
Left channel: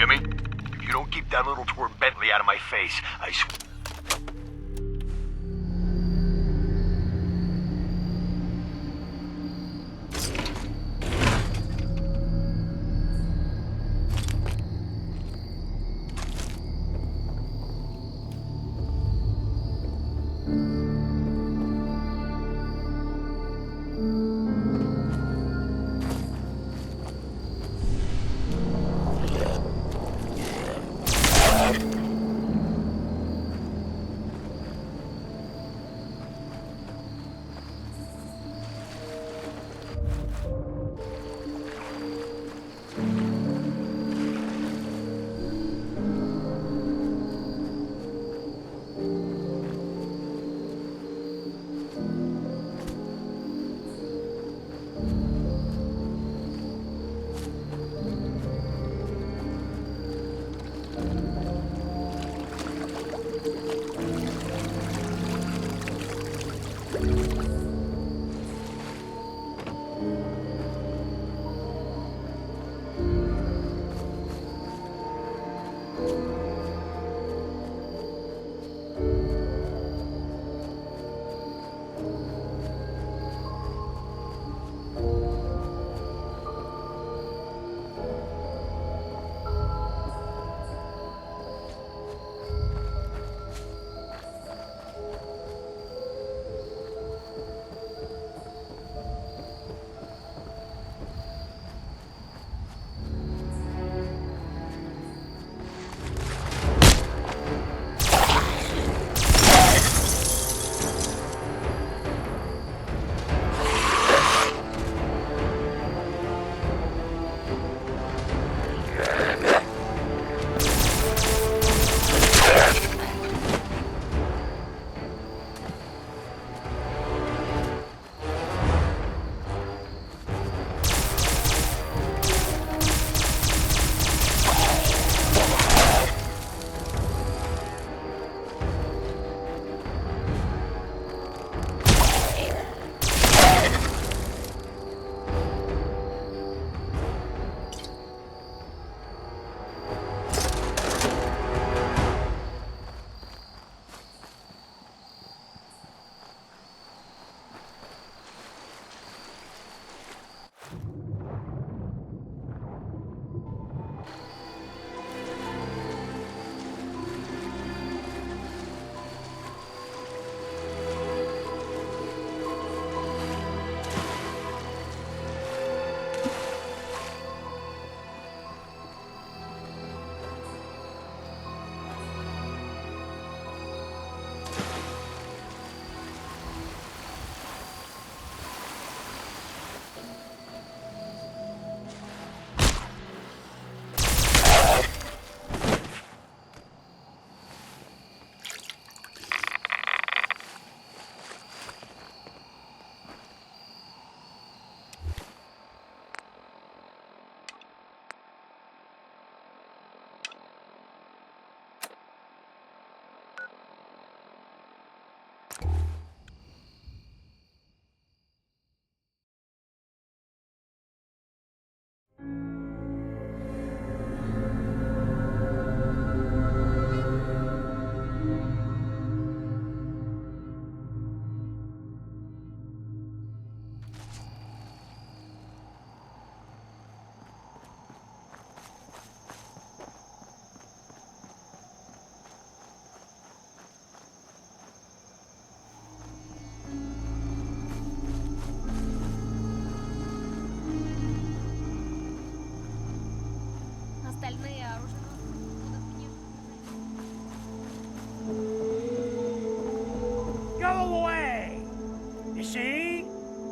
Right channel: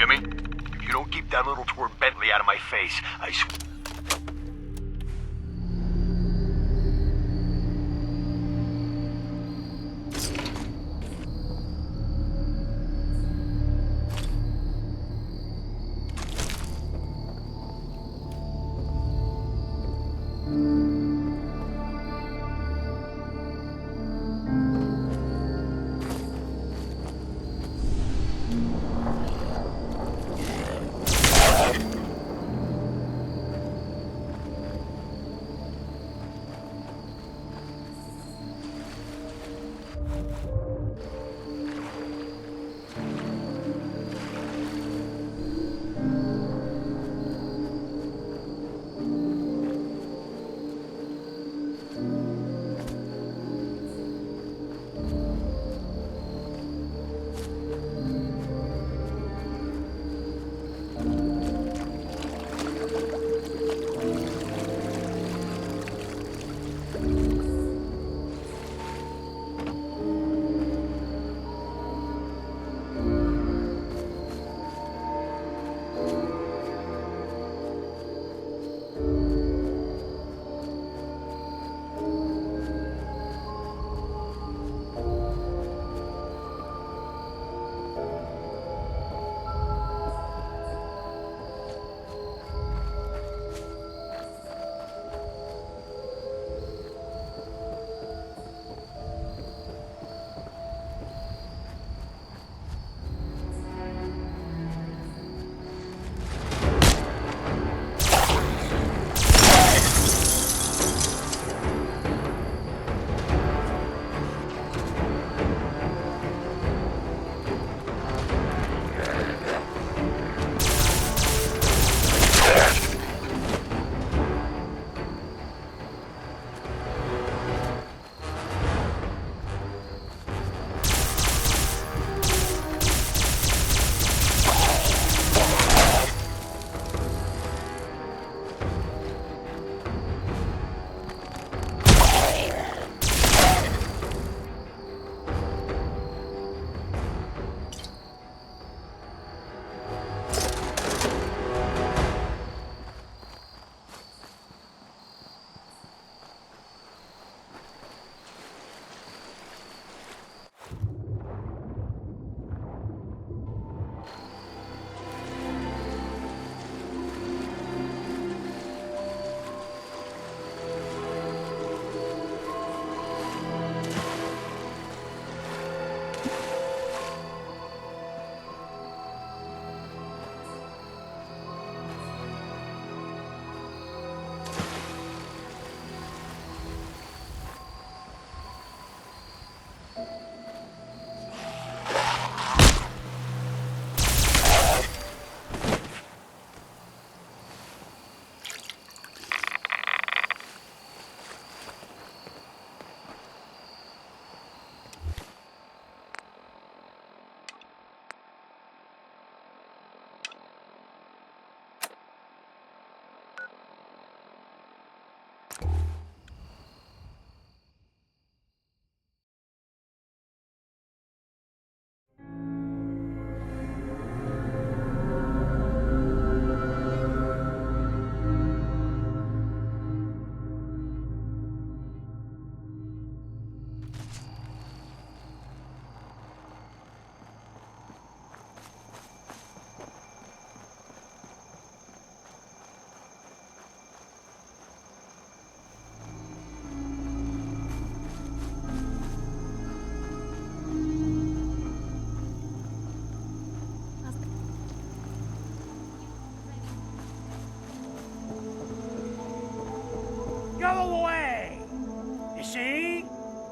Jimmy, if you don't keep that little twerp Bentley out of my face, I swear.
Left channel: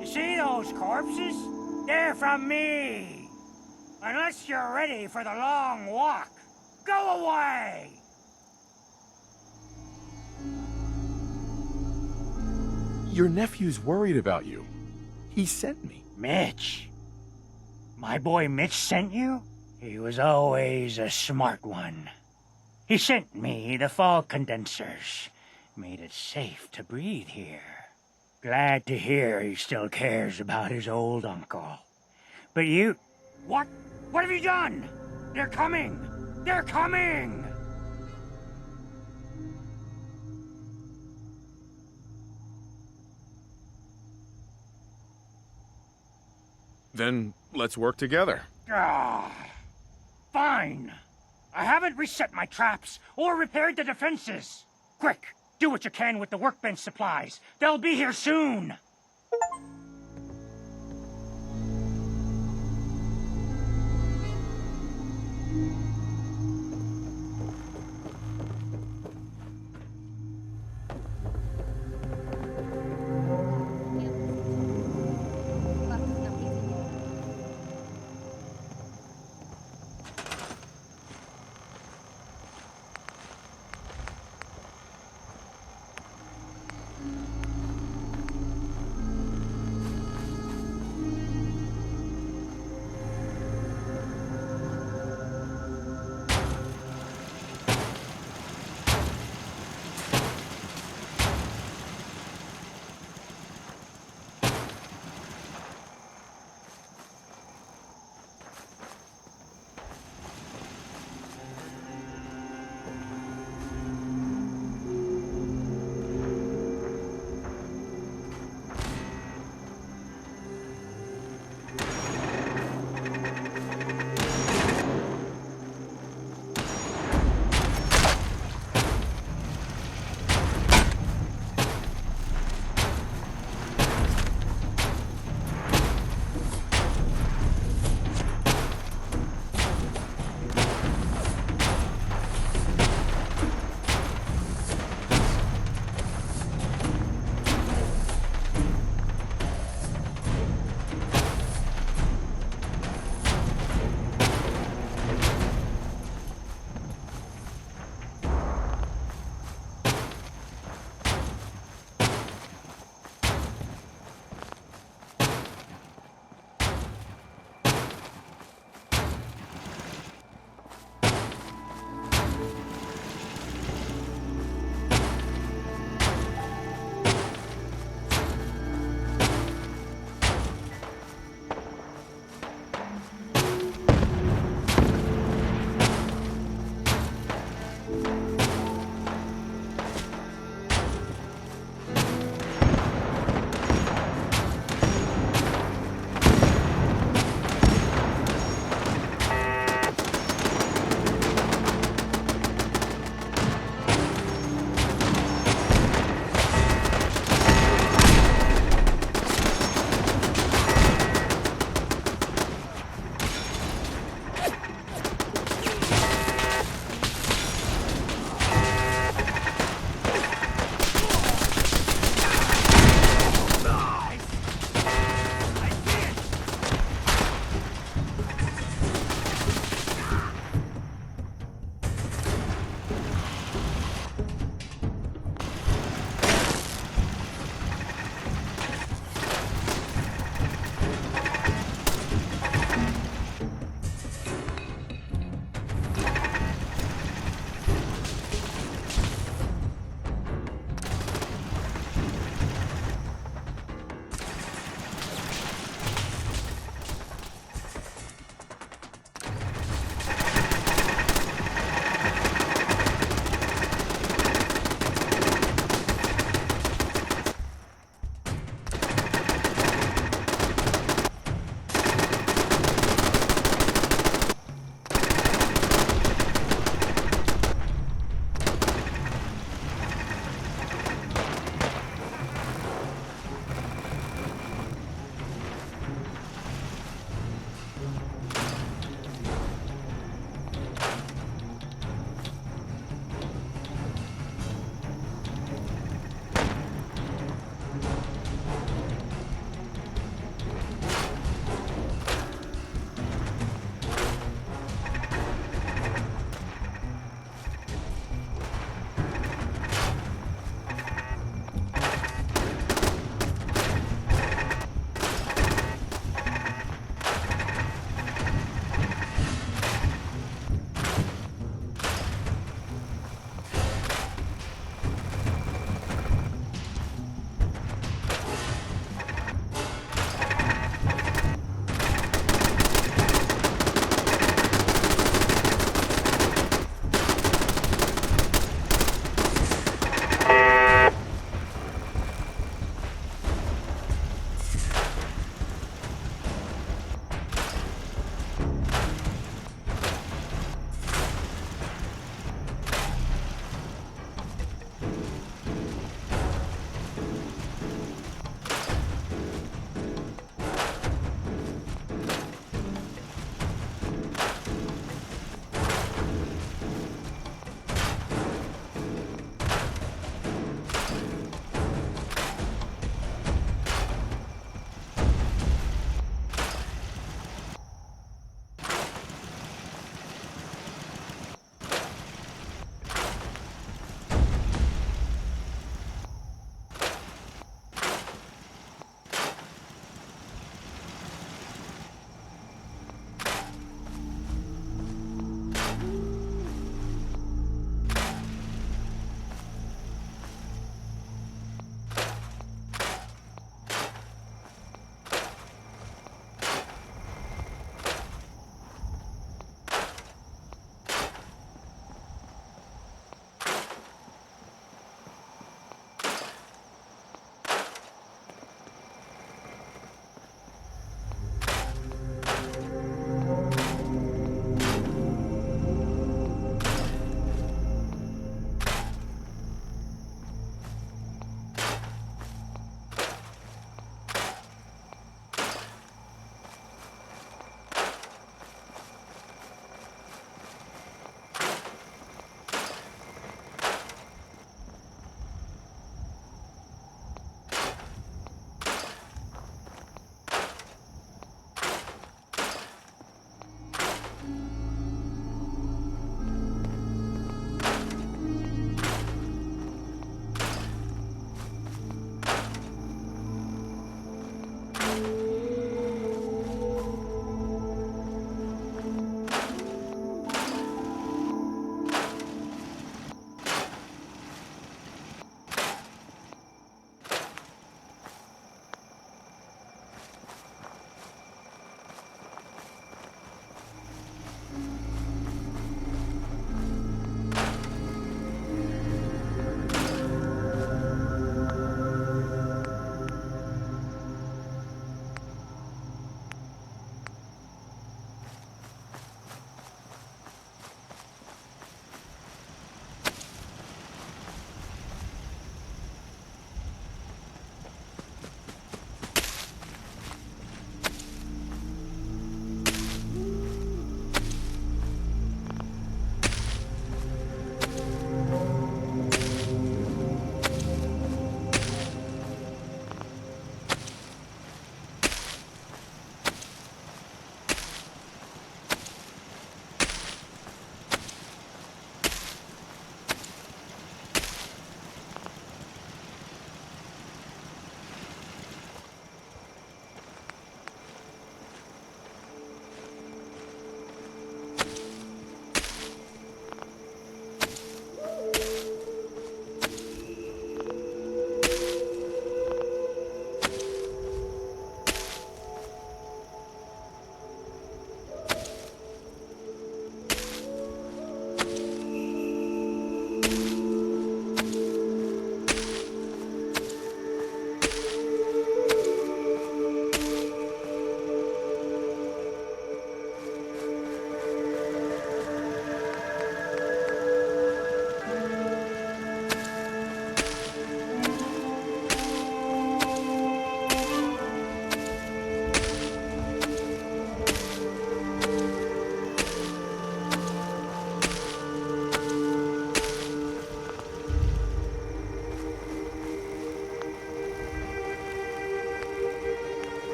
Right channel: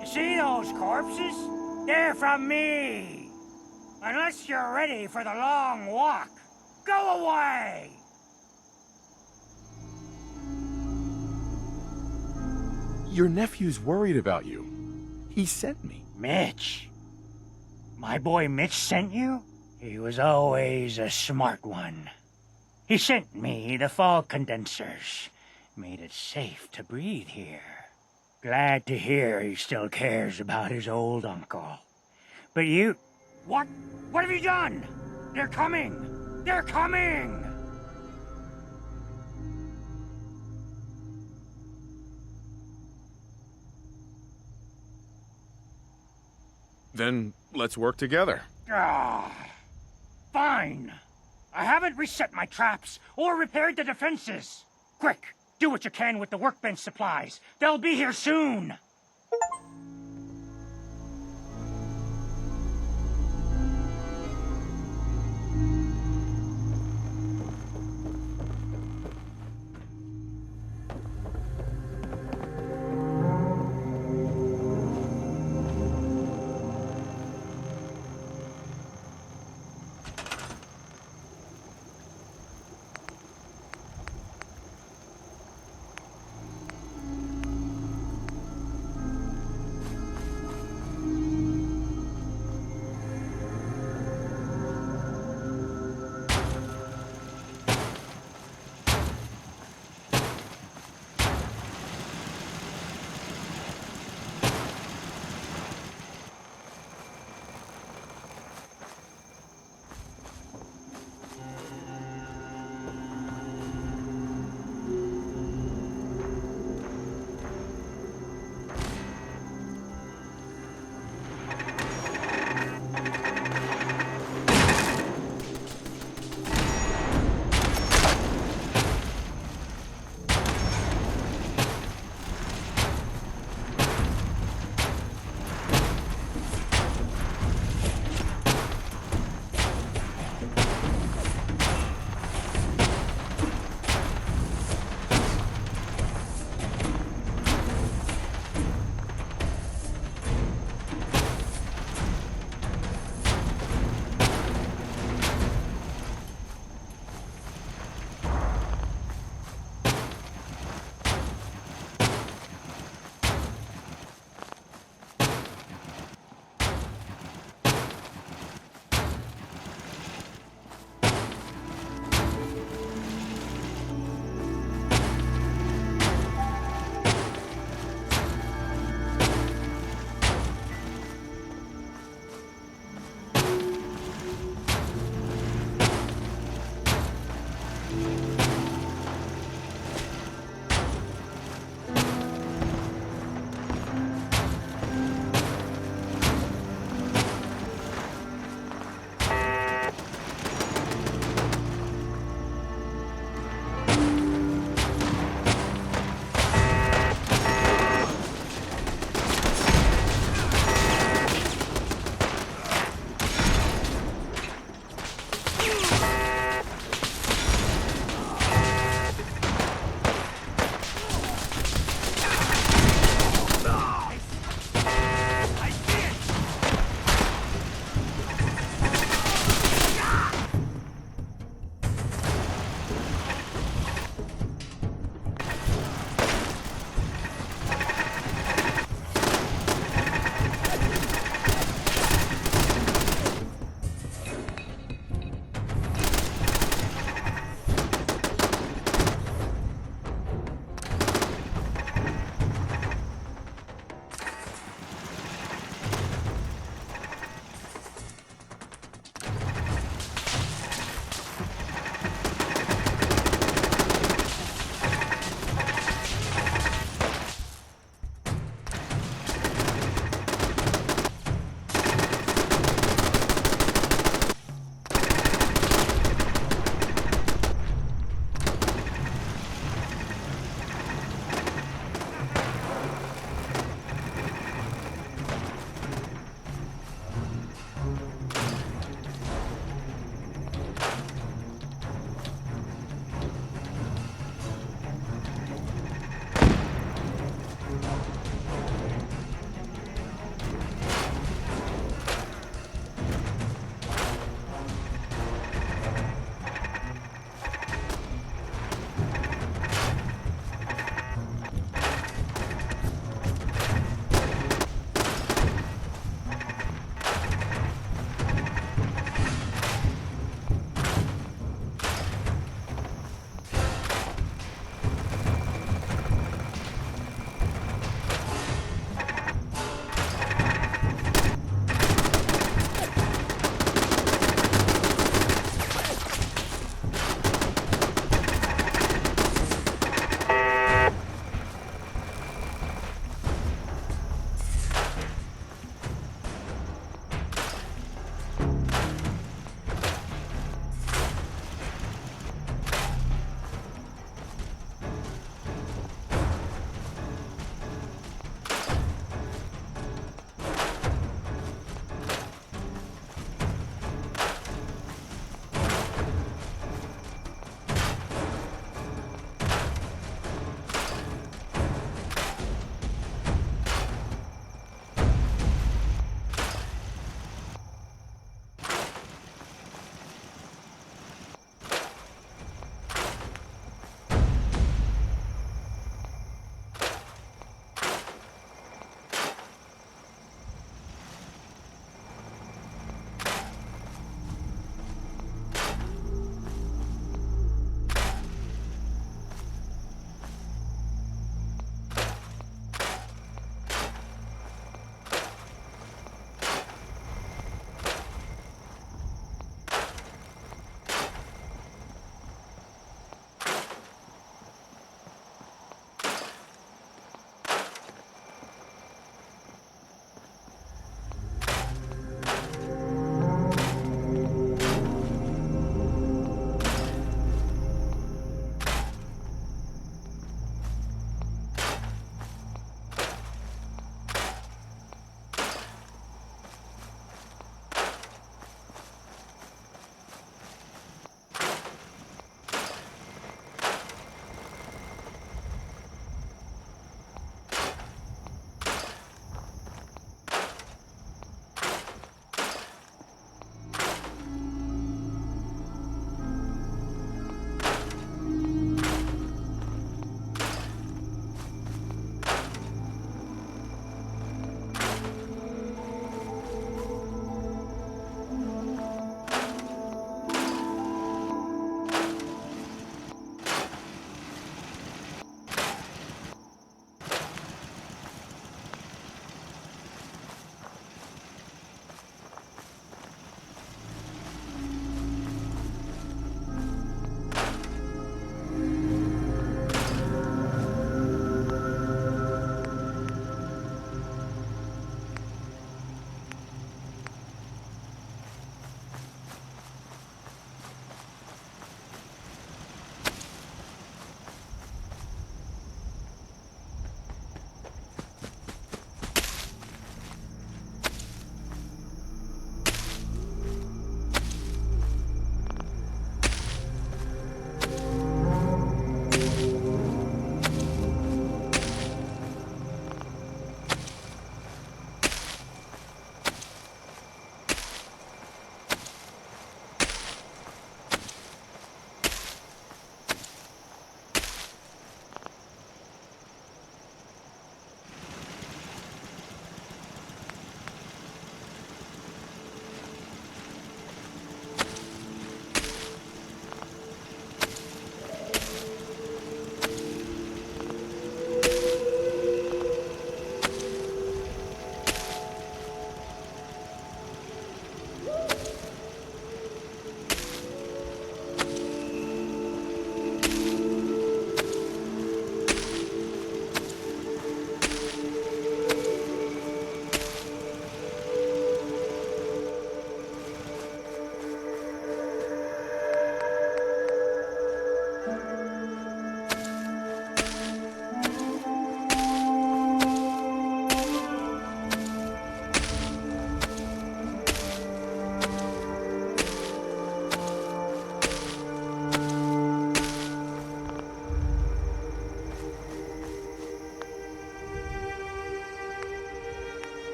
You see those corpses? They're from me. Unless you're ready for the long walk, go away! Your nephew's worried about you. He sent me. Mitch? My boy Mitch sent you? He was always a smart one. He sent me the fog condensers. Made it safe to breathe here. Glad to hear he still cares about his old uncle. But you... What? What have you done? They're coming! They're coming! Then let's work together. Fine. I haven't reset my traps or repaired the defenses. Quick, do what you can with the workbench supplies. They'll be here soon.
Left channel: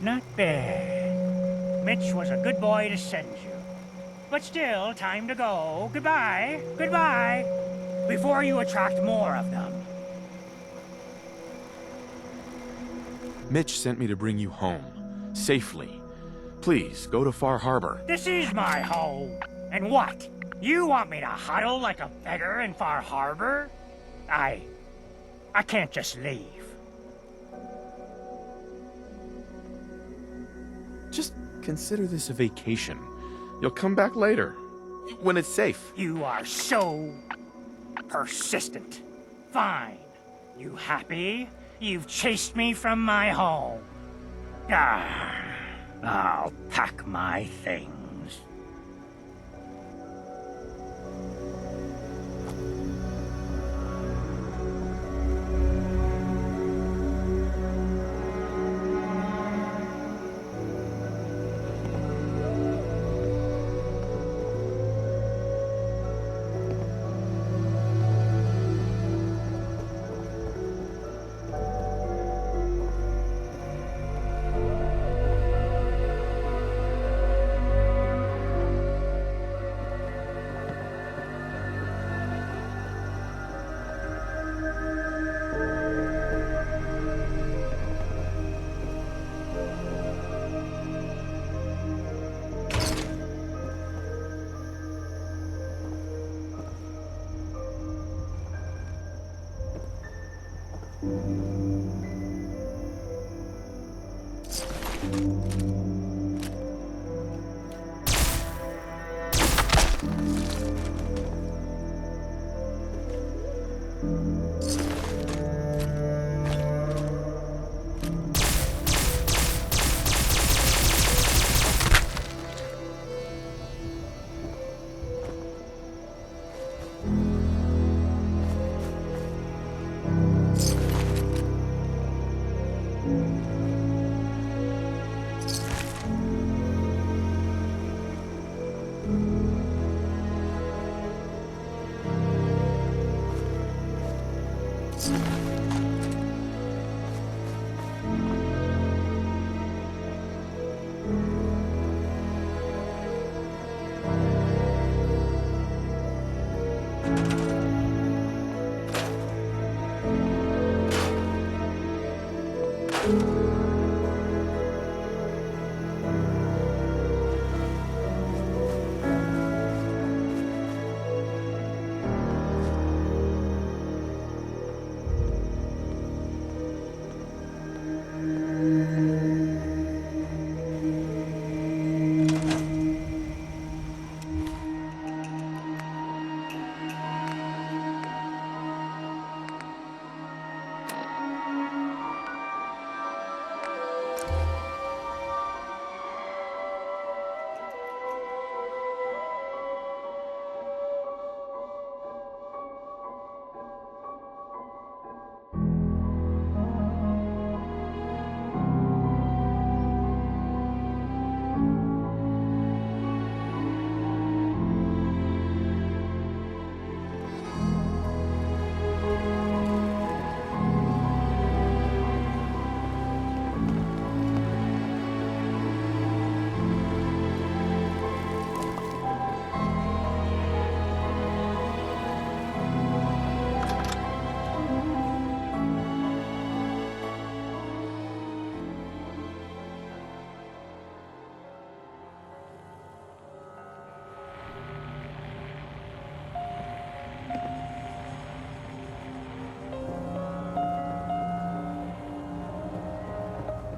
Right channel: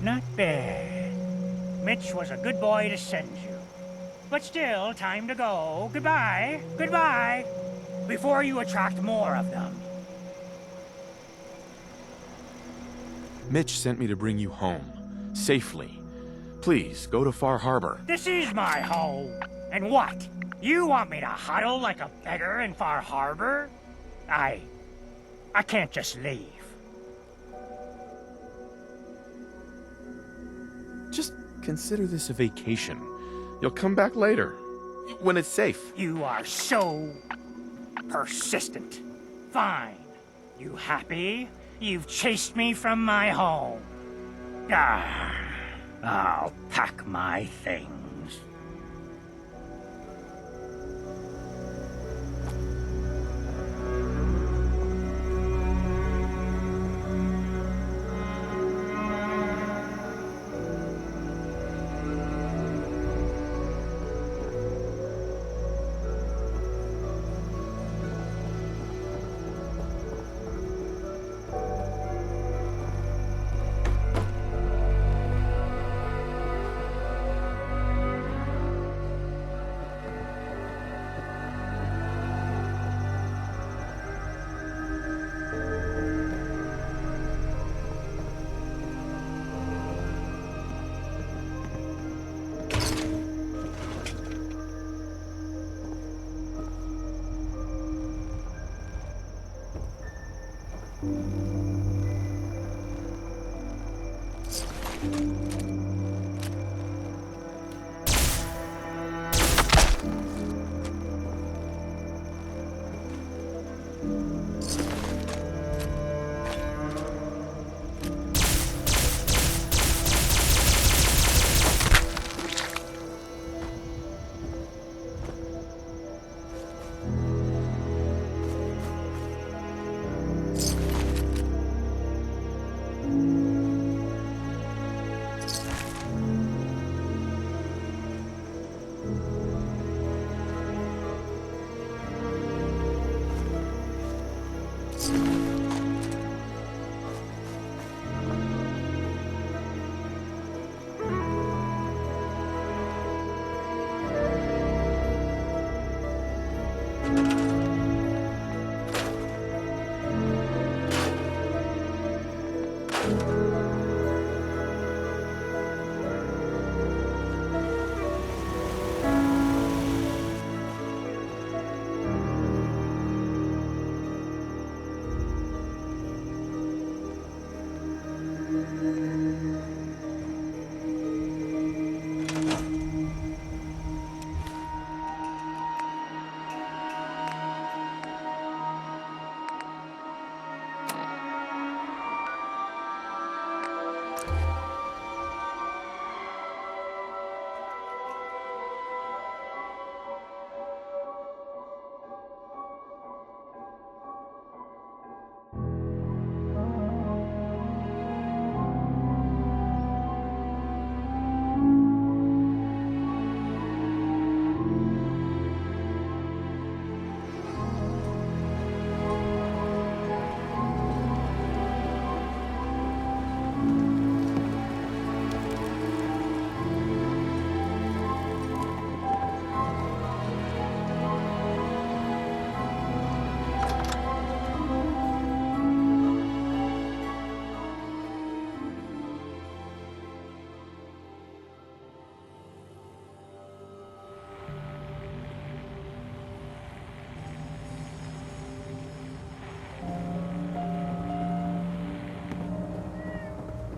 Not bad. Mitch was a good boy to send you. But still, time to go. Goodbye. Goodbye. Before you attract more of them. Mitch sent me to bring you home. Safely. Please, go to Far Harbor. This is my home. And what? You want me to huddle like a beggar in Far Harbor? I can't just leave. Just consider this a vacation. You'll come back later, when it's safe. You are so persistent. Fine. You happy? You've chased me from my home. I'll pack my things.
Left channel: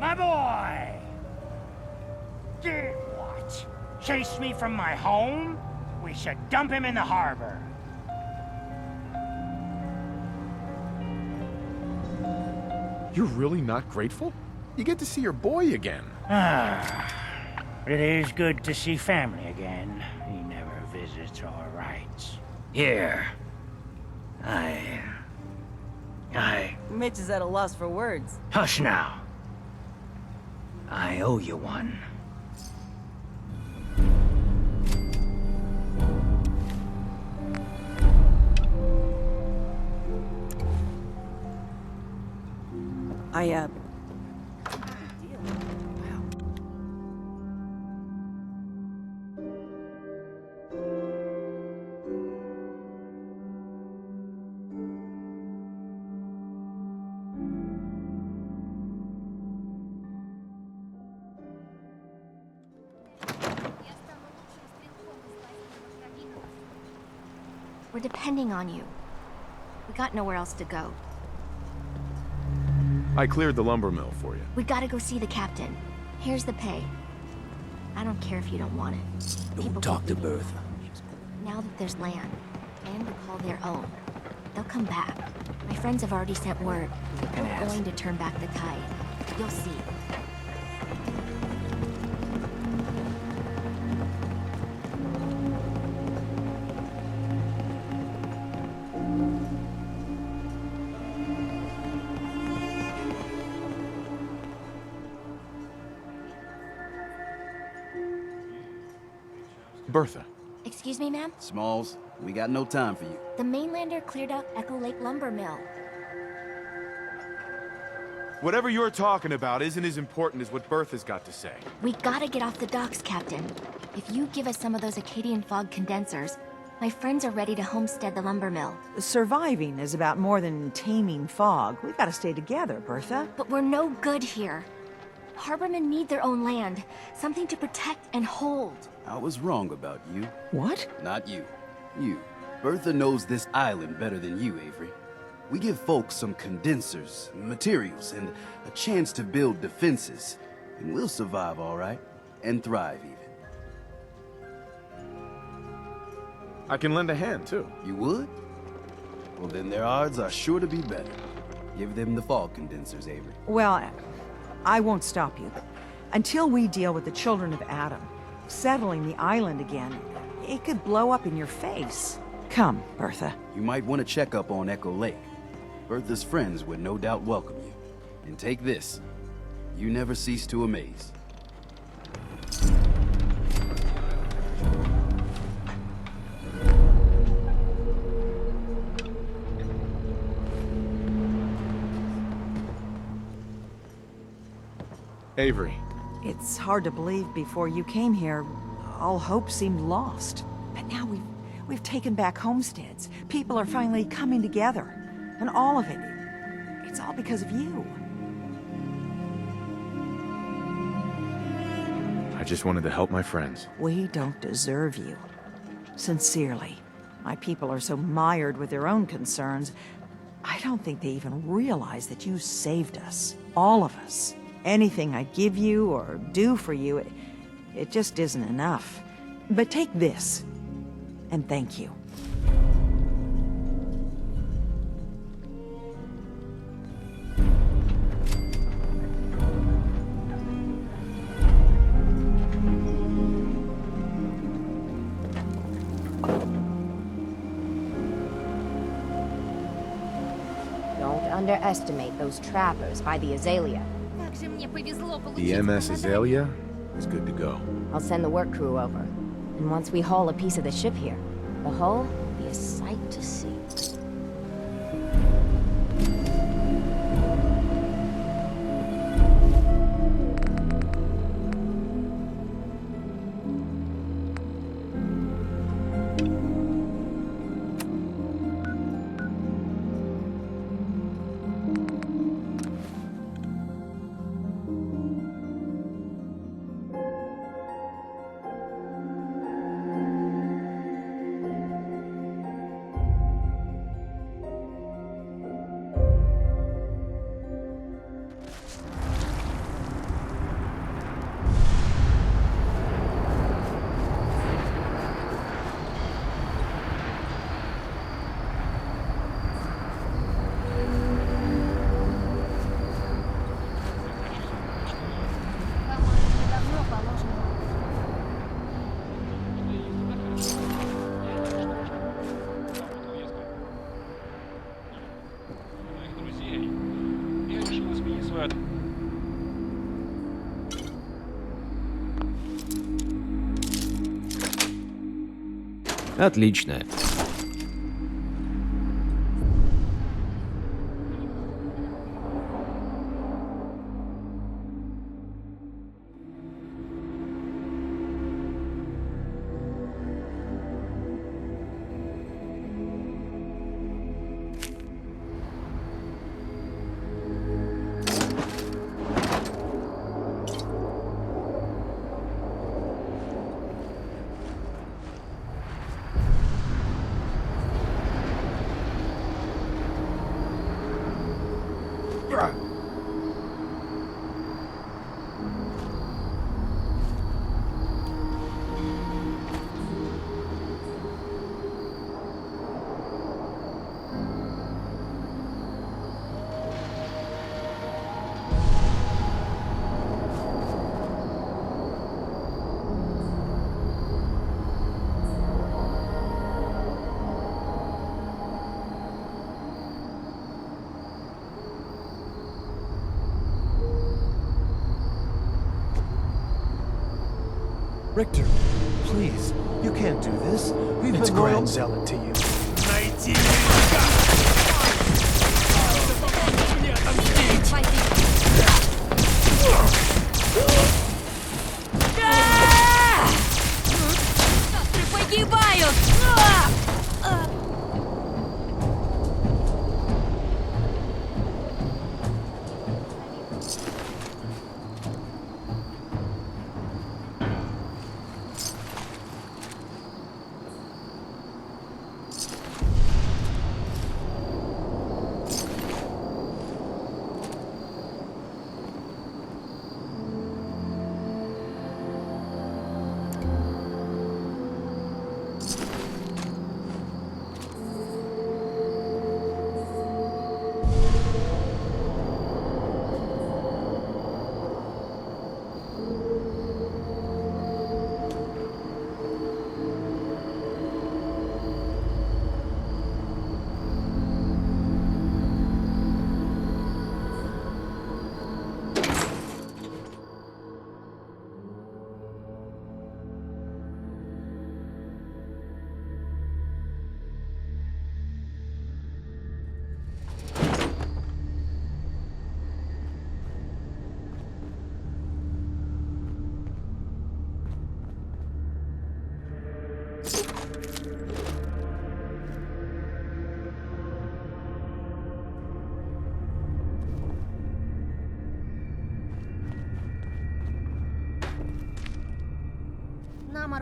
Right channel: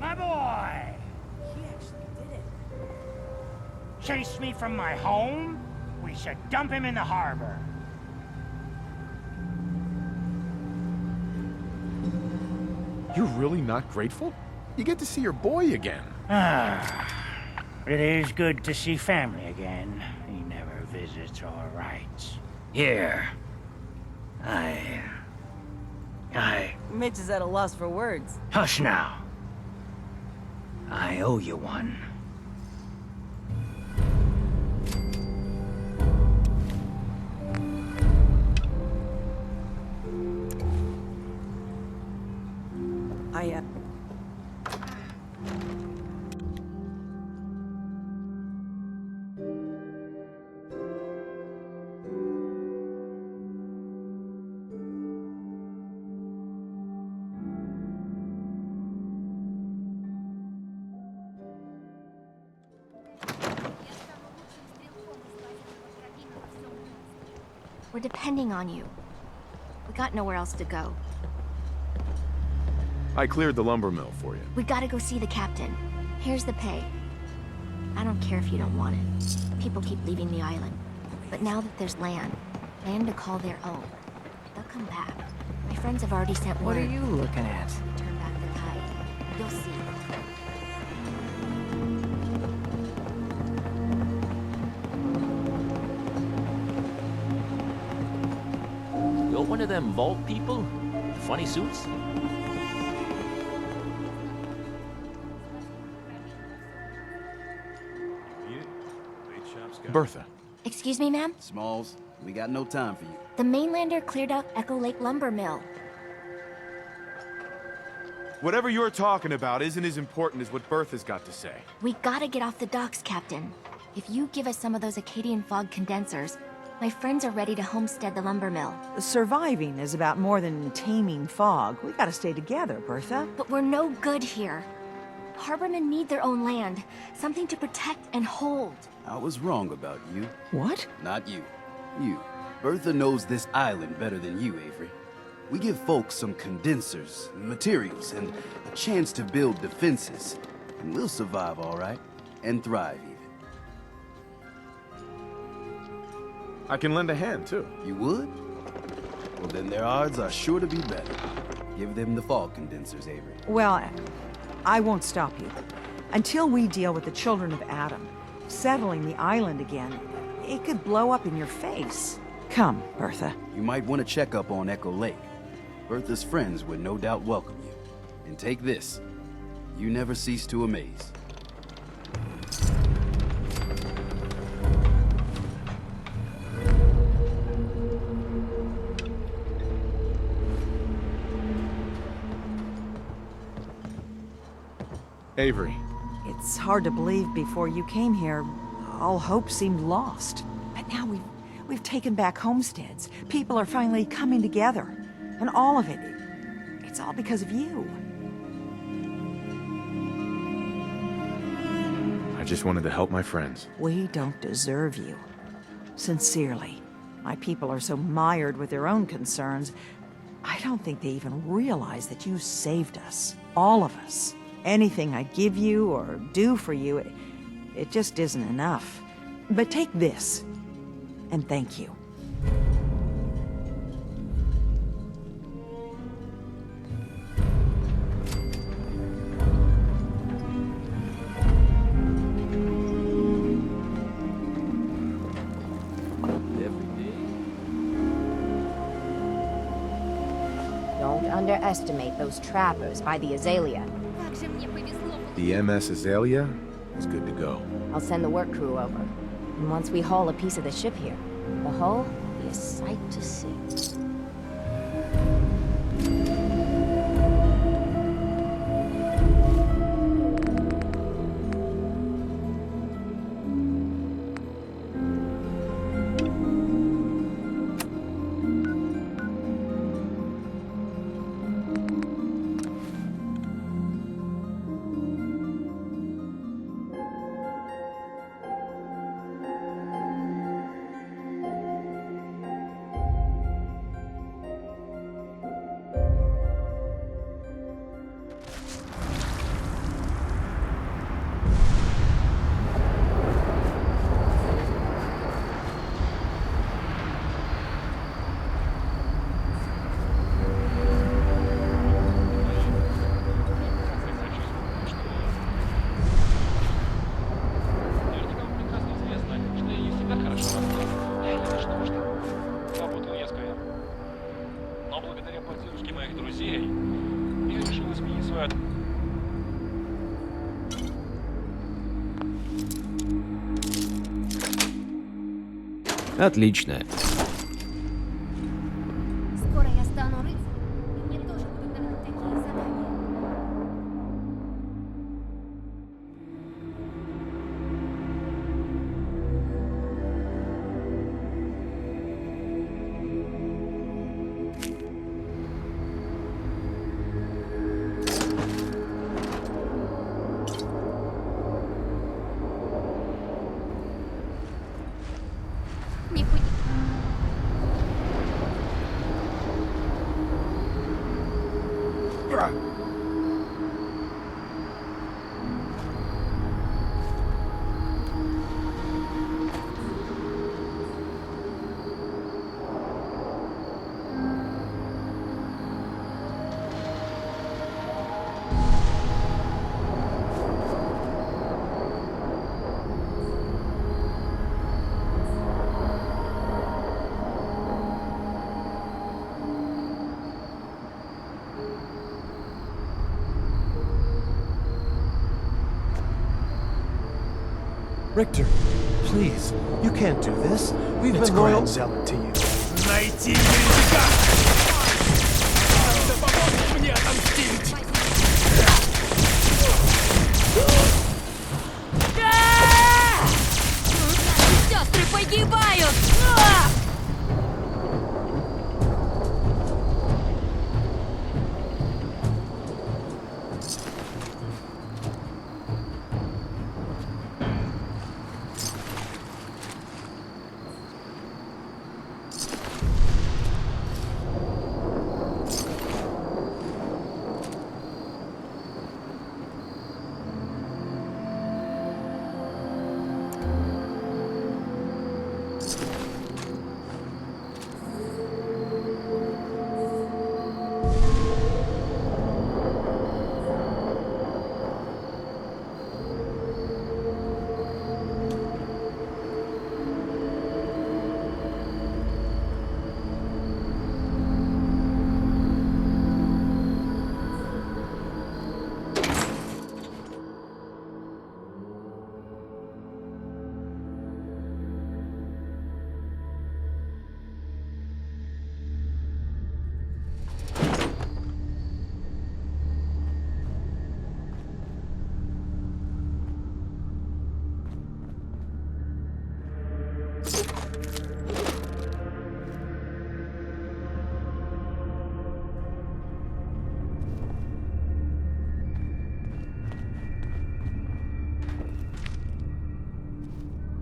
My boy! Did what? Chase me from my home? We should dump him in the harbor. You're really not grateful? You get to see your boy again. It is good to see family again. He never visits or writes. Here. Mitch is at a loss for words. Hush now. I owe you one. We're depending on you. We got nowhere else to go. I cleared the lumber mill for you. We gotta go see the captain. Here's the pay. I don't care if you don't want it. People keep leaving the island. But now that there's land to call their own, they'll come back. My friends have already sent word. What are you looking They're at? willing to turn back the tide. You'll see. You're one of them vault people? Funny suits? Bertha. Excuse me, ma'am? Smalls, we got no time for you. The mainlander cleared out Echo Lake Lumber Mill. Whatever you're talking about isn't as important as what Bertha's got to say. We gotta get off the docks, Captain. If you give us some of those Acadian fog condensers, my friends are ready to homestead the lumber mill. Surviving is about more than taming fog. We gotta stay together, Bertha. But we're no good here. Harbormen need their own land, something to protect and hold. I was wrong about you. What? Not you. You. Bertha knows this island better than you, Avery. We give folks some condensers, materials, and a chance to build defenses. And we'll survive all right. And thrive, even. I can lend a hand, too. You would? Well, then their odds are sure to be better. Give them the fog condensers, Avery. Well, I won't stop you. Until we deal with the children of Adam, settling the island again, it could blow up in your face. Come, Bertha. You might want to check up on Echo Lake. Bertha's friends would no doubt welcome you. And take this. You never cease to amaze. Avery. It's hard to believe before you came here, all hope seemed lost. But now we've taken back homesteads. People are finally coming together. And all of it, it's all because of you. I just wanted to help my friends. We don't deserve you. Sincerely. My people are so mired with their own concerns, I don't think they even realize that you saved us. All of us. Anything I give you or do for you, it just isn't enough. But take this, and thank you. Don't underestimate those trappers by the Azalea. The MS Azalea is good to go. I'll send the work crew over. And once we haul a piece of the ship here, the hull will be a sight to see. Отлично. Richter, please, you can't do this. We've It's been loyal grand. zealot to you. Найти мне отомстить! Сестры погибают!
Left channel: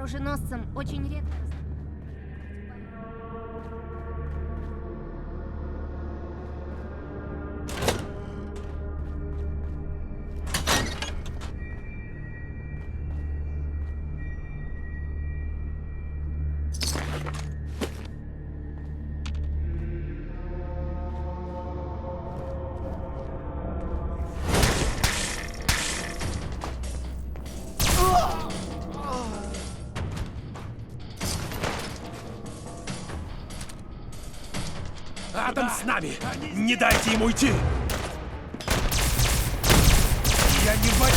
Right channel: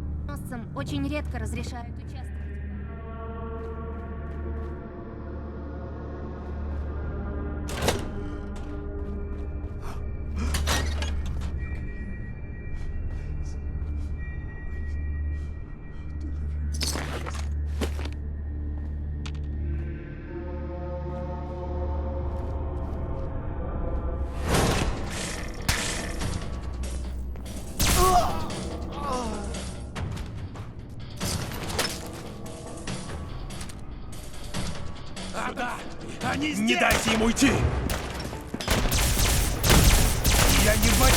Оруженосцам очень редко разрешают участвовать. Адам с нами! Не дайте ему уйти! Я не боюсь!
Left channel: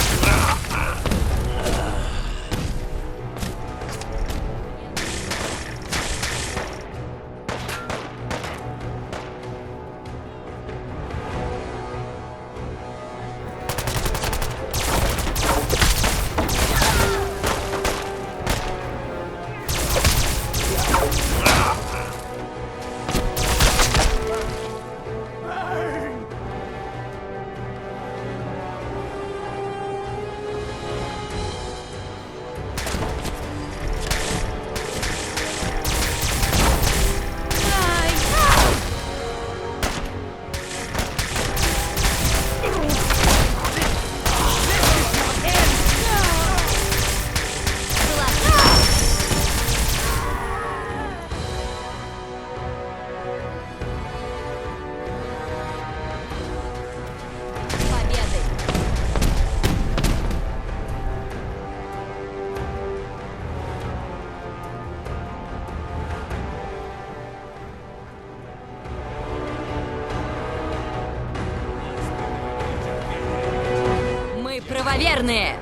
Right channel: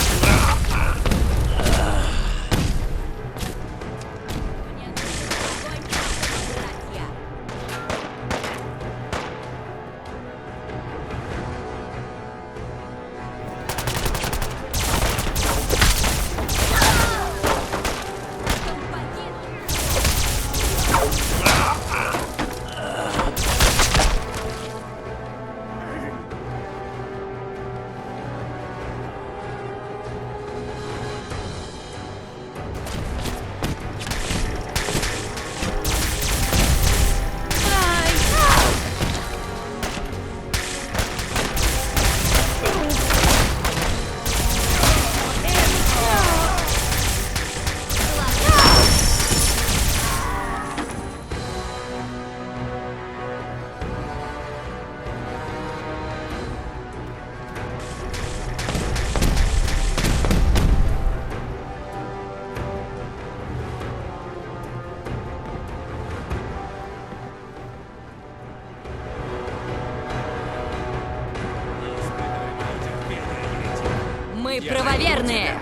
Мы правоверные!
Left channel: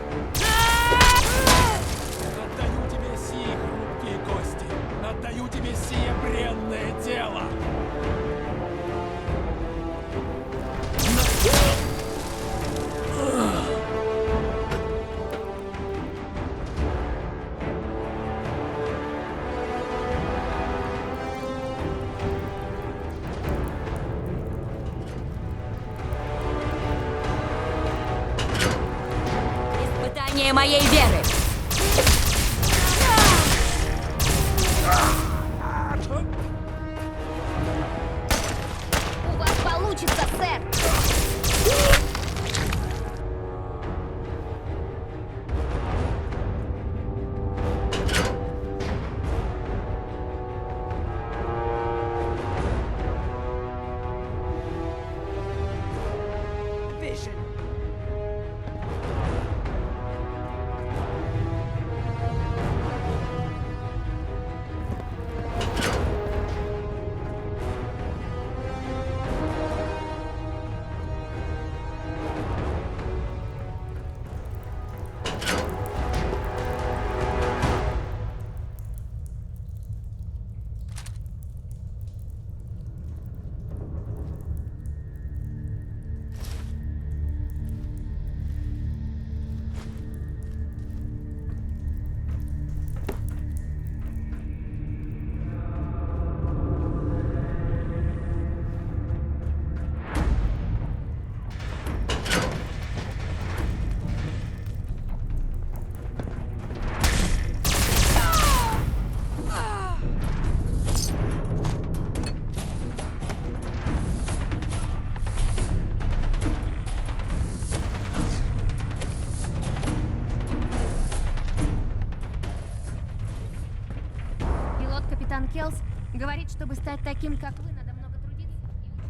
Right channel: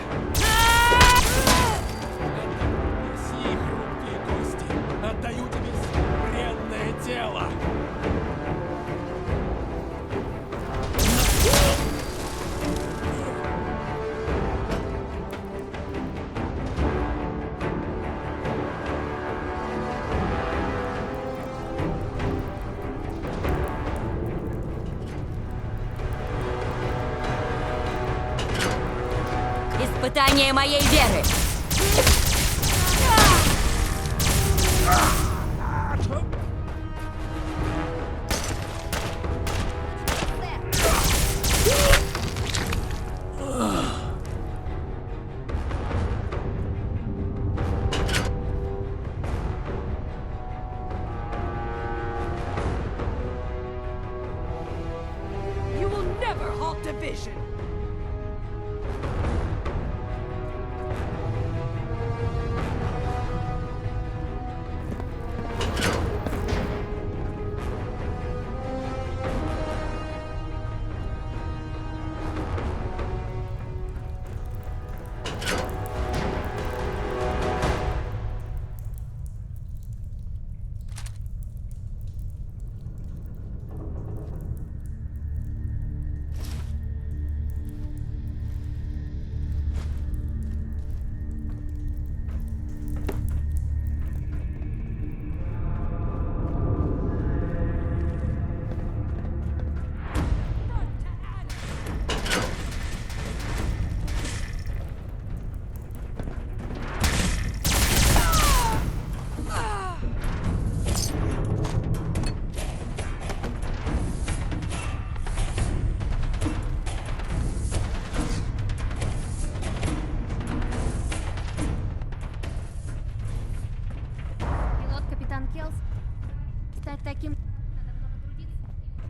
Отдаю тебе сии хрупкие кости! Отдаю тебе сие бренное тело! Испытание моей веры! У вас получится, сэр! You will never halt division! Пилот капитан Келс говорит, чтобы стать таким, как вы, надо много трудиться и учиться.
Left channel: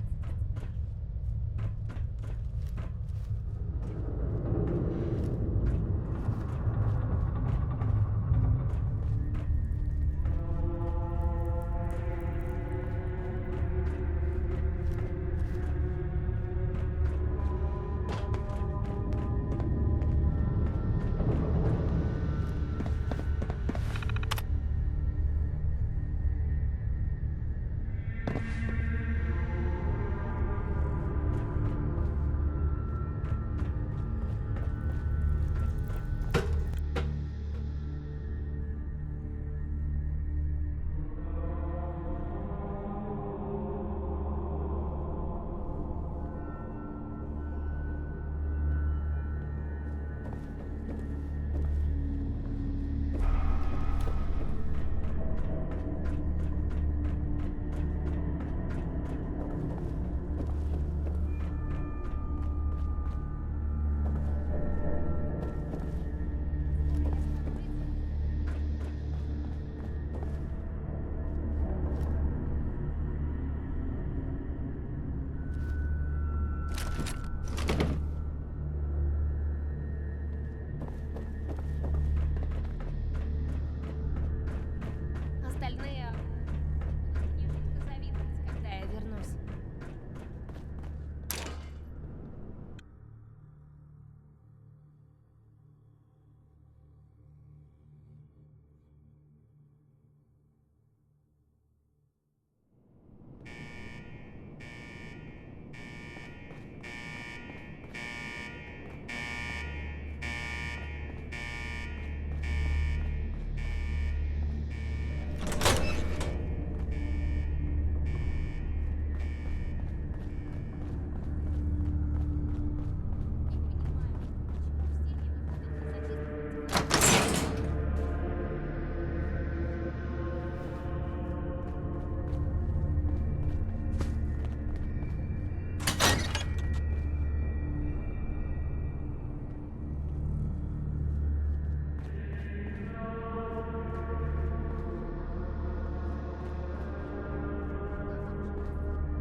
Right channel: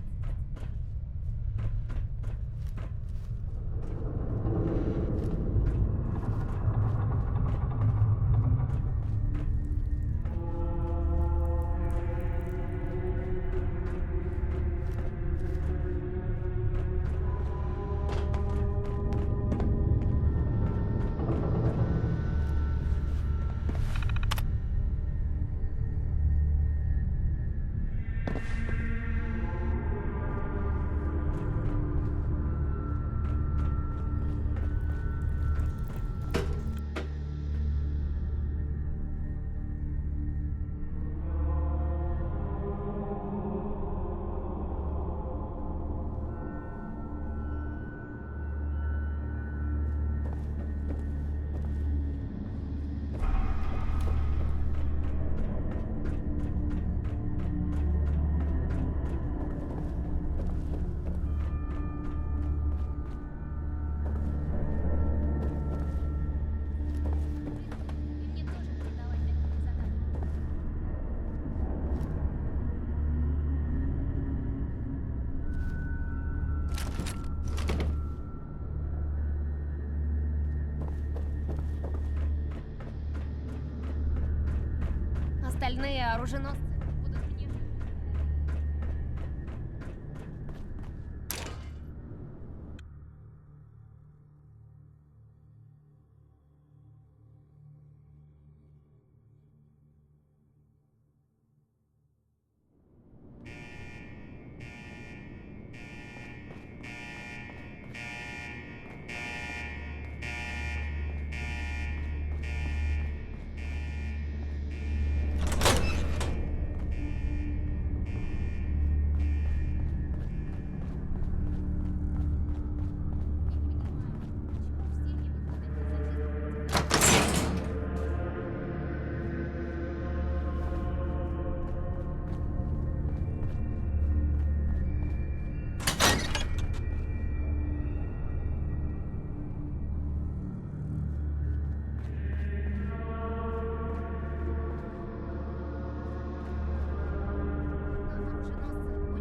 Оруженосцы будут мне жутко завидовать, когда я вернусь.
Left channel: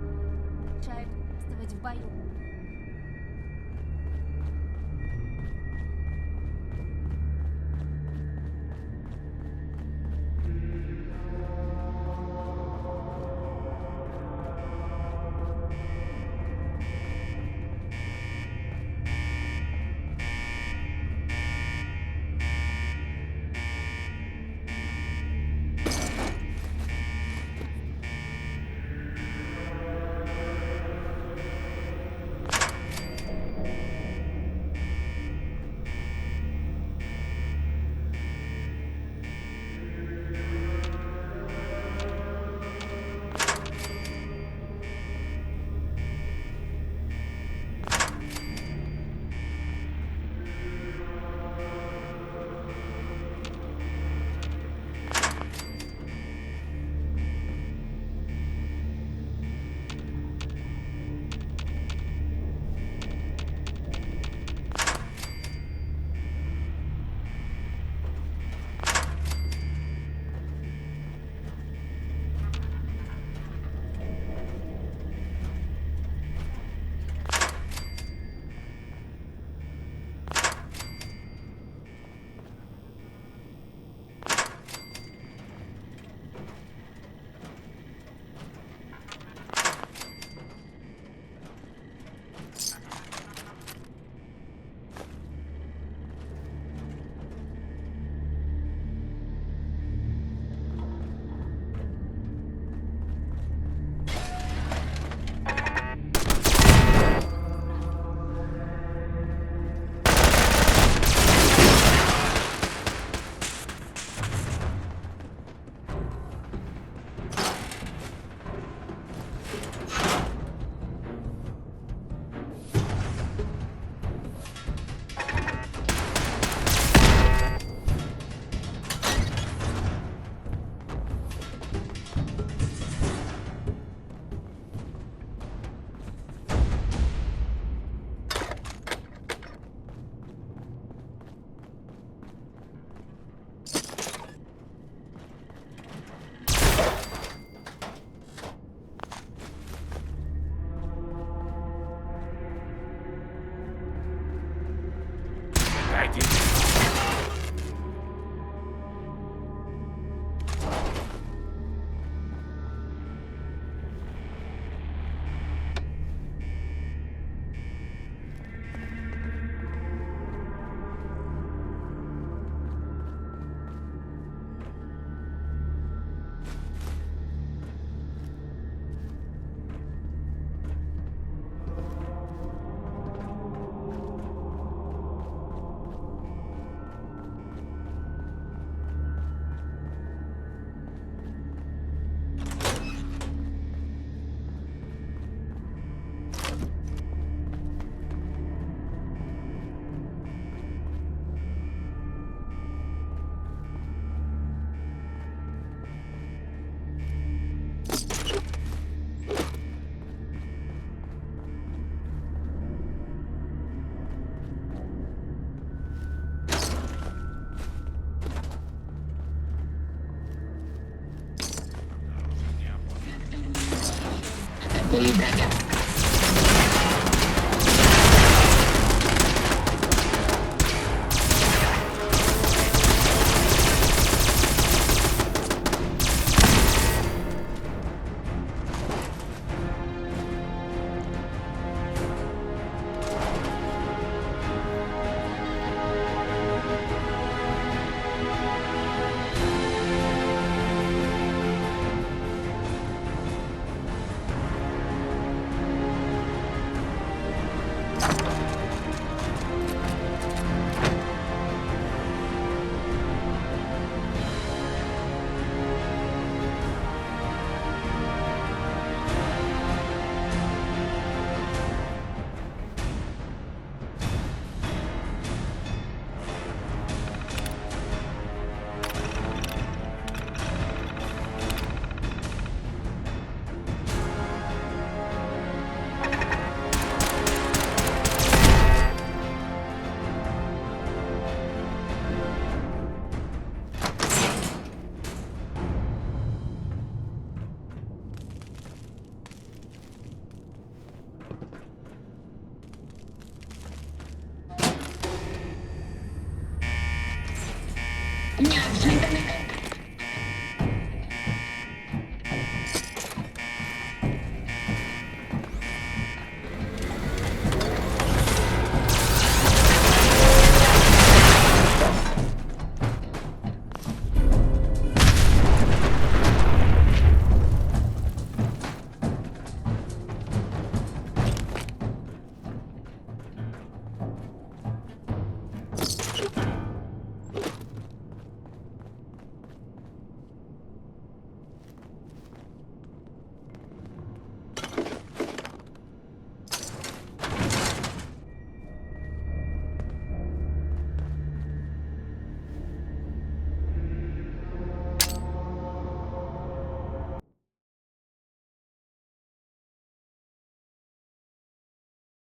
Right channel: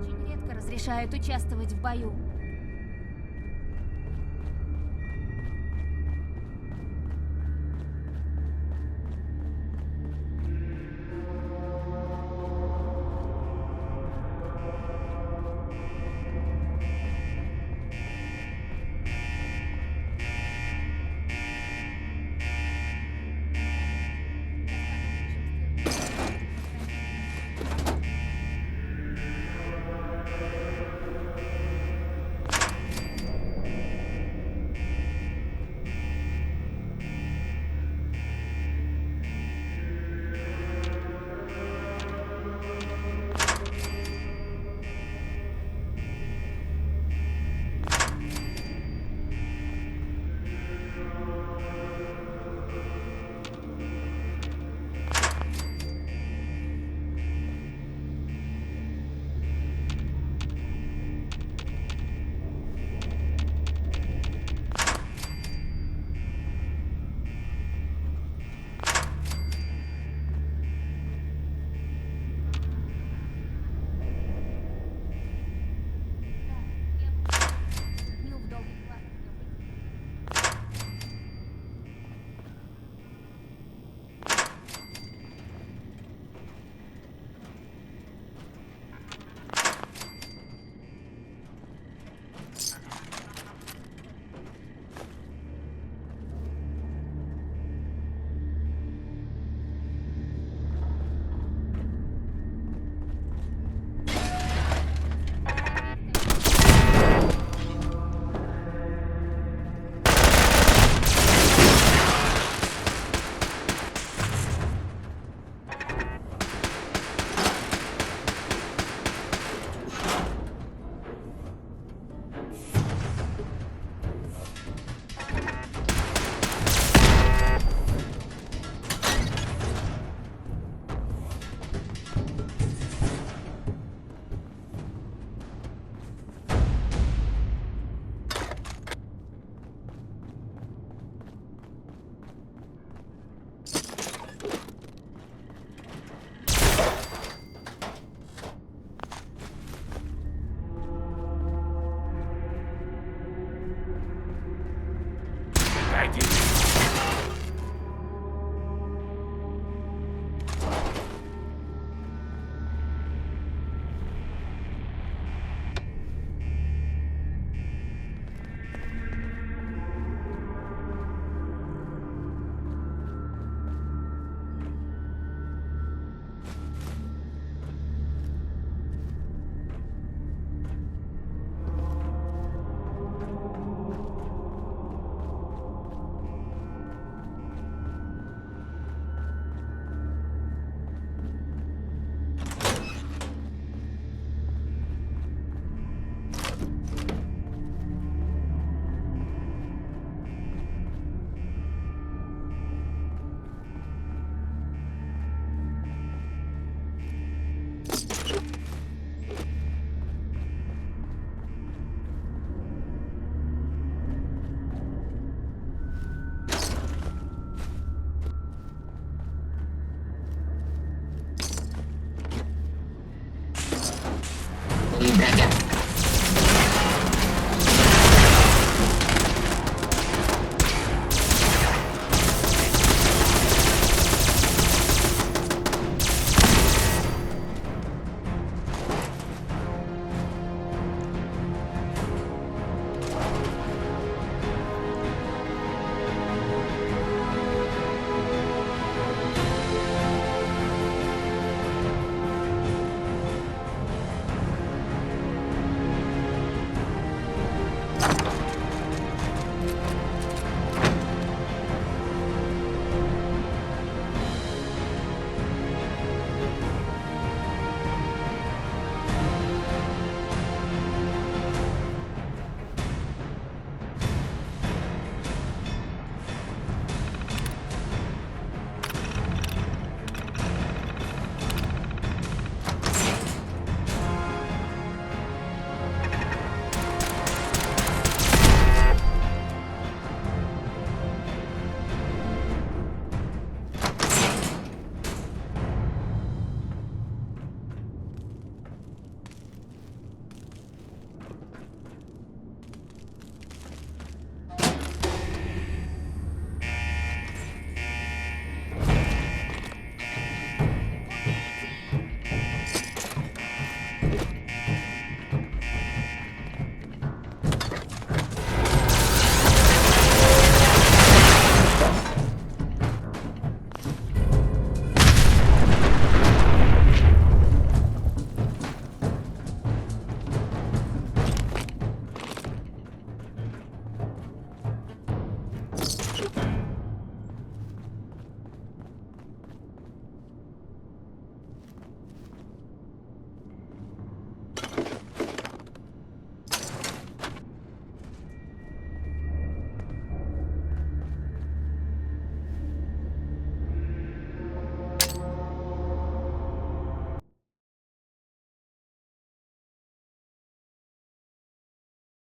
Очень редко разрешают участвовать в бою. Feedback.